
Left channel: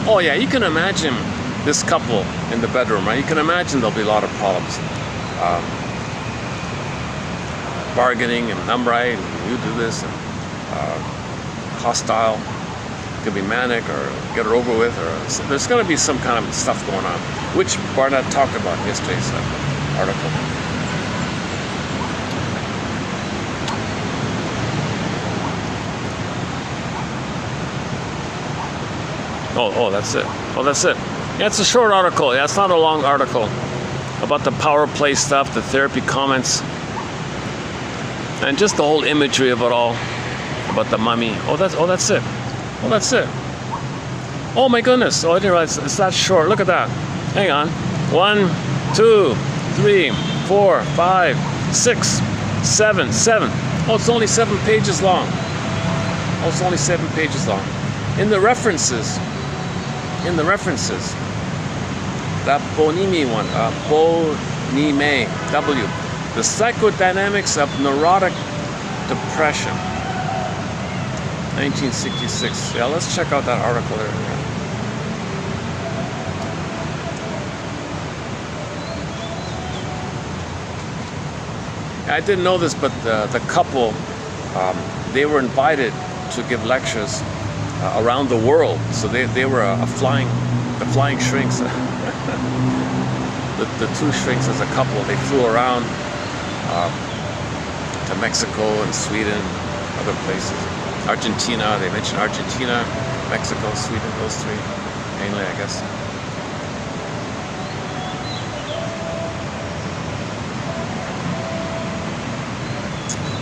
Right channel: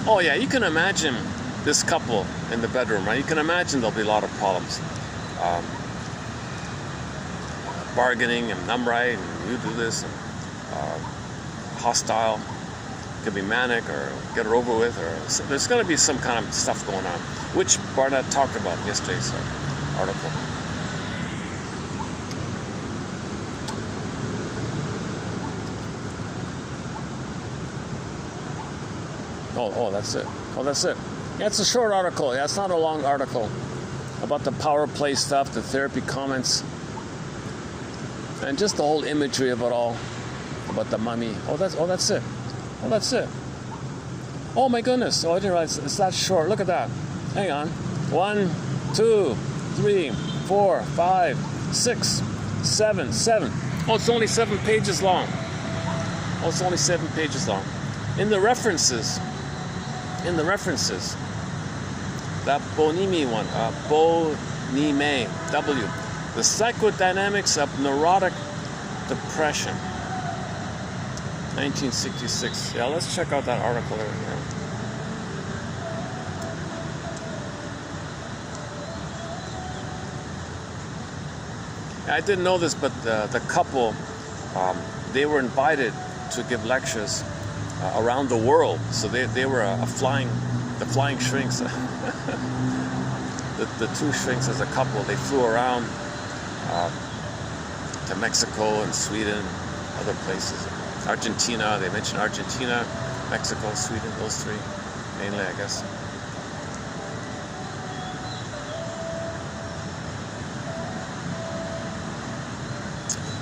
Oh yeah, you can imagine this couple in the bedroom, right? You can imagine there'll be a lot of problems. Bargaining, and I'm right, and you do this, and hostile. It could be manic, or get it over with, or so there's going to be some kind of stuff going on, which Barnett talked about in yesterday's article. Oh, that's it. Oh, that's it. Yeah, it's a short article. Yeah, it's not a long article about the power play stuff, the therapy comments, and just the whole imagery of it all about the mummy. Oh, that's it. Oh, that's it. Oh my goodness. Oh, I didn't realize it's that short. Look at that. Hang on. 1, 2, 3, 4, 5, 6, 7. Oh, it's only 7 pages long. Oh, it's only 7 pages long. In the references, that Bonime one, Bonime, W, the psychodynamics of neurotic depression, 1966. Yeah, let's check out that article there. I didn't know this, but the couple, they were invited to give lectures around the world. So they were the flying shrinks. the 2 shrinks as a couple, they flew around to Mexico and Sweden and other places. Argentina, they mentioned Argentina, Mexico, Sweden, those 3 mainly, I guess.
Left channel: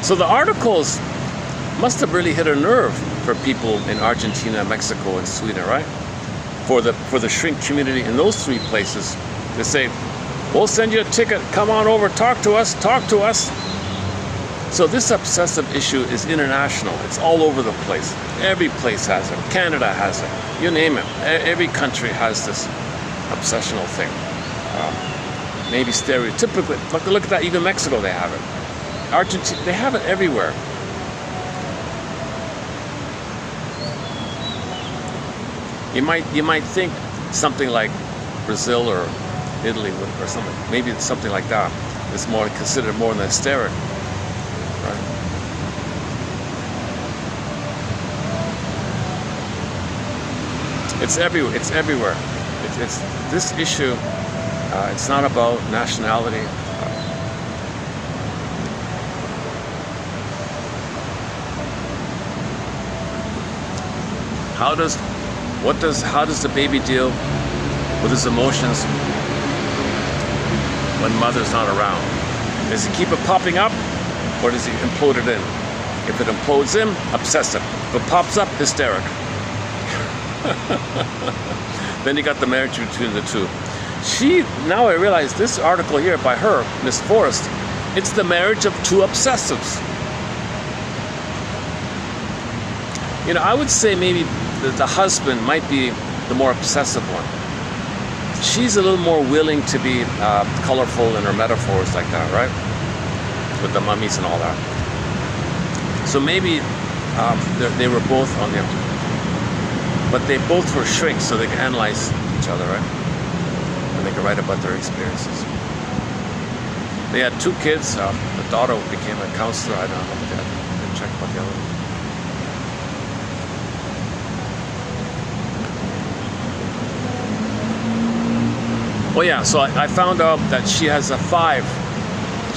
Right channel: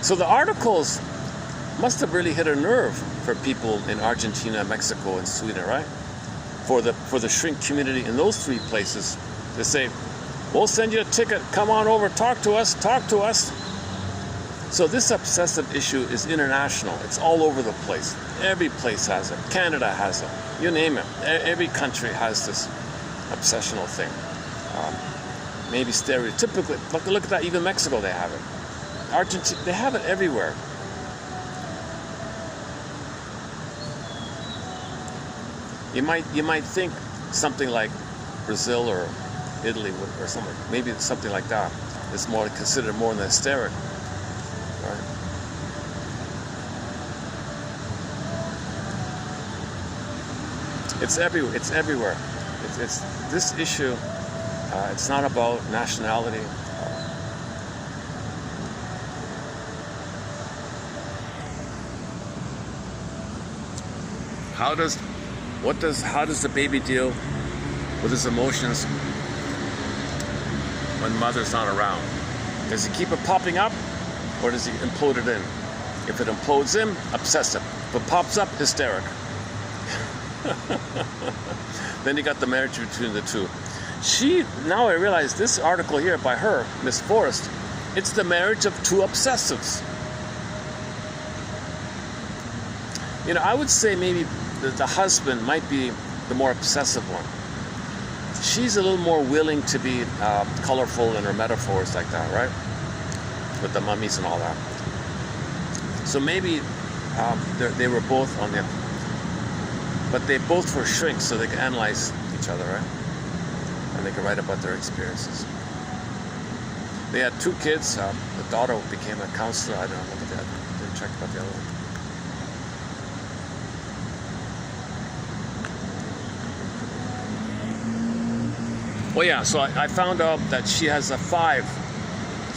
So the articles must have really hit a nerve for people in Argentina, Mexico, and Sweden, right? For the shrink community in those 3 places, they say, we'll send you a ticket, come on over, talk to us. So this obsessive issue is international. It's all over the place. Every place has it. Canada has it. You name it. Every country has this obsessional thing. Maybe stereotypically. Look at that. Even Mexico, they have it. Argentina, they have it everywhere. You might think something like Brazil or Italy or something. Maybe something like that is more considered more than hysteric. It's everywhere. It's everywhere. It's this issue. It's not about nationality. How does the baby deal with his emotions when mother's not around? Does he keep it popping up, or does he implode it in? If it implodes in, obsessive. If it pops up, hysteric. Then you got the marriage between the two. Now I realize this article here by her, Miss Forrest, it's the marriage of two obsessives. You know, I would say maybe the husband might be the more obsessive one. She's a little more willing to be colorful in her metaphors like that, right? With the mummies and all that. So maybe they were both on the, but they both were shrinks, so they can analyze each other, right? And they can write about their experiences. They had 2 kids. The daughter became a counselor. I don't know. I'll check about the other one. Oh yeah, so I found out that she has 5.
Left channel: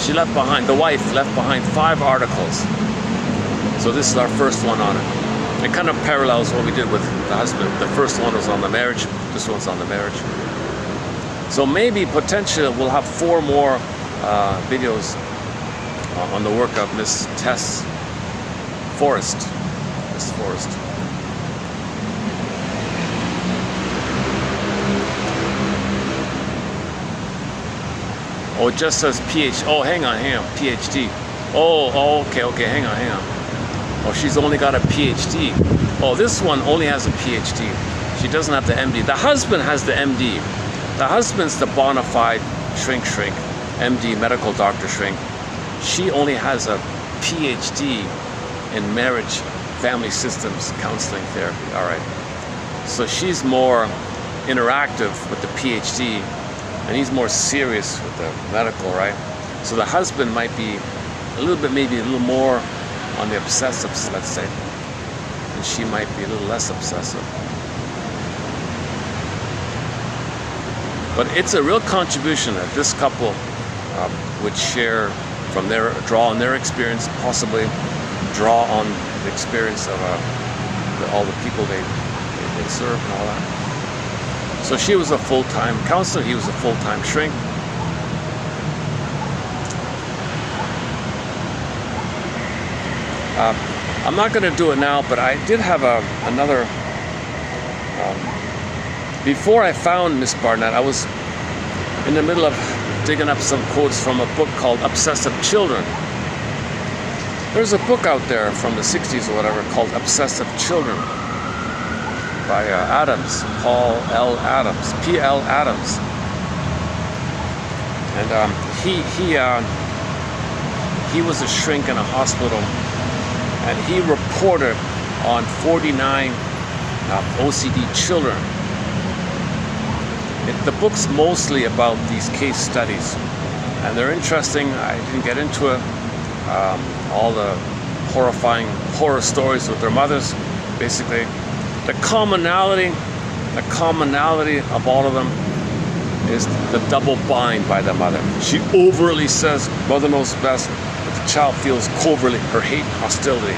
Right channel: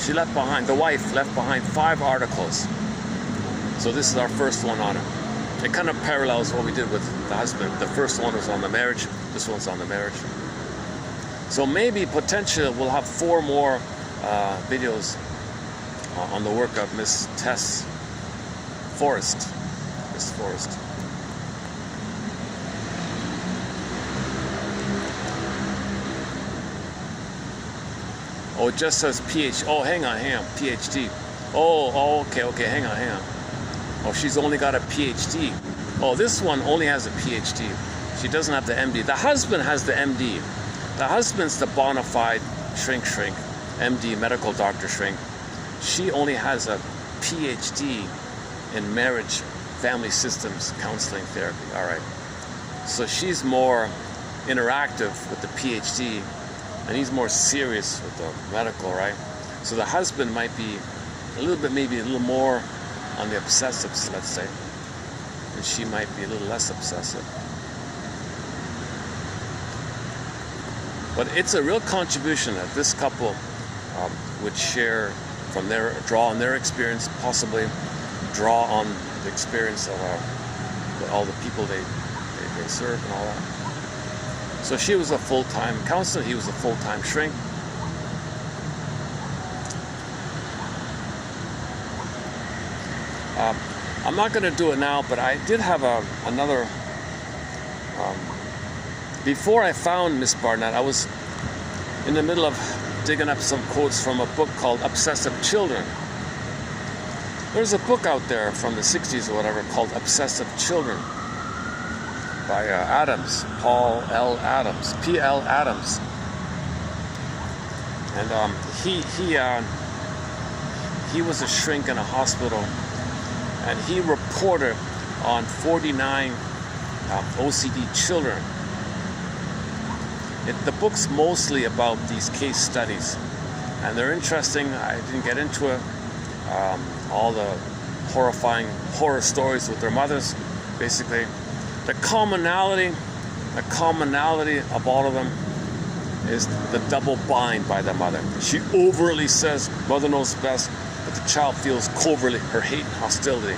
She left behind, the wife left behind 5 articles. So this is our first one on it. It kind of parallels what we did with the husband. The first one was on the marriage. This one's on the marriage. So maybe potentially we'll have 4 more videos on the work of Miss Forrest. Miss Forrest. Oh, it just says PhD. Oh, hang on, PhD. Oh, okay, hang on. Oh, she's only got a PhD. Oh, this one only has a PhD. She doesn't have the MD. The husband has the MD. The husband's the bona fide shrink, MD, medical doctor shrink. She only has a PhD in marriage, family systems, counseling therapy. All right. So she's more interactive with the PhD, and he's more serious with the medical, right? So the husband might be a little bit, maybe a little more on the obsessives, let's say, and she might be a little less obsessive. But it's a real contribution that this couple would share from draw on their experience, possibly draw on the experience of all the people they serve and all that. So she was a full-time counselor, he was a full-time shrink. I'm not going to do it now, but I did have another. Before I found Miss Barnett, I was in the middle of digging up some quotes from a book called Obsessive Children. There's a book out there from the 60s or whatever called Obsessive Children by Adams, Paul L. Adams, P.L. Adams. And he was a shrink in a hospital, and he reported on 49 OCD children. The book's mostly about these case studies, and they're interesting. I didn't get into it. All the horrifying horror stories with their mothers. Basically, the commonality of all of them is the double bind by the mother. She overtly says, mother knows best, but the child feels covertly her hate, hostility.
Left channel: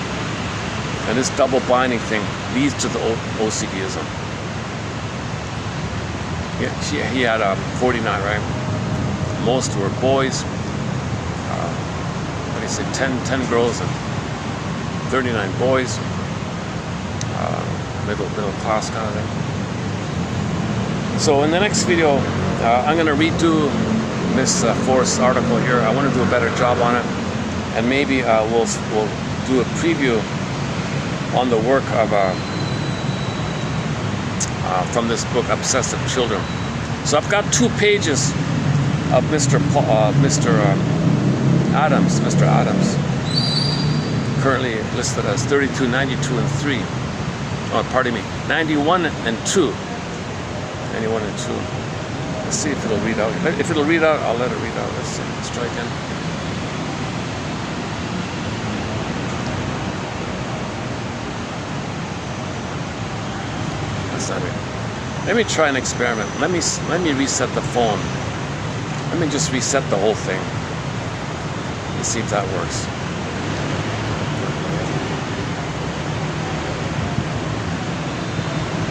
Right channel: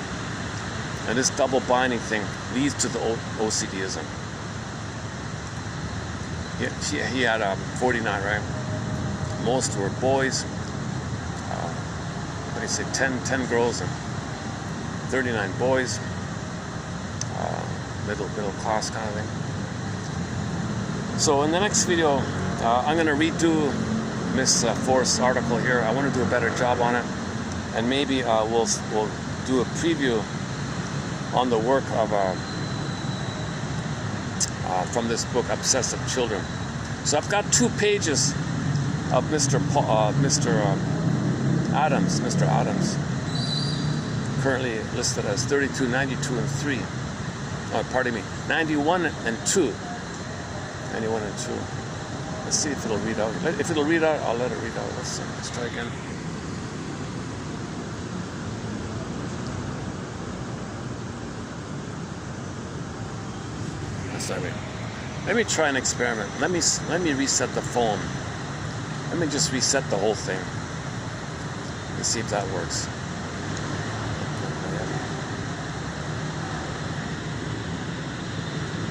And this double binding thing leads to the OCDism. He had 49, right? Most were boys. 10 girls and 39 boys. Middle class kind of thing. So in the next video, I'm going to redo Miss Forrest's article here. I want to do a better job on it. and maybe we'll do a preview on the work of from this book, Obsessive Children. So I've got 2 pages of Mr. Adams, currently listed as 32, 92, and 3. Oh, pardon me, 91 and 2. 91 and 2. Let's see if it'll read out. If it'll read out, I'll let it read out. Let's see. Let's try again. That's not it. Let me try an experiment. Let me reset the phone. Let me just reset the whole thing. Let's see if that works.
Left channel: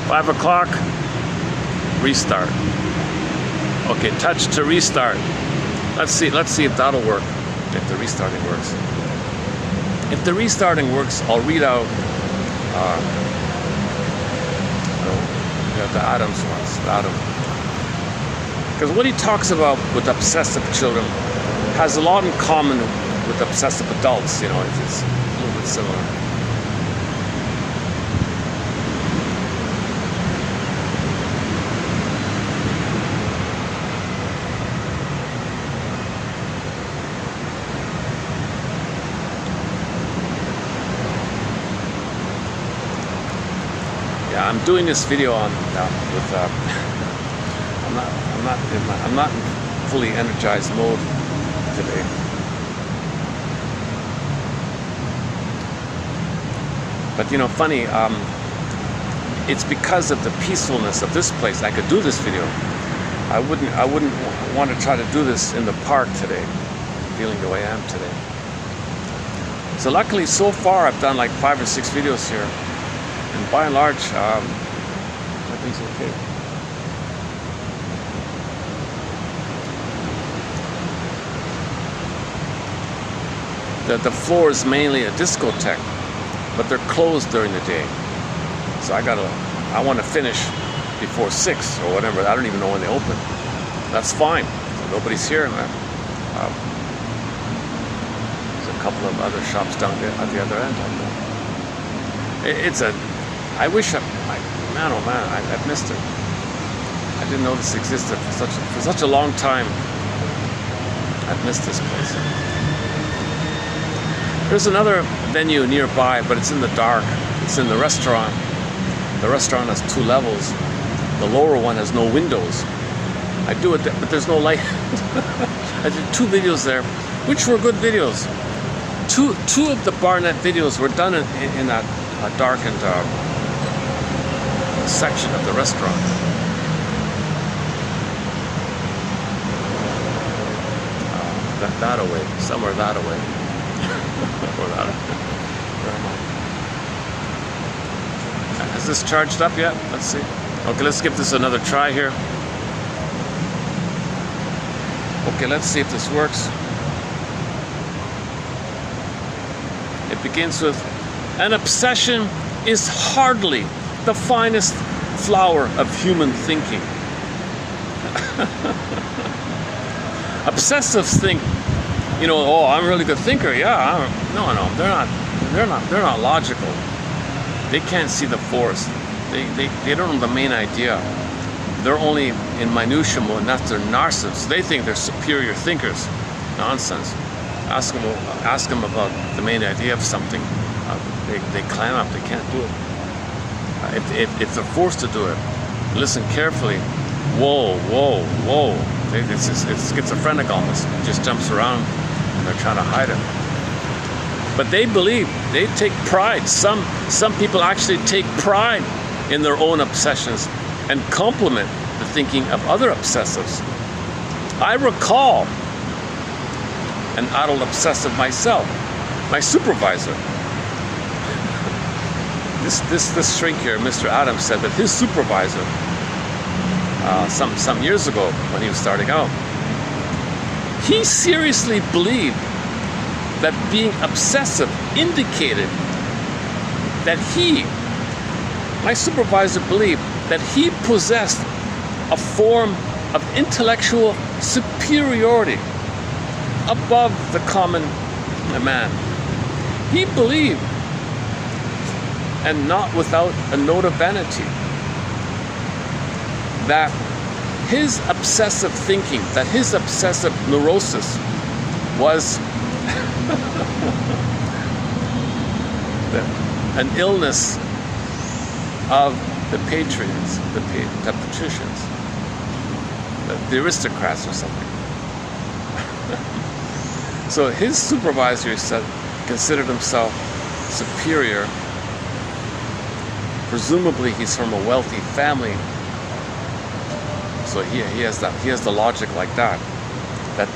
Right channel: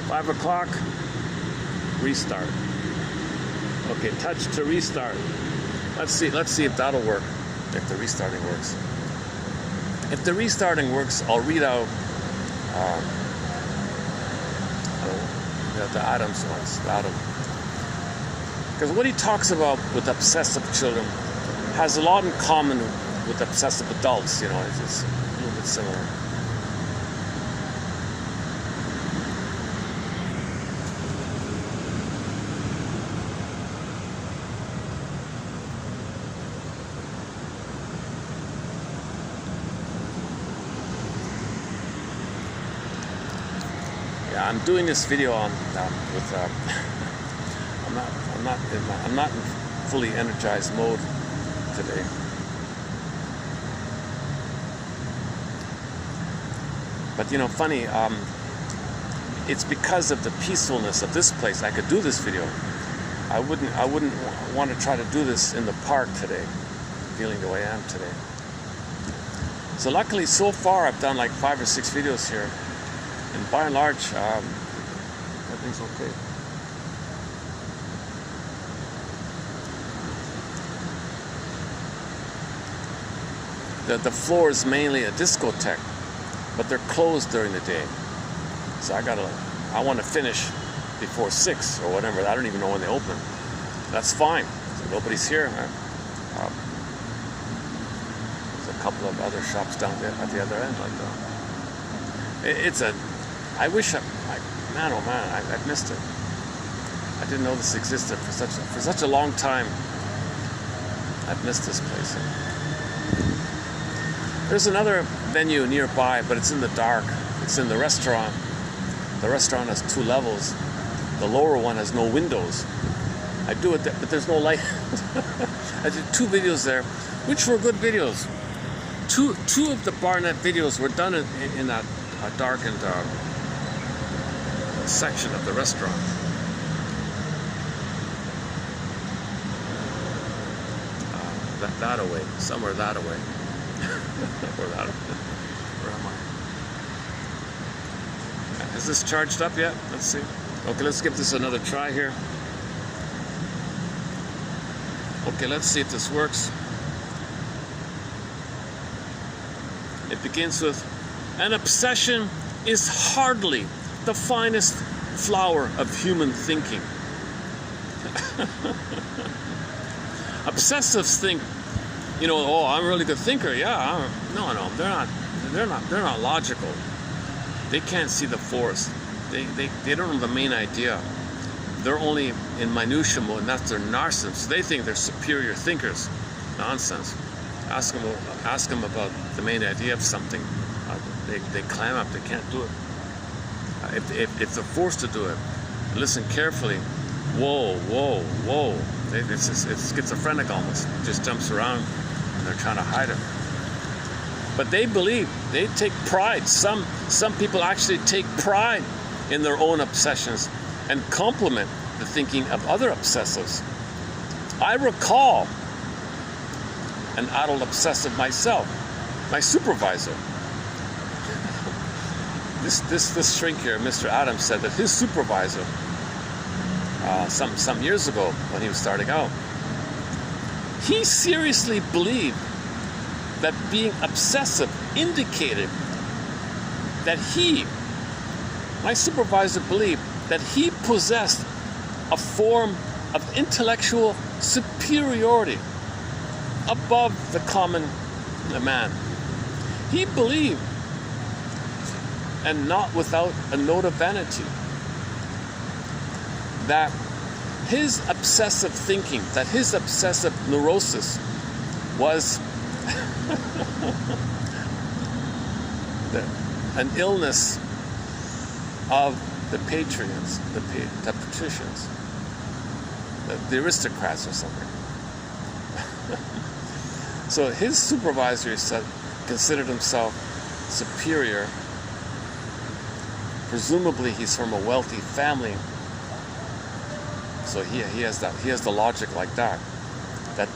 Five o'clock. Restart. Okay, touch to restart. Let's see if that'll work. If the restarting works. If the restarting works, I'll read out the Adams ones. Because what he talks about with obsessive children has a lot in common with obsessive adults. You know, it's a little bit similar. I'm doing this video on with I'm not in fully energized mode today. But you know, funny, it's because of the peacefulness of this place I could do this video. I wouldn't want to try to do this in the park today, feeling the way I am today. So luckily, so far I've done like 5 or 6 videos here. And by and large, everything's okay. The floor is mainly a discotheque, but they're closed during the day. So I want to finish before 6 or whatever. I don't even know when they open. That's fine. So nobody's here. There's a couple of other shops down there at the other end. I wish, man, oh man, I've missed it. I didn't know this existed for such a long time. I've missed this place. There's another venue nearby, but it's in the dark. It's in the restaurant. The restaurant has 2 levels. The lower one has no windows. I do it, but there's no light. I did 2 videos there, which were good videos. Two of the Barnett videos were done in that darkened section of the restaurant. That away, somewhere that away. Or that away. Is this charged up yet? Let's see. Okay, let's give this another try here. Okay, let's see if this works. It begins with, an obsession is hardly the finest flower of human thinking. Obsessives think, you know, oh, I'm a really good thinker. Yeah, no, they're not logical. They can't see the forest. They don't know the main idea. They're only in minutia mode, and that's their narcissists. They think they're superior thinkers. Nonsense. Ask them about the main idea of something. They clam up. They can't do it. If they're forced to do it, listen carefully. Whoa. It's schizophrenic almost. It just jumps around, and they're trying to hide it. But they believe, they take pride. Some people actually take pride in their own obsessions and compliment the thinking of other obsessives. I recall an adult obsessive myself, my supervisor. This shrink here, Mr. Adams, said that his supervisor, some years ago when he was starting out, he seriously believed that being obsessive indicated that my supervisor believed that he possessed a form of intellectual superiority above the common a man. He believed, and not without a note of vanity, that his obsessive thinking, that his obsessive neurosis was an illness of the patrons, the patricians, the aristocrats or something. So his supervisor considered himself superior. Presumably he's from a wealthy family, so he has the logic like that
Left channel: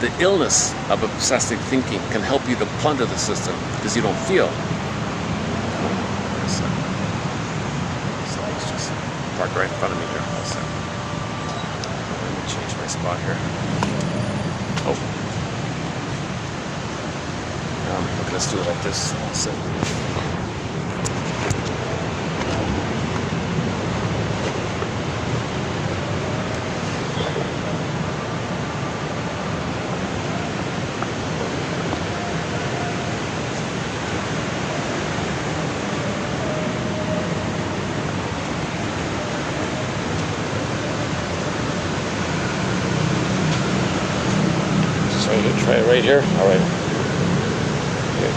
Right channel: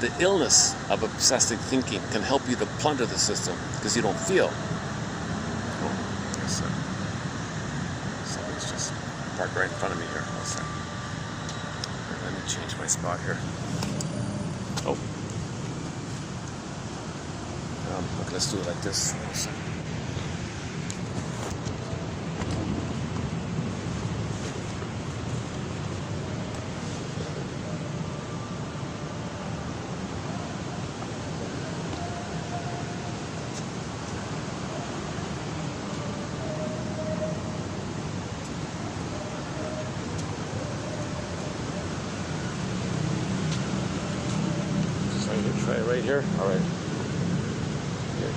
the illness of obsessive thinking can help you to plunder the system because you don't feel. So let's just park right in front of me here. So let me change my spot here. Oh, let's do it like this. So. Try it right here. All right. Okay.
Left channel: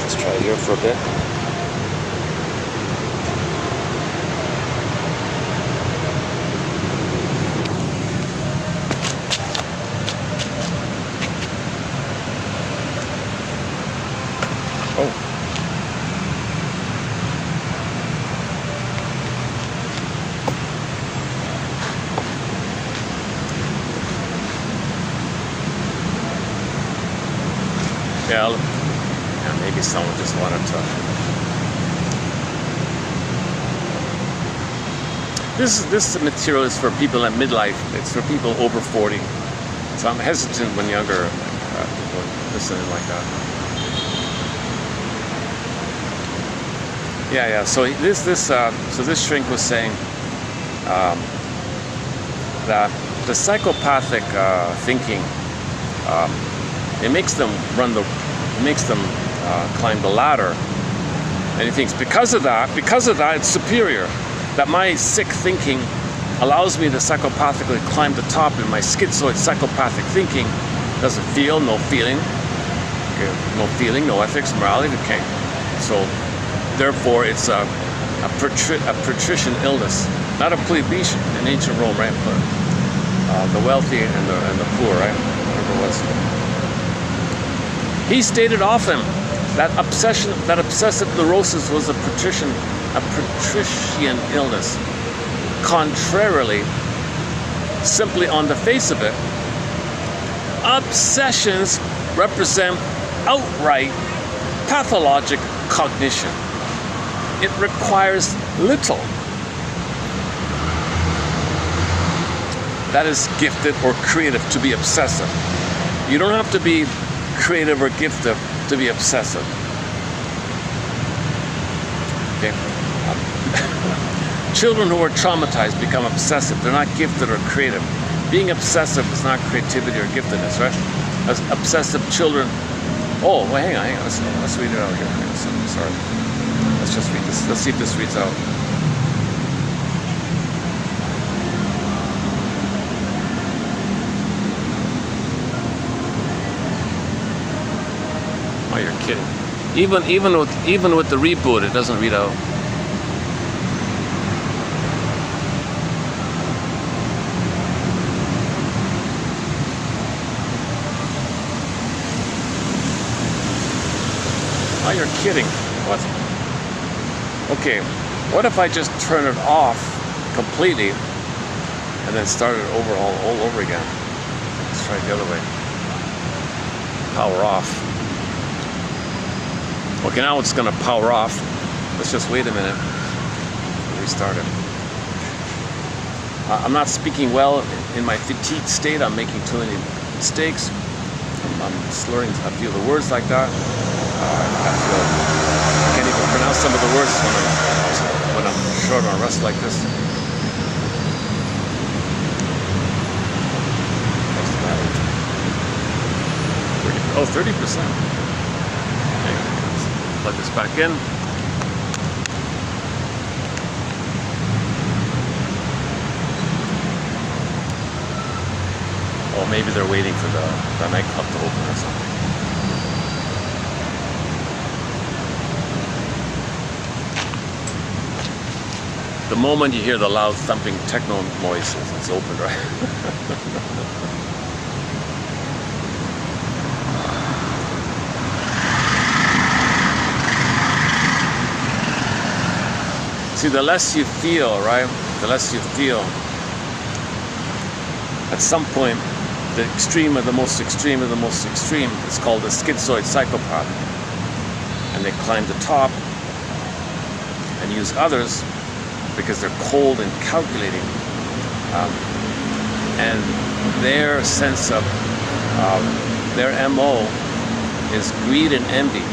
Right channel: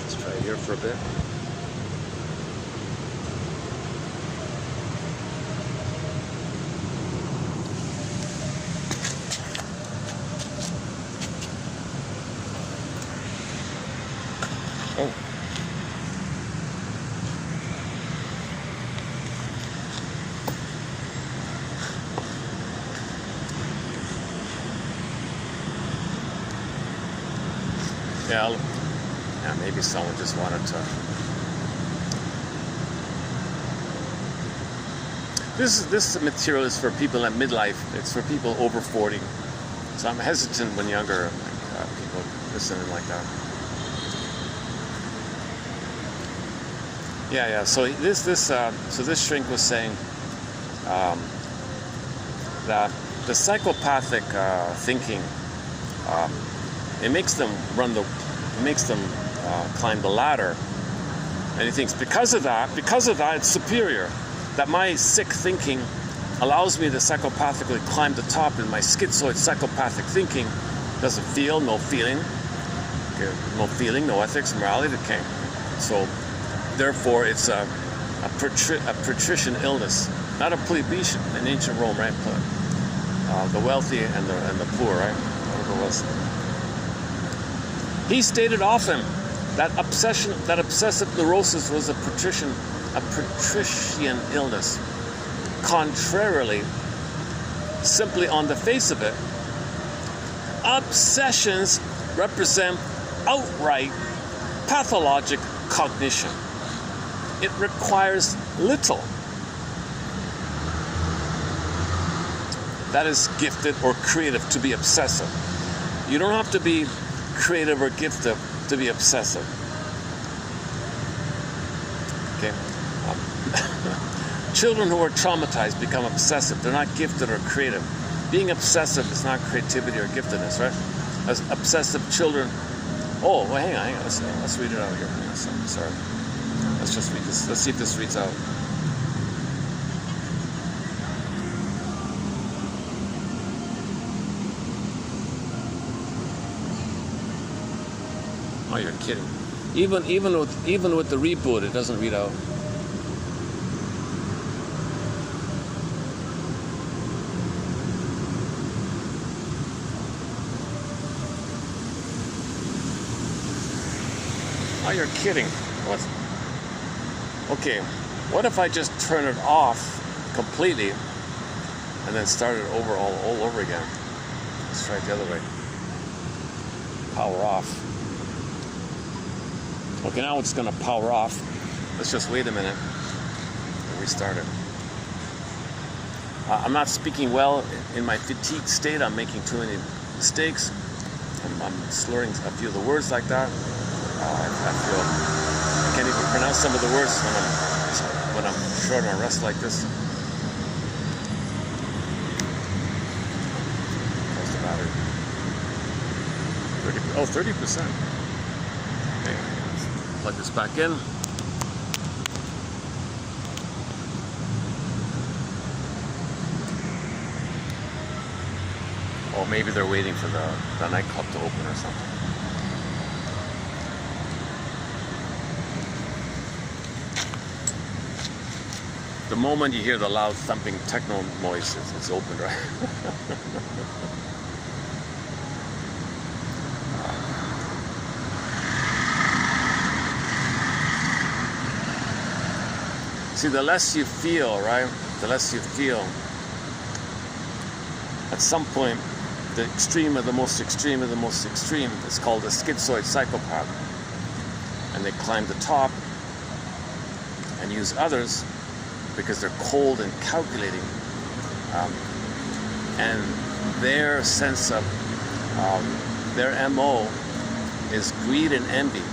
Let's try it here for a bit. Oh. Yeah, maybe someone just wanted to. This material is for people at midlife. It's for people over 40. So I'm hesitant when younger people listening like that. Yeah. So this shrink was saying that the psychopathic thinking. It makes them climb the ladder, and he thinks because of that, it's superior. That my sick thinking allows me to psychopathically climb the top, and my schizoid psychopathic thinking doesn't feel, no feeling, okay, no feeling, no ethics, morality. Okay, so therefore it's a patrician illness, not a plebeian in ancient Rome, right? But the wealthy and the poor, right? Whatever it was. He stated often that obsessive neurosis was a patrician illness. Contrarily, simply on the face of it, obsessions represent outright pathologic cognition. It requires little that is gifted or creative to be obsessive. You don't have to be creative or gifted to be obsessive. Okay. Children who are traumatized become obsessive. They're not gifted or creative. Being obsessive is not creativity or giftedness, right? As obsessive children. Oh, well, hang on. Let's read it out here. Sorry. Let's just read this. Let's see if this reads out. Oh, you're kidding. Even with the reboot, it doesn't read out. Oh, you're kidding. What? Okay, what if I just turn it off completely and then start it over all over again? Let's try it the other way. Power off. Okay, now it's going to power off. Let's just wait a minute. Restart it. I'm not speaking well in my fatigued state. I'm making too many mistakes. I'm slurring a few of the words like that. I can't even pronounce some of the words when I'm short on rest like this. Oh, 30%. this back in. Or maybe they're waiting for the nightclub to open or something. The moment you hear the loud thumping techno noises, it's open, right? See, the less you feel, right? The less you feel. At some point, the extreme of the most extreme of the most extreme is called a schizoid psychopath. And they climb the top and use others because they're cold and calculating. And their sense of, their MO is greed and envy.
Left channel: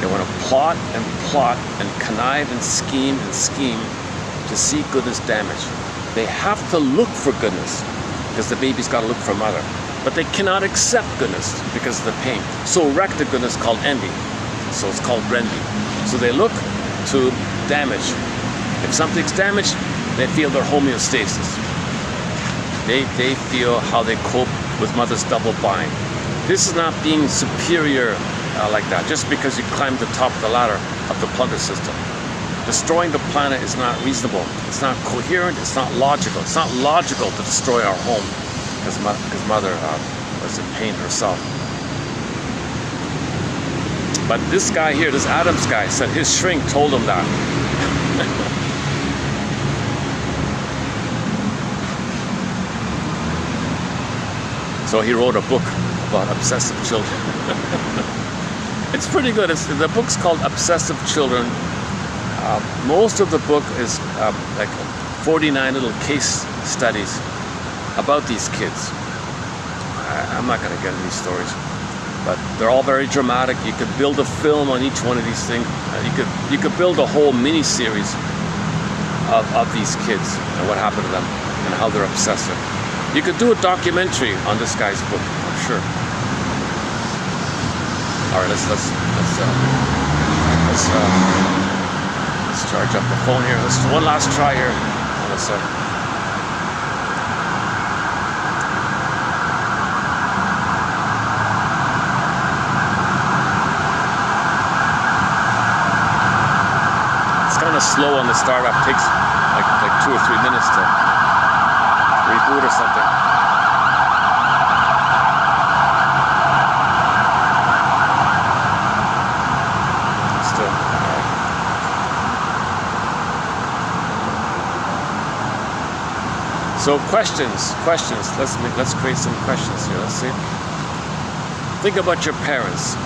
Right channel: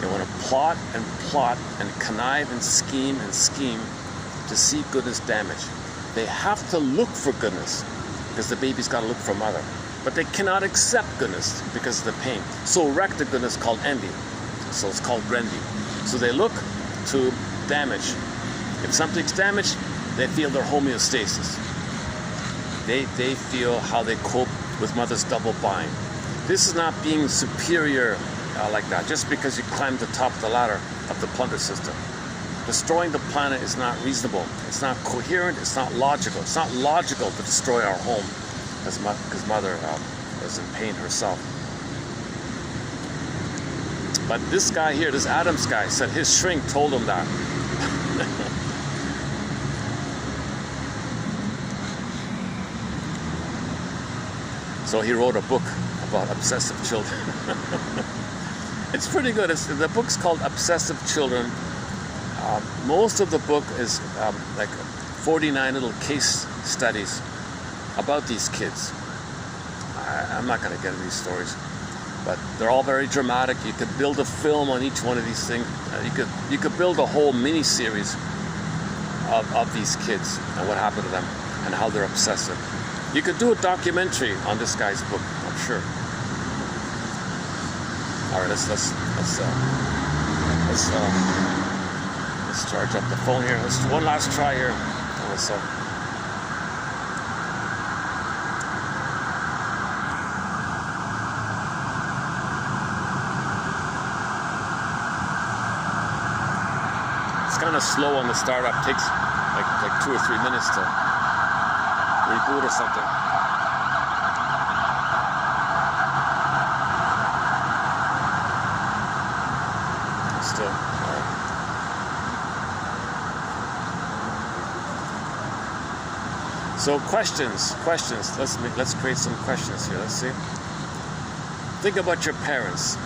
They want to plot and connive and scheme to see goodness damage. They have to look for goodness because the baby's got to look for mother. But they cannot accept goodness because of the pain. So wreck the goodness called envy. So it's called envy. So they look to damage. If something's damaged, they feel their homeostasis. They feel how they cope with mother's double bind. This is not being superior like that, just because you climb the top of the ladder of the plunder system. Destroying the planet is not reasonable. It's not coherent. It's not logical. It's not logical to destroy our home because mother was in pain herself. But this guy here, this Adams guy, said his shrink told him that. So he wrote a book about obsessive children. It's pretty good. The book's called Obsessive Children. Most of the book is like 49 little case studies about these kids. I'm not going to get into these stories, but they're all very dramatic. You could build a film on each one of these things. You could build a whole mini-series of these kids and what happened to them and how they're obsessive. You could do a documentary on this guy's book, for sure. All right, let's charge up the phone here. Let's one last try here. Let's it's kind of slow on the startup. Takes like 2 or 3 minutes to reboot or something. So questions. Let's create some questions here. Let's see. Think about your parents.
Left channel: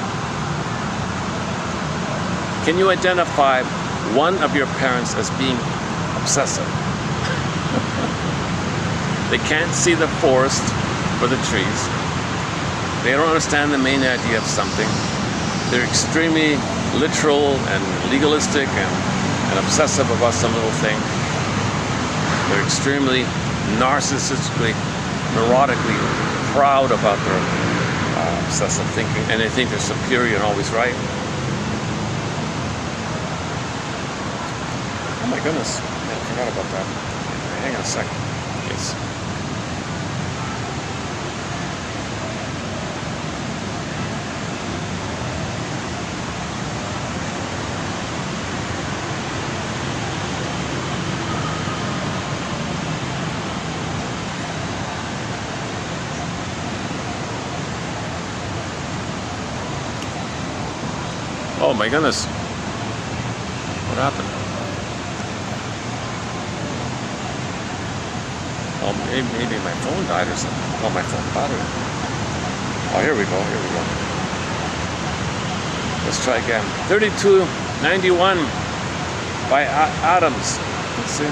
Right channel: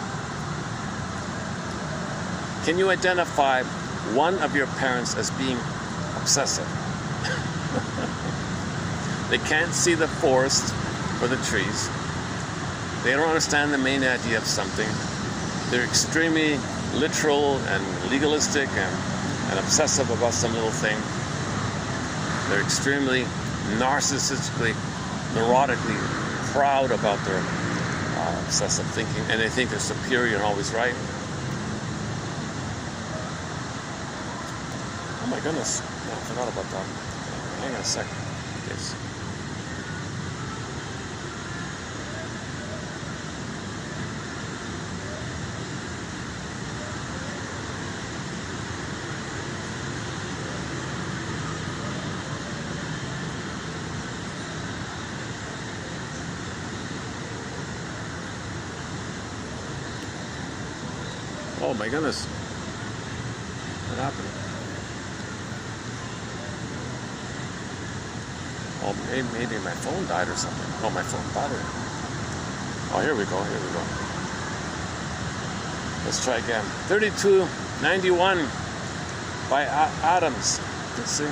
Can you identify one of your parents as being obsessive? They can't see the forest for the trees. They don't understand the main idea of something. They're extremely literal and legalistic and obsessive about some little thing. They're extremely narcissistically, neurotically proud about their obsessive thinking, and they think they're superior and always right. Oh my goodness, I forgot about that. Hang on a second. Yes. Oh my goodness. What happened? Oh, maybe my phone died or something. Oh, my phone battery. Oh, here we go. Let's try again. 3291 by Adams. Let's see.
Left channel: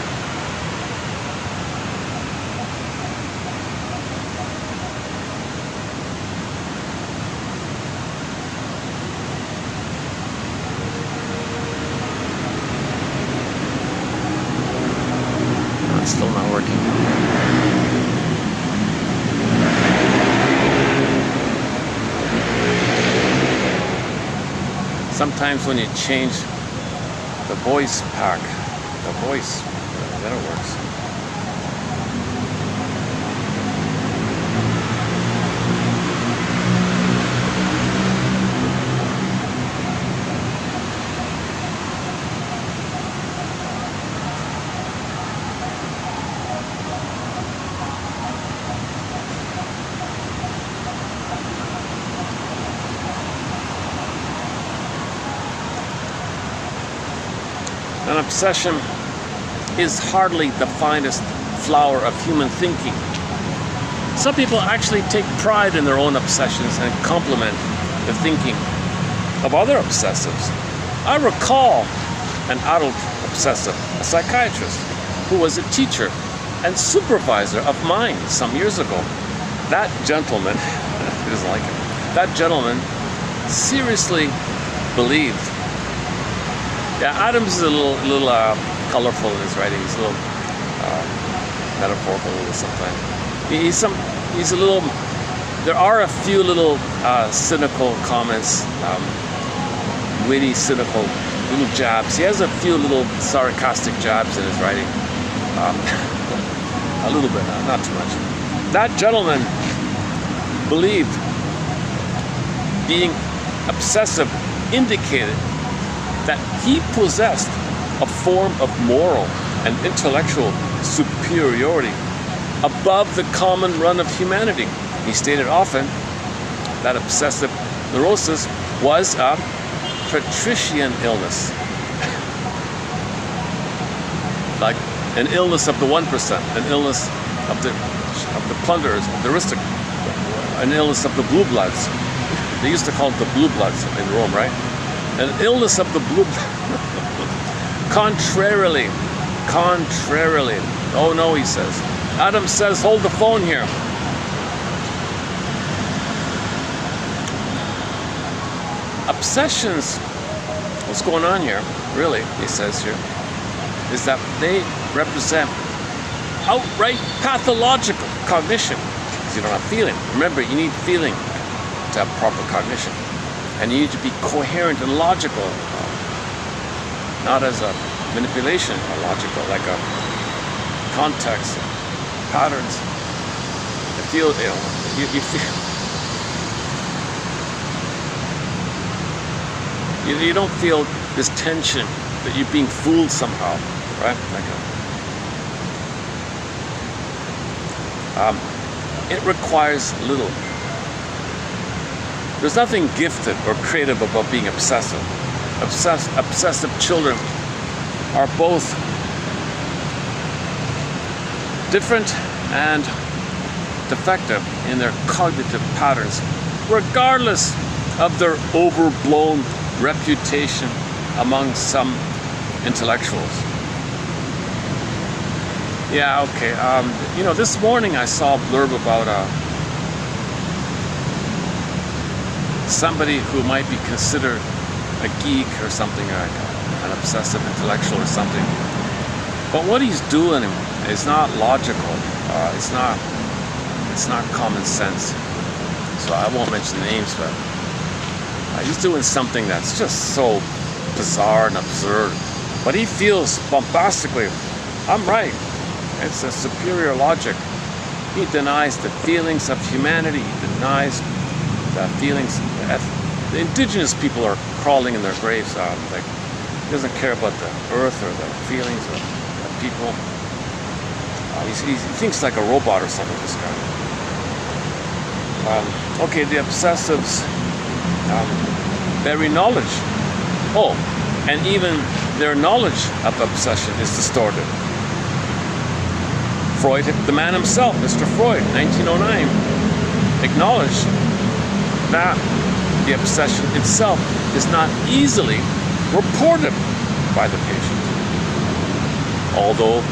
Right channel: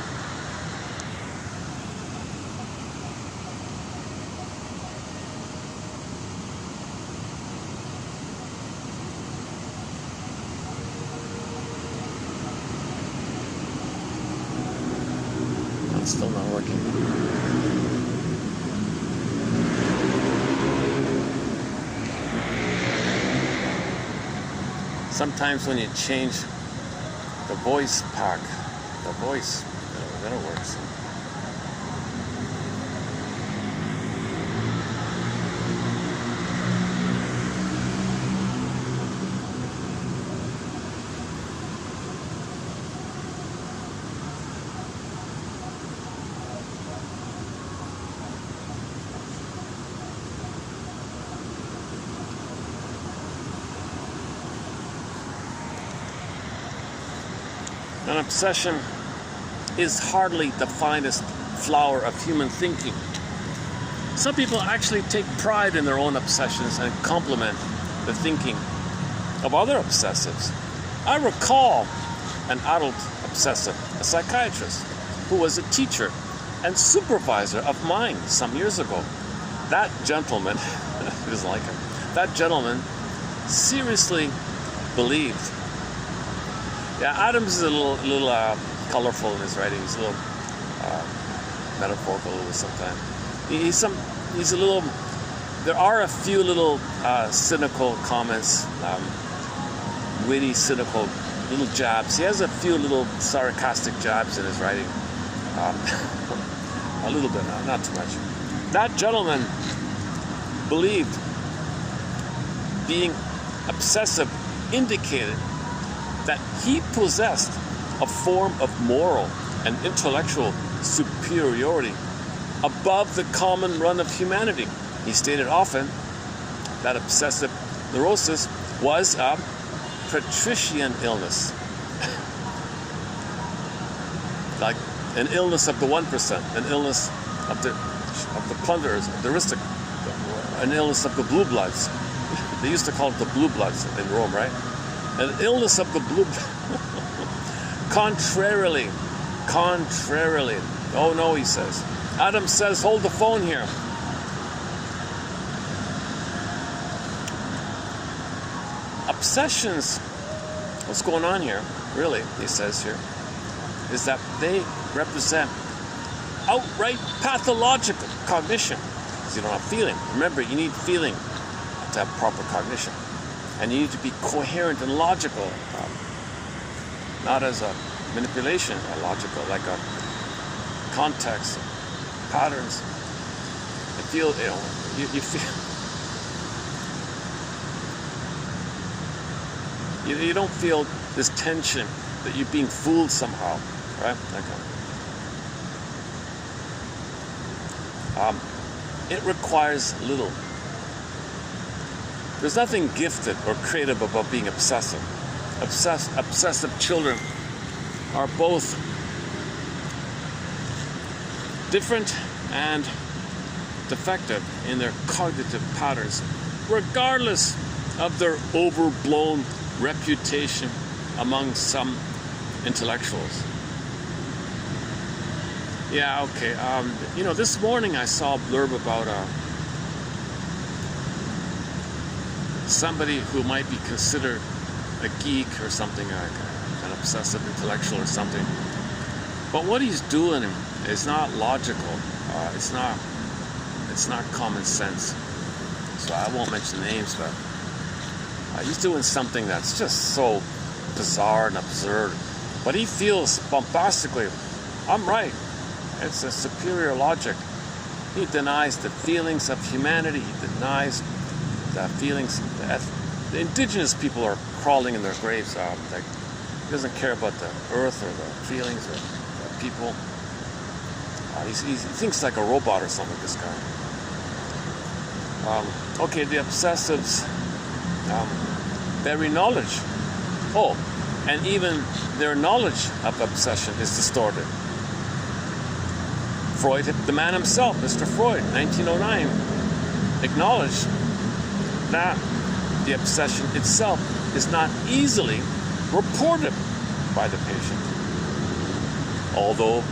Still not working. sometimes when you change the voice pack, then it works. An obsession is hardly the finest flower of human thinking. Some people actually take pride in their own obsessions and compliment the thinking of other obsessives. I recall an adult obsessive, a psychiatrist, who was a teacher and supervisor of mine some years ago. That gentleman, he doesn't like it, that gentleman seriously believed. Yeah, Adams is a little colorful in his writing. He's a little metaphorical sometimes. He's a little. There are a few little cynical comments, witty, cynical little jabs. He has a few little sarcastic jabs in his writing. A little bit, not too much. That gentleman believed being obsessive indicated that he possessed a form of moral and intellectual superiority above the common run of humanity. He stated often that obsessive neurosis was a patrician illness, like an illness of the 1%, an illness of the plunderers, the aristocrats, an illness of the blue bloods. They used to call it the blue bloods in Rome, right? An illness of the blue. Contrarily. Oh no, he says. Adam says, hold the phone here. Obsessions, what's going on here, really, he says here, is that they represent outright pathological cognition. Because you don't have feeling. Remember, you need feeling to have proper cognition. And you need to be coherent and logical, not as a manipulation or logical, like a context, patterns. You feel, you feel. You don't feel this tension that you're being fooled somehow, right? It requires little. There's nothing gifted or creative about being obsessive. Obsessive children are both different and defective in their cognitive patterns, regardless of their overblown reputation among some intellectuals. Yeah, okay. This morning I saw a blurb about somebody who might be considered a geek or something, an obsessive intellectual or something. But what he's doing is not logical. It's not common sense. So I won't mention names, but he's doing something that's just so bizarre and absurd. But he feels bombastically, I'm right. It's a superior logic. He denies the feelings of humanity. He denies the feelings. The indigenous people are crawling in their graves. He doesn't care about the earth or the feelings of the people. He thinks like a robot or something, this guy. Okay, the obsessives bury knowledge. Oh, and even their knowledge of obsession is distorted. Freud, the man himself, Mr. Freud, 1909, acknowledged that the obsession itself is not easily reported by the patient. Although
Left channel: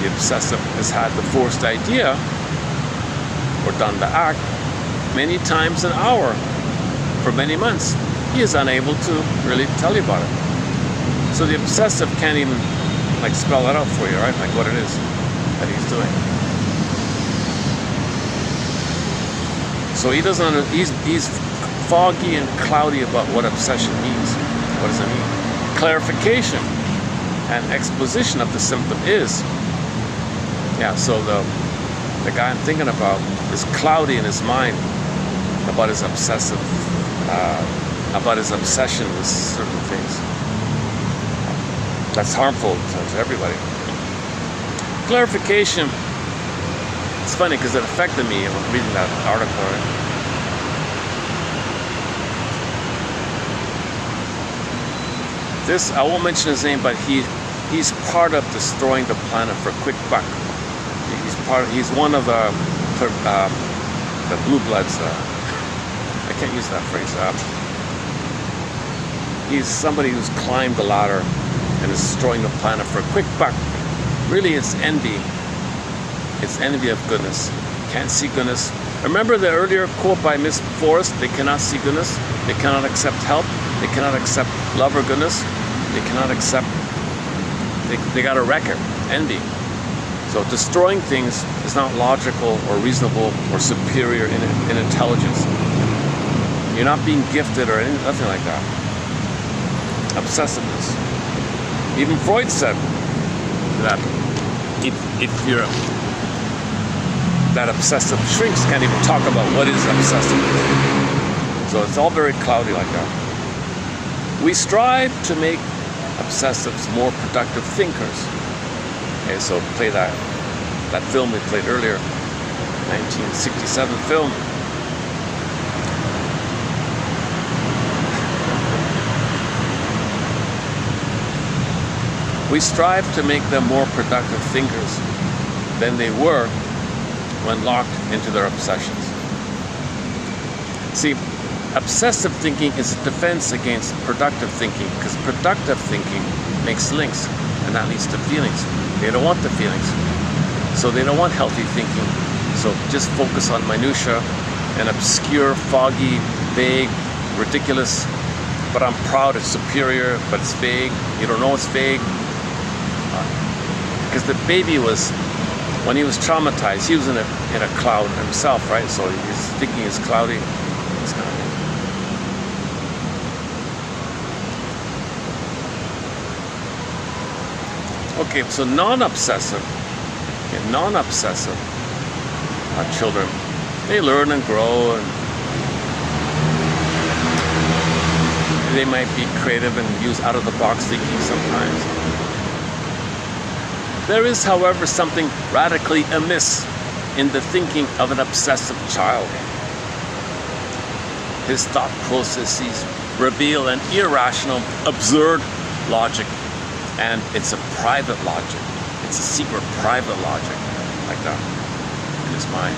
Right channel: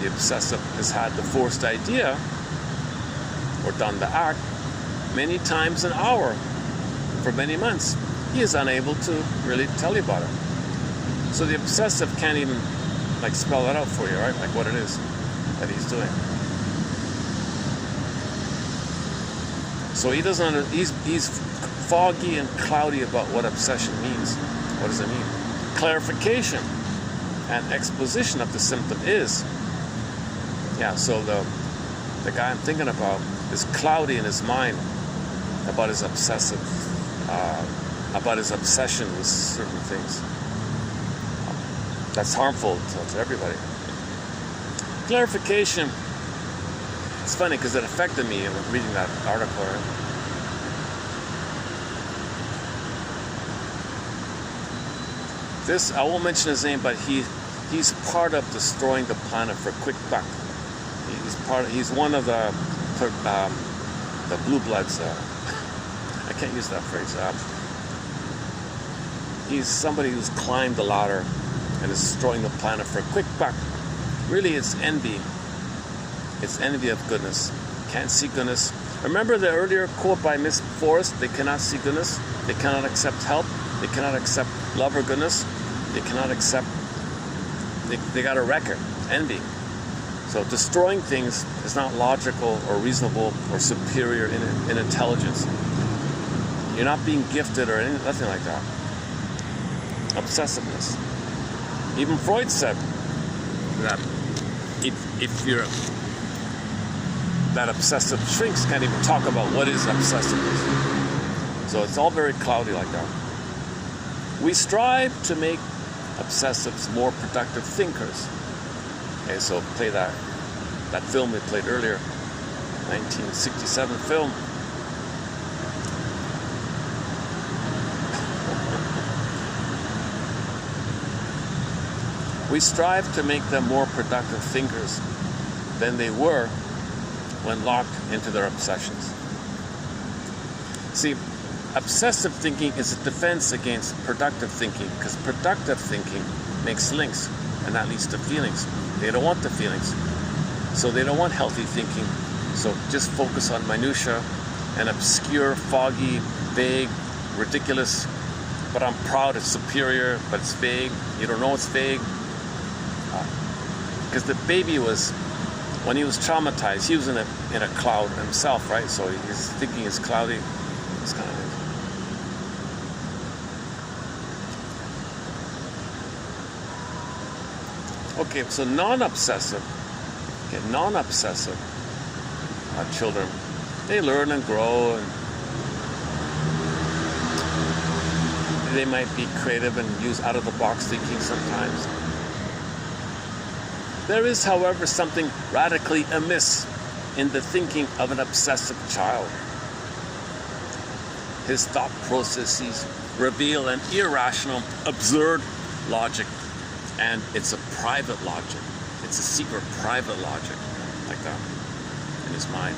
the obsessive has had the forced idea or done the act many times an hour for many months, he is unable to really tell you about it. So the obsessive can't even spell that out for you, right? Like what it is that he's doing. So he doesn't he's foggy and cloudy about what obsession means. What does it mean? Clarification and exposition of the symptom is, so the guy I'm thinking about is cloudy in his mind about his obsessive, about his obsession with certain things. That's harmful to everybody. Clarification, it's funny because it affected me when reading that article. This, I won't mention his name, but he's part of destroying the planet for a quick buck. He's one of the blue bloods. I can't use that phrase. He's somebody who's climbed the ladder and is destroying the planet for a quick buck. Really, it's envy. It's envy of goodness. Can't see goodness. Remember the earlier quote by Miss Forrest? They cannot see goodness. They cannot accept help. They cannot accept love or goodness. They cannot accept. They got a record. Envy. So destroying things is not logical or reasonable or superior in intelligence. You're not being gifted or nothing like that. Obsessiveness. Even Freud said that if you're that obsessive shrinks can't even talk about what is obsessiveness. So it's all very cloudy like that. We strive to make obsessives more productive thinkers. Okay, so play that film we played earlier, 1967 film. We strive to make them more productive thinkers than they were when locked into their obsessions. See, obsessive thinking is a defense against productive thinking, because productive thinking makes links, and that leads to feelings. They don't want the feelings, so they don't want healthy thinking. So just focus on minutia and obscure, foggy, vague, ridiculous, but I'm proud, it's superior, but it's vague. You don't know it's vague. Because the baby was, when he was traumatized, he was in a cloud himself, right? So he's thinking it's cloudy. It's kind of, okay, so non-obsessive children, they learn and grow, and they might be creative and use out-of-the-box thinking sometimes. There is, however, something radically amiss in the thinking of an obsessive child. His thought processes reveal an irrational, absurd logic, and it's a private logic. It's a secret private logic, like that, in his mind.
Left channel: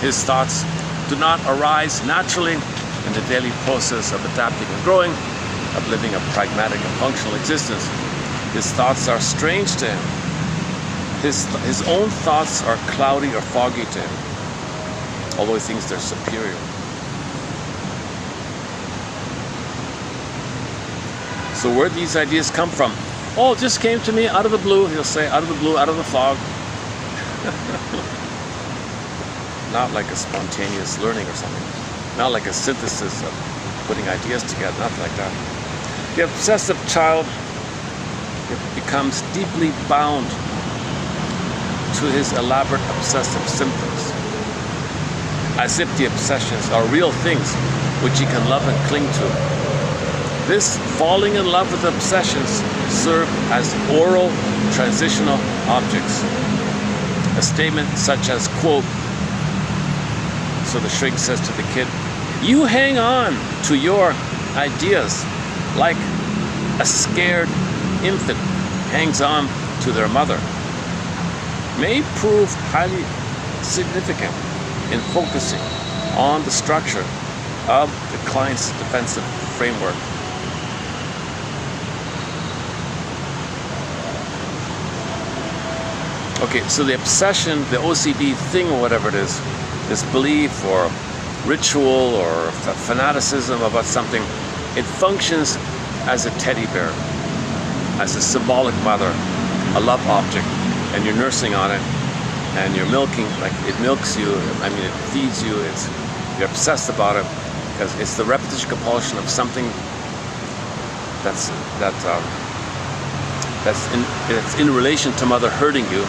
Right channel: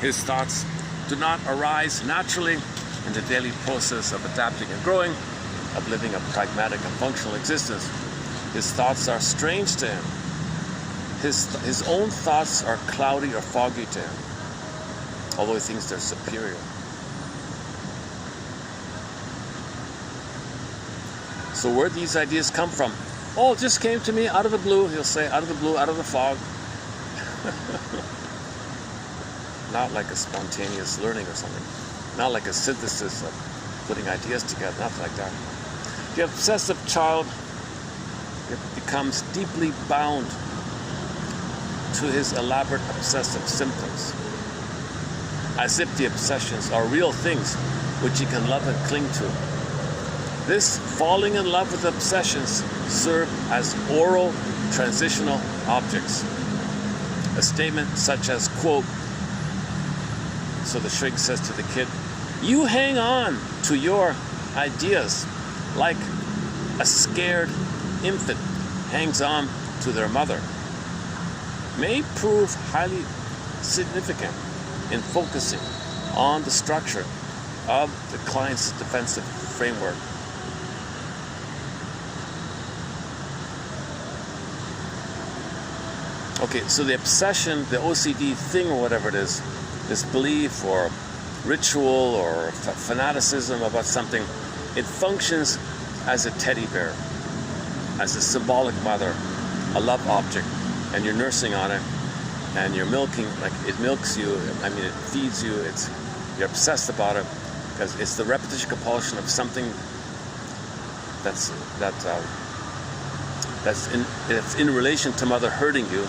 His thoughts do not arise naturally in the daily process of adapting and growing, of living a pragmatic and functional existence. His thoughts are strange to him. His own thoughts are cloudy or foggy to him, although he thinks they're superior. So where these ideas come from? Oh, it just came to me out of the blue. He'll say, out of the blue, out of the fog. Not like a spontaneous learning or something. Not like a synthesis of putting ideas together, nothing like that. The obsessive child becomes deeply bound to his elaborate obsessive symptoms, as if the obsessions are real things which he can love and cling to. This falling in love with obsessions serve as oral transitional objects. A statement such as, quote, so the shrink says to the kid, "You hang on to your ideas like a scared infant hangs on to their mother," may prove highly significant in focusing on the structure of the Klein's defensive framework. Okay, so the obsession, the OCD thing, or whatever it is, this belief or ritual or fanaticism about something, it functions as a teddy bear, as a symbolic mother, a love object, and you're nursing on it, and you're milking, like it milks you, I mean it feeds you, you're obsessed about it, because it's the repetition compulsion of something it's in relation to mother hurting you,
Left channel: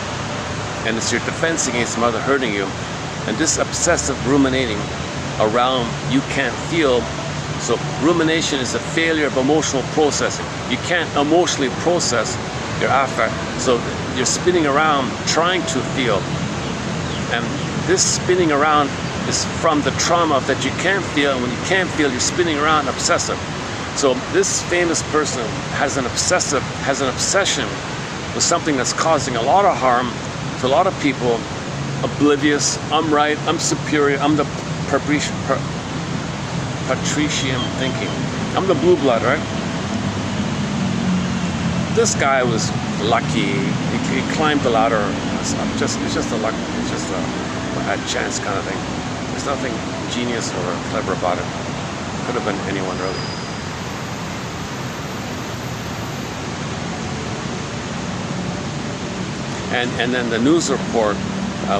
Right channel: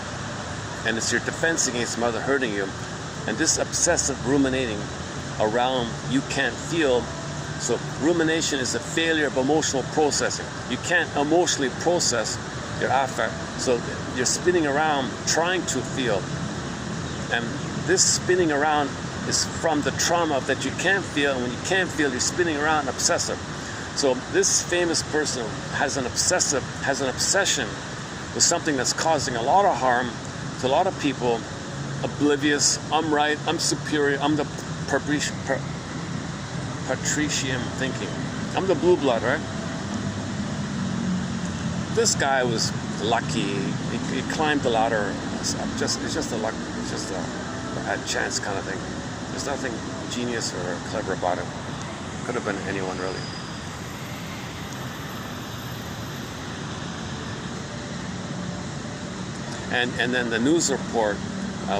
and it's your defense against mother hurting you, and this obsessive ruminating around you can't feel. So rumination is a failure of emotional processing. You can't emotionally process your affect, so you're spinning around trying to feel, and this spinning around is from the trauma that you can't feel, and when you can't feel, you're spinning around obsessive. So this famous person has an obsession with something that's causing a lot of harm to a lot of people, oblivious, I'm right, I'm superior, I'm the patrician thinking. I'm the blue blood, right? This guy was lucky. He climbed the ladder. It's just a luck. It's just a chance kind of thing. There's nothing genius or clever about it. Could have been anyone really. And then the news report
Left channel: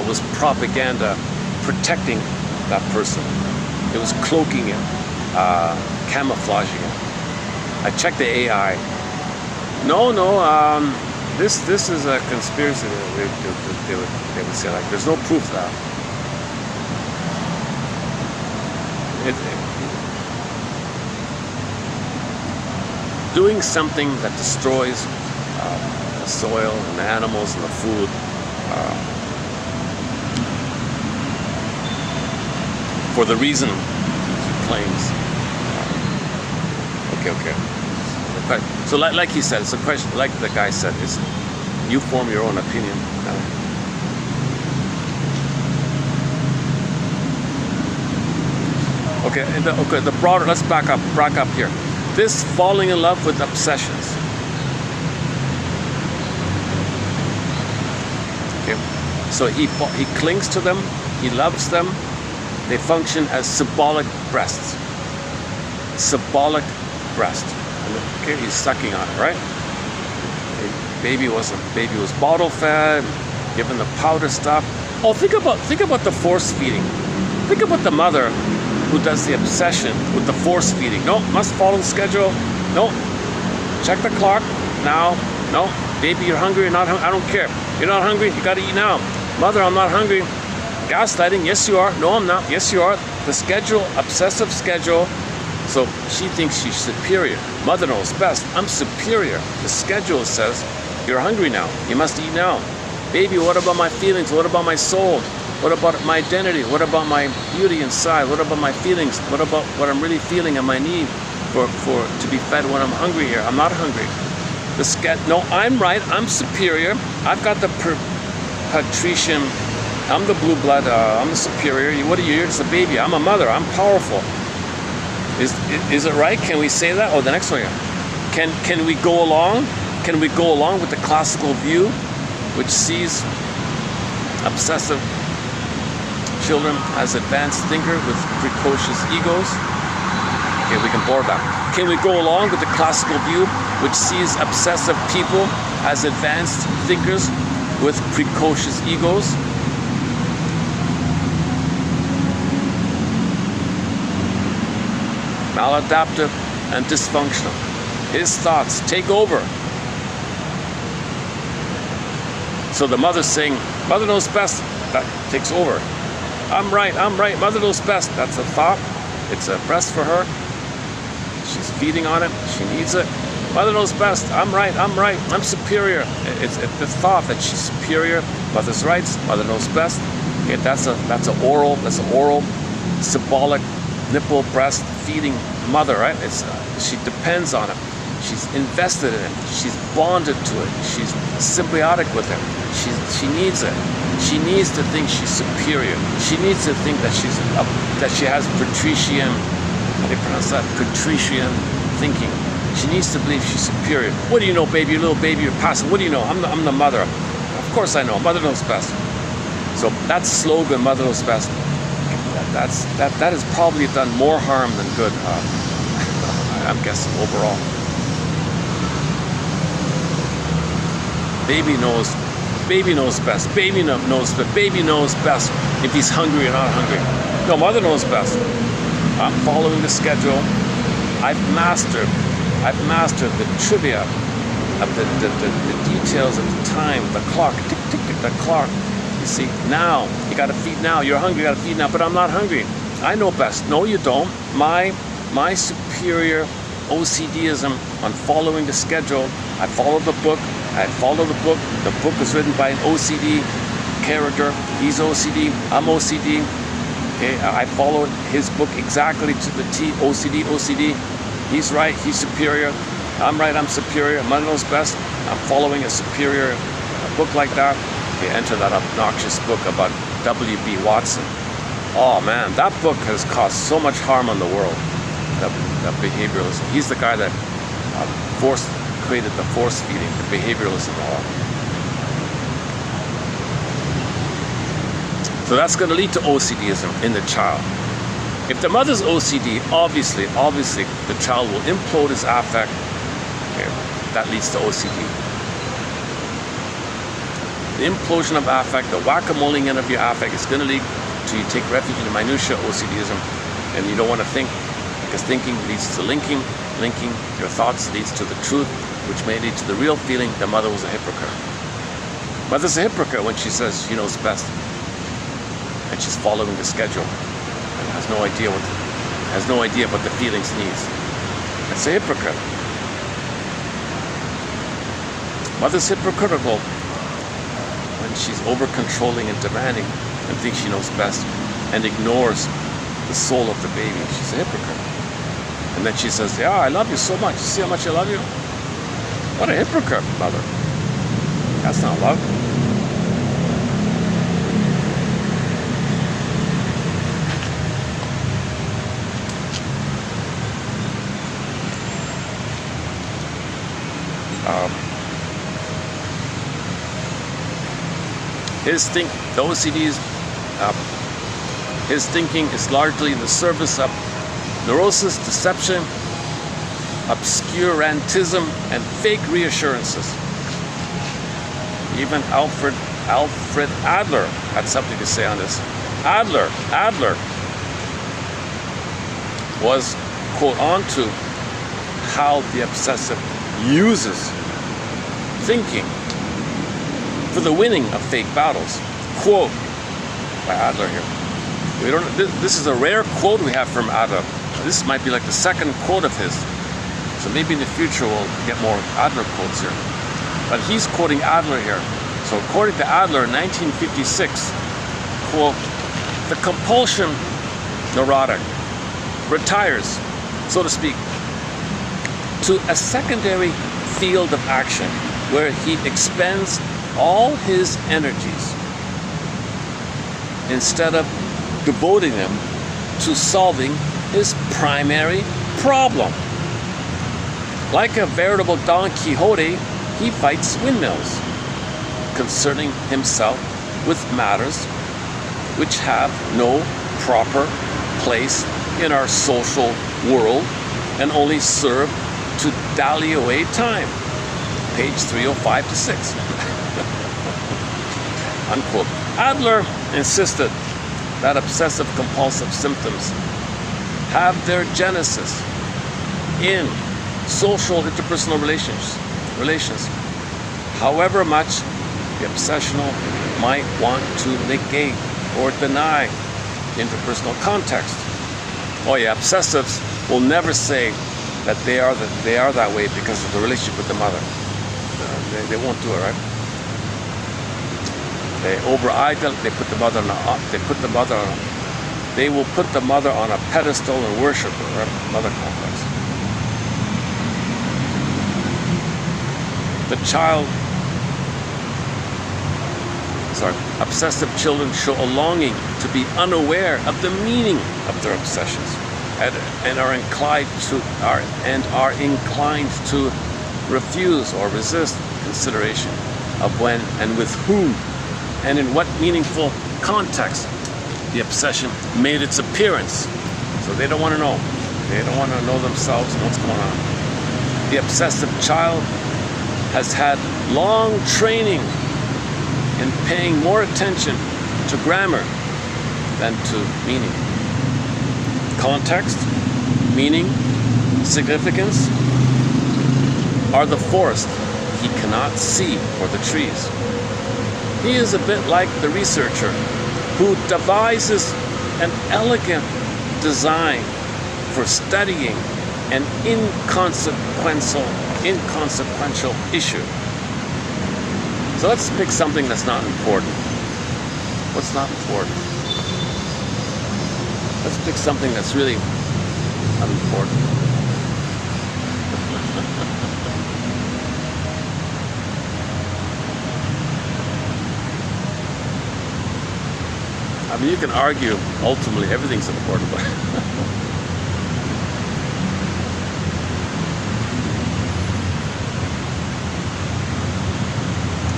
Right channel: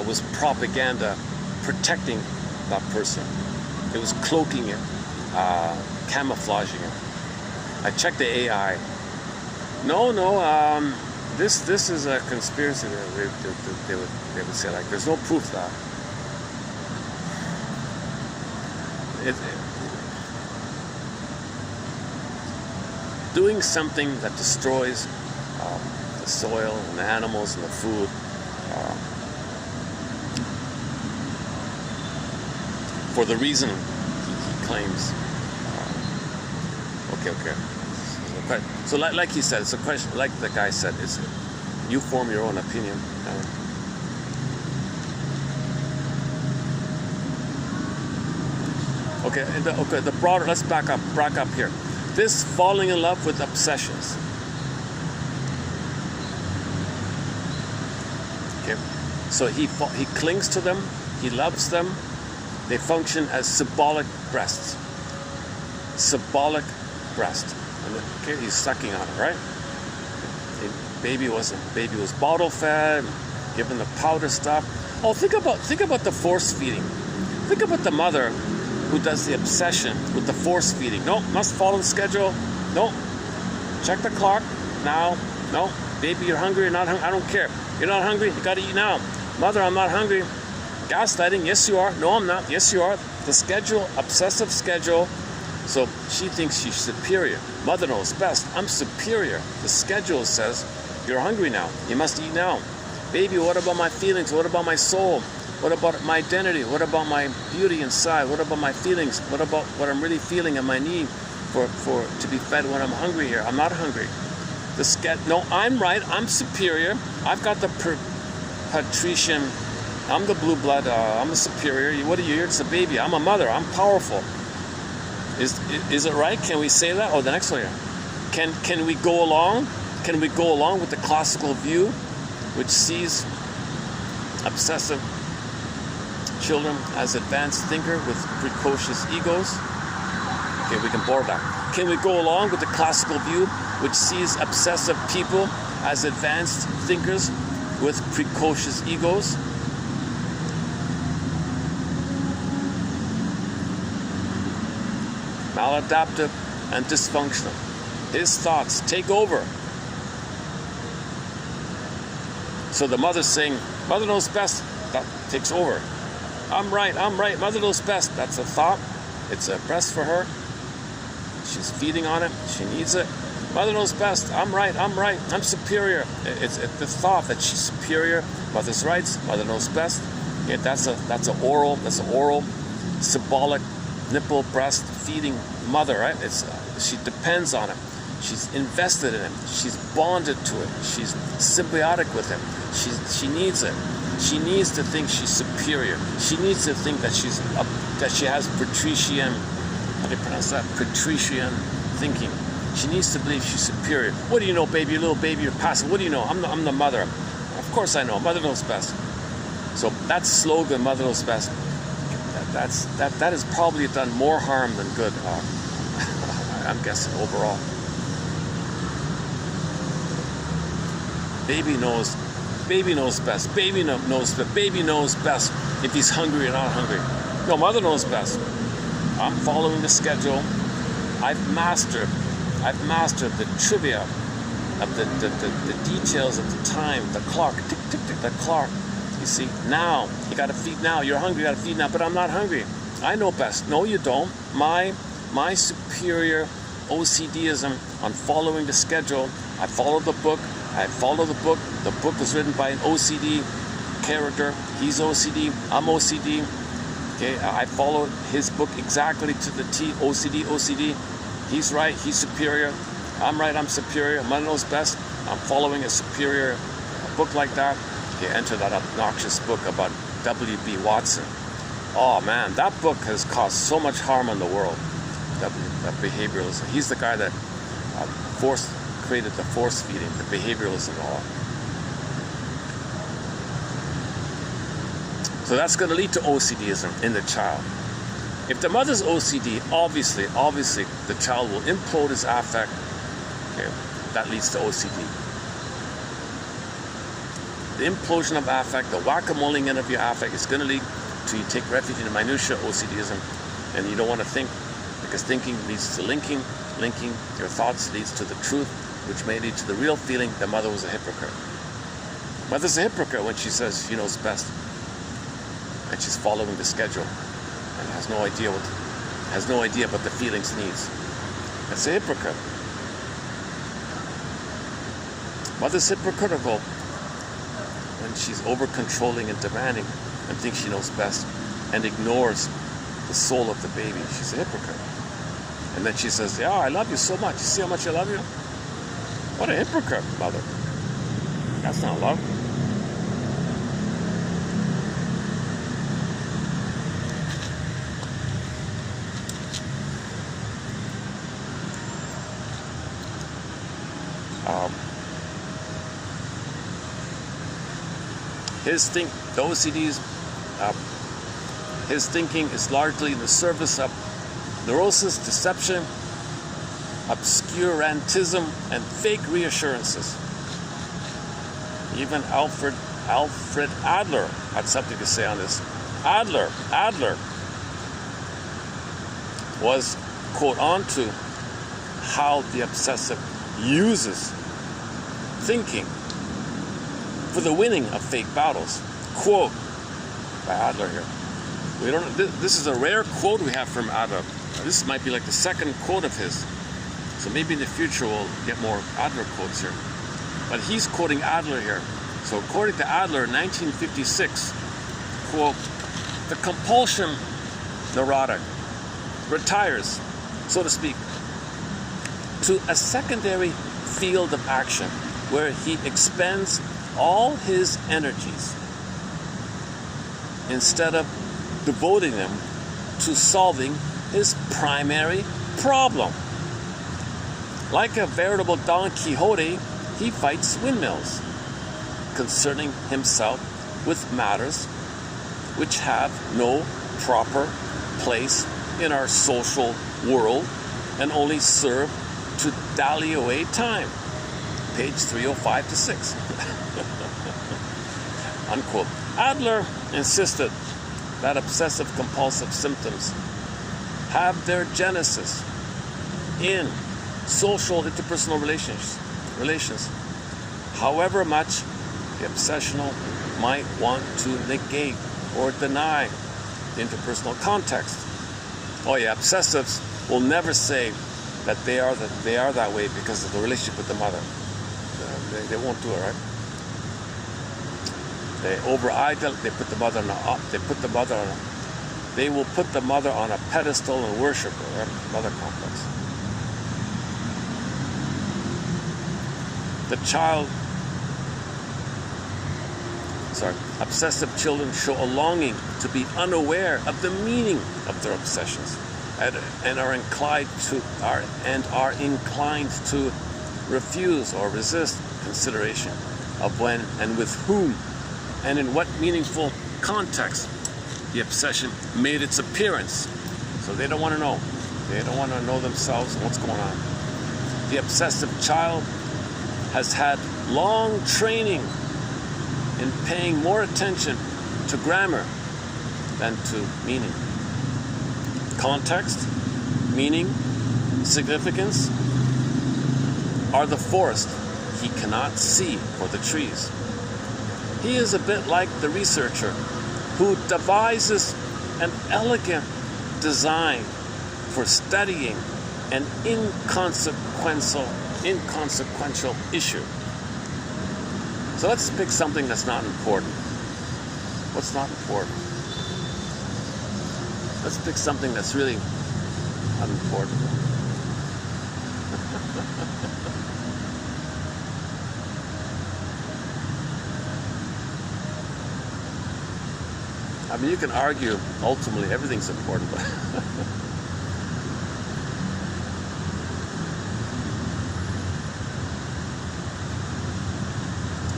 was propaganda protecting that person. It was cloaking it, camouflaging it. I checked the AI. No, this is a conspiracy. They would say, like, there's no proof of that. Doing something that destroys the soil and the animals and the food. For the reason he claims. Okay. But, so like he said, it's a question, like the guy said, is you form your own opinion. Okay, the broader, let's back up here. This falling in love with obsessions. Okay, so he clings to them, he loves them. They function as symbolic breasts. Symbolic breast. Okay, he's sucking on it, right? Baby was bottle fed, given the powder stuff. Oh, think about the force feeding. Think about the mother who does the obsession with the force feeding. No, must follow the schedule. No, check the clock now. No, baby, you're hungry. You're not hungry. I don't care. You're not hungry. You got to eat now. Mother, I'm not hungry. Gaslighting. Yes, you are. No, I'm not. Yes, you are. The schedule, obsessive schedule. So she thinks she's superior. Mother knows best. I'm superior. The schedule says, you're hungry now. You must eat now. Baby, what about my feelings? What about my soul? What about my identity? What about my beauty inside? What about my feelings? What about what I'm really feeling and my need for to be fed when I'm hungry here? I'm not hungry. No, I'm right. I'm superior. I've got the patrician. I'm the blue blood. I'm the superior. What are you? You're just a baby. I'm a mother. I'm powerful. Is it right? Can we say that? Oh, the next one. Can we go along? Can we go along with the classical view, which sees obsessive children as advanced thinker with precocious egos? Okay, we can board that. Can we go along with the classical view, which sees obsessive people as advanced thinkers with precocious egos? Maladaptive and dysfunctional. His thoughts take over. So the mother's saying, mother knows best. That takes over. I'm right, mother knows best. That's a thought. It's a breast for her. She's feeding on it. She needs it. Mother knows best. I'm right, I'm superior. It's the thought that she's superior. Mother's rights, mother knows best. Okay, that's an oral symbolic nipple breast feeding mother, right? She depends on it. She's invested in it. She's bonded to it. She's symbiotic with it. She needs it. She needs to think she's superior. She needs to think that that she has patrician. How do you pronounce that? Patrician thinking. She needs to believe she's superior. What do you know, baby? You're a little baby. You're passive. What do you know? I'm the mother. Of course I know. Mother knows best. So that slogan, mother knows best. That has probably done more harm than good. I'm guessing overall. Baby knows best. Baby knows that. Baby knows best if he's hungry or not hungry. No, mother knows best. I'm following the schedule. I've mastered I've mastered the trivia of the details of the time, the clock, tick, tick, tick, the clock. You see, now, you gotta feed now, you're hungry, you gotta feed now, but I'm not hungry. I know best. No, you don't. My superior OCDism on following the schedule. I follow the book. The book is written by an OCD character. He's OCD, I'm OCD. Okay, I followed his book exactly to the T. OCD. He's right, he's superior. I'm right, I'm superior. Mother knows best. I'm following a superior book like that. They enter that obnoxious book about W.B. Watson. Oh man, that book has caused so much harm on the world. That behavioralism. He's the guy that created the force feeding, the behavioralism. So that's going to lead to OCDism in the child. If the mother's OCD, obviously, the child will implode his affect. Okay, that leads to OCD. The implosion of affect, the whack-a-moling of your affect is going to lead to you take refuge in the minutiae OCDism, and you don't want to think, because thinking leads to linking your thoughts leads to the truth, which may lead to the real feeling the mother was a hypocrite. Mother's a hypocrite when she says she knows best, and she's following the schedule, and has no idea what the feelings needs. It's a hypocrite. Mother's hypocritical when she's over-controlling and demanding and thinks she knows best and ignores the soul of the baby. She's a hypocrite. And then she says, yeah, I love you so much. You see how much I love you? What a hypocrite, mother. That's not love. The OCD's, his thinking is largely in the service of neurosis, deception, obscurantism, and fake reassurances. Even Alfred Adler had something to say on this. Adler was, quote, onto how the obsessive uses thinking for the winning of fake battles. Quote by Adler here. This is a rare quote we have from Adler. This might be like the second quote of his. So maybe in the future we'll get more Adler quotes here. But he's quoting Adler here. So according to Adler in 1956, quote, the compulsion neurotic retires, so to speak, to a secondary field of action where he expends all his energies instead of devoting them to solving his primary problem. Like a veritable Don Quixote, he fights windmills, concerning himself with matters which have no proper place in our social world and only serve to dally away time. Page 305 to 6. Unquote. Adler insisted that obsessive-compulsive symptoms have their genesis in social interpersonal relations. However much the obsessional might want to negate or deny interpersonal context. Oh yeah, obsessives will never say that they are that way because of the relationship with the mother. They won't do it, right? They over-idol. They will put the mother on a pedestal and worship her. Mother complex. Obsessive children show a longing to be unaware of the meaning of their obsessions, and are inclined to refuse or resist consideration of when and with whom and in what meaningful context the obsession made its appearance. So they don't want to know. They don't want to know themselves what's going on. The obsessive child has had long training in paying more attention to grammar than to meaning. Context, meaning, significance, or the forest he cannot see for the trees. He is a bit like the researcher who devises an elegant design for studying an inconsequential issue. So let's pick something that's not important. What's not important? Let's pick something that's really unimportant. I mean, you can argue ultimately everything's important, but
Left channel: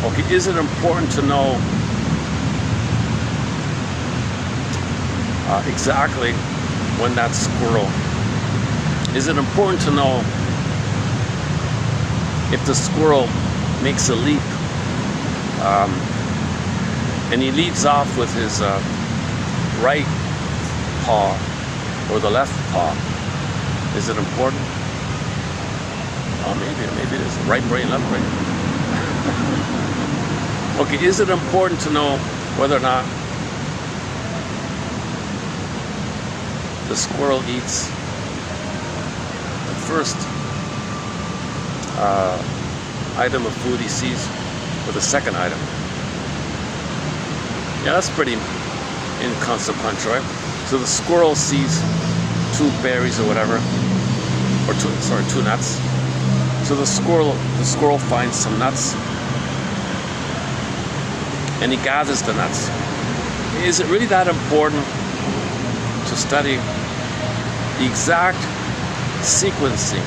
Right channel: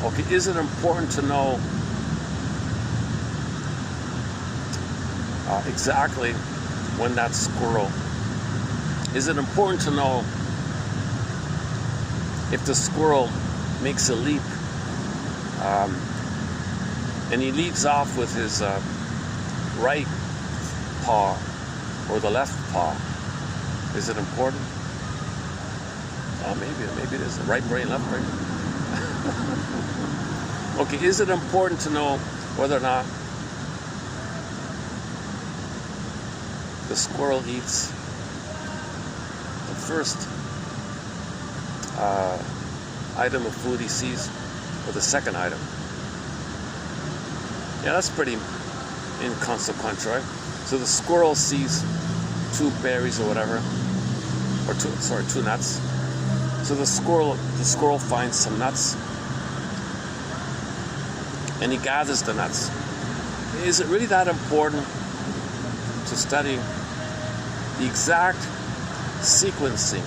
okay, is it important to know exactly when that squirrel? Is it important to know if the squirrel makes a leap and he leads off with his right paw or the left paw? Is it important? Oh, maybe it is. Right brain, left brain. Okay, is it important to know whether or not the squirrel eats the first item of food he sees or the second item? Yeah, that's pretty inconsequential, right? So the squirrel sees 2 berries or whatever, or 2 nuts. So the squirrel finds some nuts and he gathers the nuts. Is it really that important to study the exact sequencing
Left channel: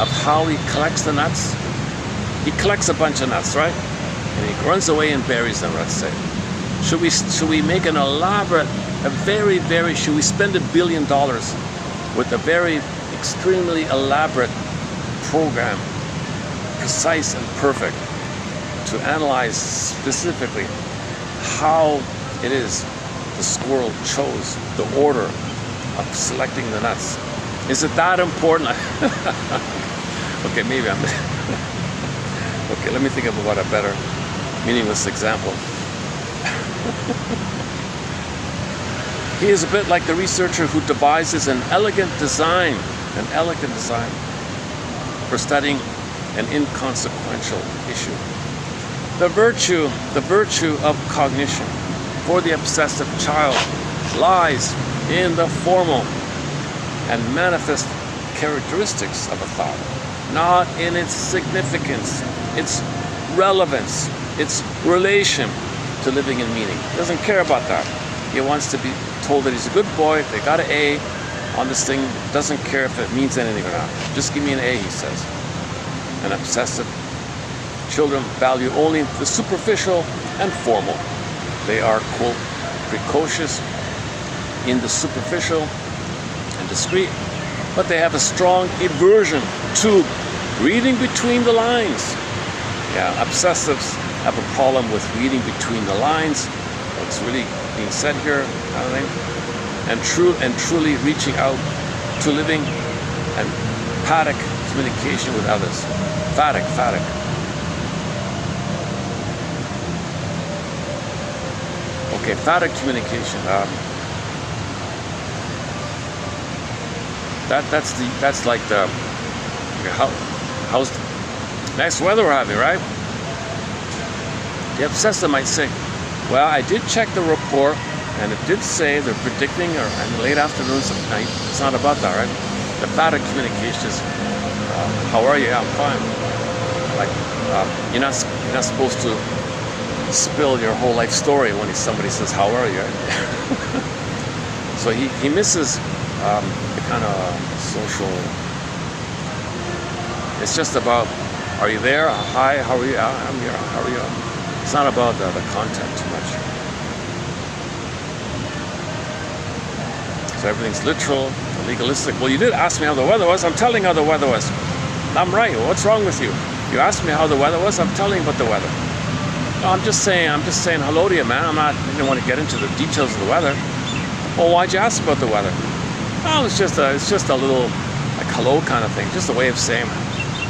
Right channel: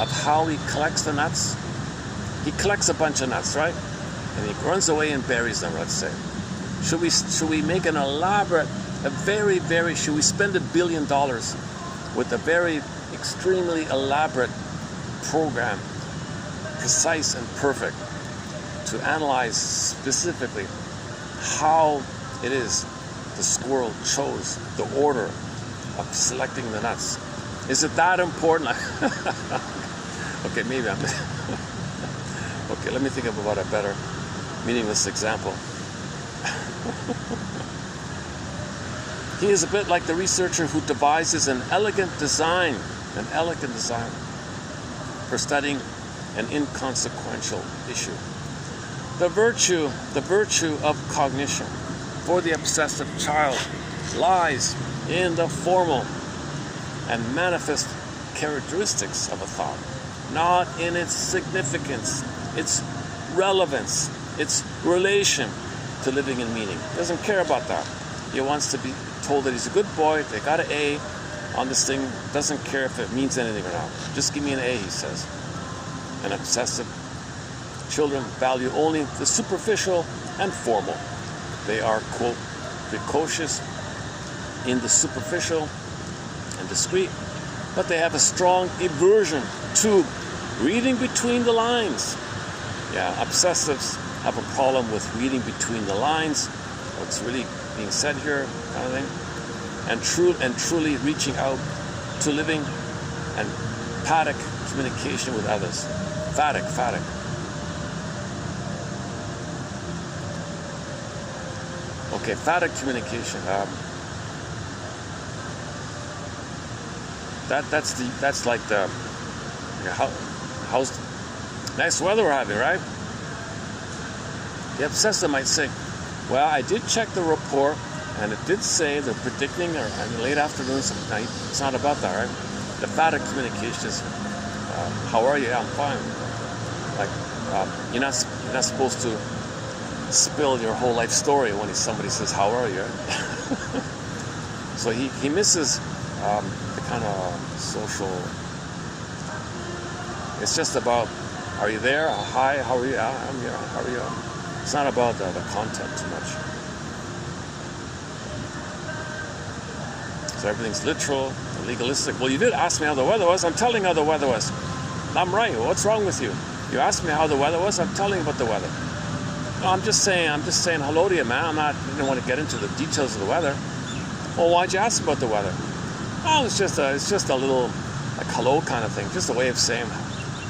of how he collects the nuts? He collects a bunch of nuts, right? And he runs away and buries them, let's say. Should we make an elaborate, should we spend $1 billion with a very extremely elaborate program, precise and perfect, to analyze specifically how it is the squirrel chose the order of selecting the nuts? Is it that important? Okay, maybe I'm... Okay, let me think about a better meaningless example. He is a bit like the researcher who devises an elegant design for studying an inconsequential issue. The virtue of cognition for the obsessive child lies in the formal and manifest characteristics of a thought, not in its significance, its relevance, its relation to living in meaning. Doesn't care about that. He wants to be told that he's a good boy. They got an A on this thing. Doesn't care if it means anything or not. Just give me an A, he says. An obsessive children value only the superficial and formal. They are, quote, precocious in the superficial and discreet, but they have a strong aversion to reading between the lines. Yeah, obsessives have a problem with reading between the lines, what's really being said here, and truly reaching out to living and empathic communication with others. Emphatic. Okay, emphatic communication. That's like the how's nice weather we're having, right? The obsessive might say, well, I did check the report and it did say they're predicting in late afternoons and night. It's not about that, right? The emphatic communication is, how are you? Yeah, I'm fine. Like, you're not supposed to spill your whole life story when somebody says, how are you? So he misses the kind of social. It's just about, are you there? Hi, how are you? I'm here. How are you? It's not about the content too much. So everything's literal, legalistic. Well, you did ask me how the weather was. I'm telling how the weather was. I'm right. What's wrong with you? You asked me how the weather was. I'm telling you about the weather. No, I'm just saying hello to you, man. I didn't want to get into the details of the weather. Well, why'd you ask about the weather? Oh, it's just a little like hello kind of thing. Just a way of saying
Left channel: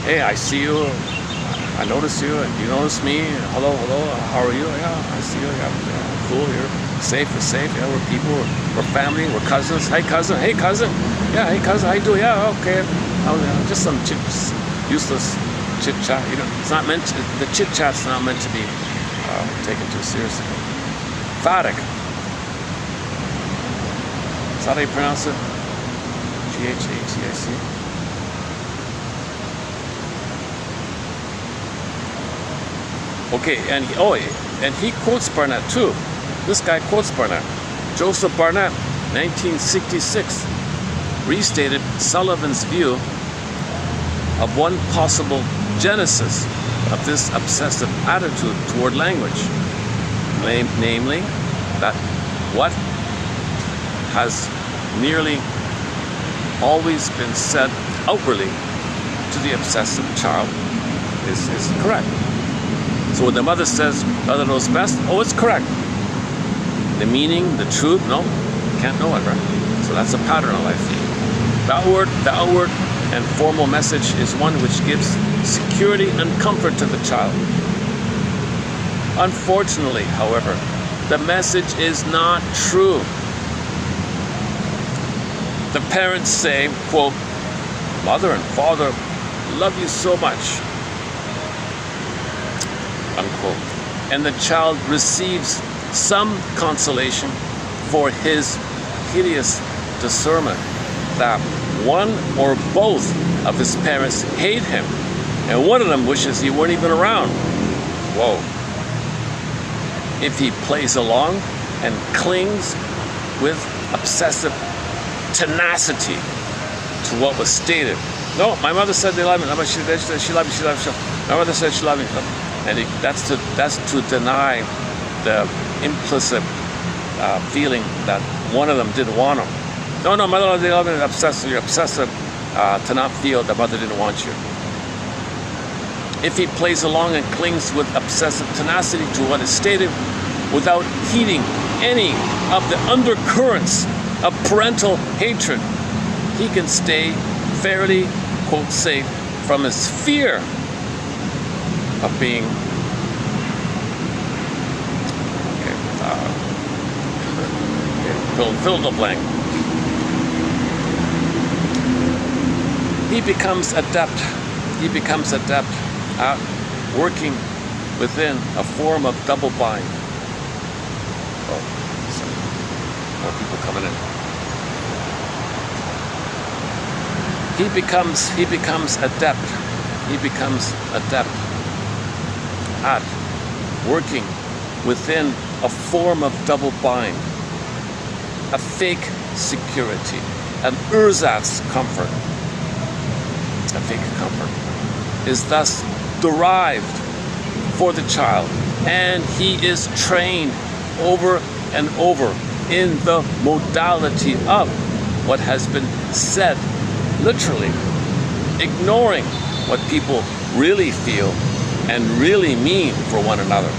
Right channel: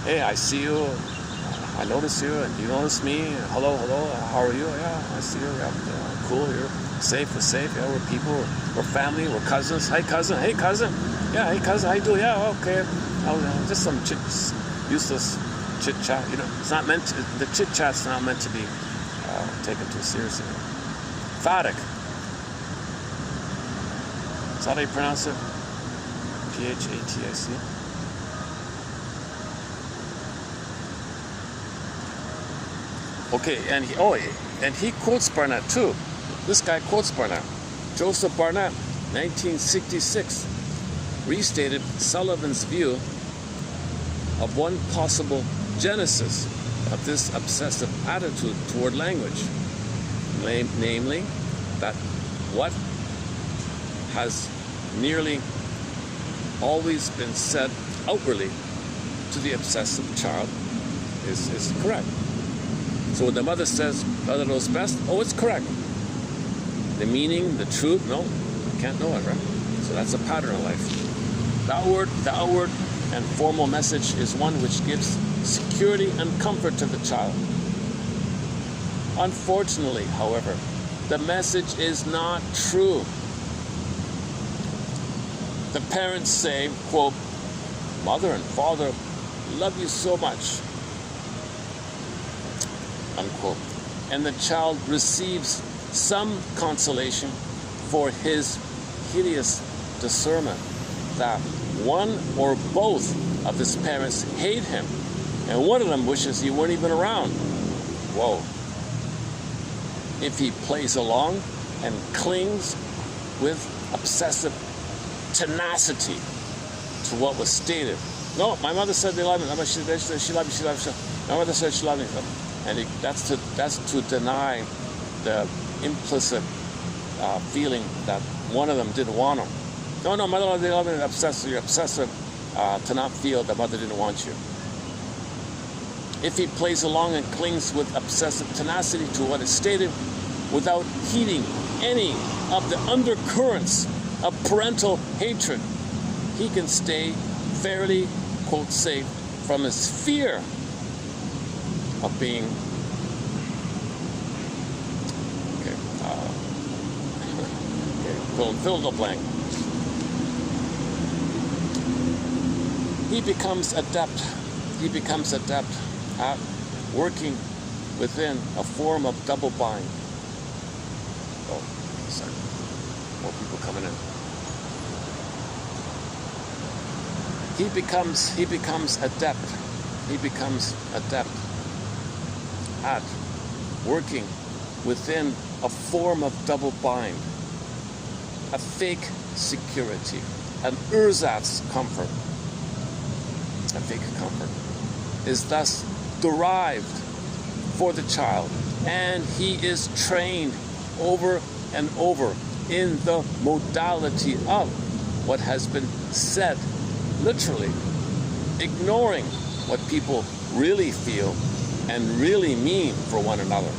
Hey, I see you. I notice you. Do you notice me? Hello, how are you? Yeah, I see you. Yeah, cool, you're safe, we're safe. Yeah, we're people, we're family, we're cousins. Hey, cousin. Hey, cousin. Yeah, hey, cousin, how you doing? Yeah, okay. Just some useless chit-chat. You know, it's not meant to, the chit-chat's not meant to be taken too seriously. Phatic. Is that how you pronounce it? P-H-A-T-I-C. Okay, and he quotes Barnett too. This guy quotes Barnett. Joseph Barnett, 1966, restated Sullivan's view of one possible genesis of this obsessive attitude toward language, namely that what has nearly always been said outwardly to the obsessive child is correct. So when the mother says, "Mother knows best," oh, it's correct. The meaning, the truth, no, can't know it, right? So that's a pattern of life. The outward and formal message is one which gives security and comfort to the child. Unfortunately, however, the message is not true. The parents say, quote, "Mother and father love you so much," unquote. And the child receives some consolation for his hideous discernment that one or both of his parents hate him, and one of them wishes he weren't even around. Whoa. If he plays along and clings with obsessive tenacity to what was stated. No, my mother said they love me. She loved me. My mother said she loved me. And that's to deny the implicit feeling that one of them didn't want him. No, mother, they love me. You're obsessive to not feel that mother didn't want you. If he plays along and clings with obsessive tenacity to what is stated without heeding any of the undercurrents of parental hatred, he can stay fairly, quote, safe from his fear of being fill the blank. He becomes adept at working within a form of double bind. Oh, sorry. More people coming in. He becomes adept at working within a form of double bind, a fake security, an ersatz comfort. A fake comfort is thus derived for the child, and he is trained over and over in the modality of what has been said, literally ignoring what people really feel and really mean for one another.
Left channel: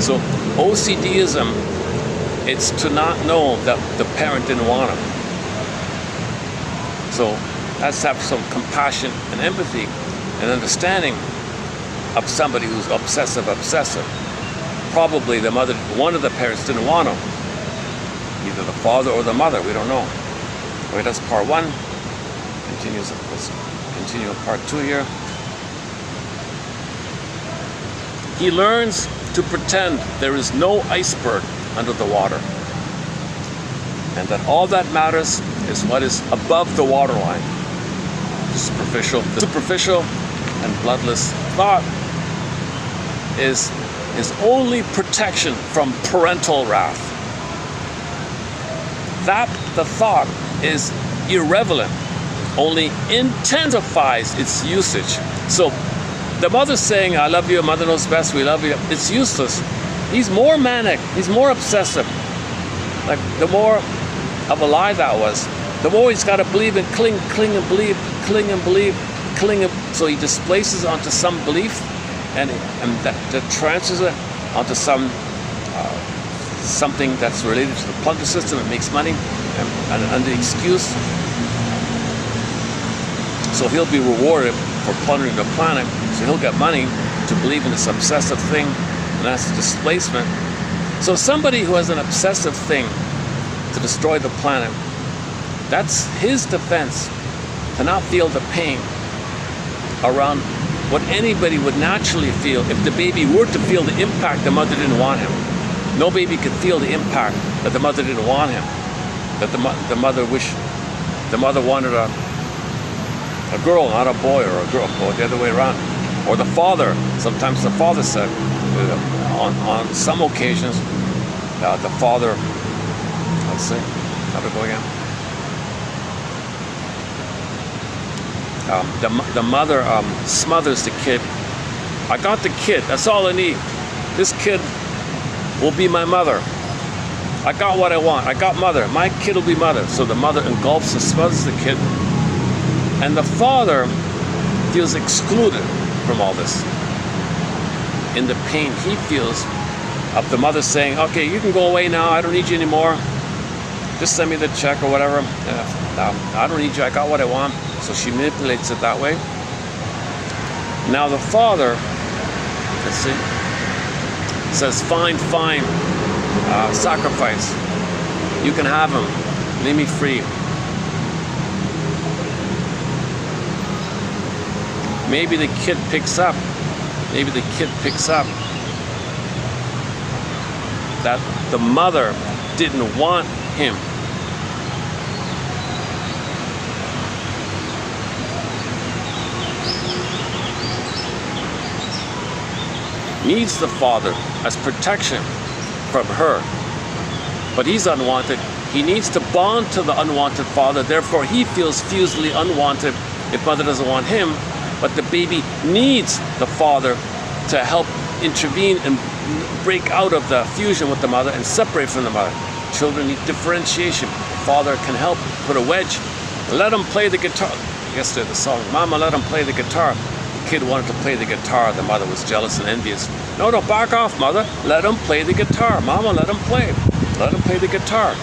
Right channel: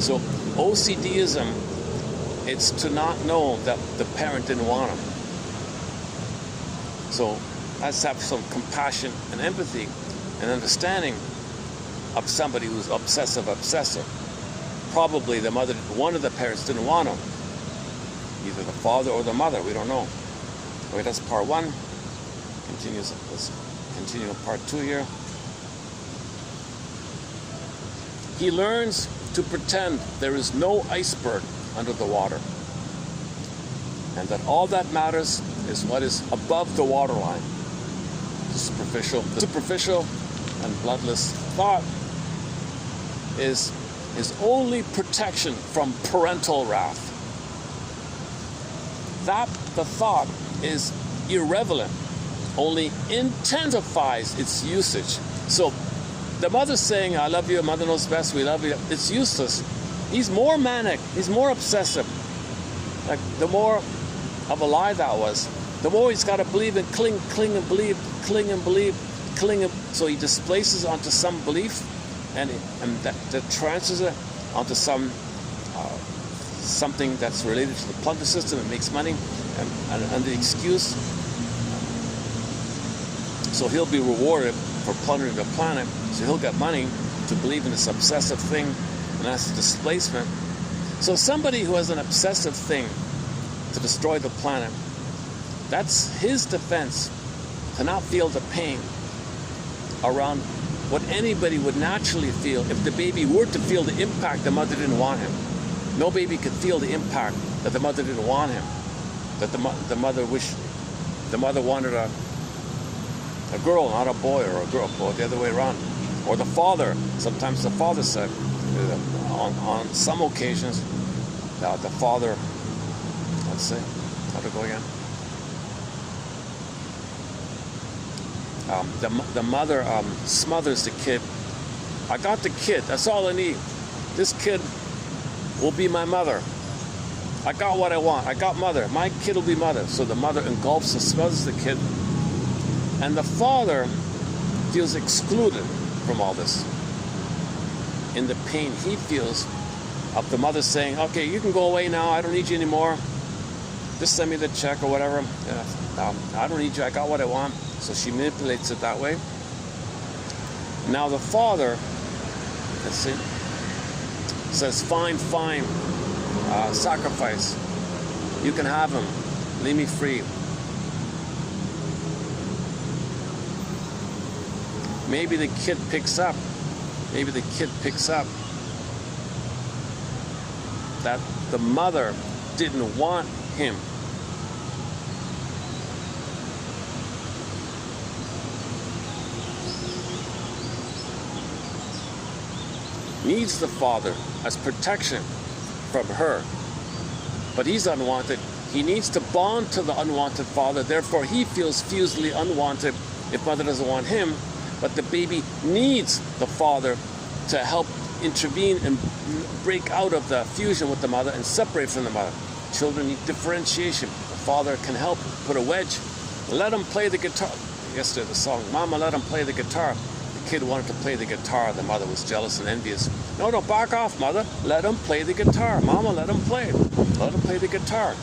So OCDism, it's to not know that the parent didn't want him. So let's have some compassion and empathy and understanding of somebody who's obsessive. Probably the mother, one of the parents didn't want him. Either the father or the mother, we don't know. Okay, that's part one. Let's continue with part two here. He learns to pretend there is no iceberg under the water, and that all that matters is what is above the waterline. The superficial and bloodless thought is only protection from parental wrath. That the thought is irrelevant only intensifies its usage. So the mother saying, "I love you, mother knows best, we love you," it's useless. He's more manic, he's more obsessive. Like, the more of a lie that was, the more he's got to believe and cling and believe. So he displaces onto some belief, and that transfers it onto something that's related to the plunder system. It makes money, and the excuse So he'll be rewarded for plundering the planet. So he'll get money to believe in this obsessive thing, and that's displacement. So somebody who has an obsessive thing to destroy the planet, that's his defense to not feel the pain around what anybody would naturally feel if the baby were to feel the impact the mother didn't want him. No baby could feel the impact that the mother didn't want him, that the mother wanted a girl, not a boy, or a girl, or the other way around. Or the father, sometimes the father said, on some occasions, the father, let's see, how to go again? The mother smothers the kid. I got the kid, that's all I need. This kid will be my mother. I got what I want, I got mother. My kid will be mother. So the mother engulfs and smothers the kid. And the father feels excluded from all this. In the pain he feels of the mother saying, okay, you can go away now, I don't need you anymore. Just send me the check or whatever. I don't need you, I got what I want. So she manipulates it that way. Now the father, let's see, says, fine, sacrifice. You can have him, leave me free. Maybe the kid picks up that the mother didn't want him. Needs the father as protection from her. But he's unwanted. He needs to bond to the unwanted father. Therefore, he feels fusely unwanted if mother doesn't want him. But the baby needs the father to help intervene and break out of the fusion with the mother and separate from the mother. Children need differentiation. Father can help put a wedge. Let him play the guitar. Yesterday the song, Mama, let him play the guitar. The kid wanted to play the guitar. The mother was jealous and envious. No, back off, mother. Let him play the guitar. Mama, let him play. Let him play the guitar.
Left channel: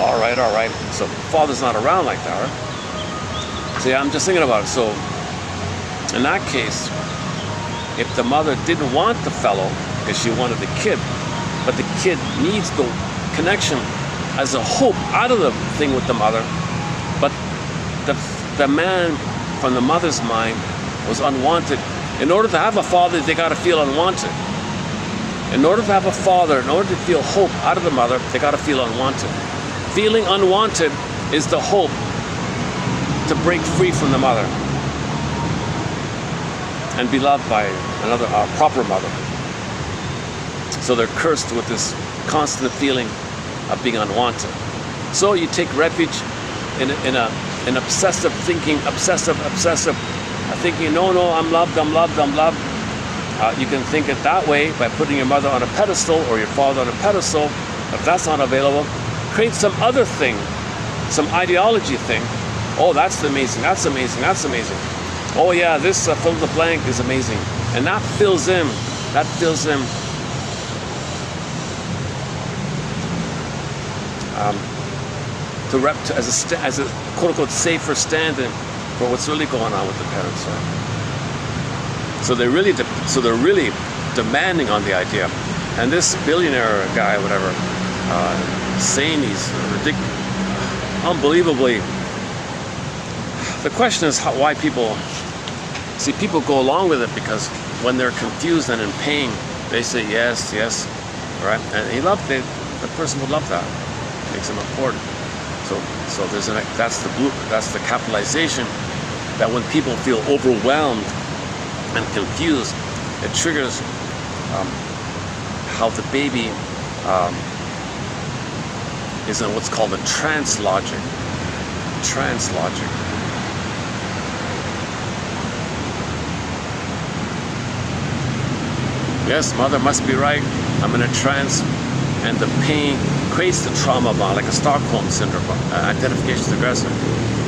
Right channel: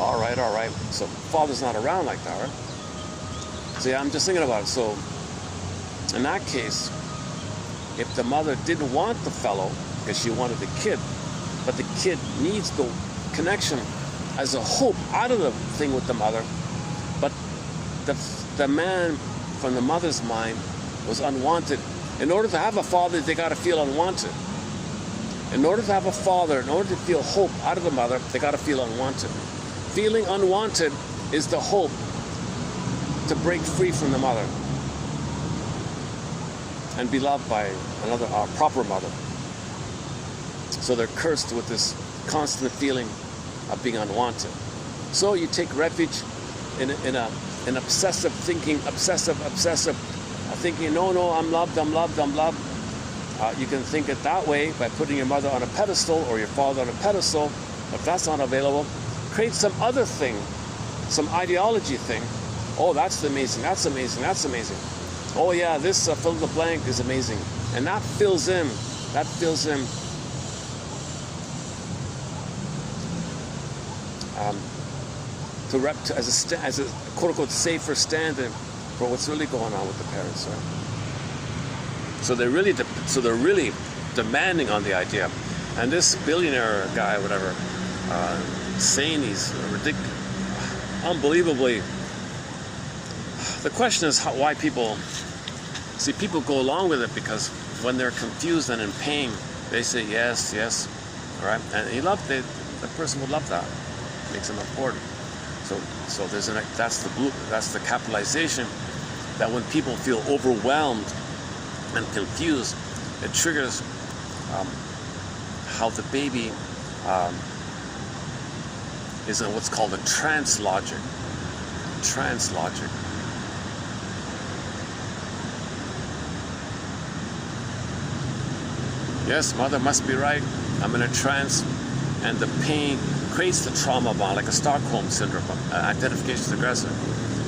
All right. So father's not around like that, right? See, I'm just thinking about it. So in that case, if the mother didn't want the fellow because she wanted the kid, but the kid needs the connection as a hope out of the thing with the mother, but the man from the mother's mind was unwanted. In order to have a father, they got to feel unwanted. In order to have a father, in order to feel hope out of the mother, they got to feel unwanted. Feeling unwanted is the hope to break free from the mother and be loved by another proper mother. So they're cursed with this constant feeling of being unwanted. So you take refuge in obsessive thinking, obsessive thinking, no, I'm loved. You can think it that way by putting your mother on a pedestal or your father on a pedestal. If that's not available, create some other thing, some ideology thing. Oh, that's amazing. Oh yeah, this fill in the blank is amazing. And that fills in as a quote-unquote safer stand-in for what's really going on with the parents. Right? So they're really demanding on the idea. And this billionaire guy, whatever, saying he's ridiculous, unbelievably. The question is why people go along with it, because when they're confused and in pain, they say yes, all right? And the person would love that. It makes him important. So that's the capitalization, that when people feel overwhelmed and confused, it triggers how the baby is in what's called a trance logic. Yes, mother must be right. I'm in a trance, and the pain creates the trauma bond, like a Stockholm syndrome, identification with aggressor.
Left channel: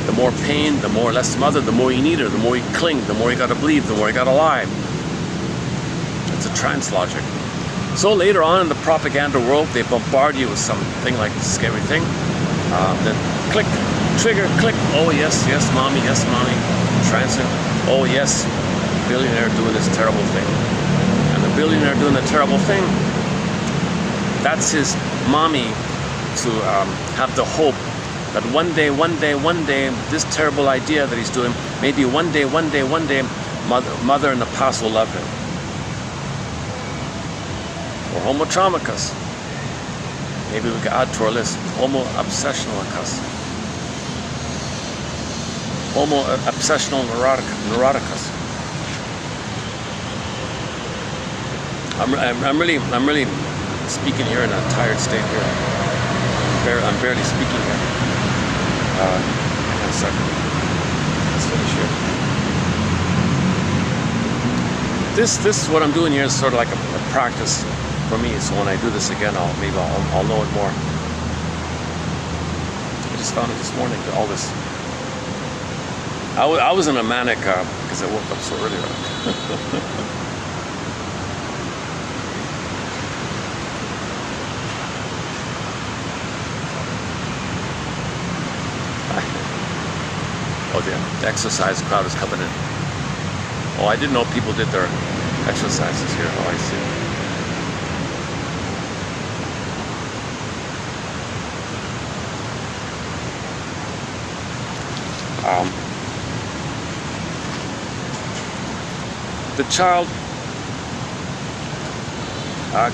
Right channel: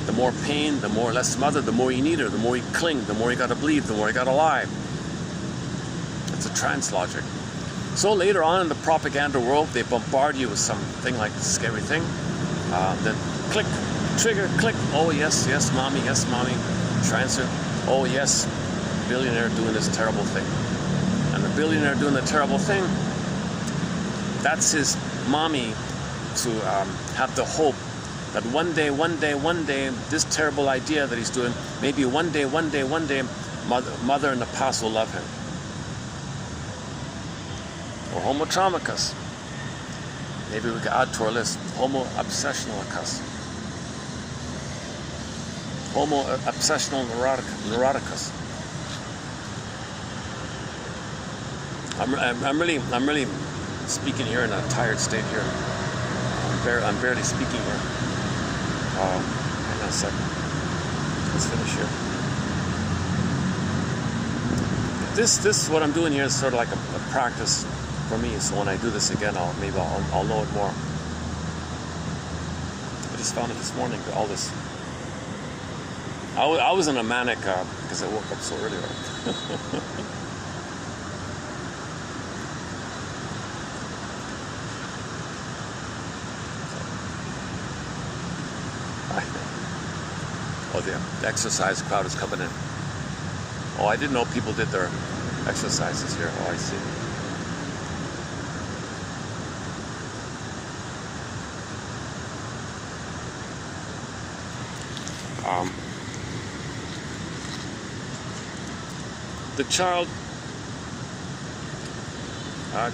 The more pain, the more less mother, the more you need her, the more you cling, the more you gotta believe, the more you gotta lie. It's a trance logic. So later on in the propaganda world, they bombard you with something like a scary thing. Then click, trigger, click. Oh yes, mommy, Transient. Oh yes, billionaire doing this terrible thing. And the billionaire doing the terrible thing, that's his mommy to have the hope that one day, this terrible idea that he's doing, maybe one day, mother in the past will love him. Or homo traumicus. Maybe we can add to our list, homo obsessionalicus. Homo obsessional neuroticus. I'm really speaking here in a tired state here. I'm barely speaking here. In a second. Let's finish here. This what I'm doing here is sort of like a practice for me. So when I do this again, I'll know it more. I just found it this morning. All this. I was in a manic because I woke up so early. Oh, the exercise crowd is coming in. Oh, I didn't know people did their exercises here. Oh, I see. The child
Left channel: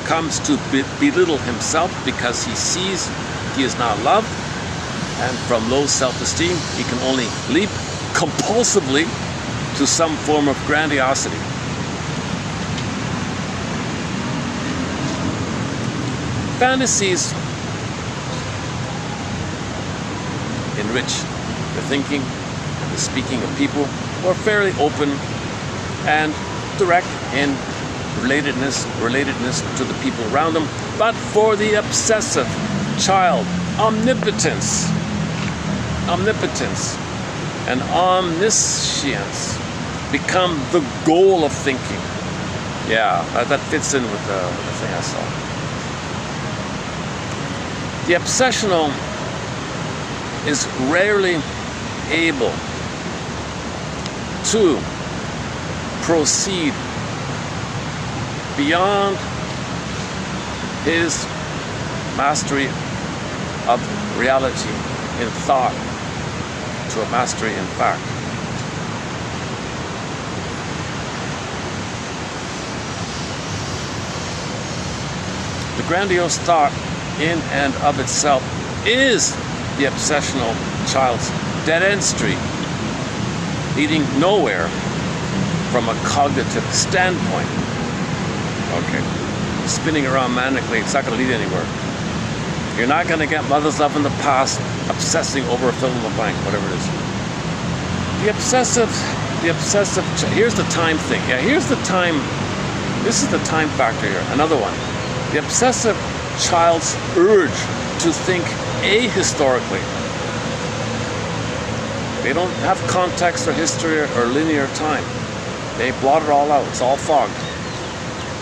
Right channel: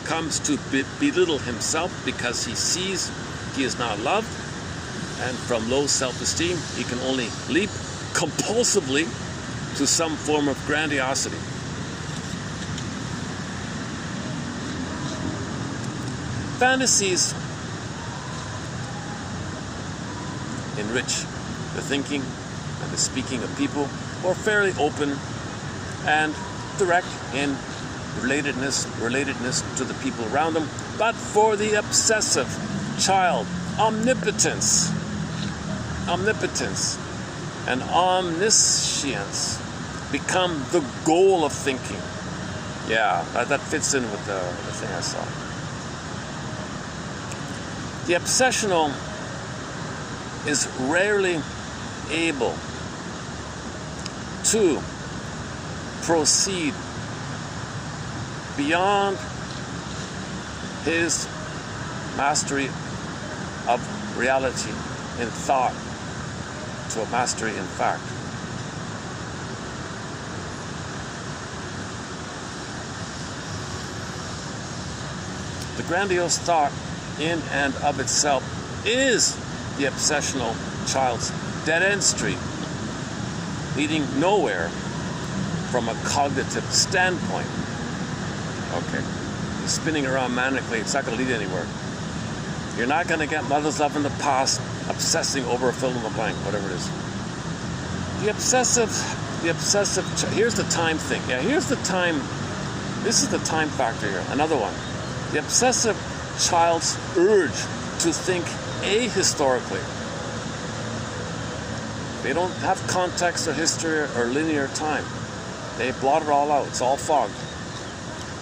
comes to belittle himself because he sees he is not loved, and from low self-esteem he can only leap compulsively to some form of grandiosity. Fantasies enrich the thinking, the speaking of people who are fairly open and direct in relatedness to the people around them, but for the obsessive child, omnipotence and omniscience become the goal of thinking. Yeah, that fits in with the thing I saw. The obsessional is rarely able to proceed beyond his mastery of reality in thought to a mastery in fact. The grandiose thought in and of itself is the obsessional child's dead-end street, leading nowhere from a cognitive standpoint. Okay, spinning around manically, it's not going to lead anywhere. You're not going to get mother's love in the past, obsessing over a fill in the blank, whatever it is. The obsessive, here's the time thing. Yeah, here's the time, this is the time factor here, another one. The obsessive child's urge to think ahistorically. They don't have context or history or linear time. They blot it all out. It's all fogged.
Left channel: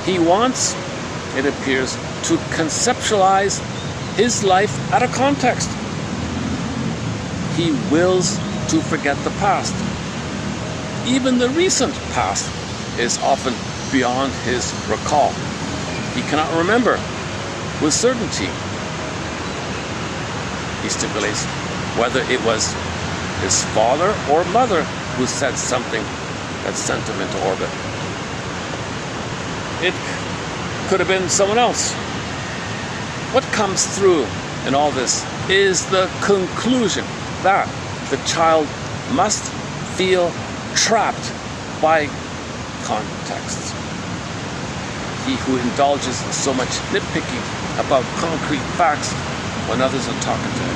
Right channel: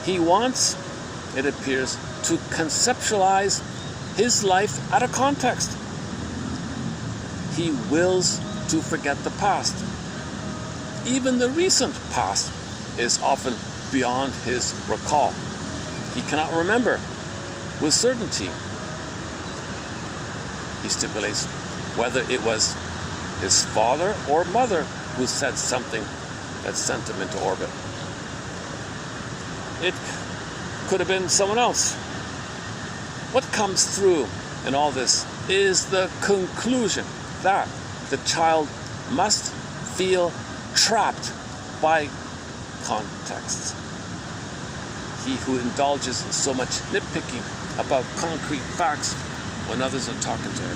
He wants, it appears, to conceptualize his life out of context. He wills to forget the past. Even the recent past is often beyond his recall. He cannot remember with certainty, he stipulates, whether it was his father or mother who said something that sent him into orbit. It could have been someone else. What comes through in all this is the conclusion that the child must feel trapped by contexts. He who indulges in so much nitpicking about concrete facts when others are talking to him.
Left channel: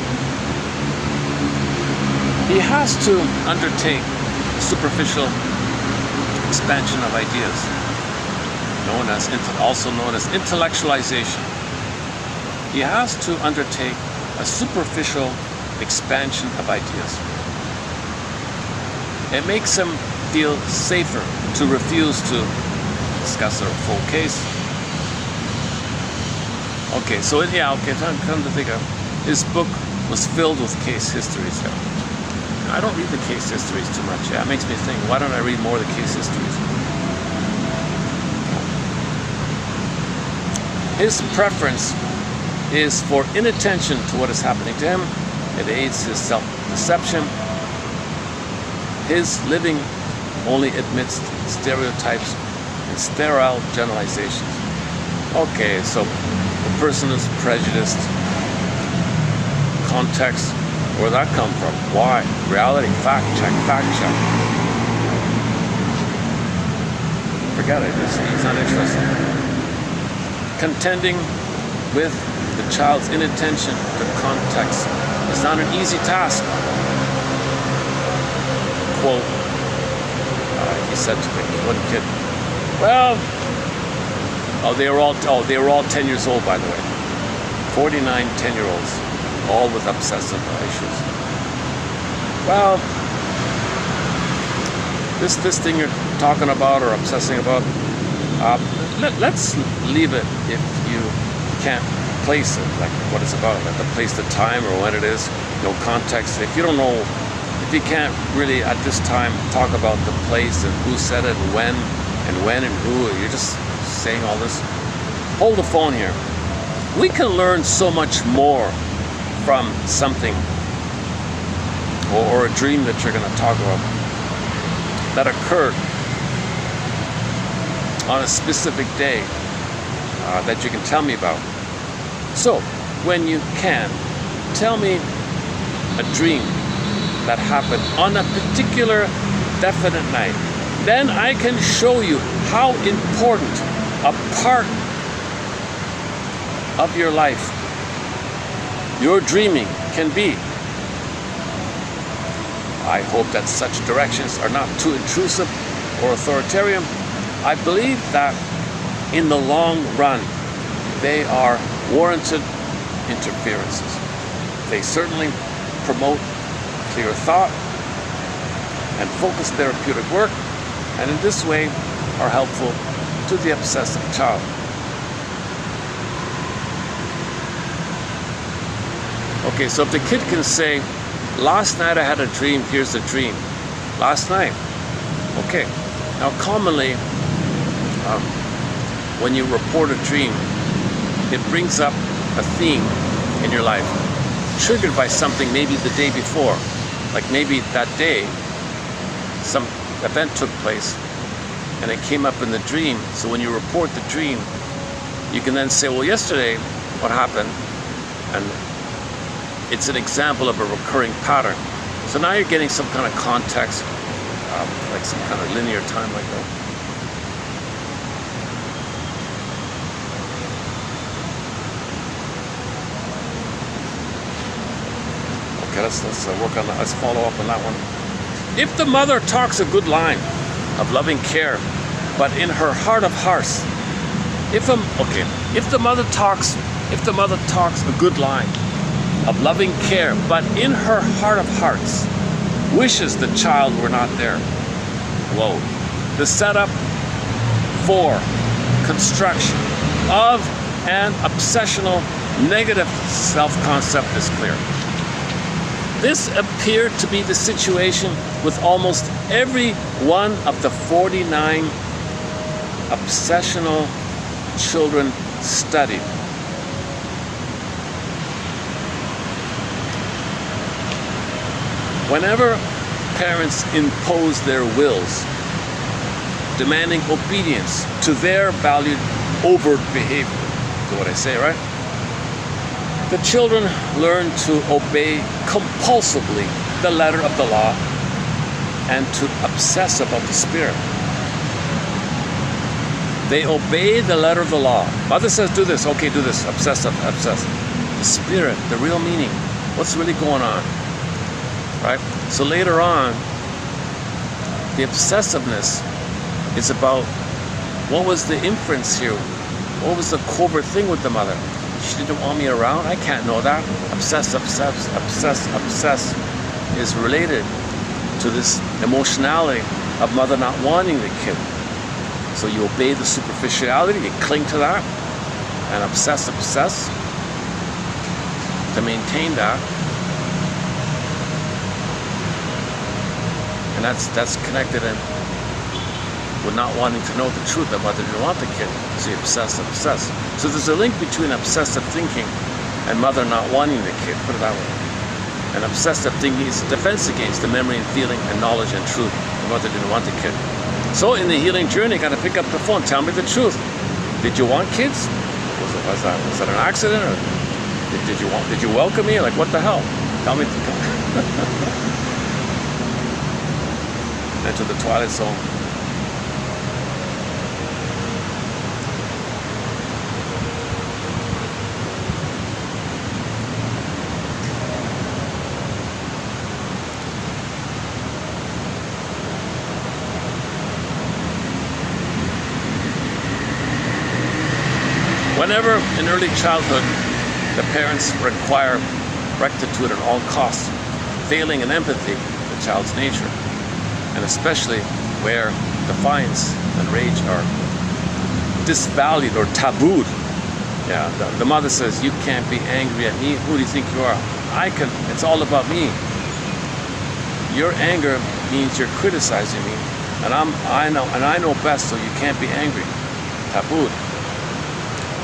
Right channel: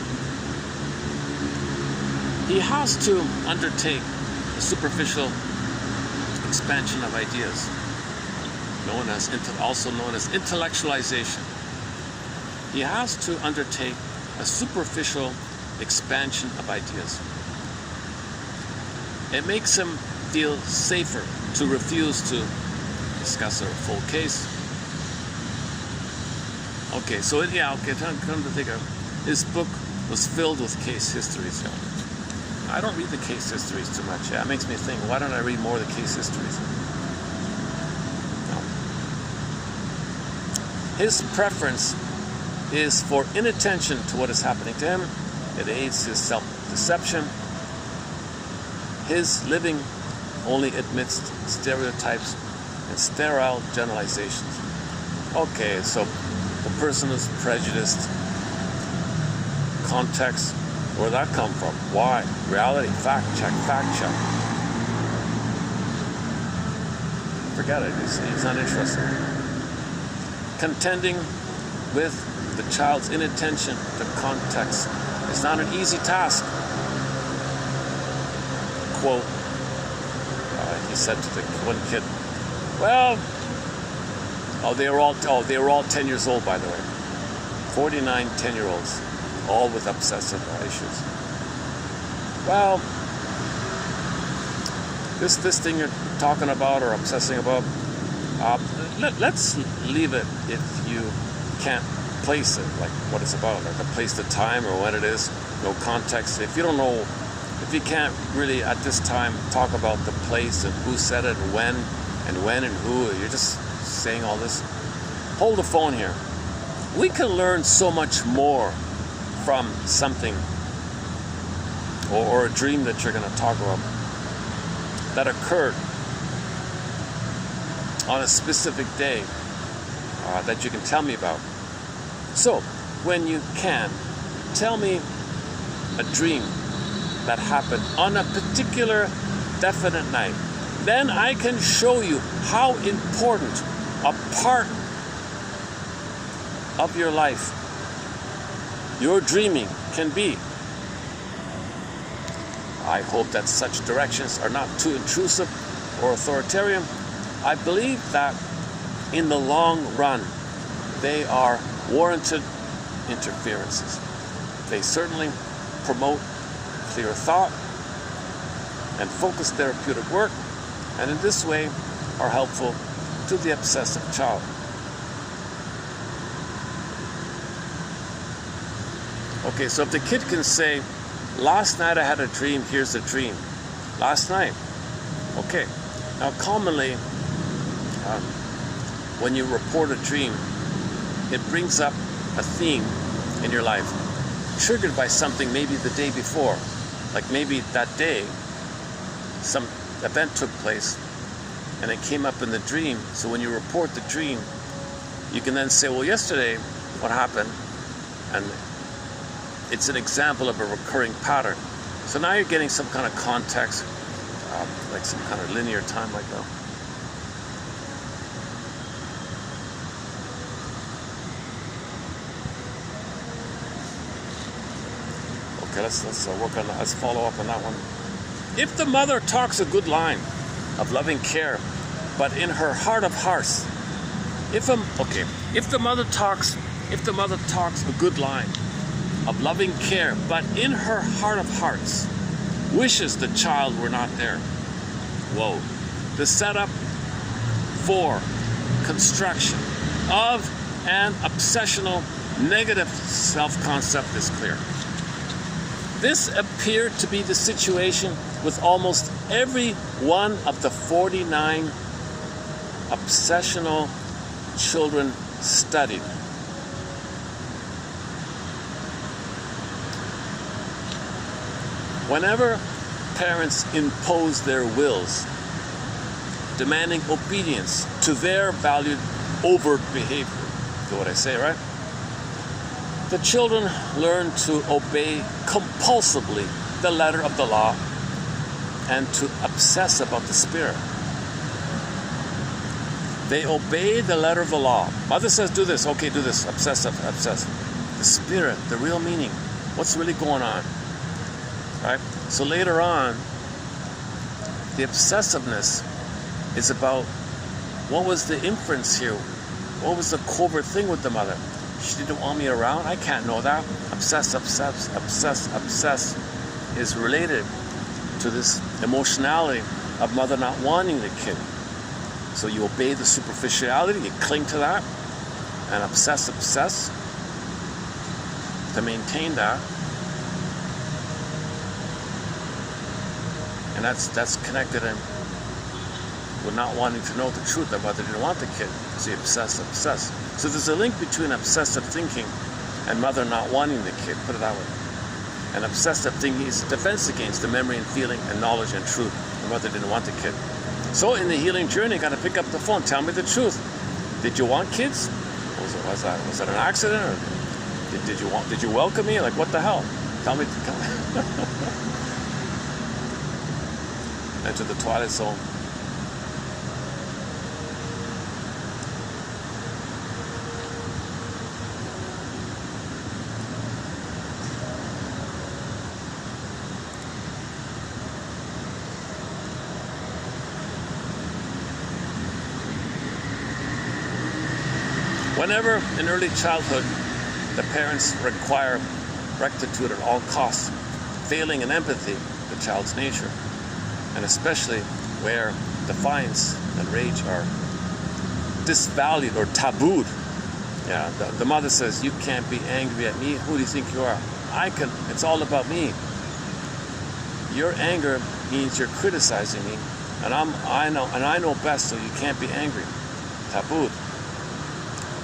He has to undertake superficial expansion of ideas, also known as intellectualization. He has to undertake a superficial expansion of ideas. It makes him feel safer to refuse to discuss a full case. Okay, so come to think of it, his book was filled with case histories. I don't read the case histories too much. Yeah, it makes me think, why don't I read more of the case histories? His preference is for inattention to what is happening to him. It aids his self-deception. His living only admits stereotypes and sterile generalizations. Okay, so the person is prejudiced. Context, where that come from? Why? Reality, fact check, fact check. Forget it, he's not interested. Contending with the child's inattention to context is not an easy task. Quote, he said to the one kid, well, they were all 10 years old, by the way. 49 10-year-olds, all with obsessive issues. Well, this thing you're talking about or obsessing about, let's leave it if you can't place it, like what it's about, like the place, the time, or when it is, no context. If you don't know, if you can't really at this time talk about the place and who said it and when and who, you're just saying all this, hold the phone here. We can learn so much more from something or a dream that you're going to talk about that occurred on a specific day that you can tell me about. So, when you can, tell me a dream that happened on a particular definite night. Then I can show you how important a part of your life your dreaming can be. I hope that such directions are not too intrusive or authoritarian. I believe that in the long run, they are warranted interferences. They certainly promote clear thought and focused therapeutic work, and in this way are helpful to the obsessive child. Okay, so if the kid can say, last night I had a dream, here's the dream. Last night. Okay. Now commonly, when you report a dream, it brings up a theme in your life, triggered by something maybe the day before. Like maybe that day, some event took place, and it came up in the dream. So when you report the dream, you can then say, well, yesterday, what happened? And it's an example of a recurring pattern. So now you're getting some kind of context, like some kind of linear time like that. Okay, let's work on that. Let's follow up on that one. If the mother talks a good line of loving care, but in her heart of hearts, if the mother talks a good line of loving care, but in her heart of hearts wishes the child were not there. Whoa. The setup for construction of an obsessional negative self-concept is clear. This appeared to be the situation with almost every one of the 49 obsessional children studied. Whenever parents impose their wills, demanding obedience to their valued overt behavior, to what I say, right? The children learn to obey compulsively the letter of the law and to obsess about the spirit. They obey the letter of the law. Mother says, do this. Okay, do this. Obsess. The spirit, the real meaning. What's really going on? Right? So later on, the obsessiveness is about what was the inference here? What was the covert thing with the mother? She didn't want me around? I can't know that. Obsess is related to this emotionality of mother not wanting the kid. So you obey the superficiality, you cling to that, and obsess to maintain that. And that's connected in with not wanting to know the truth about they didn't want the kid. See, obsessed. So there's a link between obsessive thinking and mother not wanting the kid, put it that way. And obsessive thinking is a defense against the memory and feeling and knowledge and truth of mother didn't want the kid. So in the healing journey, you got to pick up the phone. Tell me the truth. Did you want kids? Was that an accident? Or did you welcome me? Like, what the hell? Tell me. Into the twilight zone. Whenever in early childhood the parents require rectitude at all costs, failing in empathy, the child's nature, and especially where defiance and rage are disvalued or tabooed. Yeah, the mother says, you can't be angry at me. Who do you think you are? It's all about me. Your anger means you're criticizing me, and I know best, so you can't be angry. Tabooed.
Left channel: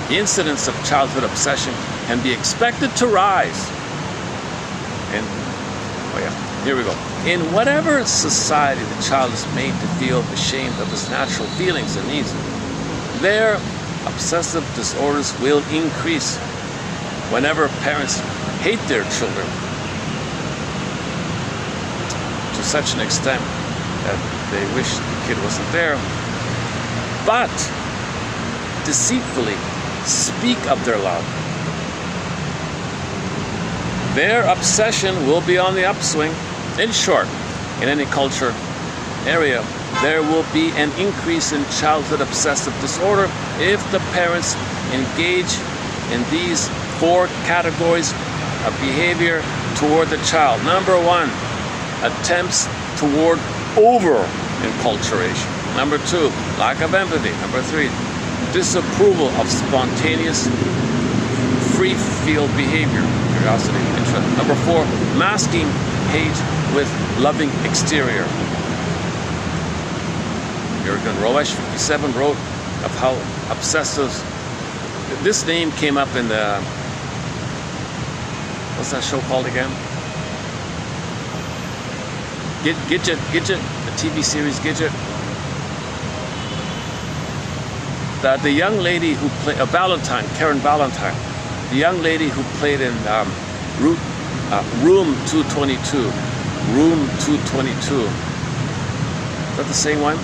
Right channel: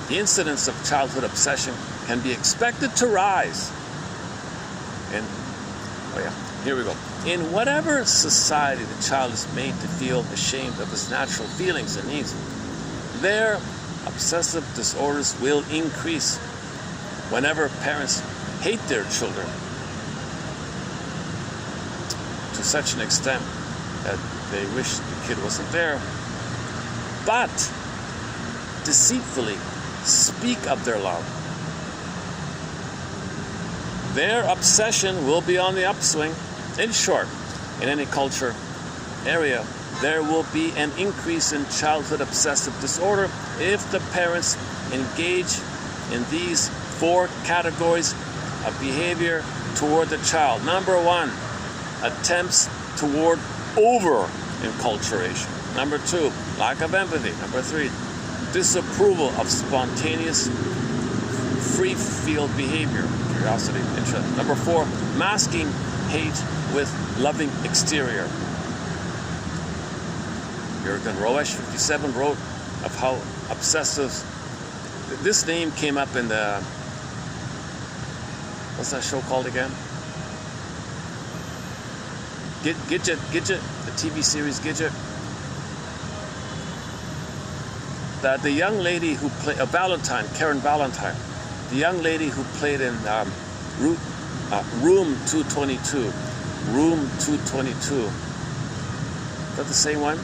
The incidence of childhood obsession can be expected to rise. And here we go. In whatever society the child is made to feel ashamed of his natural feelings and needs, their obsessive disorders will increase. Whenever parents hate their children to such an extent that they wish the kid wasn't there, but deceitfully speak of their love, their obsession will be on the upswing. In short, in any culture area, there will be an increase in childhood obsessive disorder if the parents engage in these 4 categories of behavior toward the child. Number 1, attempts toward over-enculturation. Number 2, lack of empathy. Number 3, disapproval of spontaneous free-field behavior, curiosity, interest. Number 4, masking hate with loving exterior. Jürgen Roesch, 57, wrote of how obsessive. This name came up in the, what's that show called again? Gidget, the TV series Gidget. The young lady who played Valentine, Karen Valentine, the young lady who played in Room 222. Room 222. Is that the same one?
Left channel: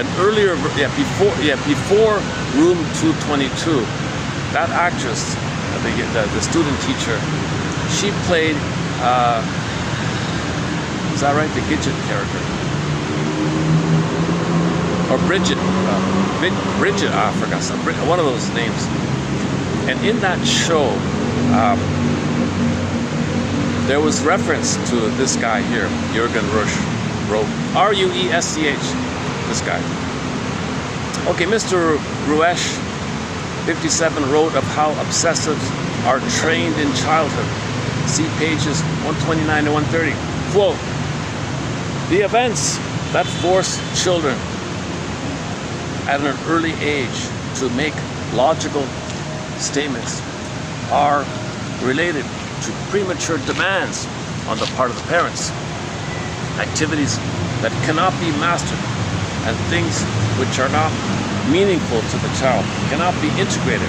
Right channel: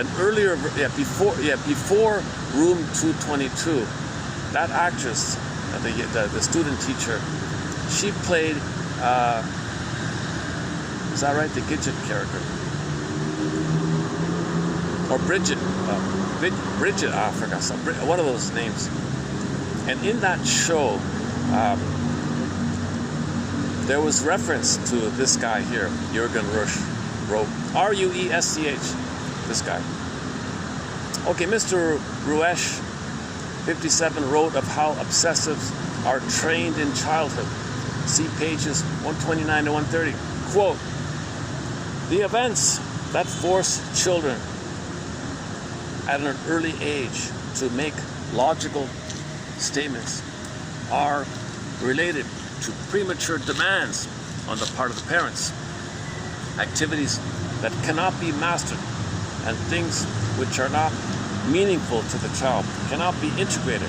An earlier, before Room 222, that actress, the student teacher, she played, is that right? The Gidget character. Or Bridget, I forgot, one of those names. And in that show, there was reference to this guy here, Jürgen Roesch, wrote, R-U-E-S-C-H, this guy. Okay, Mr. Roesch, 57, wrote of how obsessives are trained in childhood. See pages 129 to 130. Quote, the events that force children at an early age to make logical statements are related to premature demands on the part of the parents, activities that cannot be mastered, and things which are not meaningful to the child, cannot be integrated,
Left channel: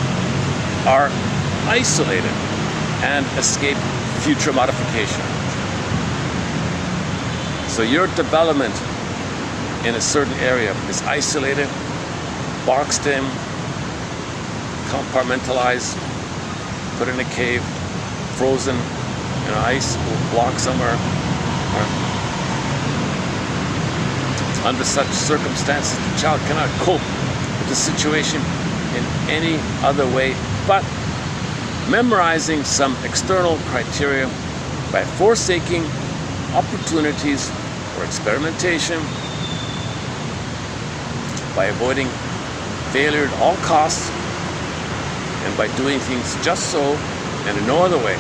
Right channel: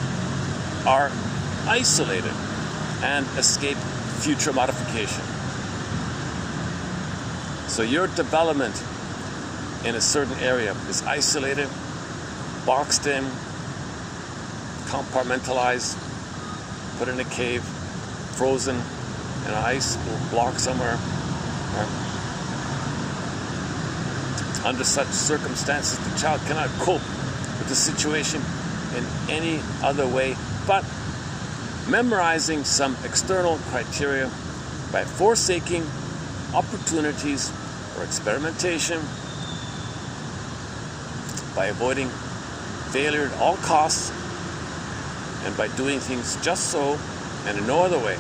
are isolated, and escape future modification. So your development in a certain area is isolated, boxed in, compartmentalized, put in a cave, frozen in an ice block somewhere. Under such circumstances, the child cannot cope with the situation in any other way but memorizing some external criteria by forsaking opportunities for experimentation, by avoiding failure at all costs, and by doing things just so and in no other way.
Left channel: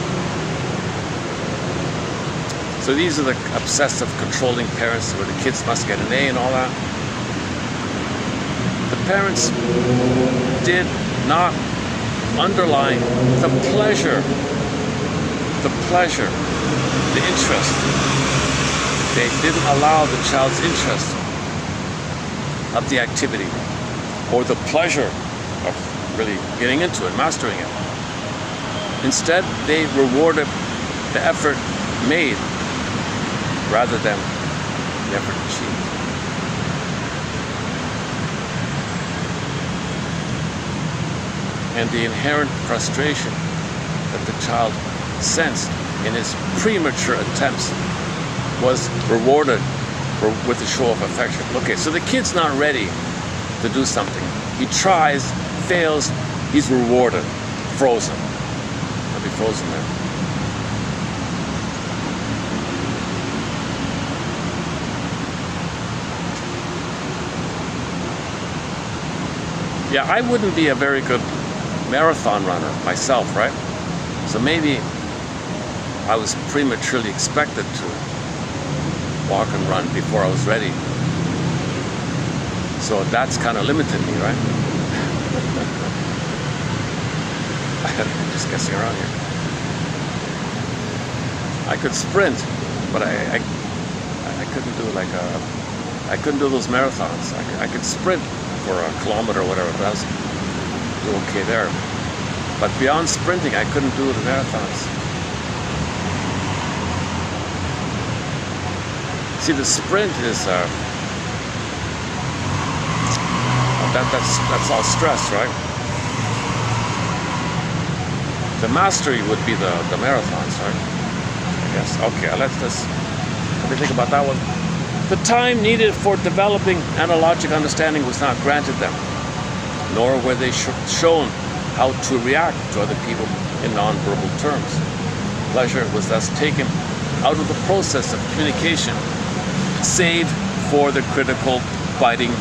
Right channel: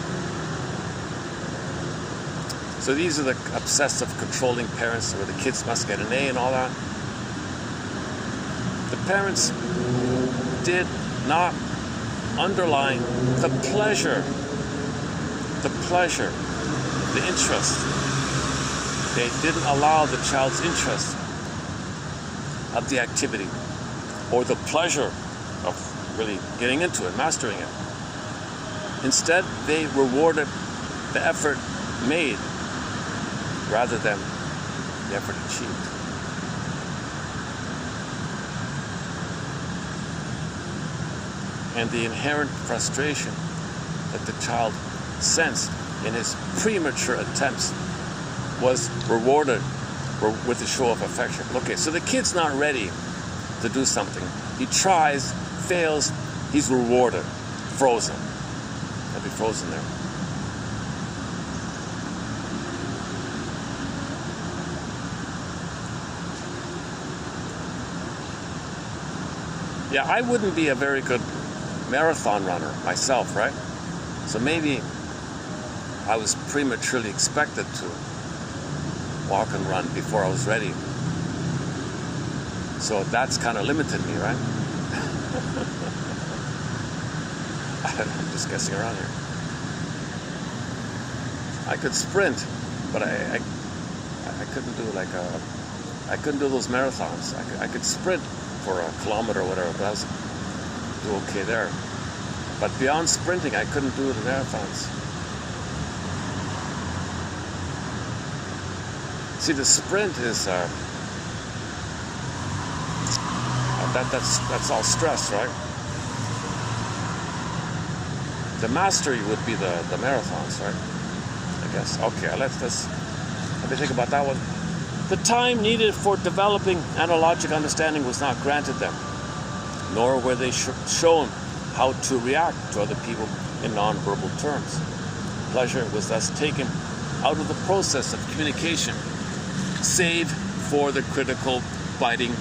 So these are the obsessive, controlling parents where the kids must get an A and all that. The parents did not underline the pleasure, the interest. They didn't allow the child's interest of the activity or the pleasure of really getting into it, mastering it. Instead, they rewarded the effort made rather than the effort achieved. And the inherent frustration that the child sensed in his premature attempts was rewarded with a show of affection. Okay, so the kid's not ready to do something. He tries, fails, he's rewarded, frozen. He'll be frozen there. Yeah, I wouldn't be a very good marathon runner myself, right? So maybe I was prematurely expected to walk and run before I was ready. So that's kind of limited me, right? I'm just guessing around here. I could sprint, but I couldn't do I couldn't do those marathons. I could sprint for a kilometer or whatever, but I was do okay there. But beyond sprinting, I couldn't do the marathons. See, the sprint is that's all stress, right? The mastery would be the marathons, right? I guess. Okay, let me think about that one. The time needed for developing analogic understanding was not granted them, nor were they shown how to react to other people in non-verbal terms. Pleasure was thus taken out of the process of communication, save for the critical, biting,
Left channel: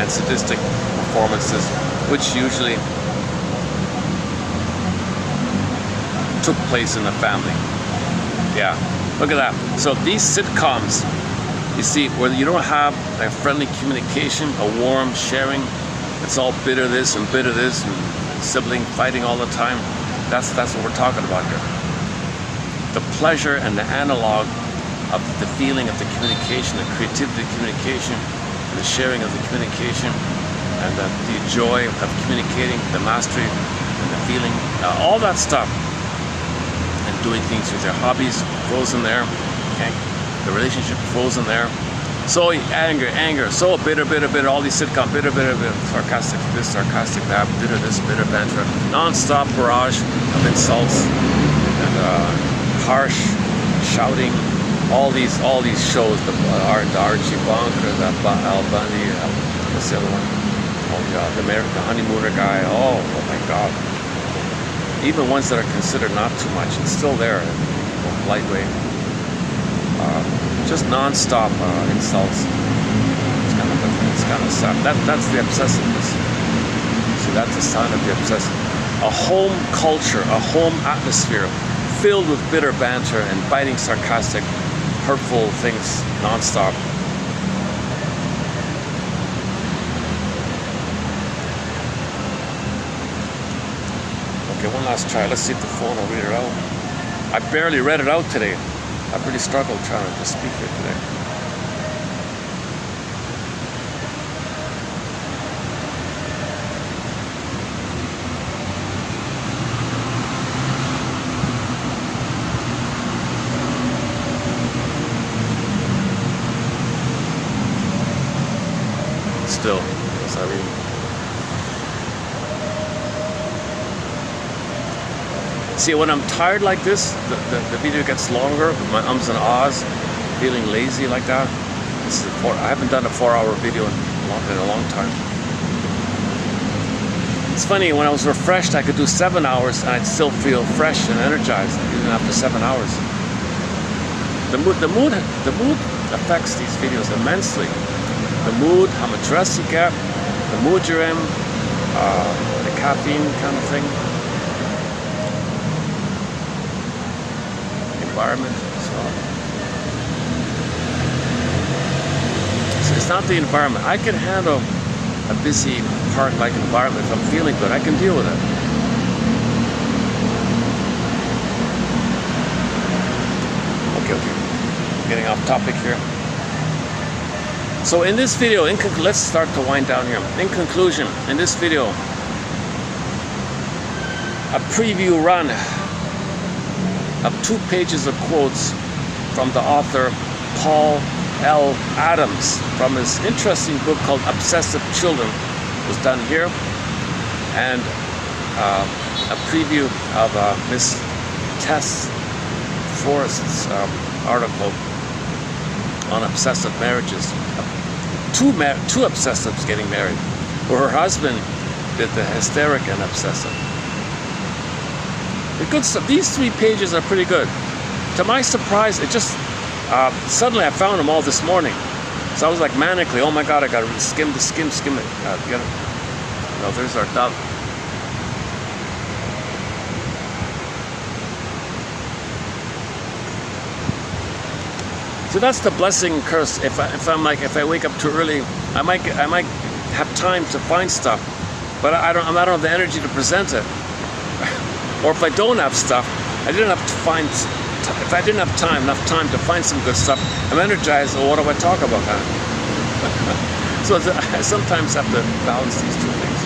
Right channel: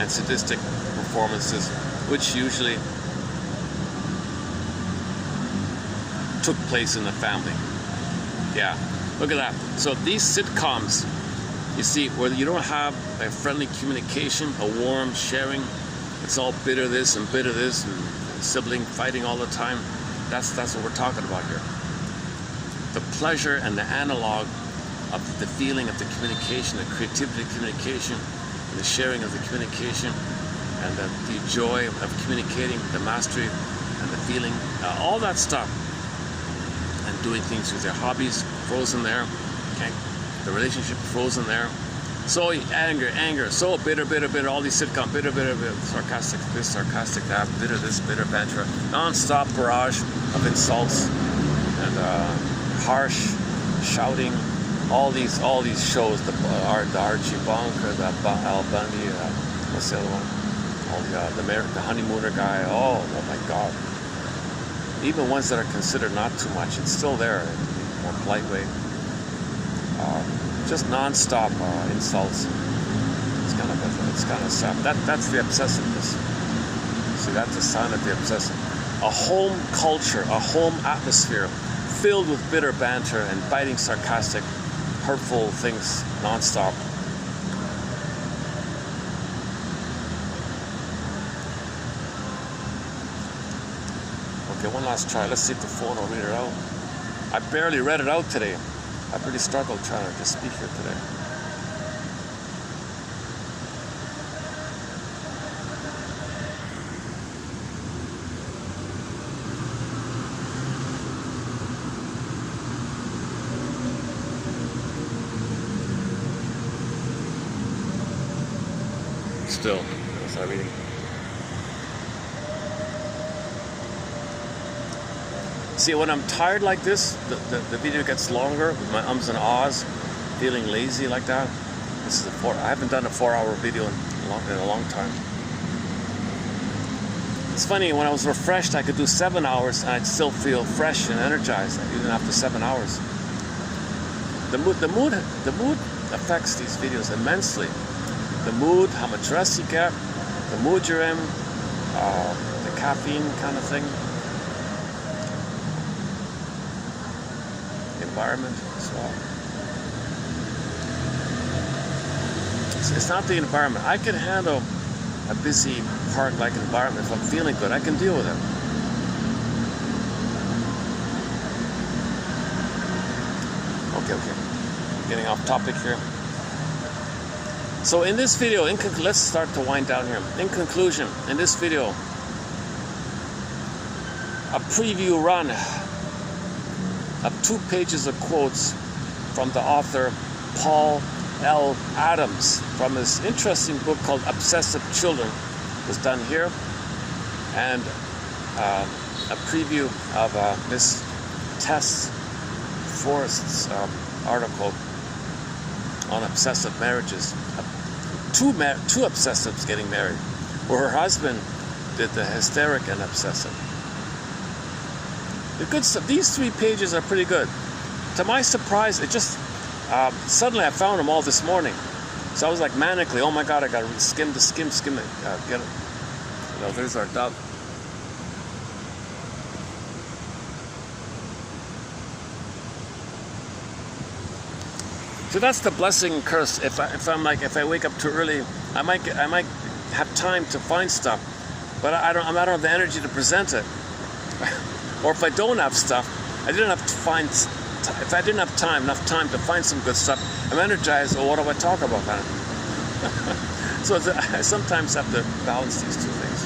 and sadistic performances, which usually took place in the family. Yeah, look at that. So these sitcoms, you see, where you don't have a friendly communication, a warm sharing, it's all bitter this and bitter this and sibling fighting all the time. That's what we're talking about here. The pleasure and the analog of the feeling of the communication, the creativity of communication, and the sharing of the communication, and the joy of communicating, the mastery, and the feeling, all that stuff, and doing things with their hobbies, frozen there, okay? The relationship frozen there. So anger, so bitter, all these sitcom, bitter, sarcastic this, sarcastic that, bitter this, bitter banter, non-stop barrage of insults and harsh shouting. All these shows, the Archie Bunker, the Al Bundy, what's the other one? Oh God, the Honeymooner guy. Oh my God. Even ones that are considered not too much, it's still there, lightweight. Just non-stop insults. It's kind of sad. That's the obsessiveness. See, that's a sign of the obsessive. A home culture, a home atmosphere filled with bitter banter and biting, sarcastic, hurtful things non-stop. Okay, one last try. Let's see if the phone will read it out. I barely read it out today. I've really struggled trying to speak here today. Still, as I read. See, when I'm tired like this, the video gets longer with my ums and ahs, feeling lazy like that. This is I haven't done a 4-hour video in a long time. It's funny, when I was refreshed, I could do 7 hours and I'd still feel fresh and energized even after 7 hours. The mood affects these videos immensely. The mood, how much rest you get, the mood you're in, the caffeine kind of thing. Environment as well. not the environment. I can handle a busy park-like environment if I'm feeling good. I can deal with it. Okay. Getting off topic here. So in this video, let's start to wind down here. In conclusion, in this video, a preview run of 2 pages of quotes from the author Paul L. Adams from his interesting book called Obsessive Children was done here, and a preview of Miss Tess Forrest's article on obsessive marriages. Two obsessives getting married, where her husband did the hysteric and obsessive. The good stuff. These 3 pages are pretty good. To my surprise, it just suddenly I found them all this morning. So I was like manically, oh my God, I gotta skim it. You know, there's our dove. So that's the blessing and curse. If I wake up too early, I might have time to find stuff, but I don't have the energy to present it. Or if I don't have stuff, I didn't have to find. If I didn't have enough time to find some good stuff, I'm energized. Well, what do I talk about that? So I sometimes have to balance these 2 things.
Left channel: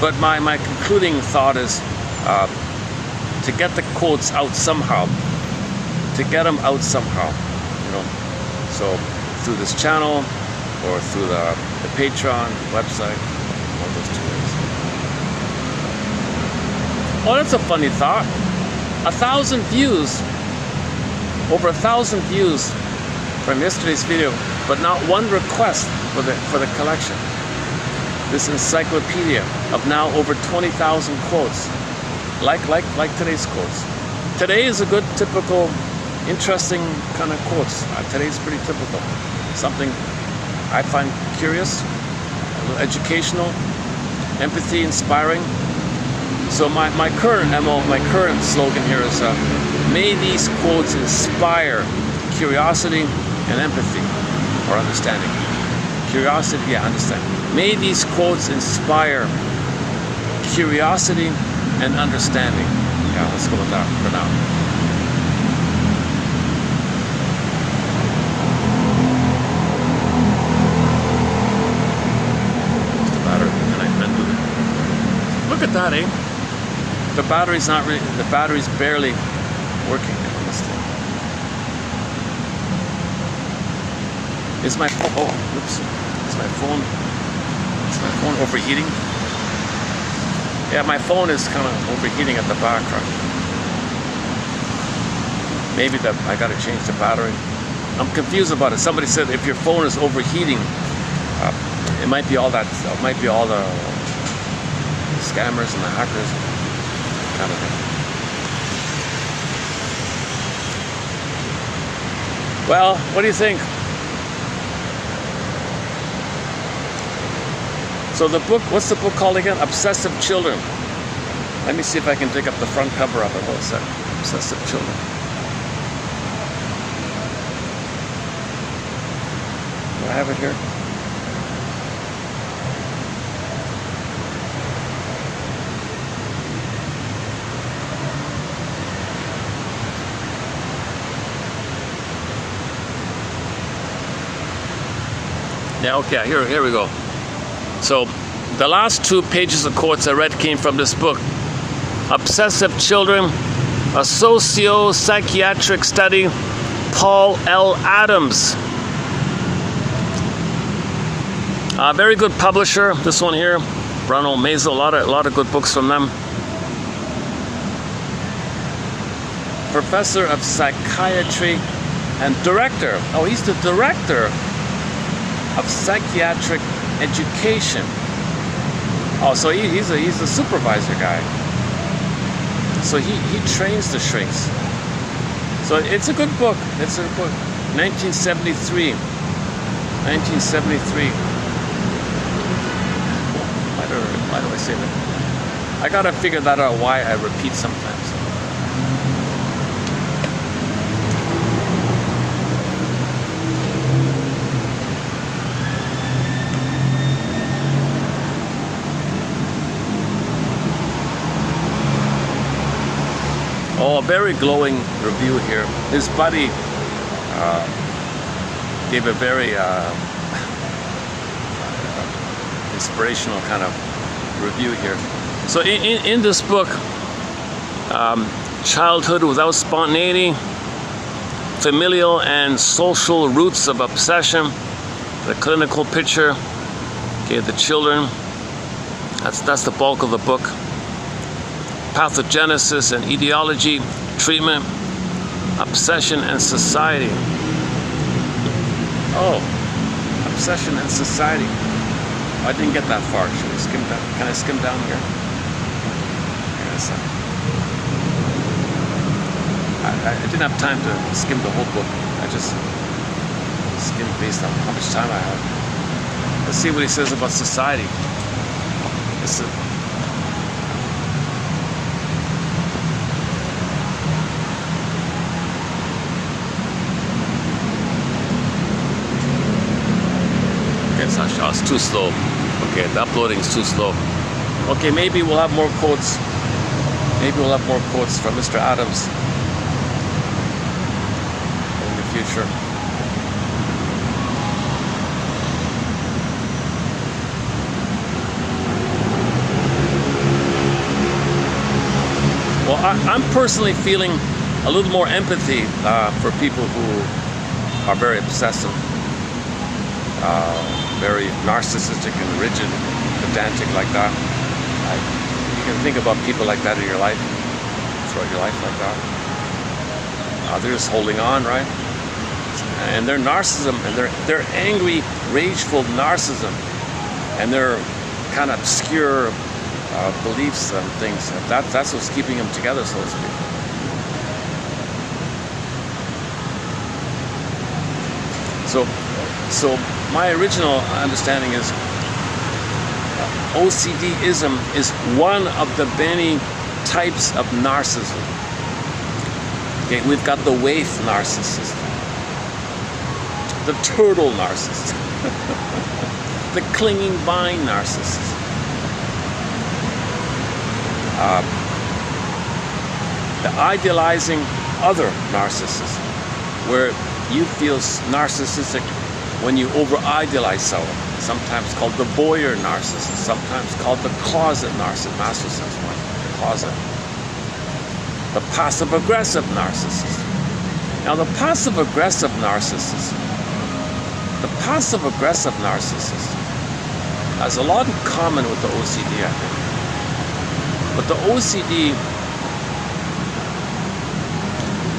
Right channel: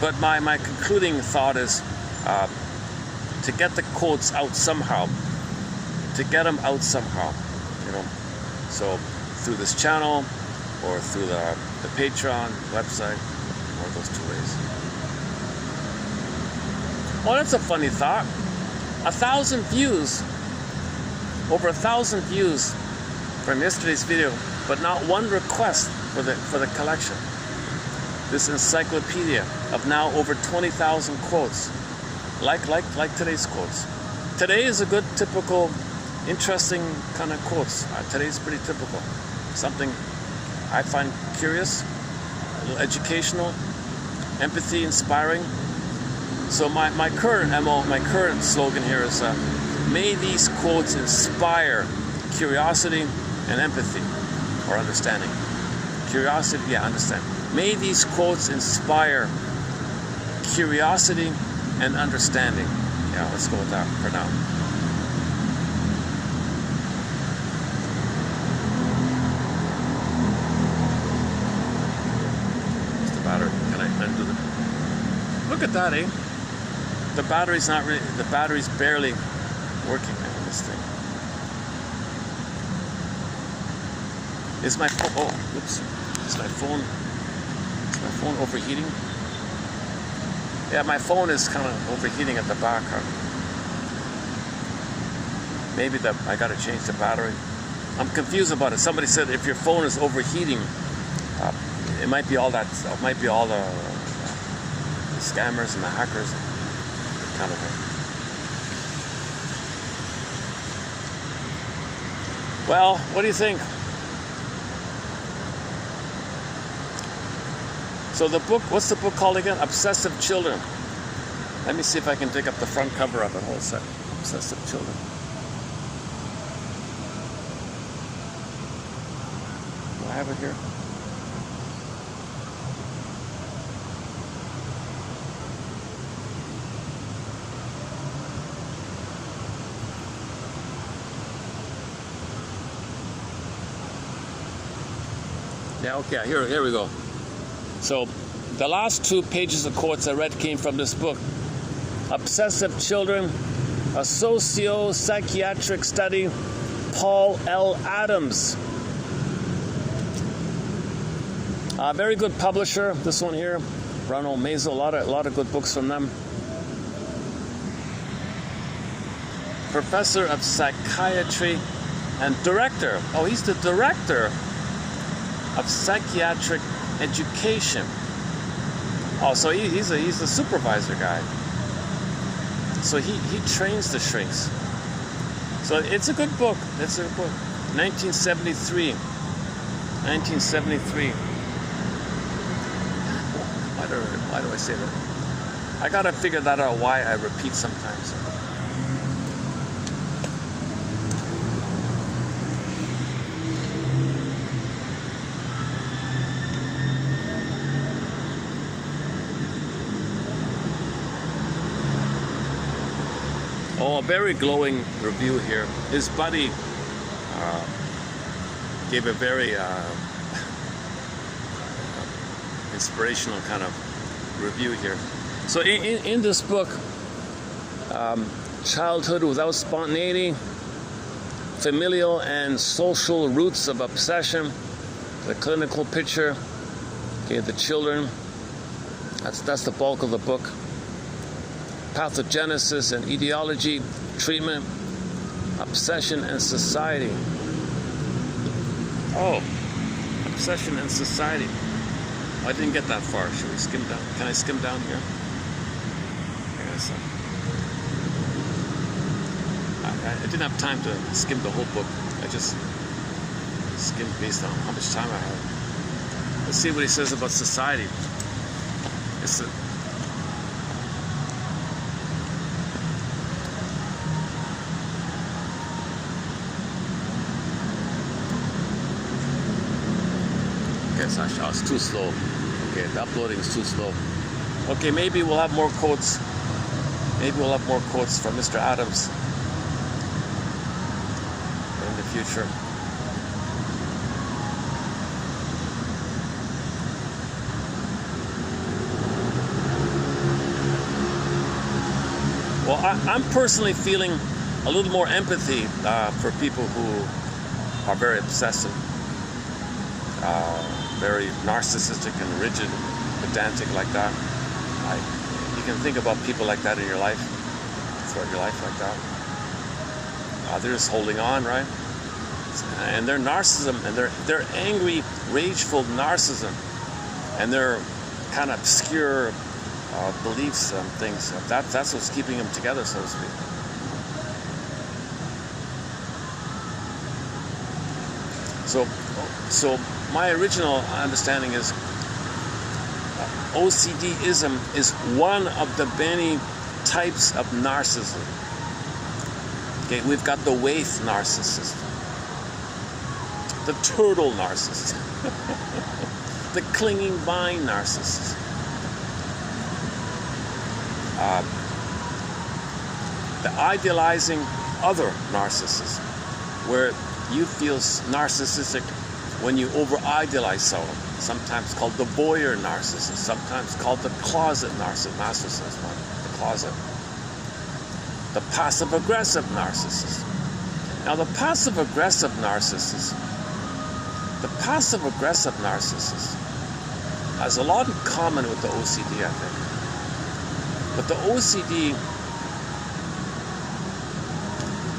But my concluding thought is to get the quotes out somehow. To get them out somehow, you know. So through this channel or through the Patreon website. Oh, that's a funny thought. 1,000 views, over 1,000 views from yesterday's video, but not one request for the collection. This encyclopedia of now over 20,000 quotes, like today's quotes. Today is a good, typical, interesting kind of quotes. Today's pretty typical. Something I find curious, a little educational, empathy, inspiring. So my current MO, my current slogan here is, may these quotes inspire curiosity and empathy, or understanding. Curiosity, yeah, understanding. May these quotes inspire curiosity and understanding. Yeah, let's go with that for now. What's the matter? Can I undo it? Look at that, eh? The battery's not really, the battery's barely working on this thing. Is my phone overheating? Yeah, my phone is kind of overheating at the background. Maybe I gotta change the battery. I'm confused about it. Somebody said if your phone is overheating, it might be all that. It might be all the scammers and the hackers. Kind of thing. Well, what do you think? So the book, what's the book called again? Obsessive Children. Let me see if I can dig up the front cover of it. What's that? Obsessive Children. Do I have it here? Yeah, okay, here we go. So the last 2 pages of quotes I read came from this book, Obsessive Children, a socio-psychiatric study, Paul L. Adams. A very good publisher, this one here, Ronald Mazel, a lot of good books from them. Professor of psychiatry and director. Oh, he's the director of psychiatric education. Oh, so he's the supervisor guy. So he trains the shrinks. So it's a good book. It's a book. 1973. 1973. Why do I say that? I gotta figure that out, why I repeat sometimes. a very glowing review here. His buddy gave a very inspirational kind of review here. So in this book, Childhood Without Spontaneity, Familial and Social Roots of Obsession, the clinical picture, okay, the children, that's the bulk of the book. Pathogenesis and etiology, treatment, obsession and society. Oh, obsession and society. I didn't get that far. Should I skim down? Can I skim down here? Yes. I didn't have time to skim the whole book. I just skimmed based on how much time I had. Let's see what he says about society. It's too slow. Okay, the uploading is too slow. Okay, maybe we'll have more quotes. Maybe we'll have more quotes from Mr. Adams in the future. Well, I'm personally feeling a little more empathy for people who are very obsessive. Very narcissistic and rigid, pedantic like that. You can think about people like that in your life, throughout your life like that. They're just holding on, right? And their narcissism, and their angry, rageful narcissism, and their kind of obscure beliefs and things. That's what's keeping them together, so to speak. So my original understanding is OCDism is one of the many types of narcissism. Okay, we've got the waif narcissist, the turtle narcissist, the clinging vine narcissist, the idealizing other narcissist, where you feel narcissistic when you over-idealize someone, sometimes called the voyeur narcissist, sometimes called the closet narcissist, master sense one, closet. The passive-aggressive narcissist. Now the passive-aggressive narcissist has a lot in common with the OCD, I think. But the OCD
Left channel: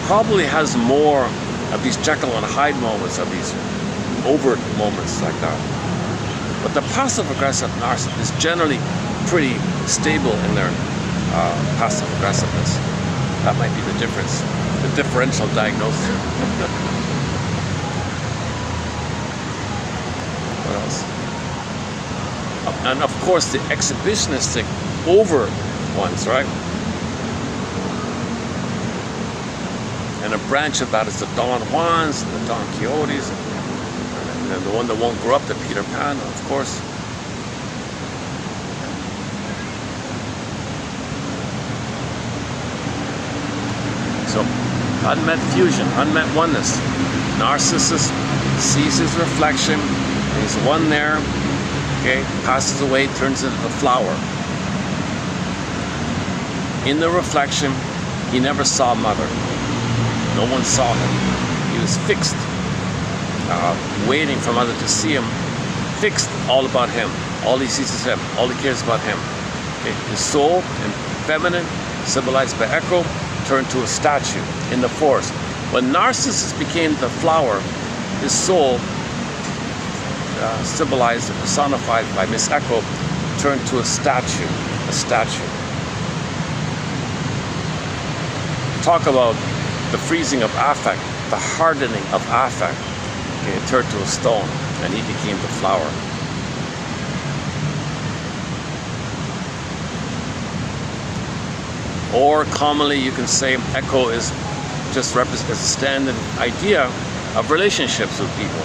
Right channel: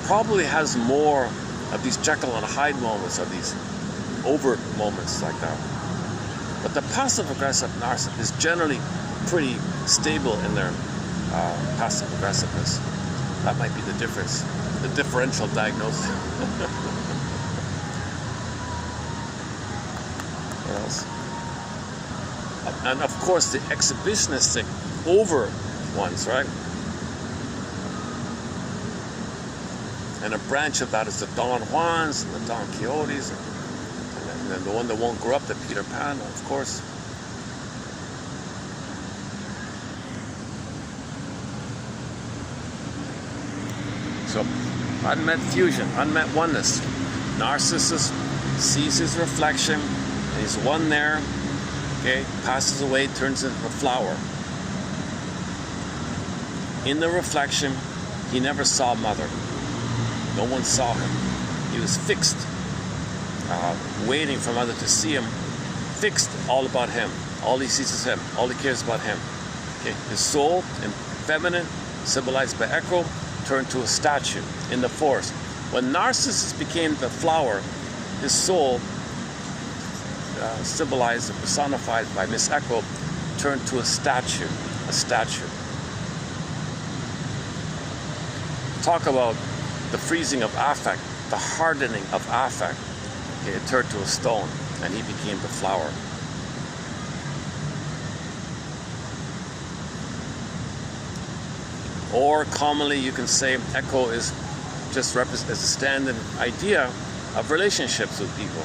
probably has more of these Jekyll and Hyde moments, of these overt moments like that. But the passive-aggressive narcissist is generally pretty stable in their passive-aggressiveness. That might be the difference, the differential diagnosis. What else? And of course the exhibitionistic over ones, right? And a branch of that is the Don Juans, the Don Quixotes, and the one that won't grow up, the Peter Pan, of course. So, unmet fusion, unmet oneness. Narcissist sees his reflection, he's one there, okay, passes away, turns into a flower. In the reflection, he never saw mother. No one saw him. He was fixed. Waiting for mother to see him, fixed, all about him. All he sees is him. All he cares about him. Okay. His soul, and feminine, symbolized by Echo, turned to a statue in the forest. When Narcissus became the flower, his soul, symbolized and personified by Miss Echo, turned to a statue. A statue. Talk about the freezing of affect, the hardening of affect. Okay, it turned to a stone, and he became the flower. Or commonly you can say Echo is just represents a standard idea of relationships with people.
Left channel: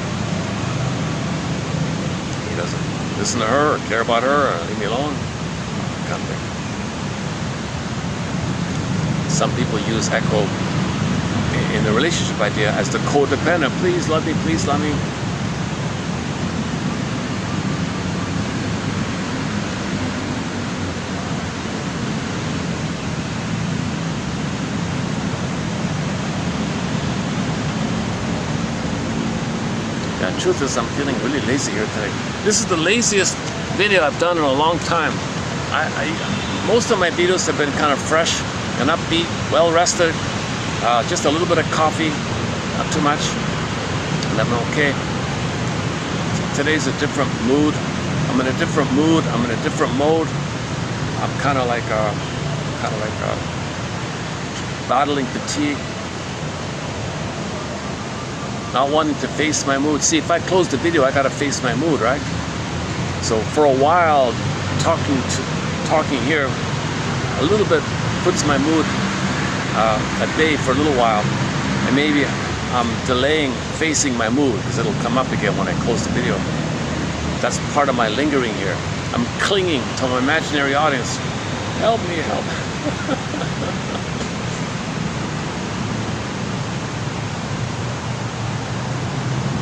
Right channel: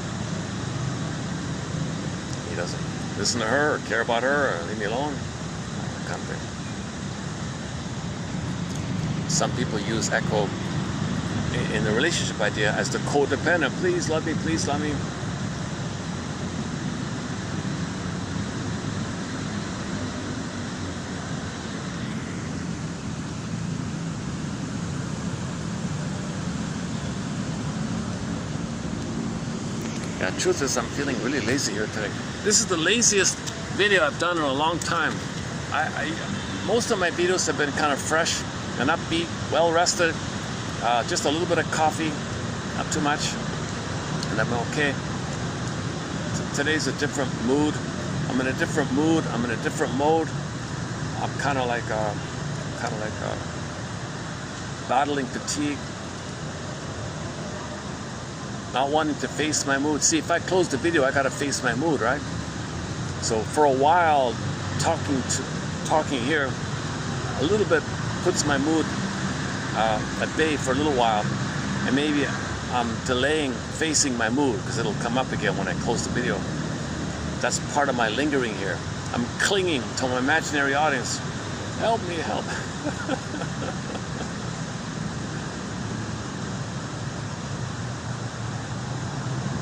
He doesn't listen to her or care about her or leave me alone. Kind of thing. Some people use echo in the relationship idea as the codependent. Please love me, please love me. The truth is, I'm feeling really lazy here today. This is the laziest video I've done in a long time. Most of my videos have been kind of fresh and upbeat, well rested, just a little bit of coffee, not too much, and I'm okay. Today's a different mood. I'm in a different mood. I'm in a different mode. I'm kind of like battling fatigue, not wanting to face my mood. See, if I close the video, I gotta face my mood, right? So for a while, talking here a little bit puts my mood at bay for a little while, and maybe I'm delaying facing my mood because it'll come up again when I close the video. That's part of my lingering here. I'm clinging to my imaginary audience. Help me, help.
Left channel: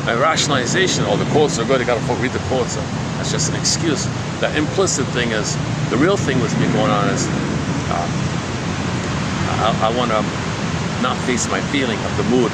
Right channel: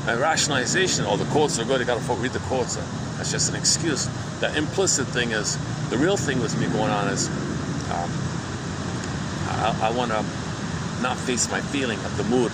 My rationalization, oh, the quotes are good, you gotta read the quotes. That's just an excuse. The implicit thing is, the real thing that's been going on is, I want to not face my feeling of the mood.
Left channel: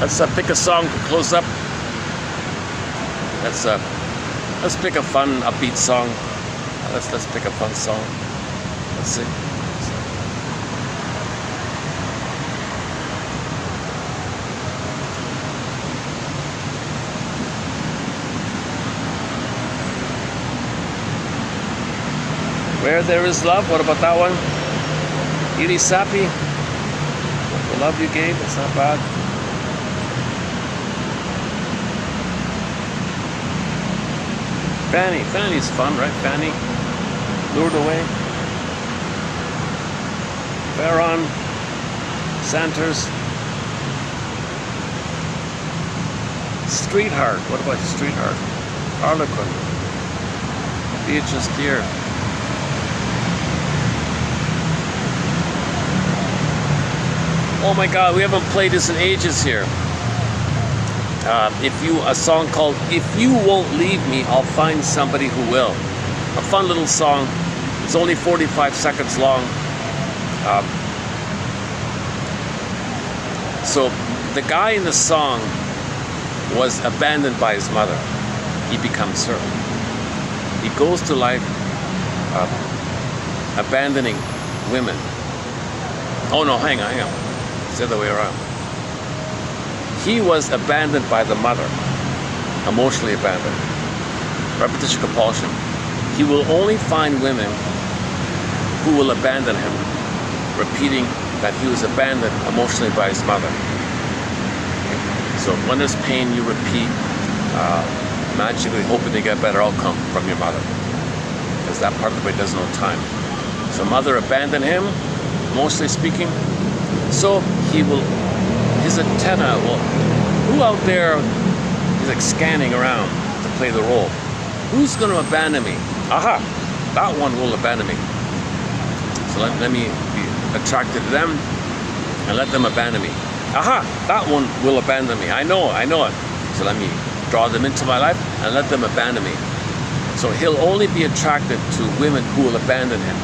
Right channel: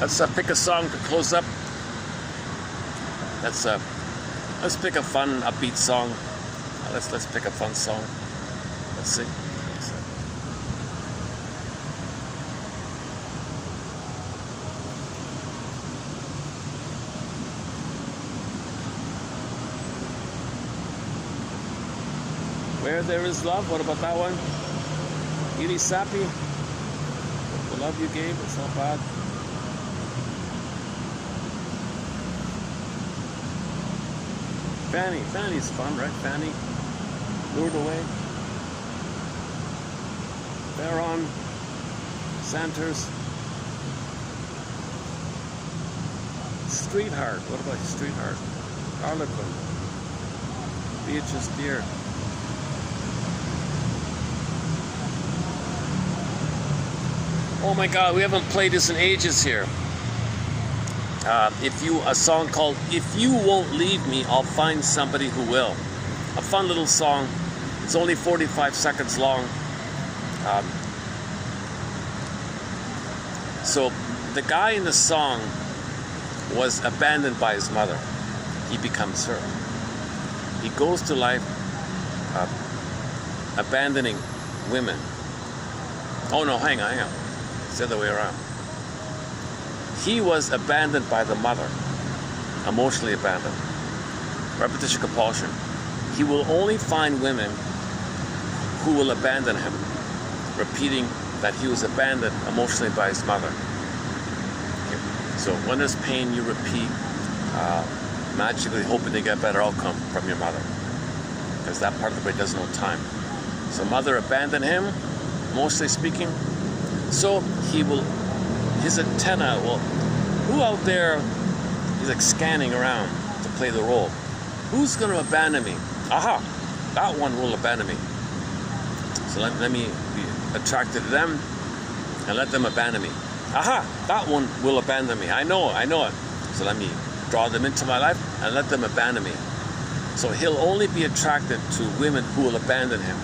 Let's pick a song to close up. Let's pick a fun, upbeat song. Let's pick a fun song. Let's see. Where There Is Love. What about that one? Edie Sappy. The love you gave. It's not bad. Fanny's fun, right? Fanny, Lured Away. Baron, Santers. Streetheart, what about Streetheart? Harlequin. Beatrice Deer. Oh my God, we haven't played this in ages here. A song called If You Won't Leave Me, I'll Find Somebody Who Will. A fun little song. It's only 45 seconds long. So the guy in the song was abandoned by his mother. He becomes her. He goes to life abandoning women. Oh no, hang on. It's the other way around. He was abandoned by the mother, emotionally abandoned. Repetition compulsion. He will only find women who will abandon him, repeating that he was abandoned emotionally by his mother. So when there's pain, you repeat, magically hoping to get a better outcome from your mother, because that part of the brain doesn't know time. So mother abandoned him, mostly speaking. So he will. His antenna, well, who out there is like scanning around to play the role? Who's going to abandon me? Aha, that one will abandon me. So let me be attracted to them and let them abandon me. Aha, that one will abandon me. I know it. So let me draw them into my life and let them abandon me. So he'll only be attracted to women who will abandon him,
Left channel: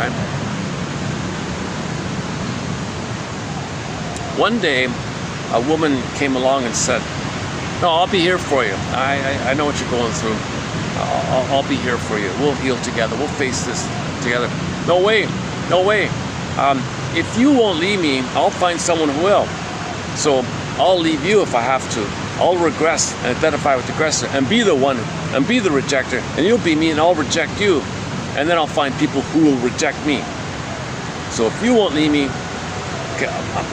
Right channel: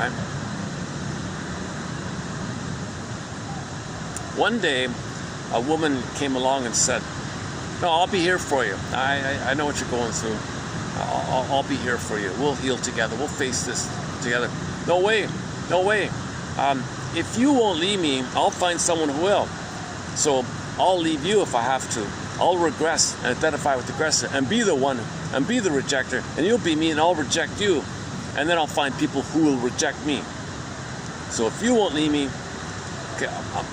right? One day, a woman came along and said, No, I'll be here for you. I know what you're going through. I'll be here for you. We'll heal together. We'll face this together. No way. No way. If you won't leave me, I'll find someone who will. So I'll leave you if I have to. I'll regress and identify with the aggressor and be the one and be the rejecter. And you'll be me and I'll reject you. And then I'll find people who will reject me. So if you won't leave me, okay,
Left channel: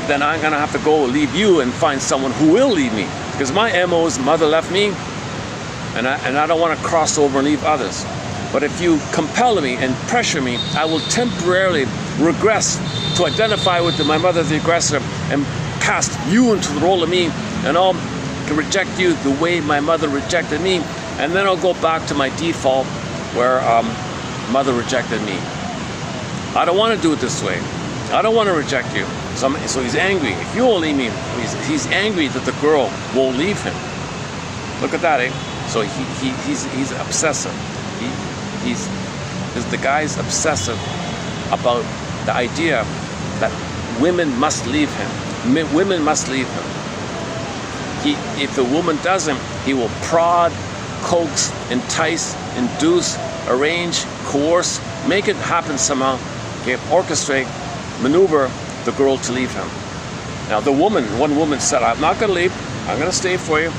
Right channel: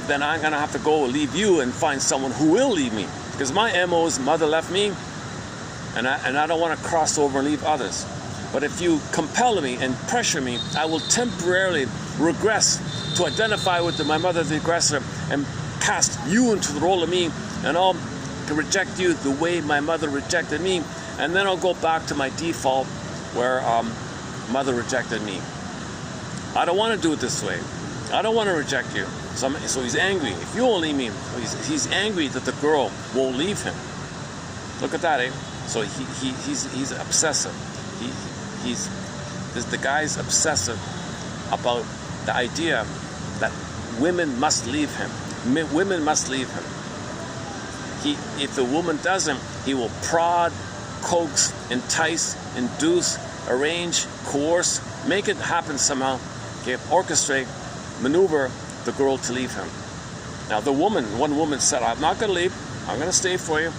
then I'm going to have to go leave you and find someone who will leave me. Because my MO is mother left me, and I don't want to cross over and leave others. But if you compel me and pressure me, I will temporarily regress to identify with my mother, the aggressor, and cast you into the role of me, and I'll reject you the way my mother rejected me, and then I'll go back to my default where mother rejected me. I don't want to do it this way. I don't want to reject you. So he's angry. If you won't leave me, he's angry that the girl won't leave him. Look at that, eh? So he's obsessive. The guy's obsessive about the idea that women must leave him. Women must leave him. If the woman doesn't, he will prod, coax, entice, induce, arrange, coerce, make it happen somehow, okay, orchestrate, maneuver the girl to leave him. Now one woman said, I'm not going to leave, I'm going to stay for you.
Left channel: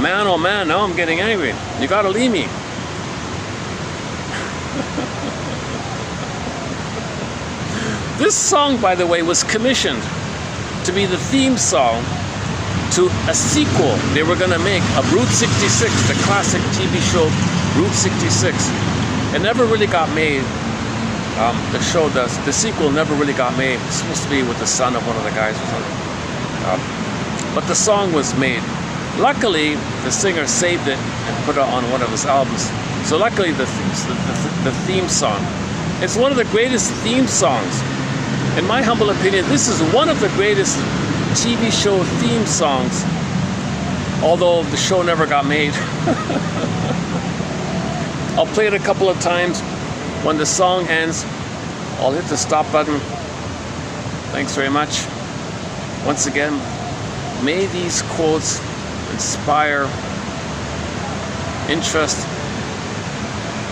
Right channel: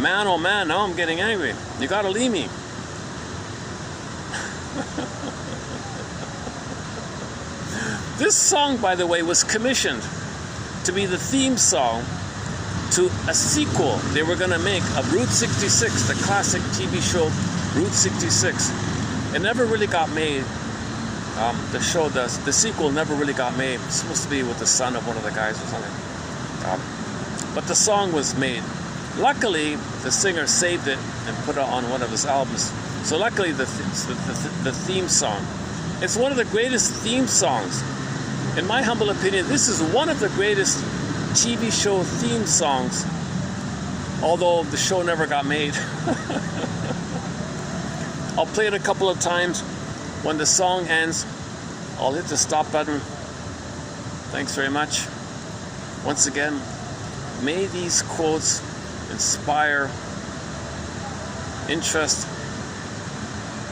Man, oh man, now I'm getting angry. You got to leave me. This song, by the way, was commissioned to be the theme song to a sequel they were going to make of Route 66, the classic TV show Route 66. It never really got made. The show does. The sequel never really got made. It's supposed to be with the son of one of the guys or something. But the song was made. Luckily, the singer saved it and put it on one of his albums. So luckily, the theme song. It's one of the greatest theme songs. In my humble opinion, this is one of the greatest TV show theme songs, although the show never got made. I'll play it a couple of times. When the song ends, I'll hit the stop button. Thanks very much. Once again, may these quotes inspire interest,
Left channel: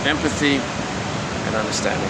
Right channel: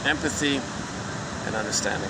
empathy, and understanding.